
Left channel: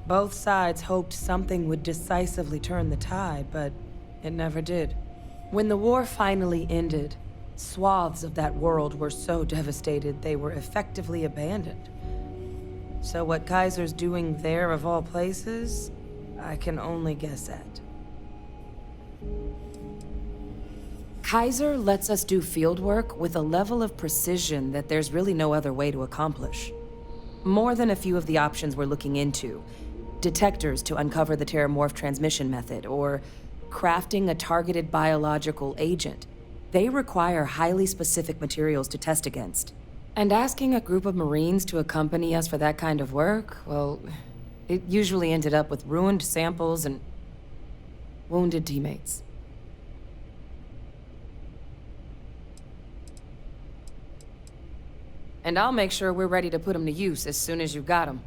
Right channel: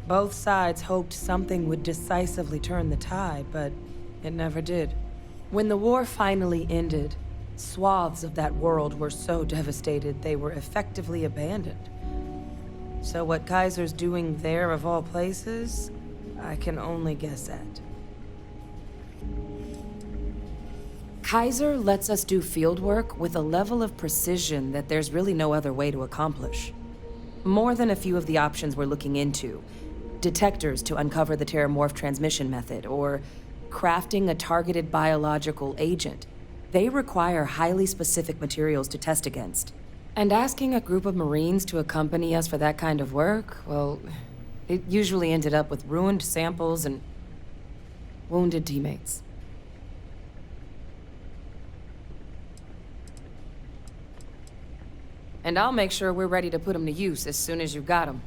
Both sides hoped something would decisively turn the tide, but it never did. When the war finally ended, swaths of that world were so devastated they were effectively abandoned. So what Kaiser's doing there of all places, I can only guess at. Kaiser lets us do field work with a level of precision that there's really no other way to accomplish. More than a few of the options we're looking into. Detectors to uncover the Terramorph transmission method, or crafting a targeted biological agent. They require highly specific materials to test against. And asking a group of Marines to accompany us for that kind of work, well, it usually ended up with ruined samples and wounded teammates. And I'll make sure we're ready to put them to use as soon as you've got them.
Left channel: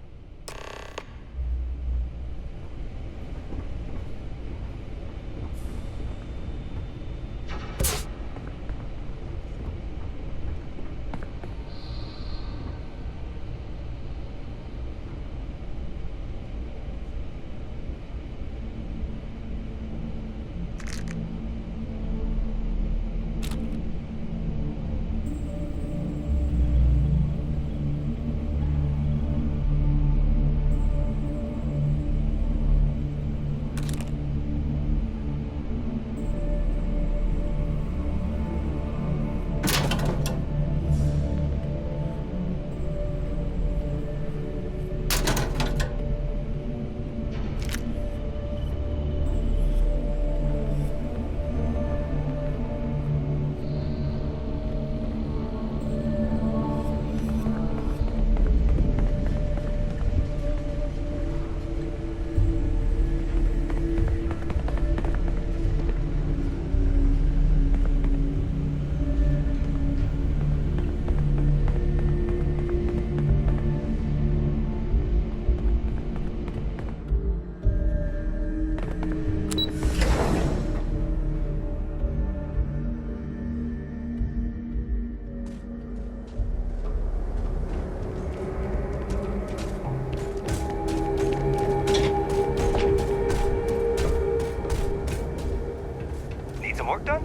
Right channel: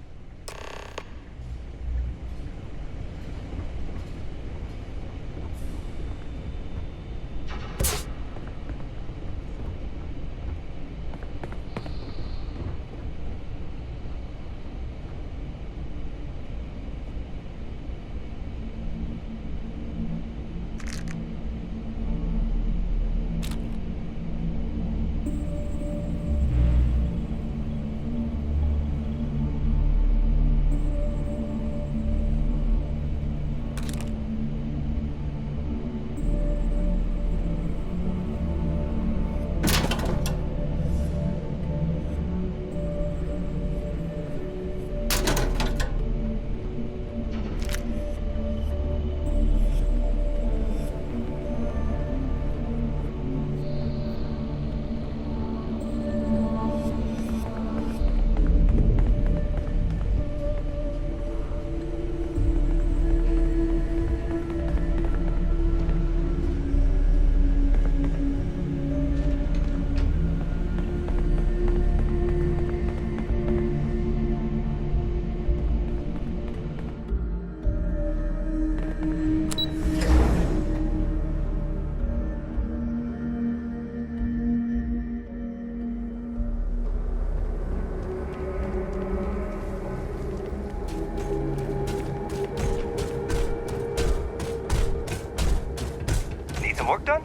Work done?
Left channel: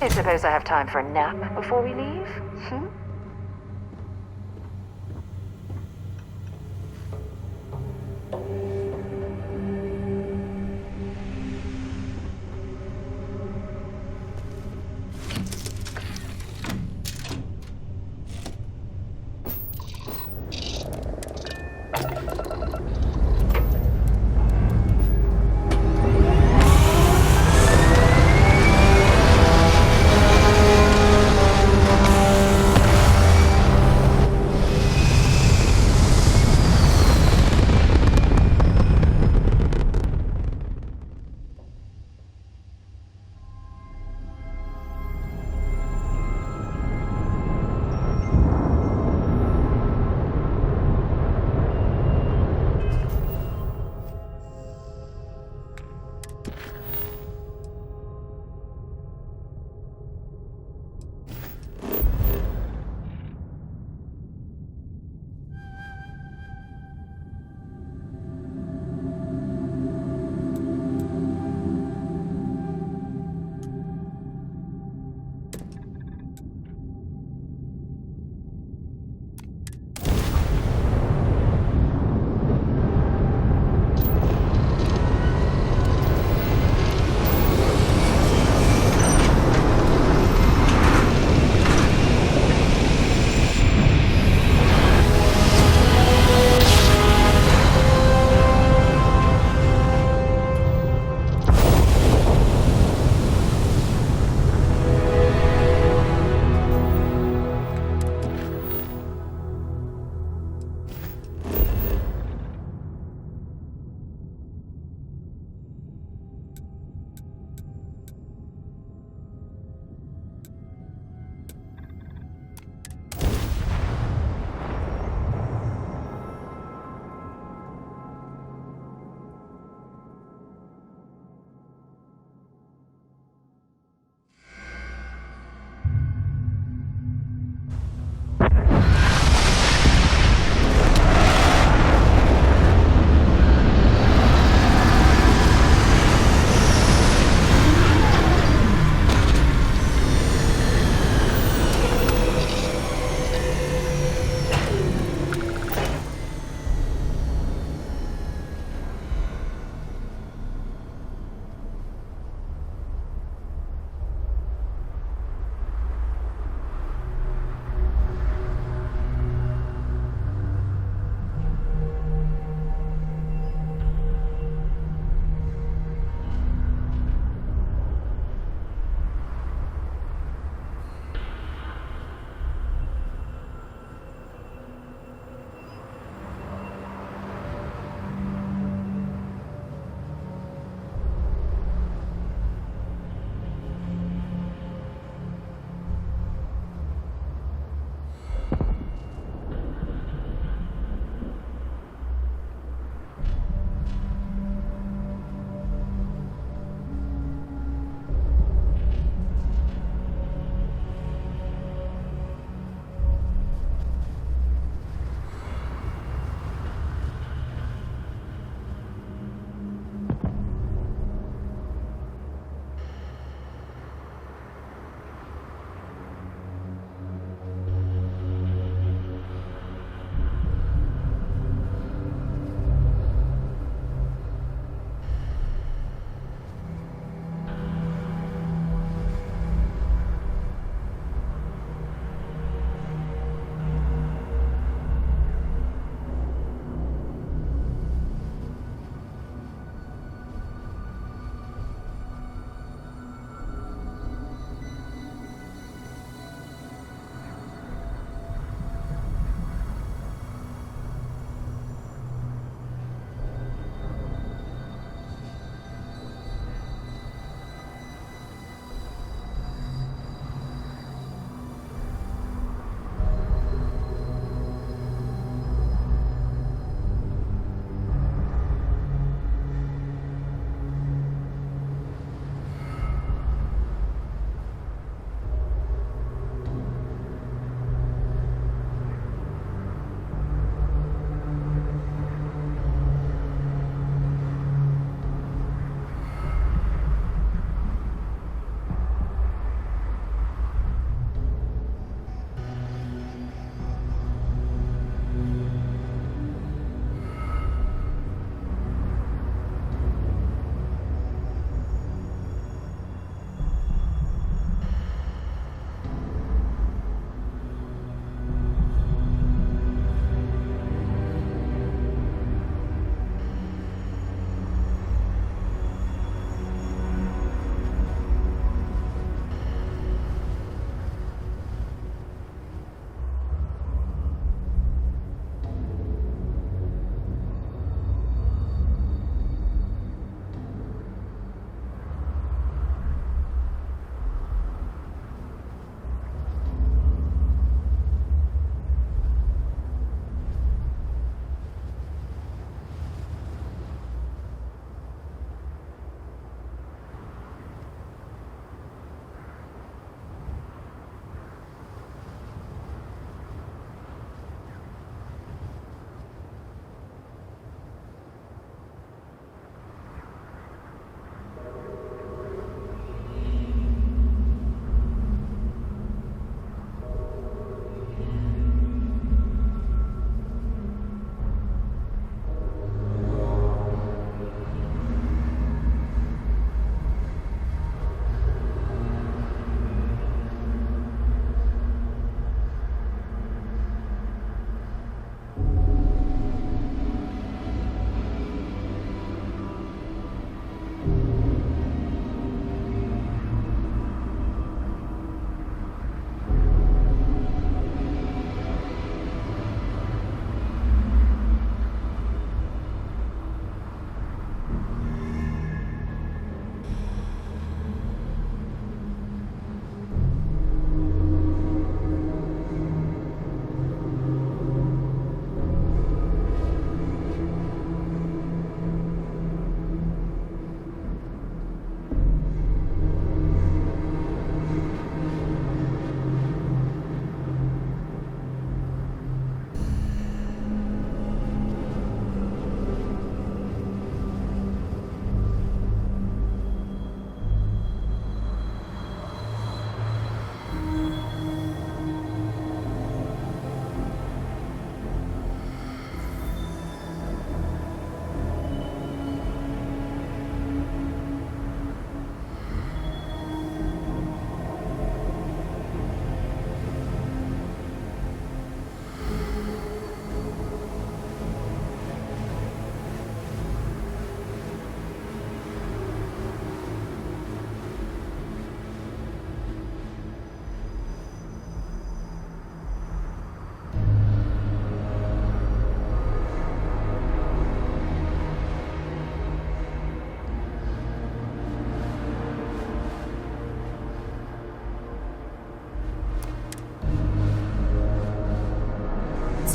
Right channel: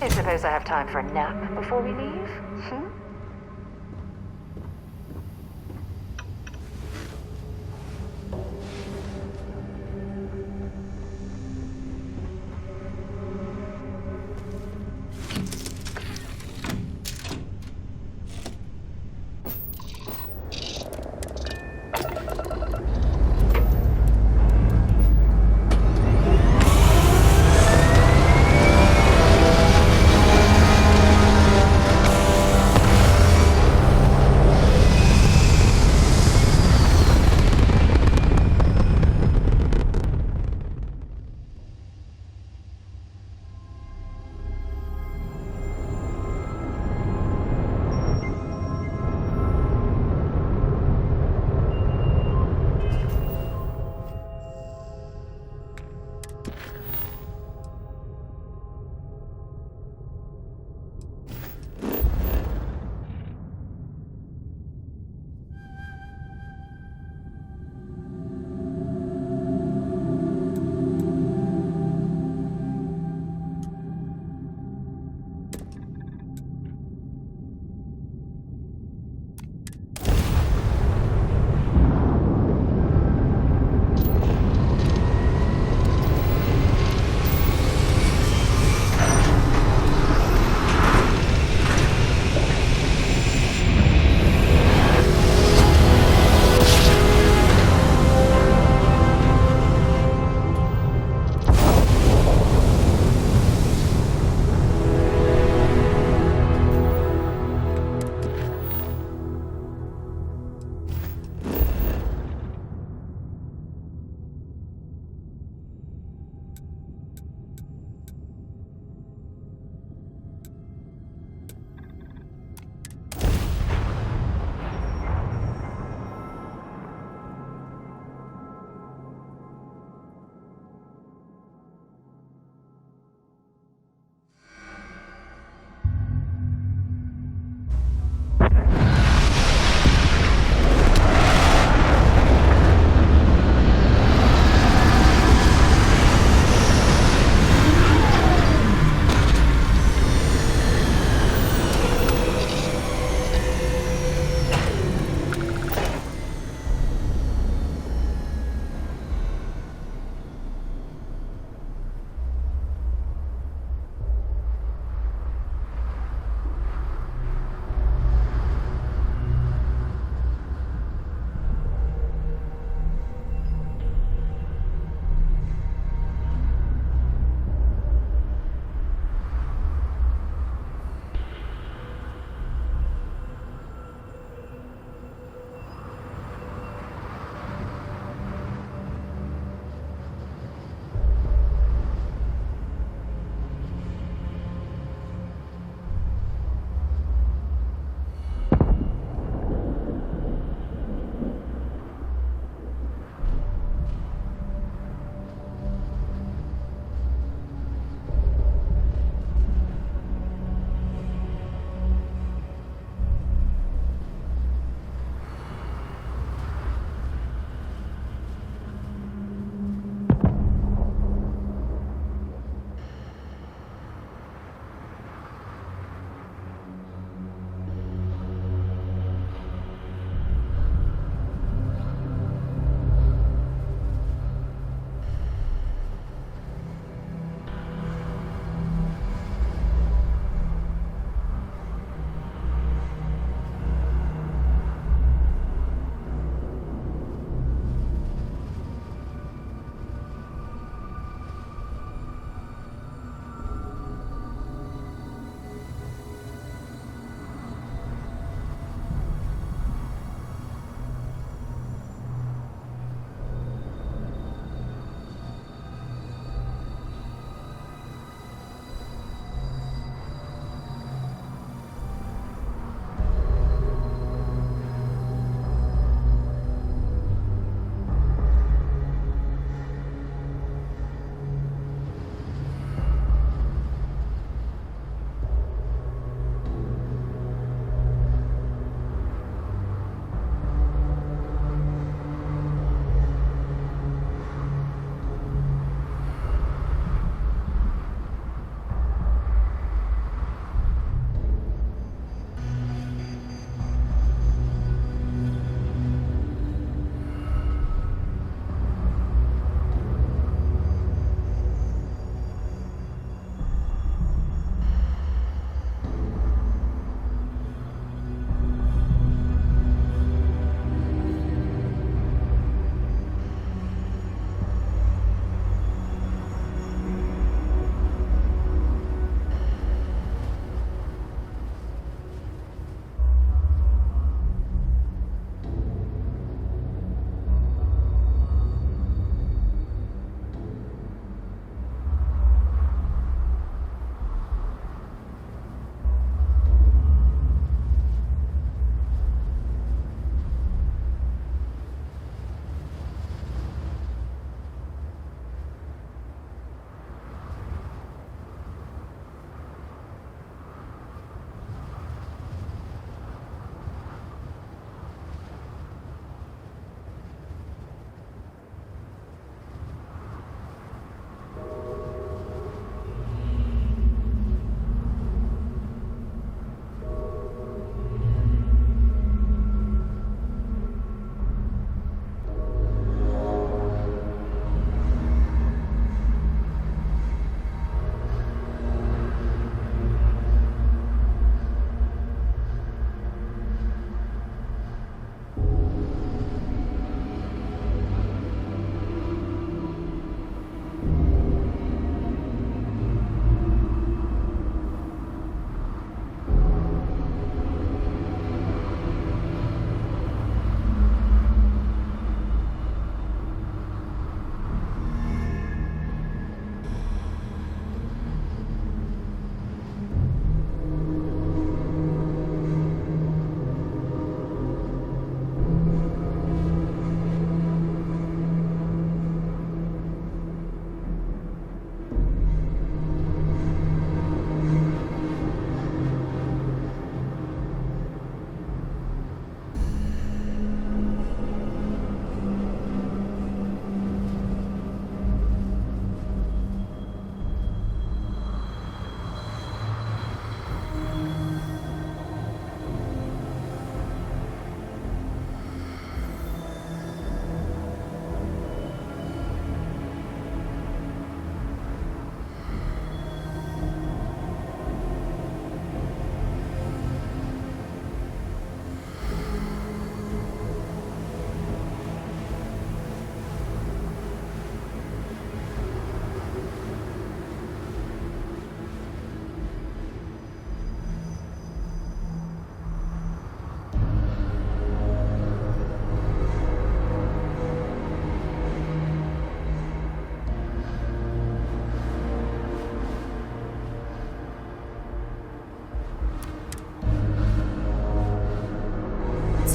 I suppose I have time for a nap before we leave?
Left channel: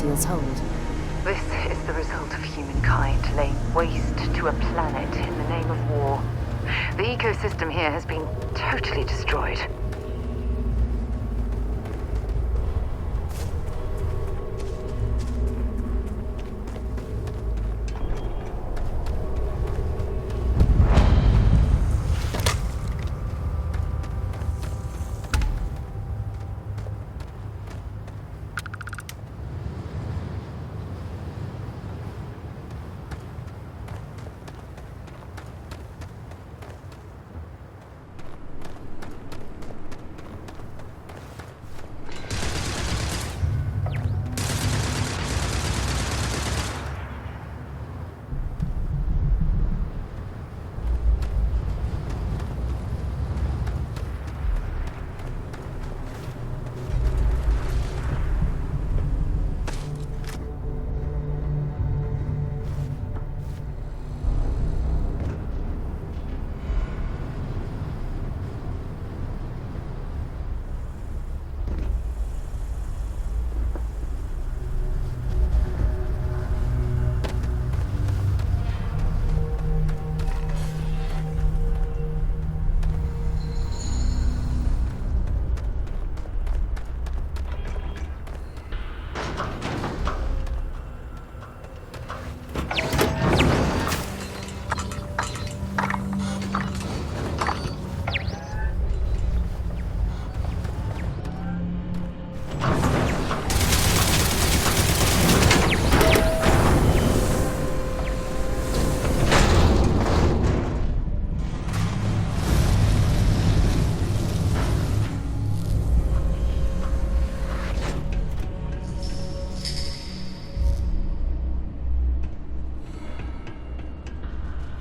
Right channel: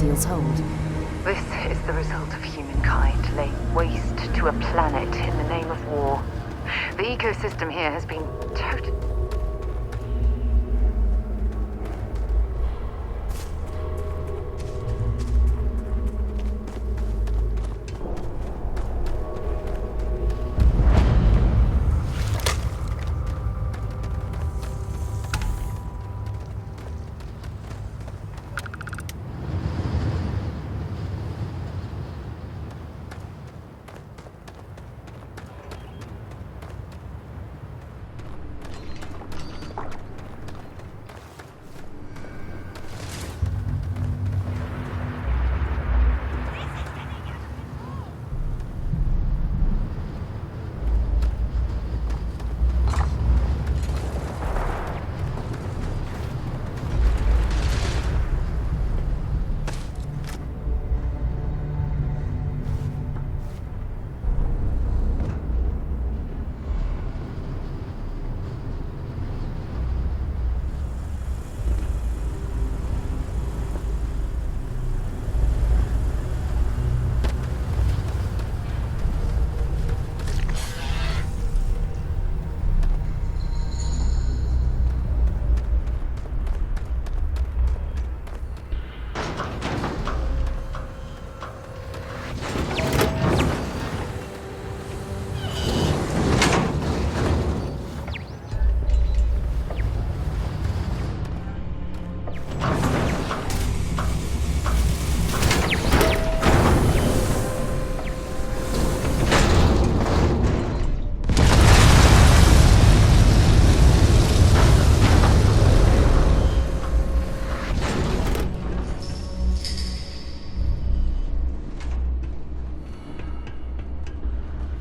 seals hold. This is the result of humankind laying waste to a planet in the name of war. The ecosystem here has been totally destroyed.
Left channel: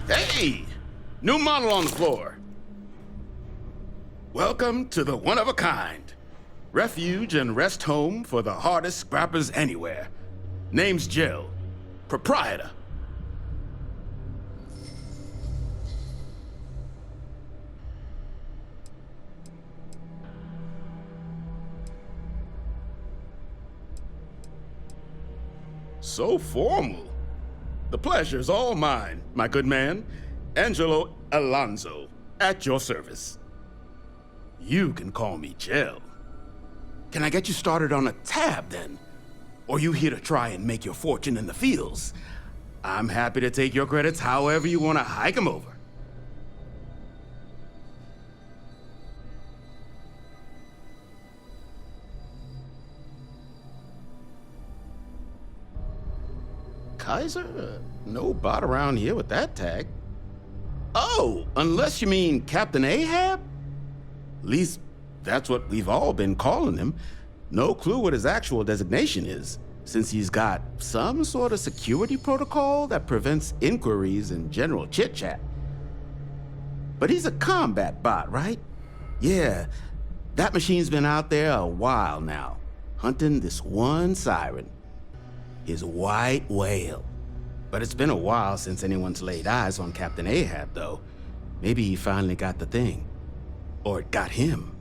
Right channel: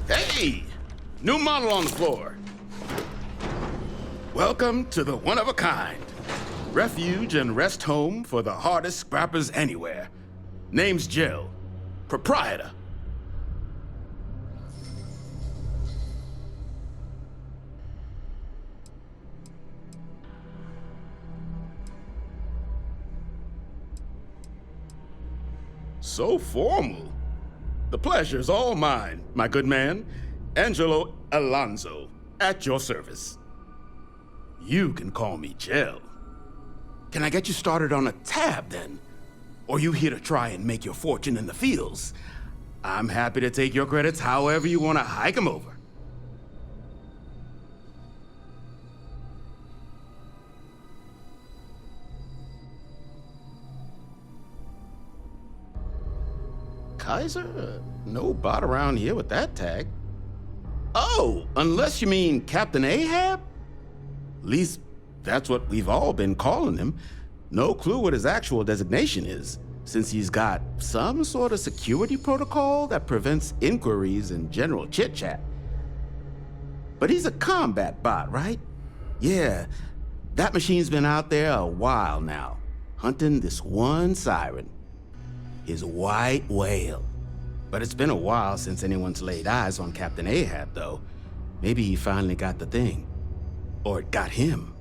Hey! New model on the floor. Welcome to the one-of-a-kind. Refuge and rest home for the hardest scrappers anywhere. Name's Jill. Proprietor. So formal. The pleasure's all mine, my good man. Angelo Alonso, at your service. You can call me Jill. Can I get you started on a tab, then? Or you here to try and make your fortune in the fields? I'm happy to take your credits however you want to hike them over. Kaiser? No bot around here with that tag. Oh, unless you mean Captain Ahab? At least that's what we've all been calling him. No clue what his actual designation is, since he's got some sort of security protocol that prevents inquiries and general chit-chat. But he's a combat bot, right? Yeah, that machine's been out there a while now, hunting this one siren. His white whale. But it's been a while since anyone's laid eyes on Captain Ahab, though. Maybe he finally got the thing. Or it got him.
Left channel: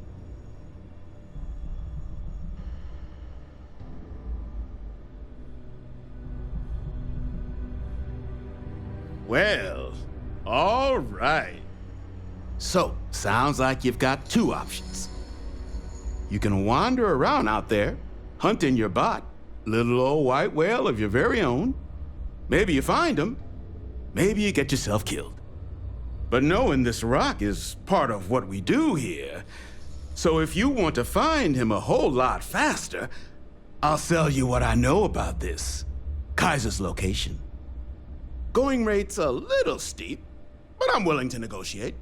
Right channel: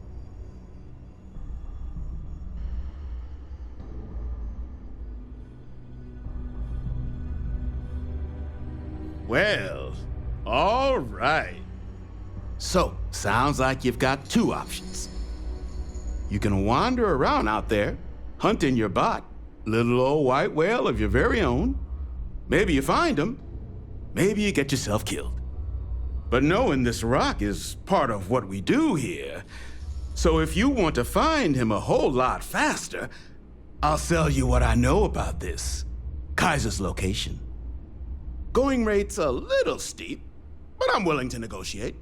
Well, all right. So, sounds like you've got two options. You can wander around out there, hunting your bot, little old white whale of your very own. Maybe you find him, maybe you get yourself killed. But knowing this rock is part of what we do here. So if you want to find him a whole lot faster, I'll sell you what I know about this. Kaiser's location. Going rate's a little steep, but I'm willing to negotiate.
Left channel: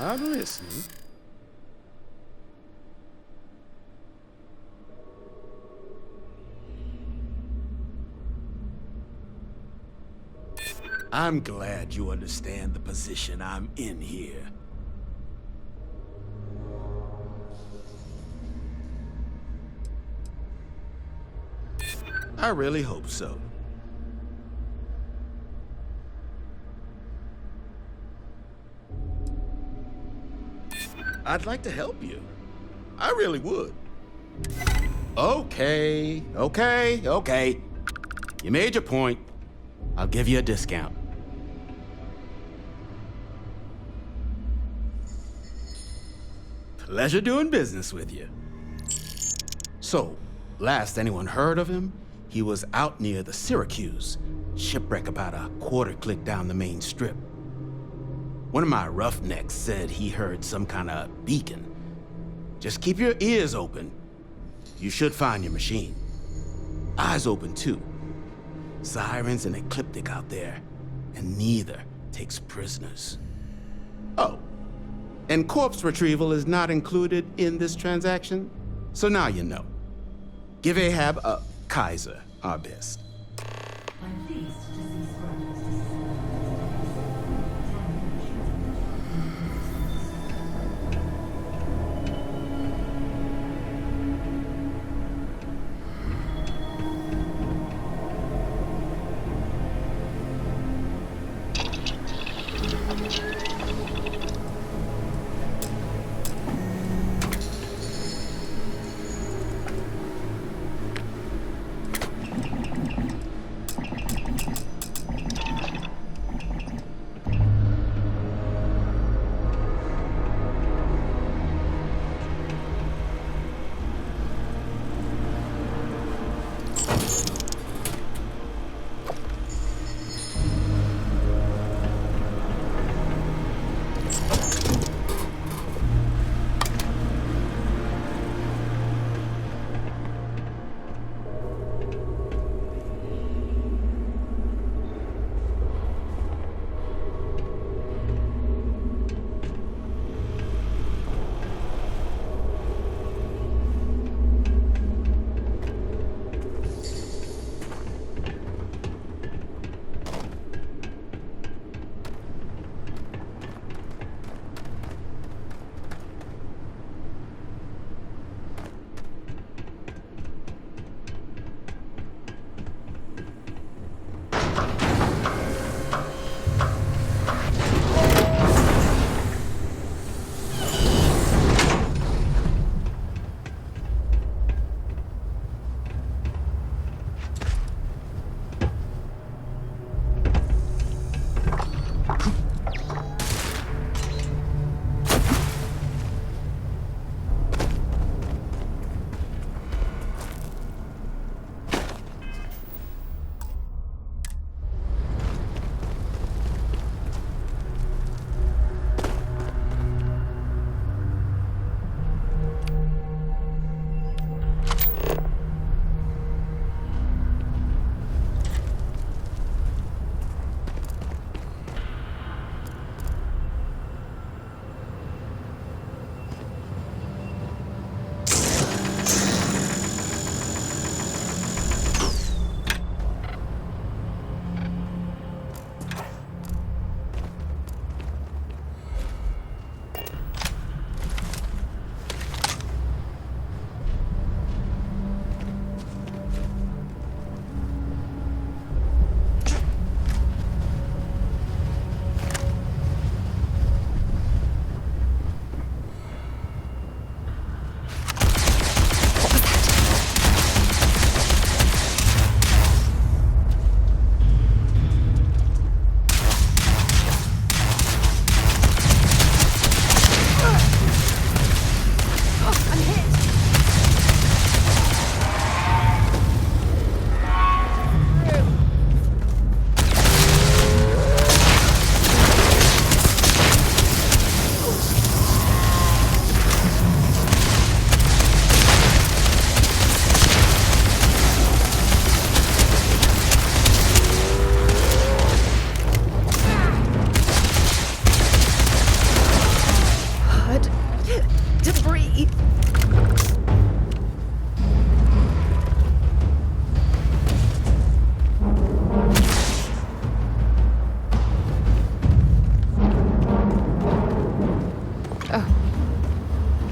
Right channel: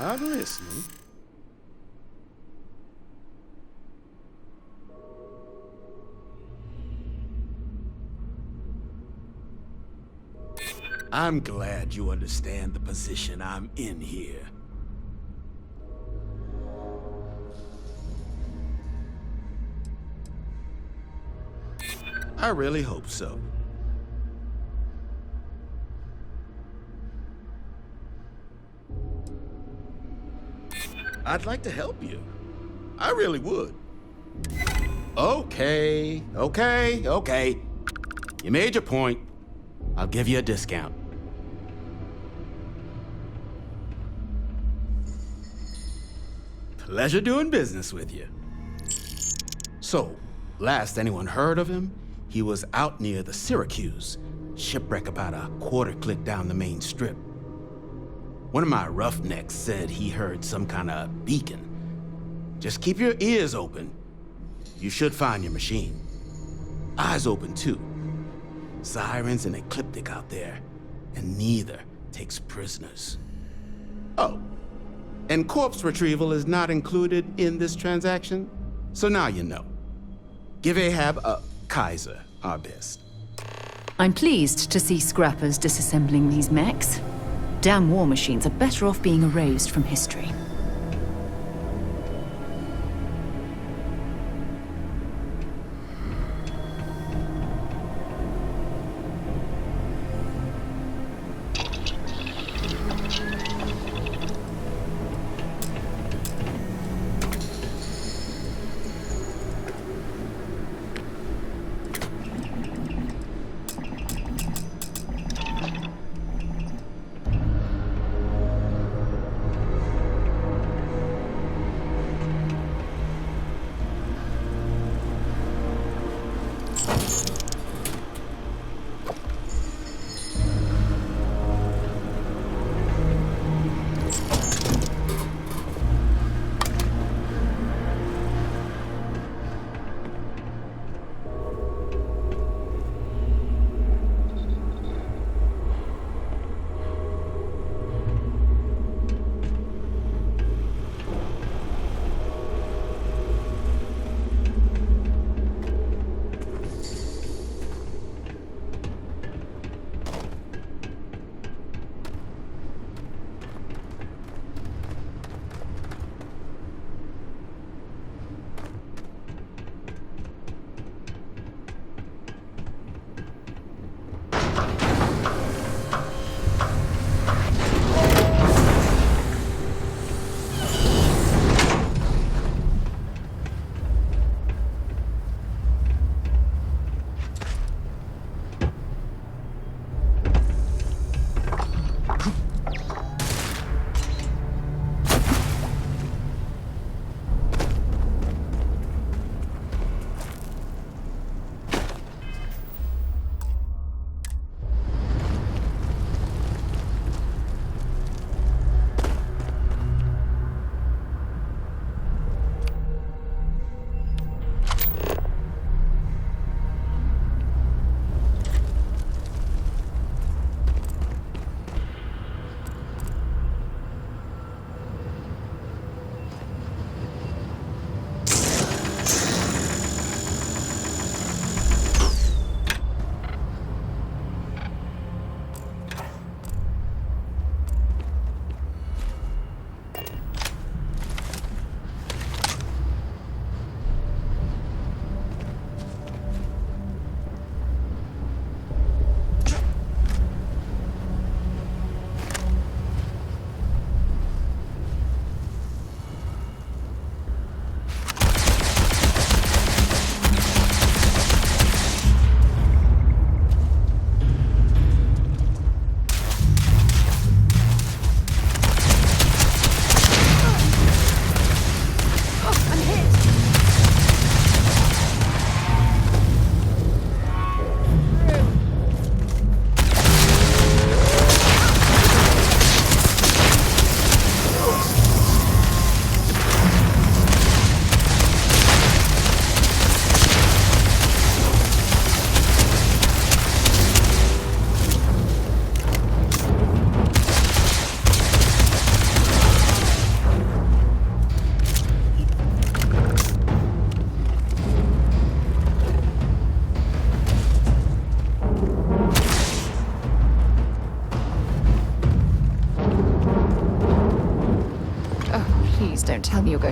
I'm listening. I'm glad you understand the position I'm in here. I really hope so. I'd like to help you. I really would. Okay. You made your point. I'll give you a discount. Pleasure doing business with you. So, last anyone heard of him, he was out near the Syracuse, shipwreck about a quarter click down the main strip. One of my roughnecks said he heard some kind of beacon. Just keep your ears open. You should find your machine. Eyes open too. Sirens and ecliptic out there, and neither takes prisoners. Oh, and corpse retrieval is not included in this transaction, so now you know. Give Ahab a Kaiser our best. I'm pleased to see scrappers disassembling these mechs. Damn war machines are better off being erased from history.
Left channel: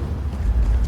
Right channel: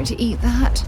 To eat that.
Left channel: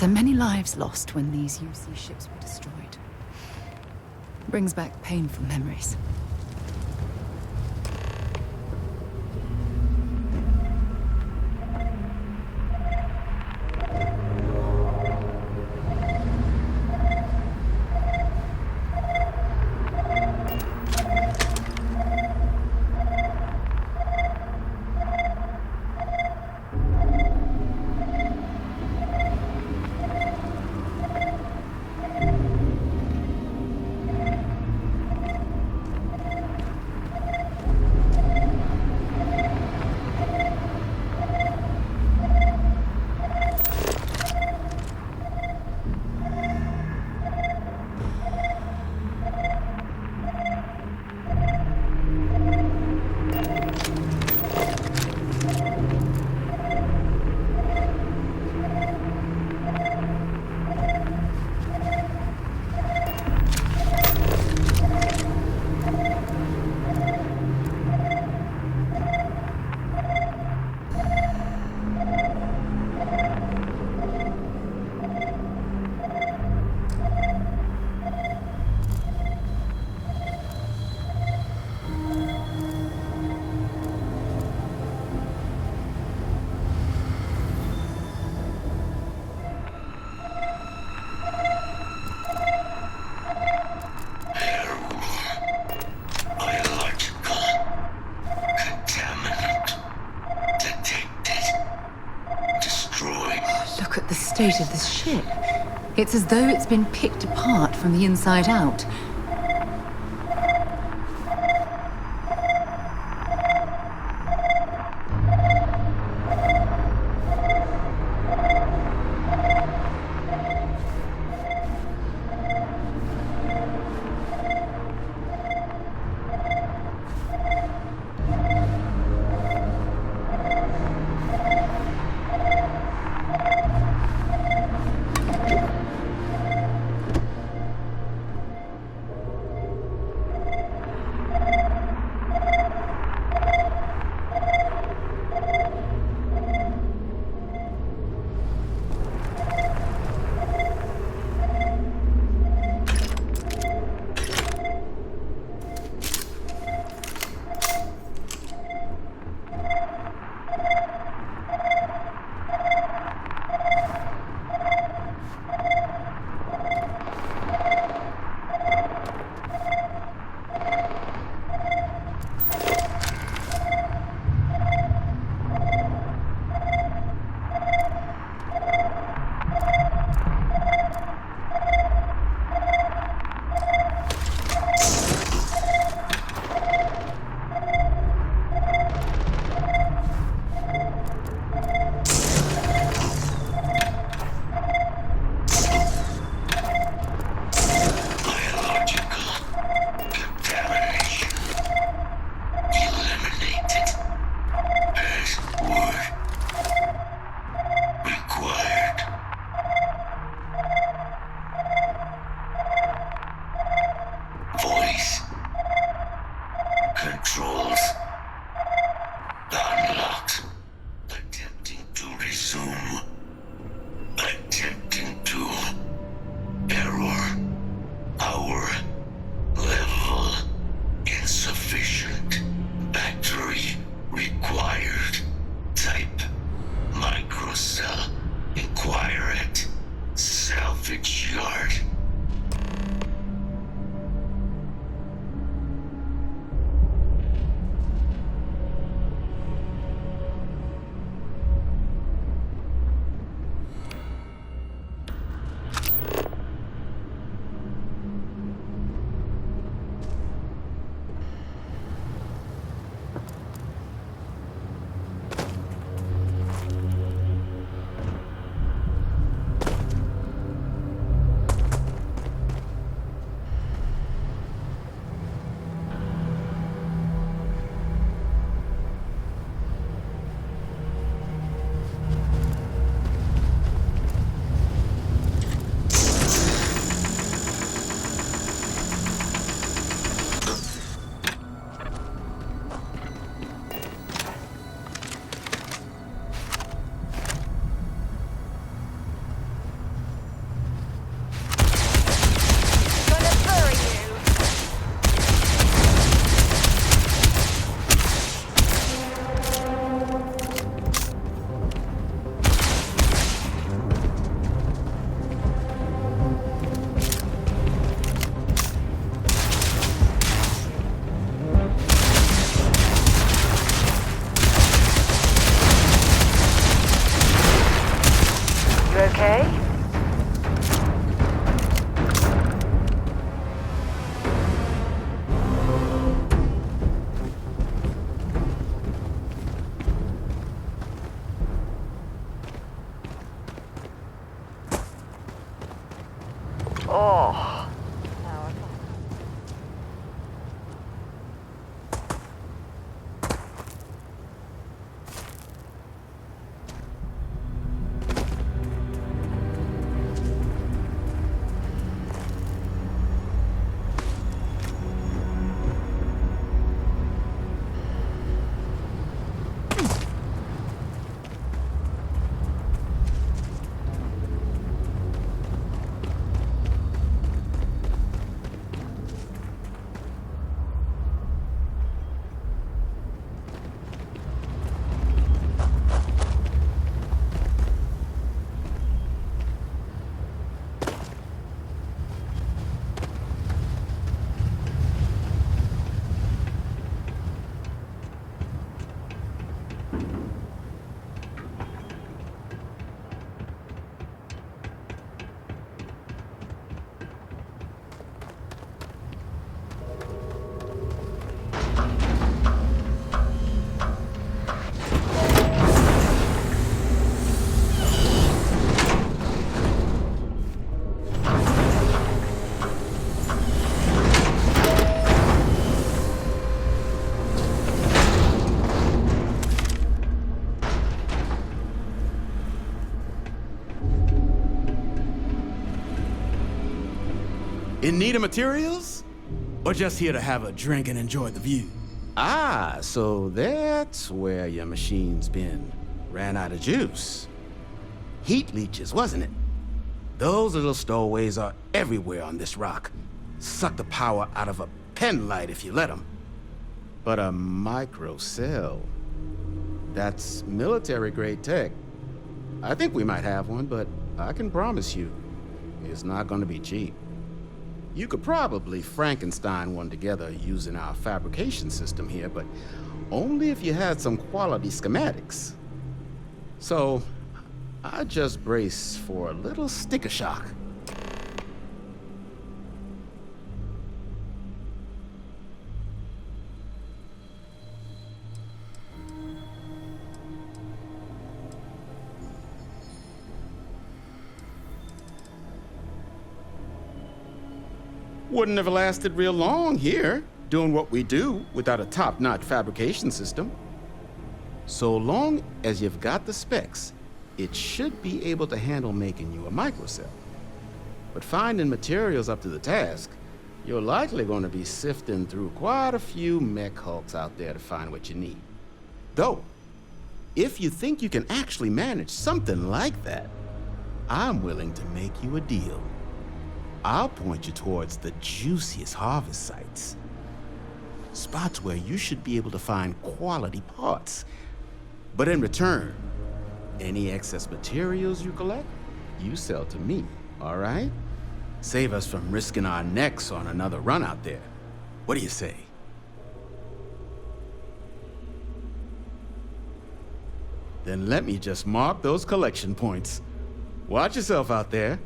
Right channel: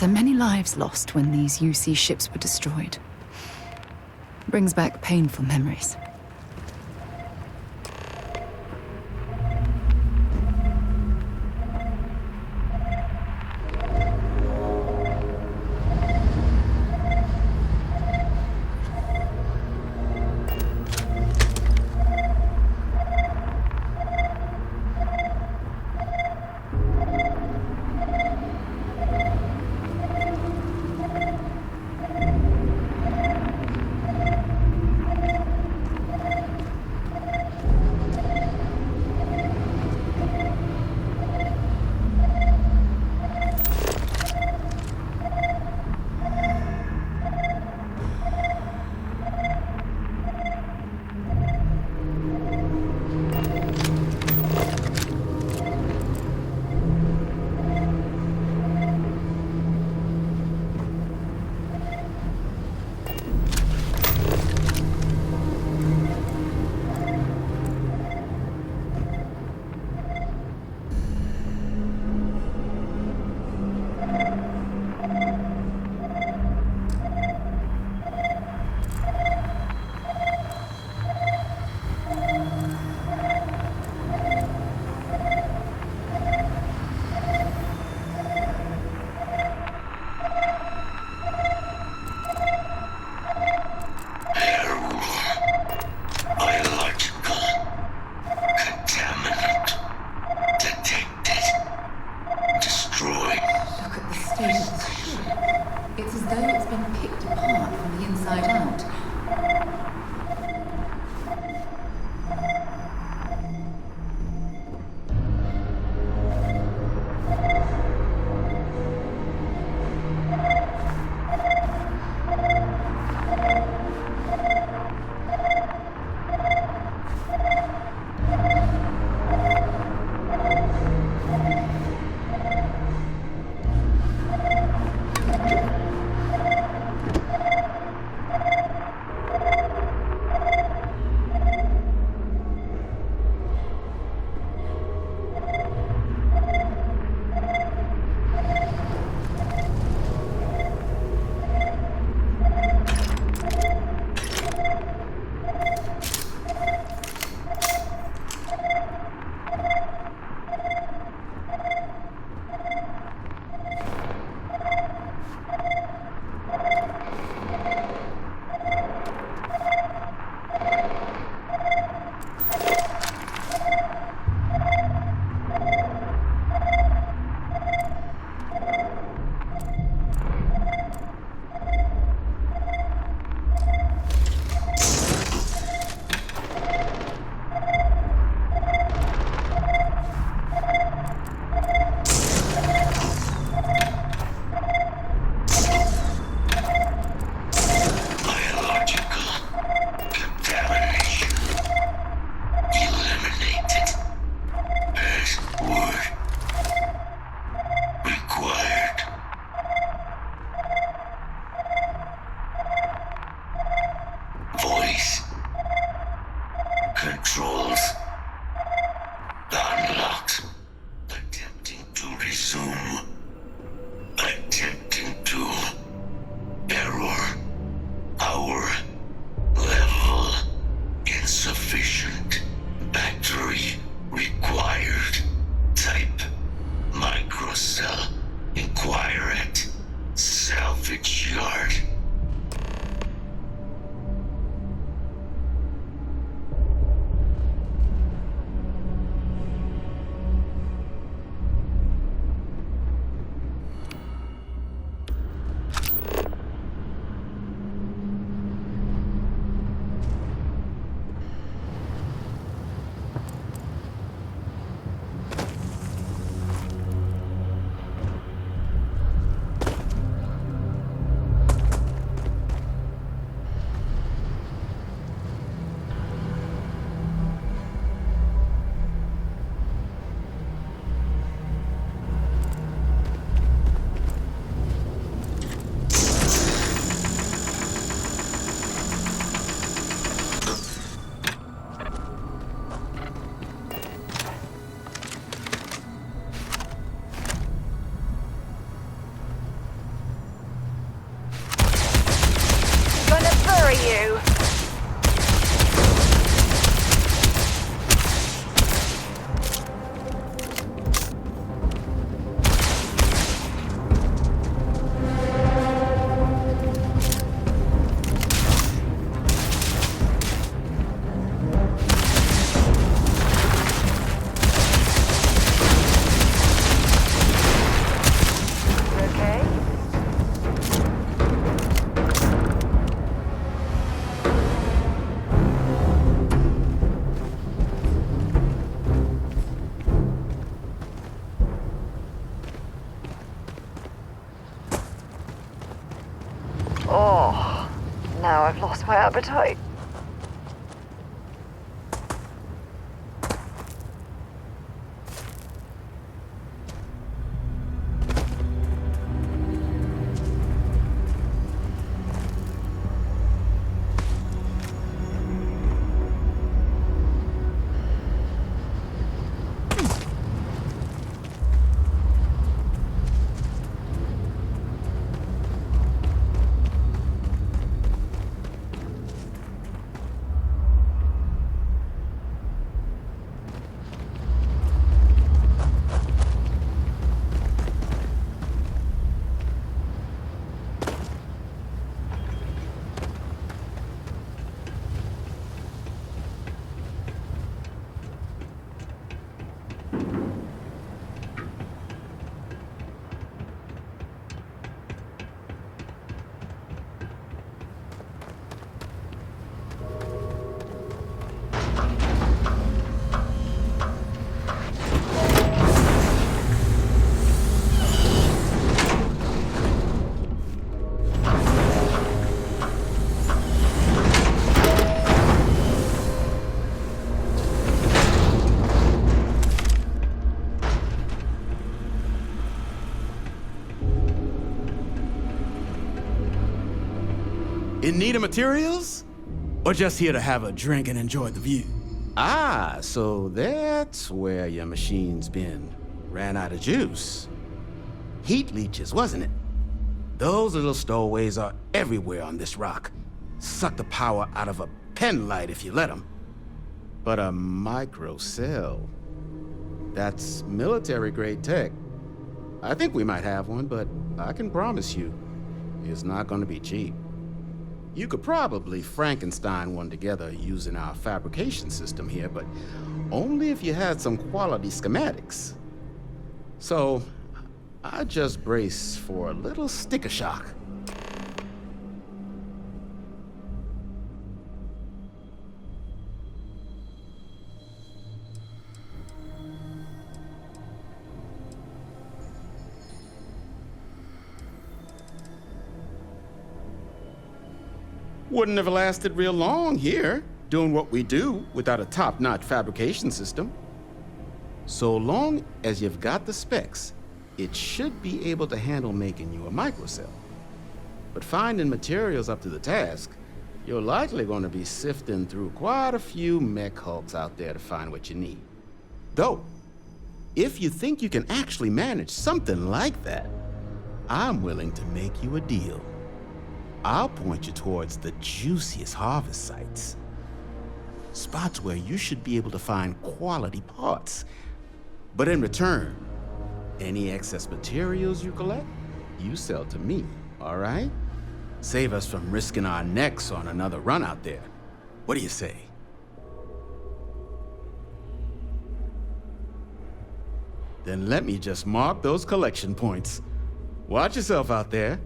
So many lives lost when these UC ships were destroyed. Brings back painful memories. Of this ship. It's as though it's been picked apart from the inside out. Oh, now I've lost my appetite. In need of materials? Or just here to have a drink and enjoy the view? Ah, so that's where your machine's been. Ran out of juice. Heat leeches, wasn't it? Those little stowaways are everywhere on this rock. Suck the power out of a pen light if you let them. But a micro cell, that's military-grade tech. I think we might have one, but I can promise you, it's not gonna be cheap. You could probably Frankenstein one together using our fabrication system here, but only if you had some quality schematics. So, I just brace for a little sticker shock. Wouldn't have lasted real long here, doing what we do without a top-notch fabrication system. So long as you've got the specs, it should be able to handle making you a microcell. But finding materials up to the task, you're likely going to be sifting through quite a few mech hulks out there to find what you need. Though, if you think you can actually manage something like that, I'm willing to make you a deal. I'll point you towards the juiciest harvest sites. Spots where you should be able to find quality parts. But in return, any excess materials you collect, you sell to me, all right? Save us from risking our necks on another run out there. What do you say? Then let me just mark those collection points. Watch yourself out there.